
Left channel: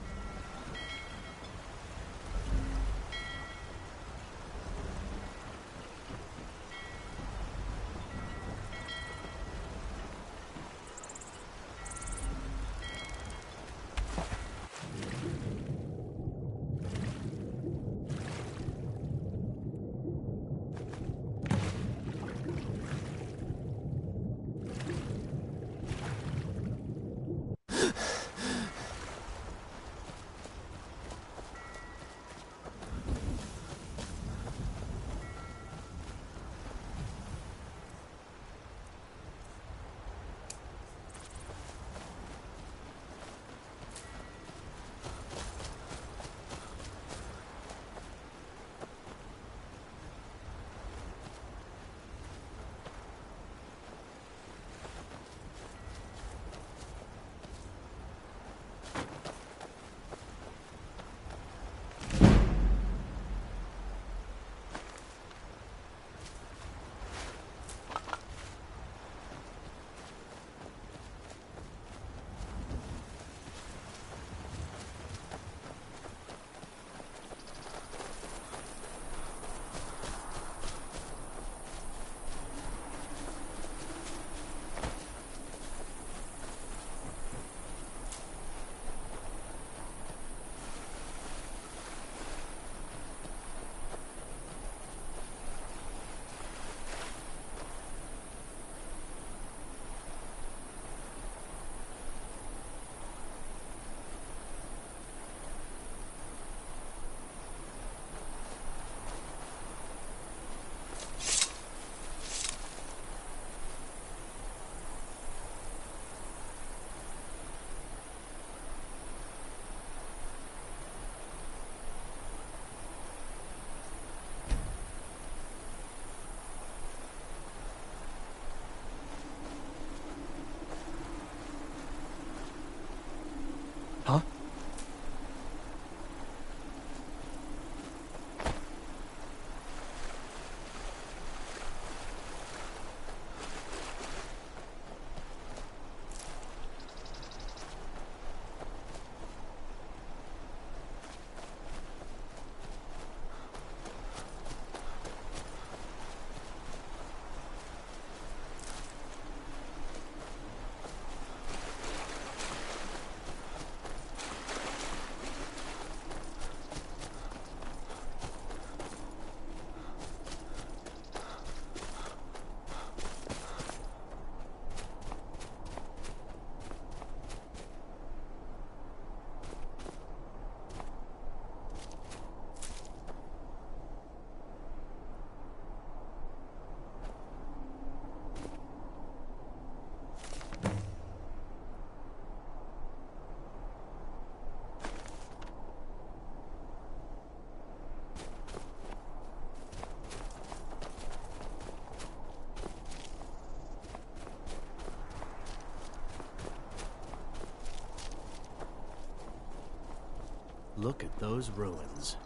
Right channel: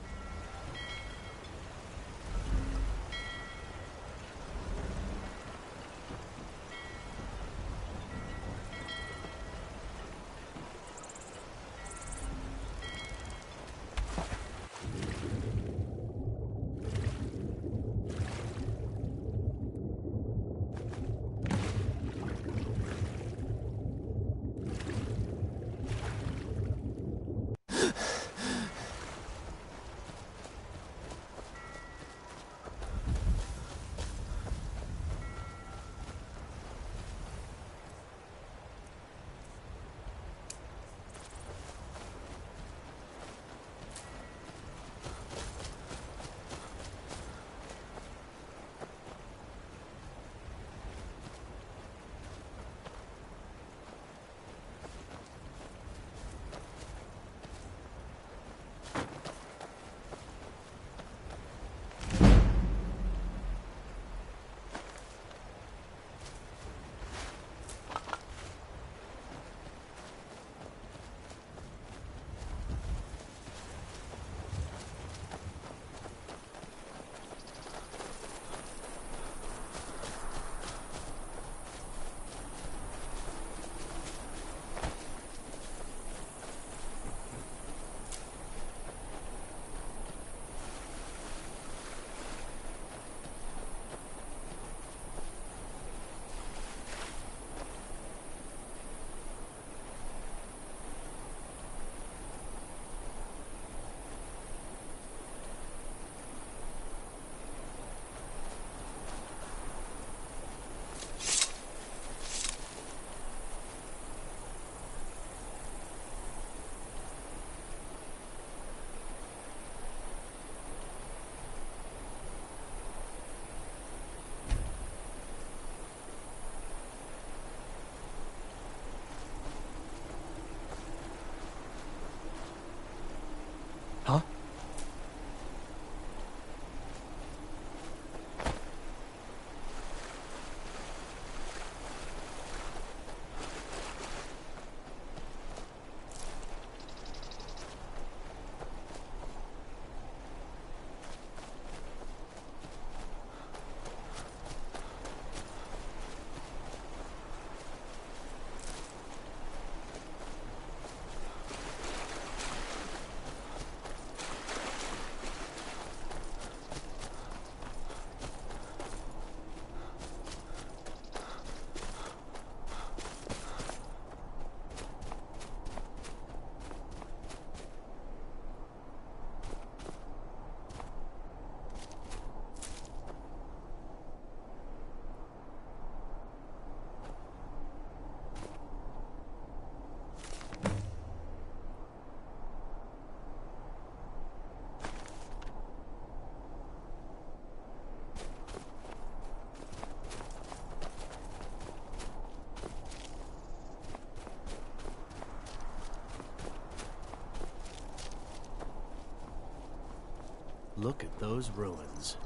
Look at those ruins.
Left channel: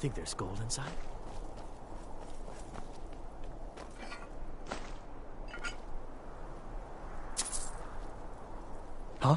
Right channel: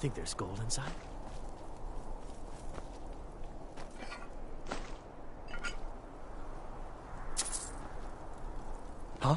Think there's gold inside? Huh?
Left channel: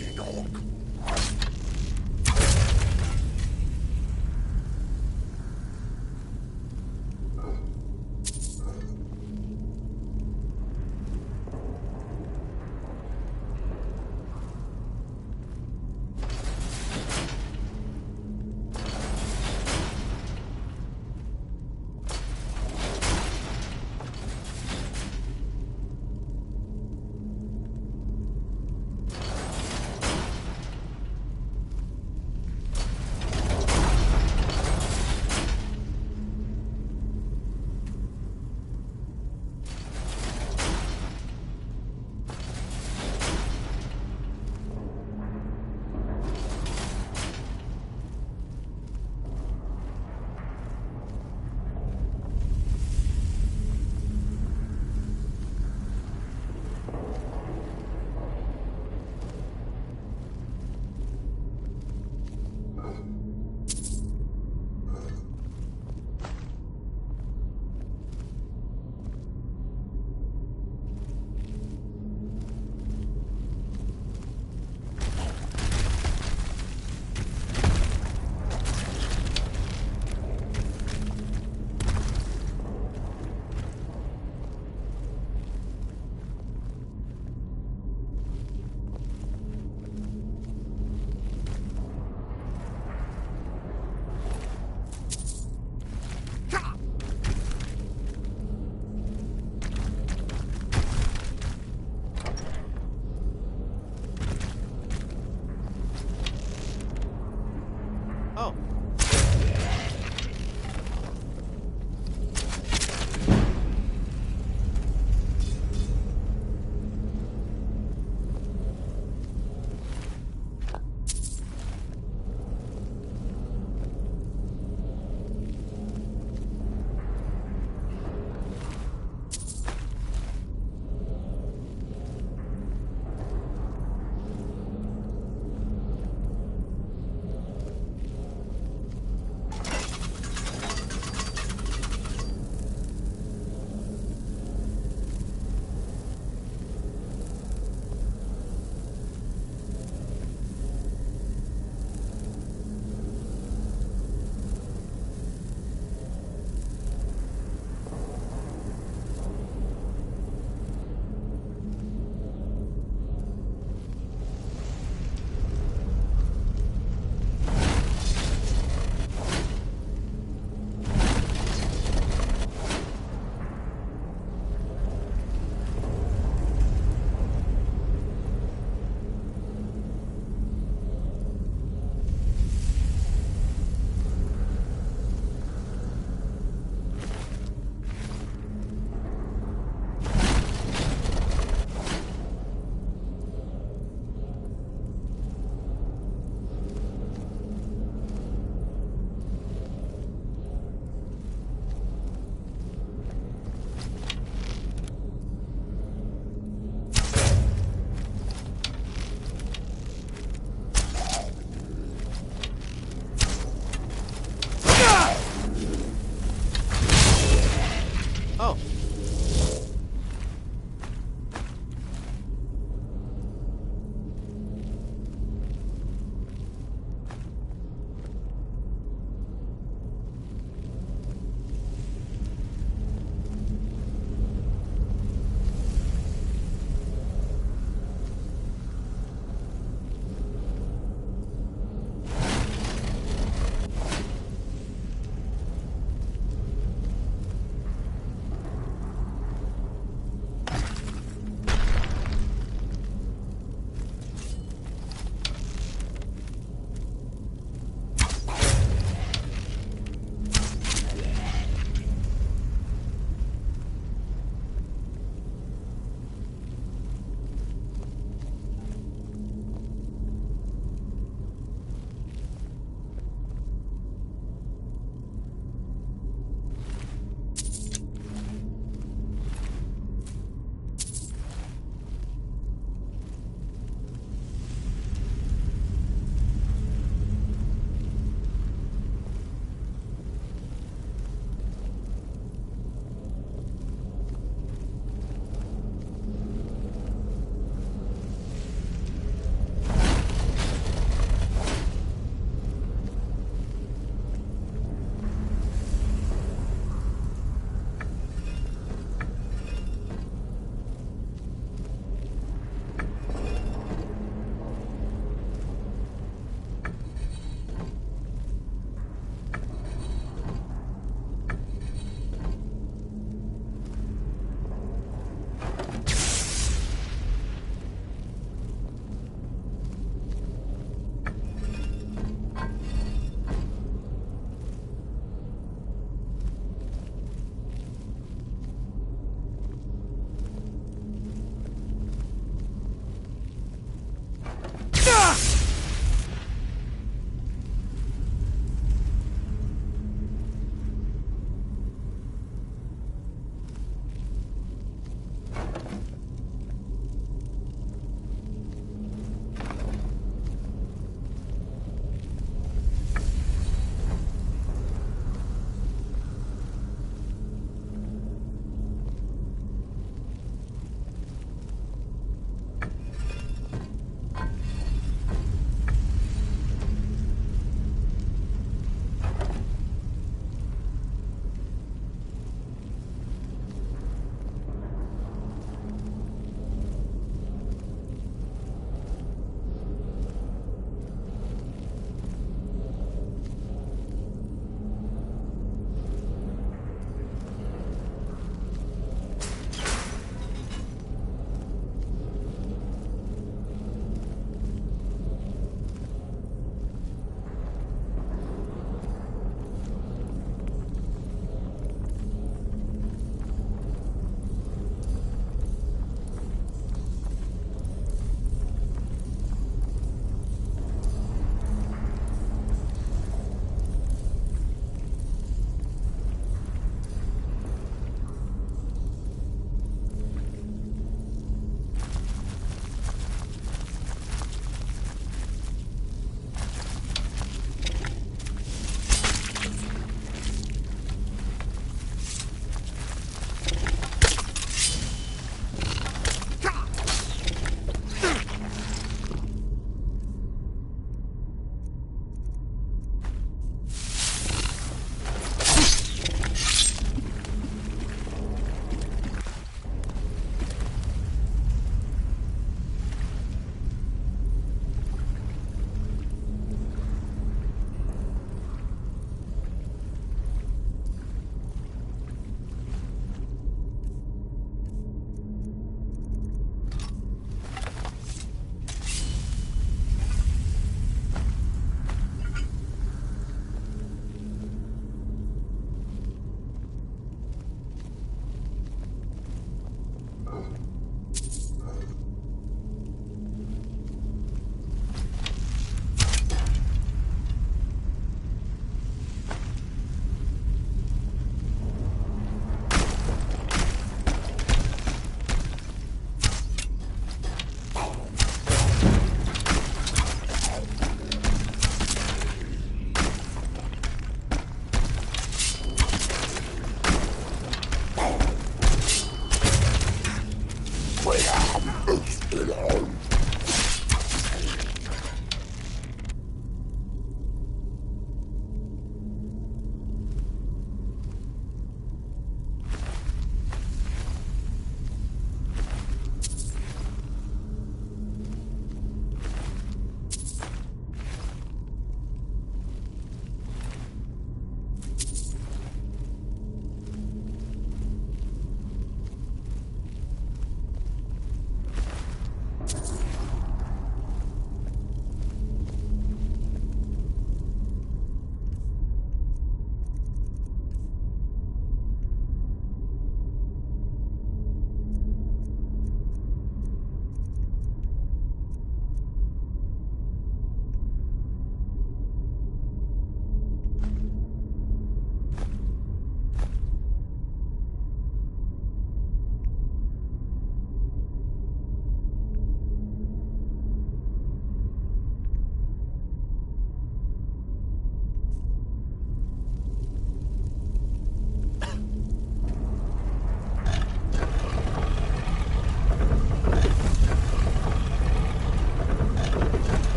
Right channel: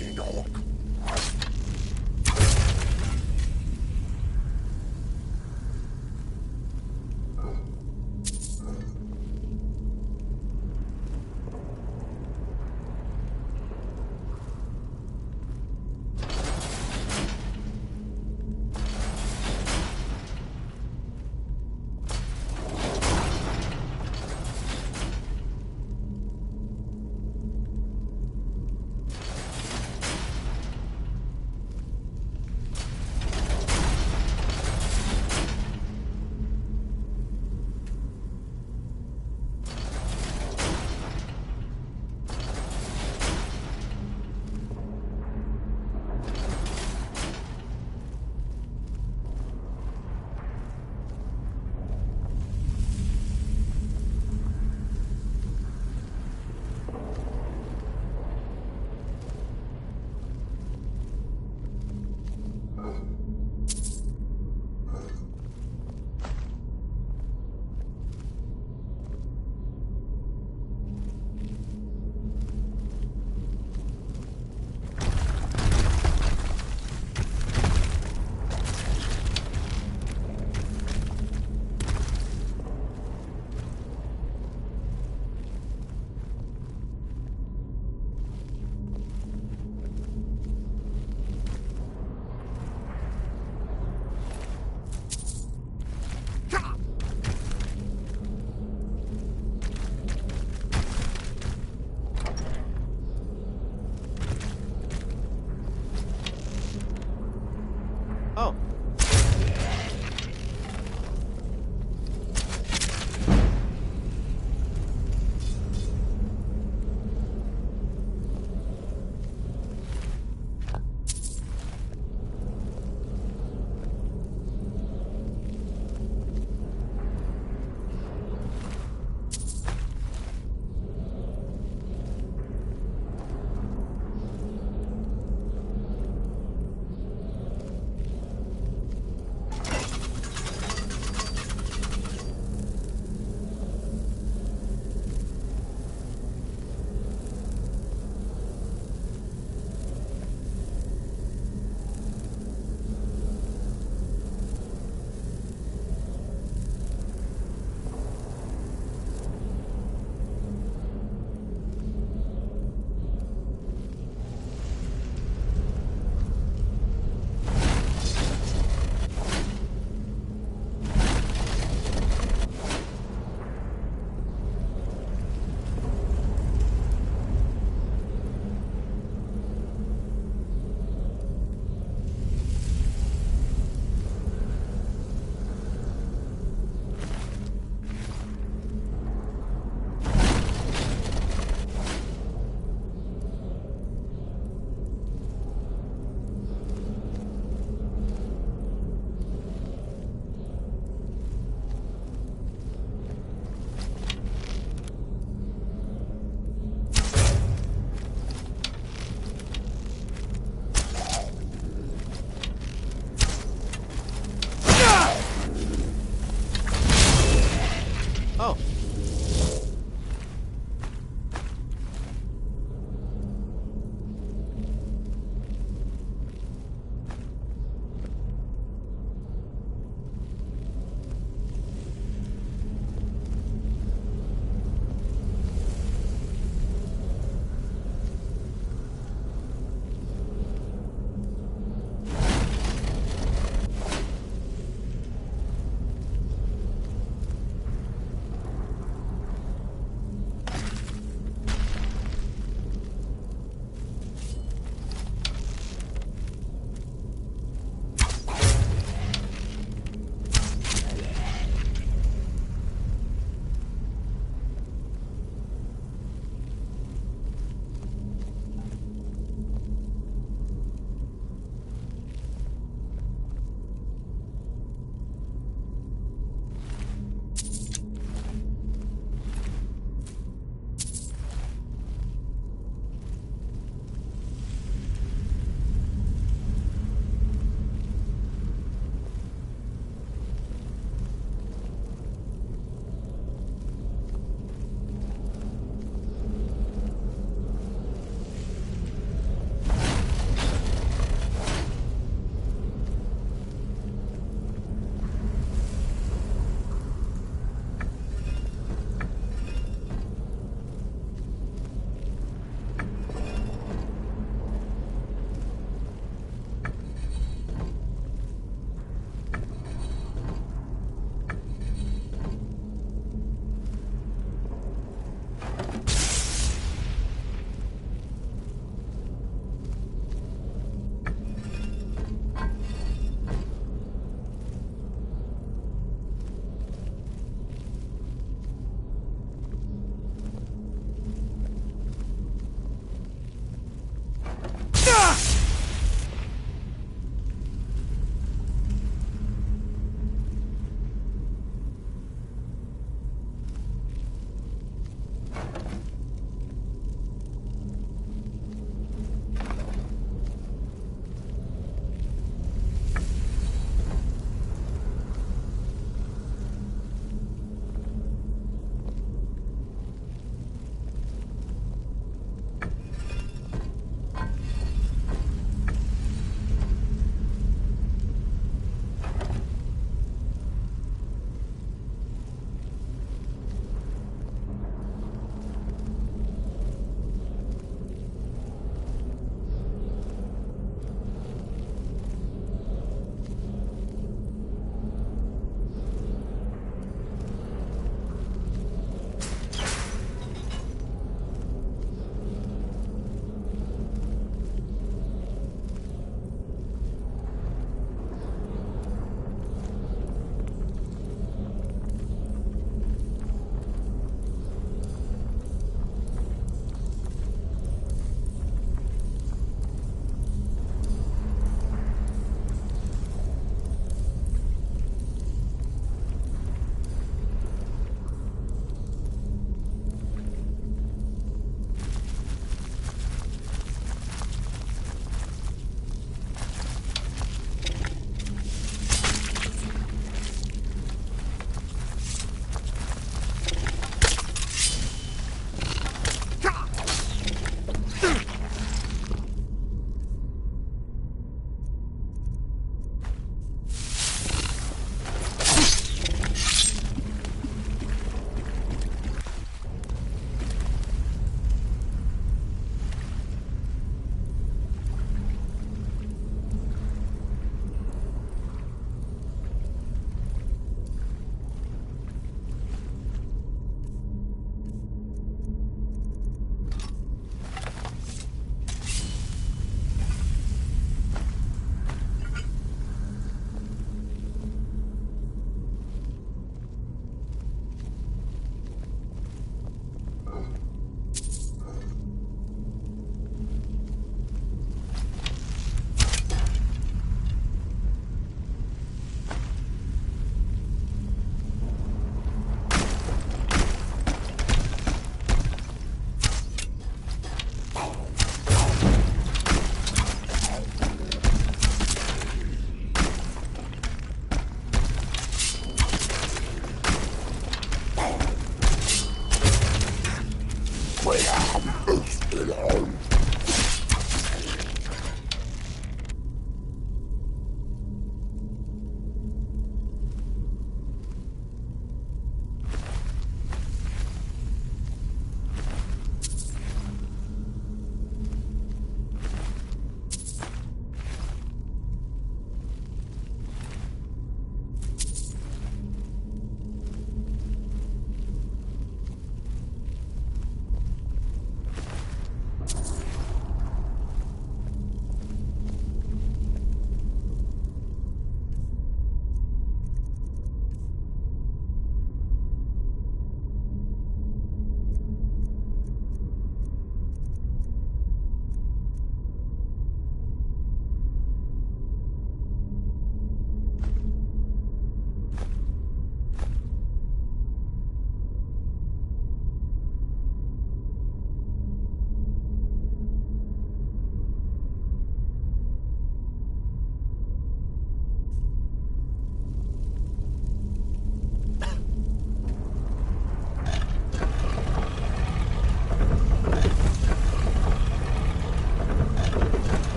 Dirty dog. Oh.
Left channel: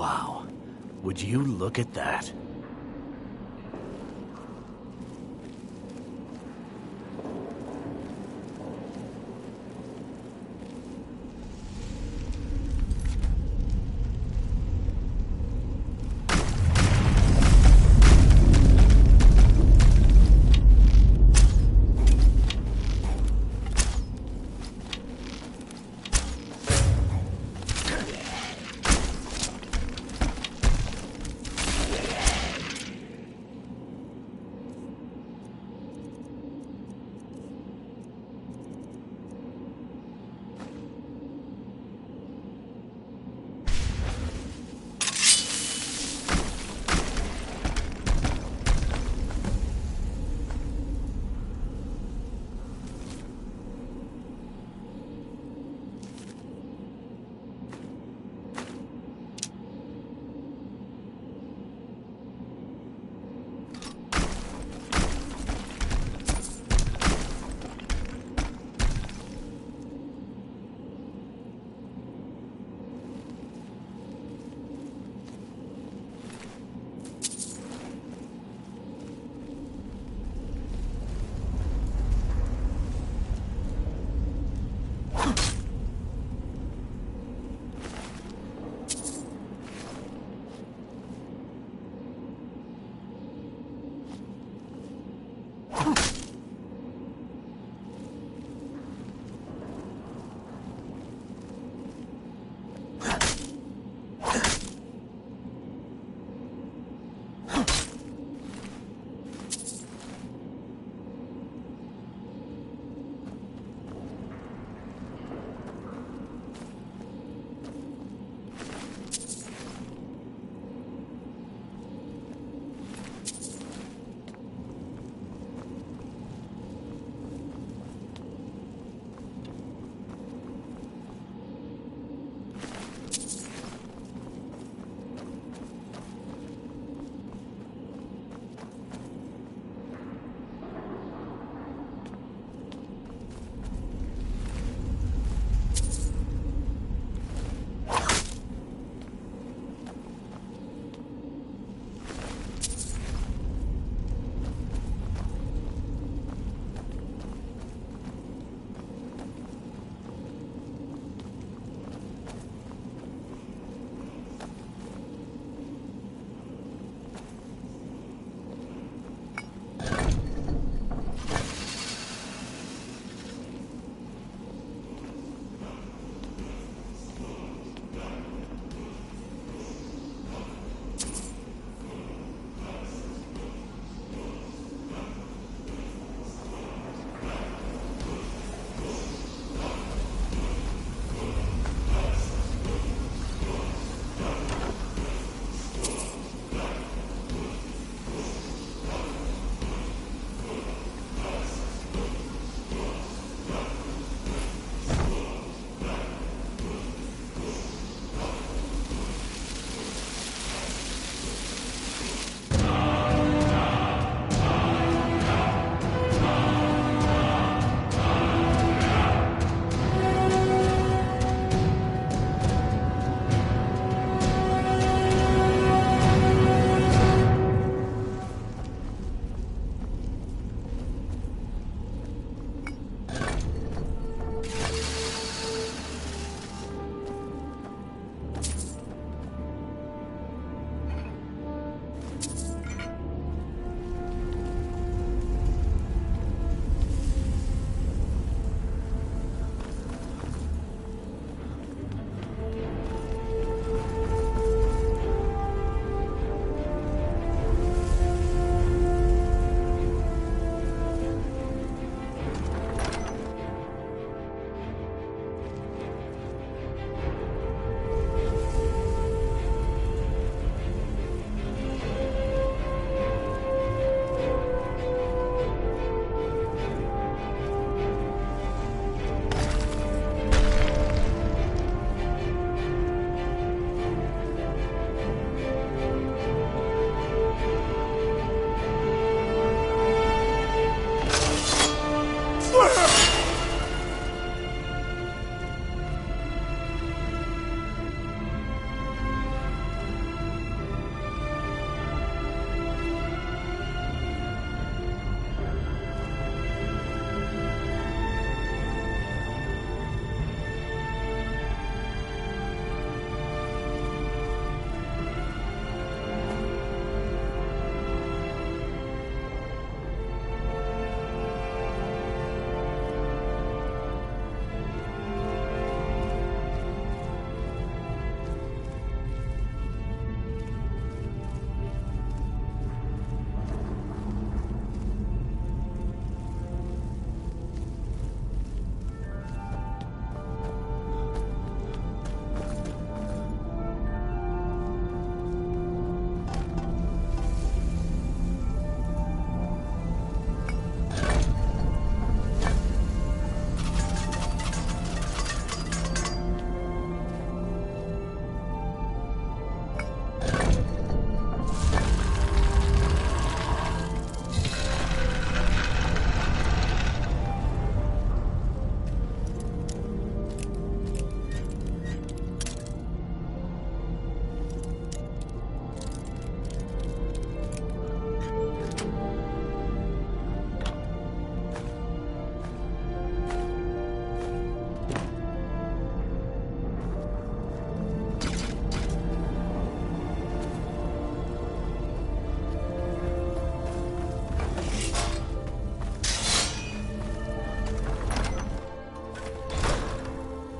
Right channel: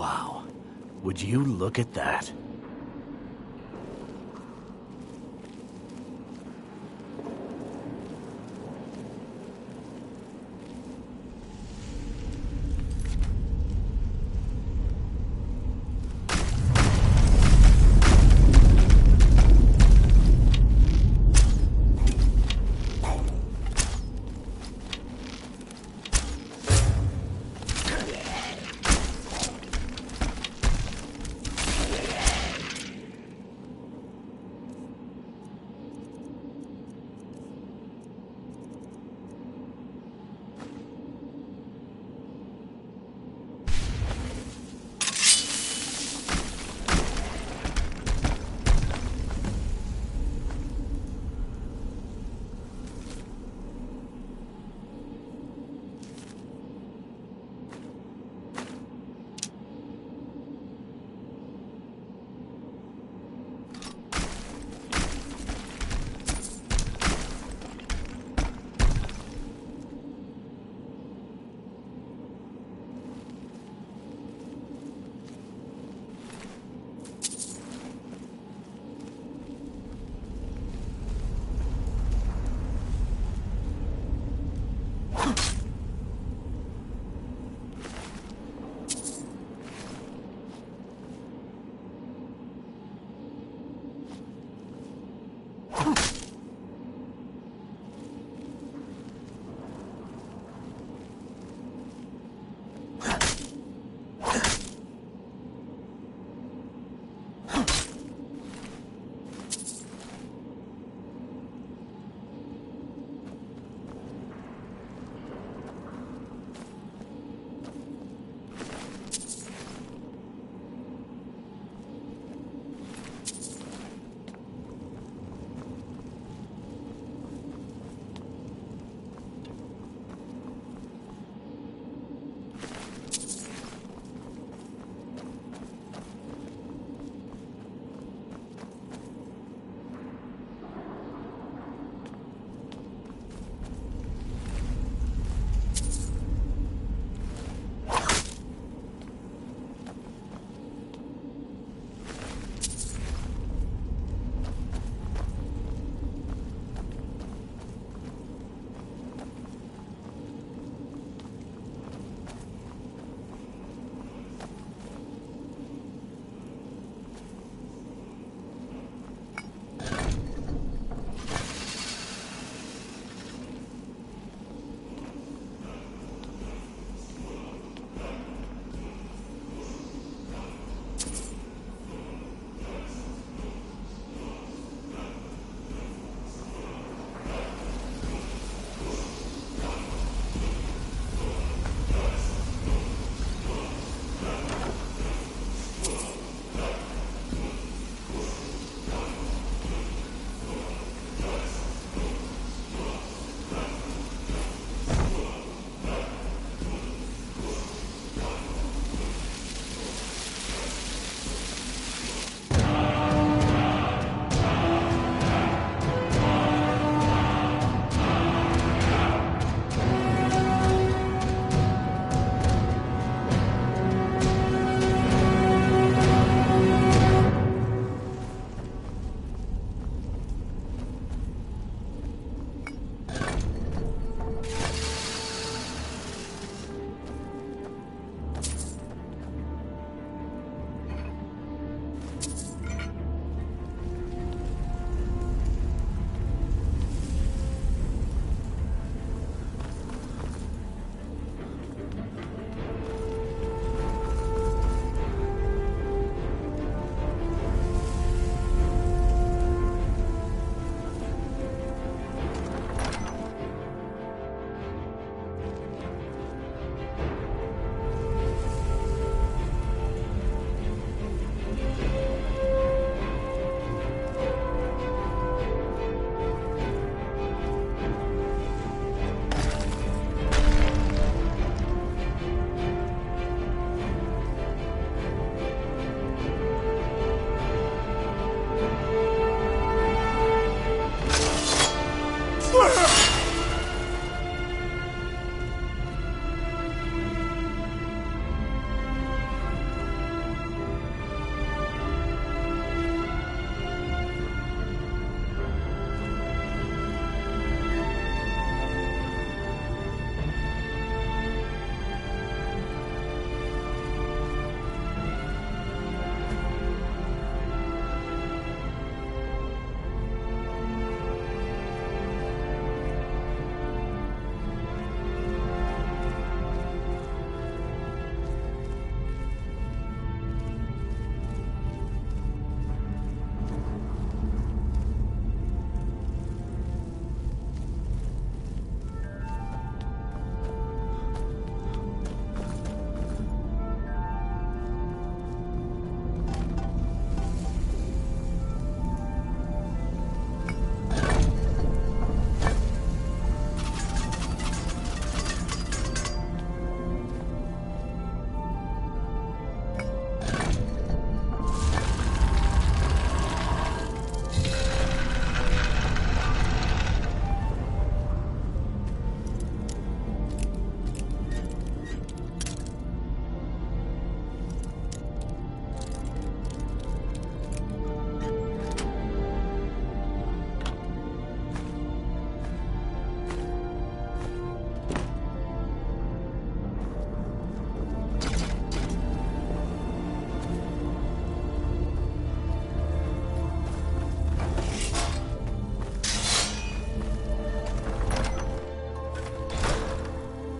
Wow. Would you look at that?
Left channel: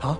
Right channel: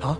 Huh?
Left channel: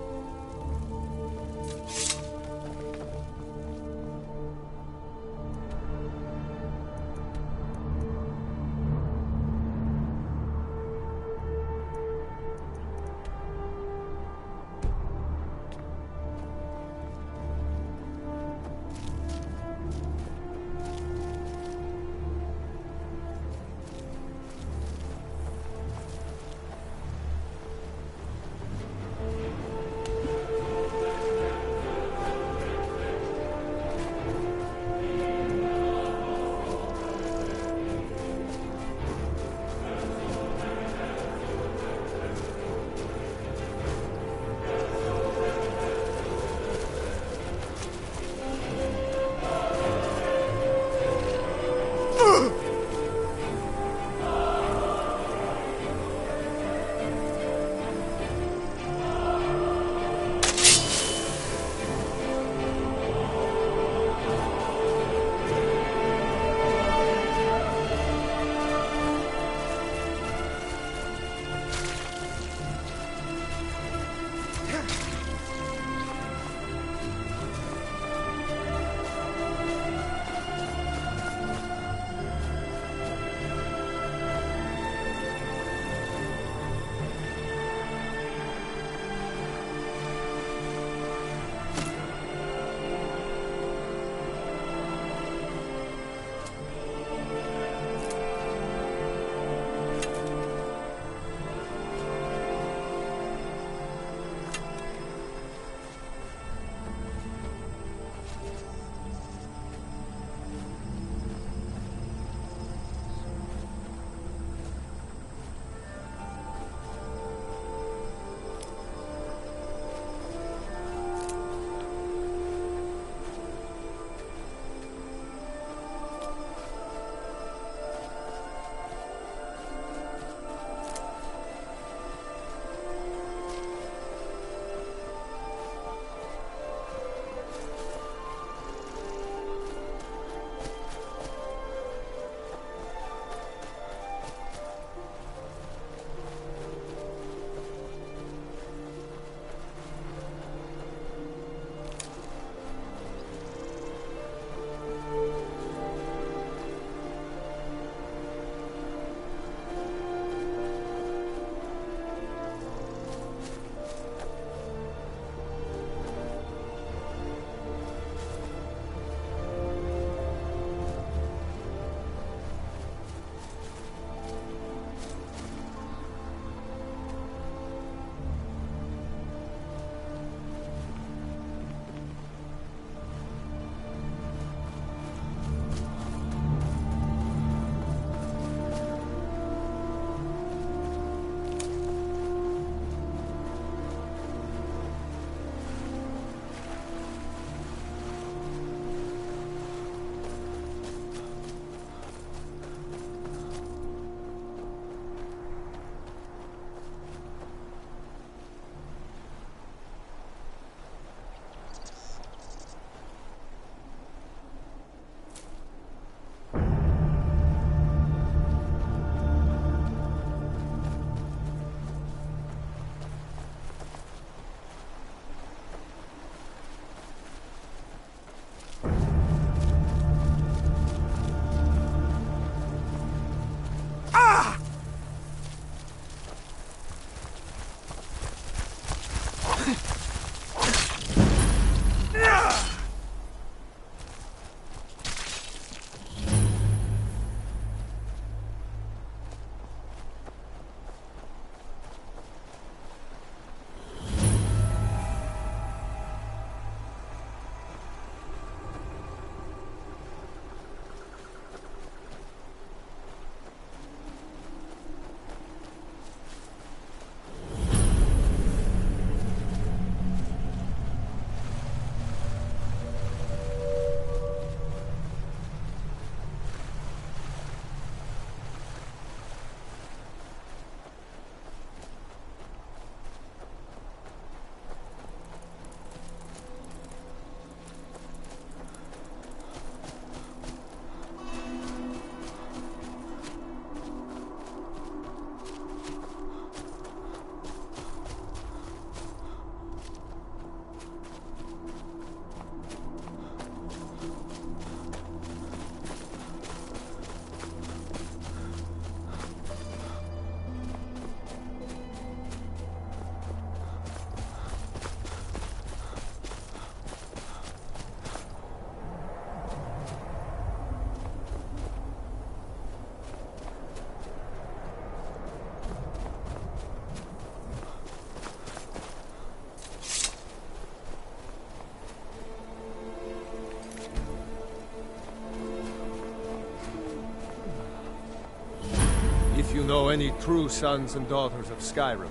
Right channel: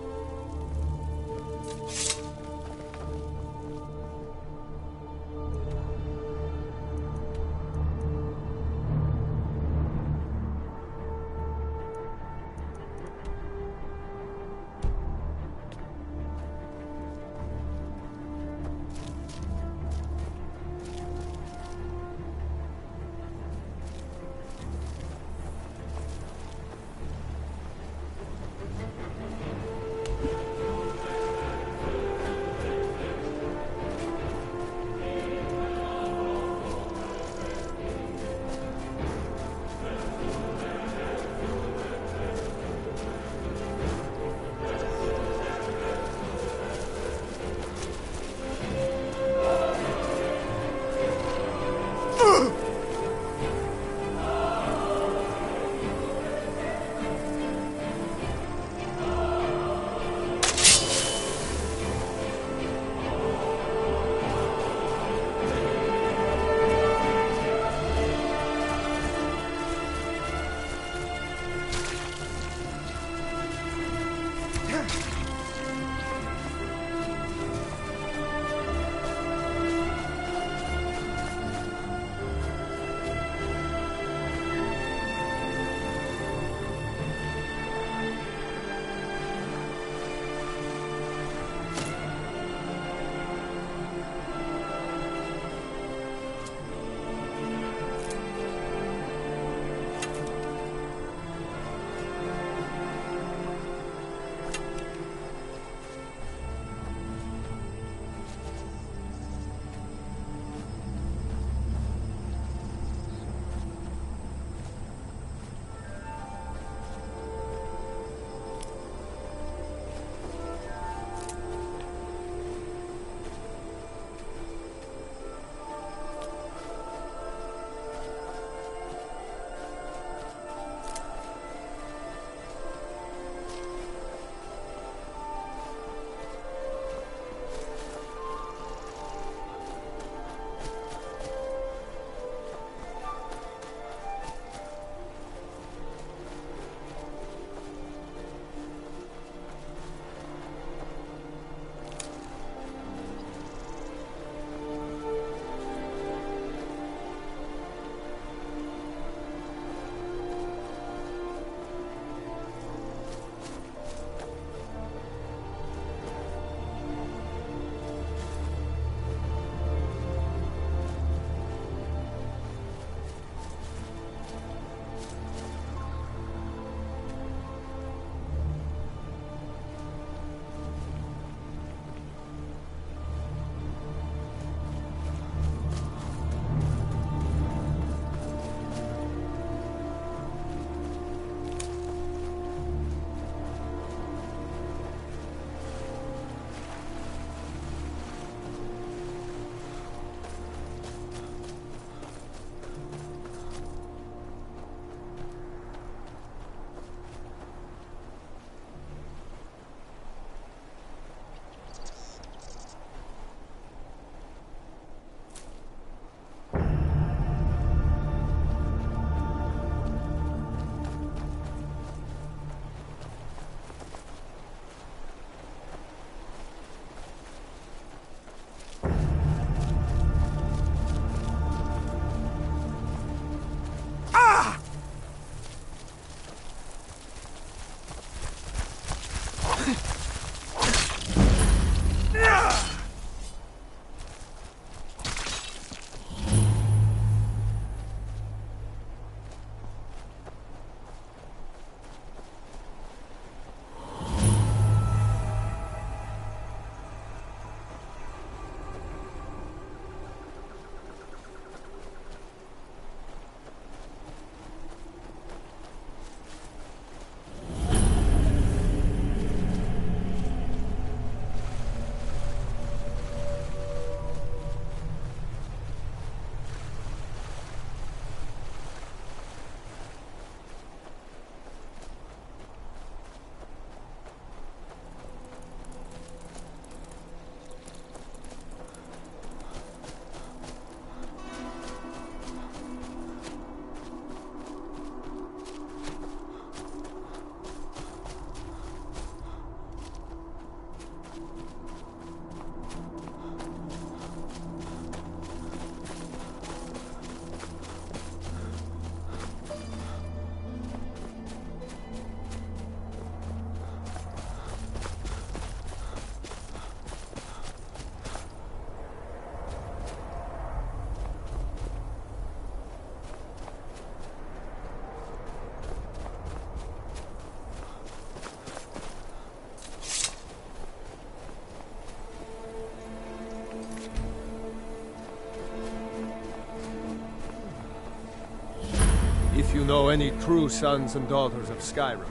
If you know any true sons and daughters of Skyrim,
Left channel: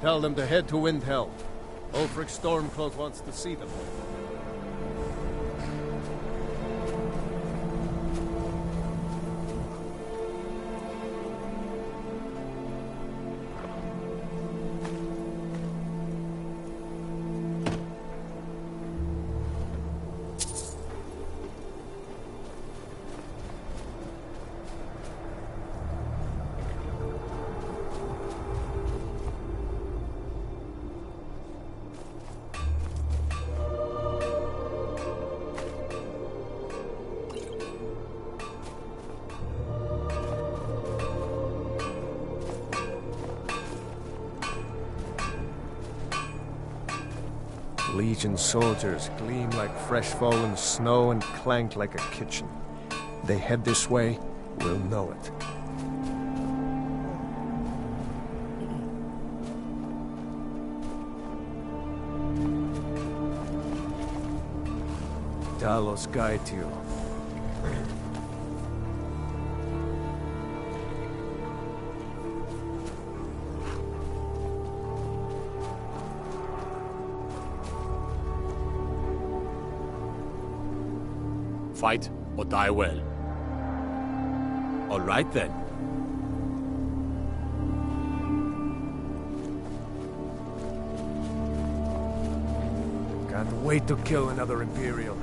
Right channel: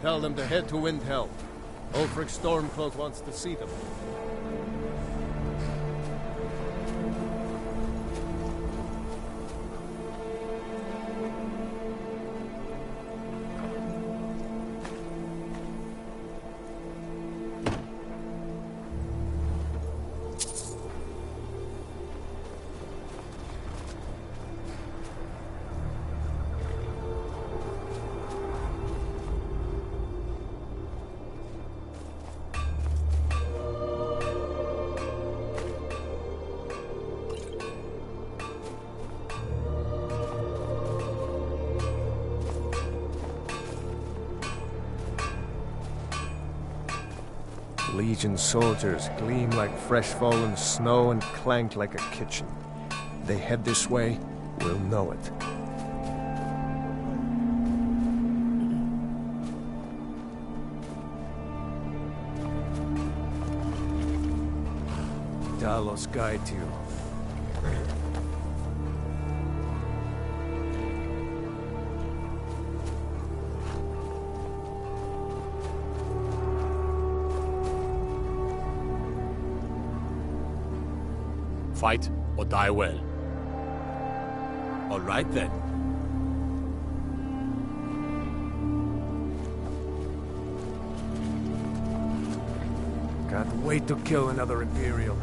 tell them to head to Windhelm. Ulfric Stormcloak wants to see them. Legion soldiers gleam like fresh fallen snow and clank like a kitchen. They head this way, we'll know it. Talos guide you. Fight or die well. All right then. Can't wait to kill another Imperial.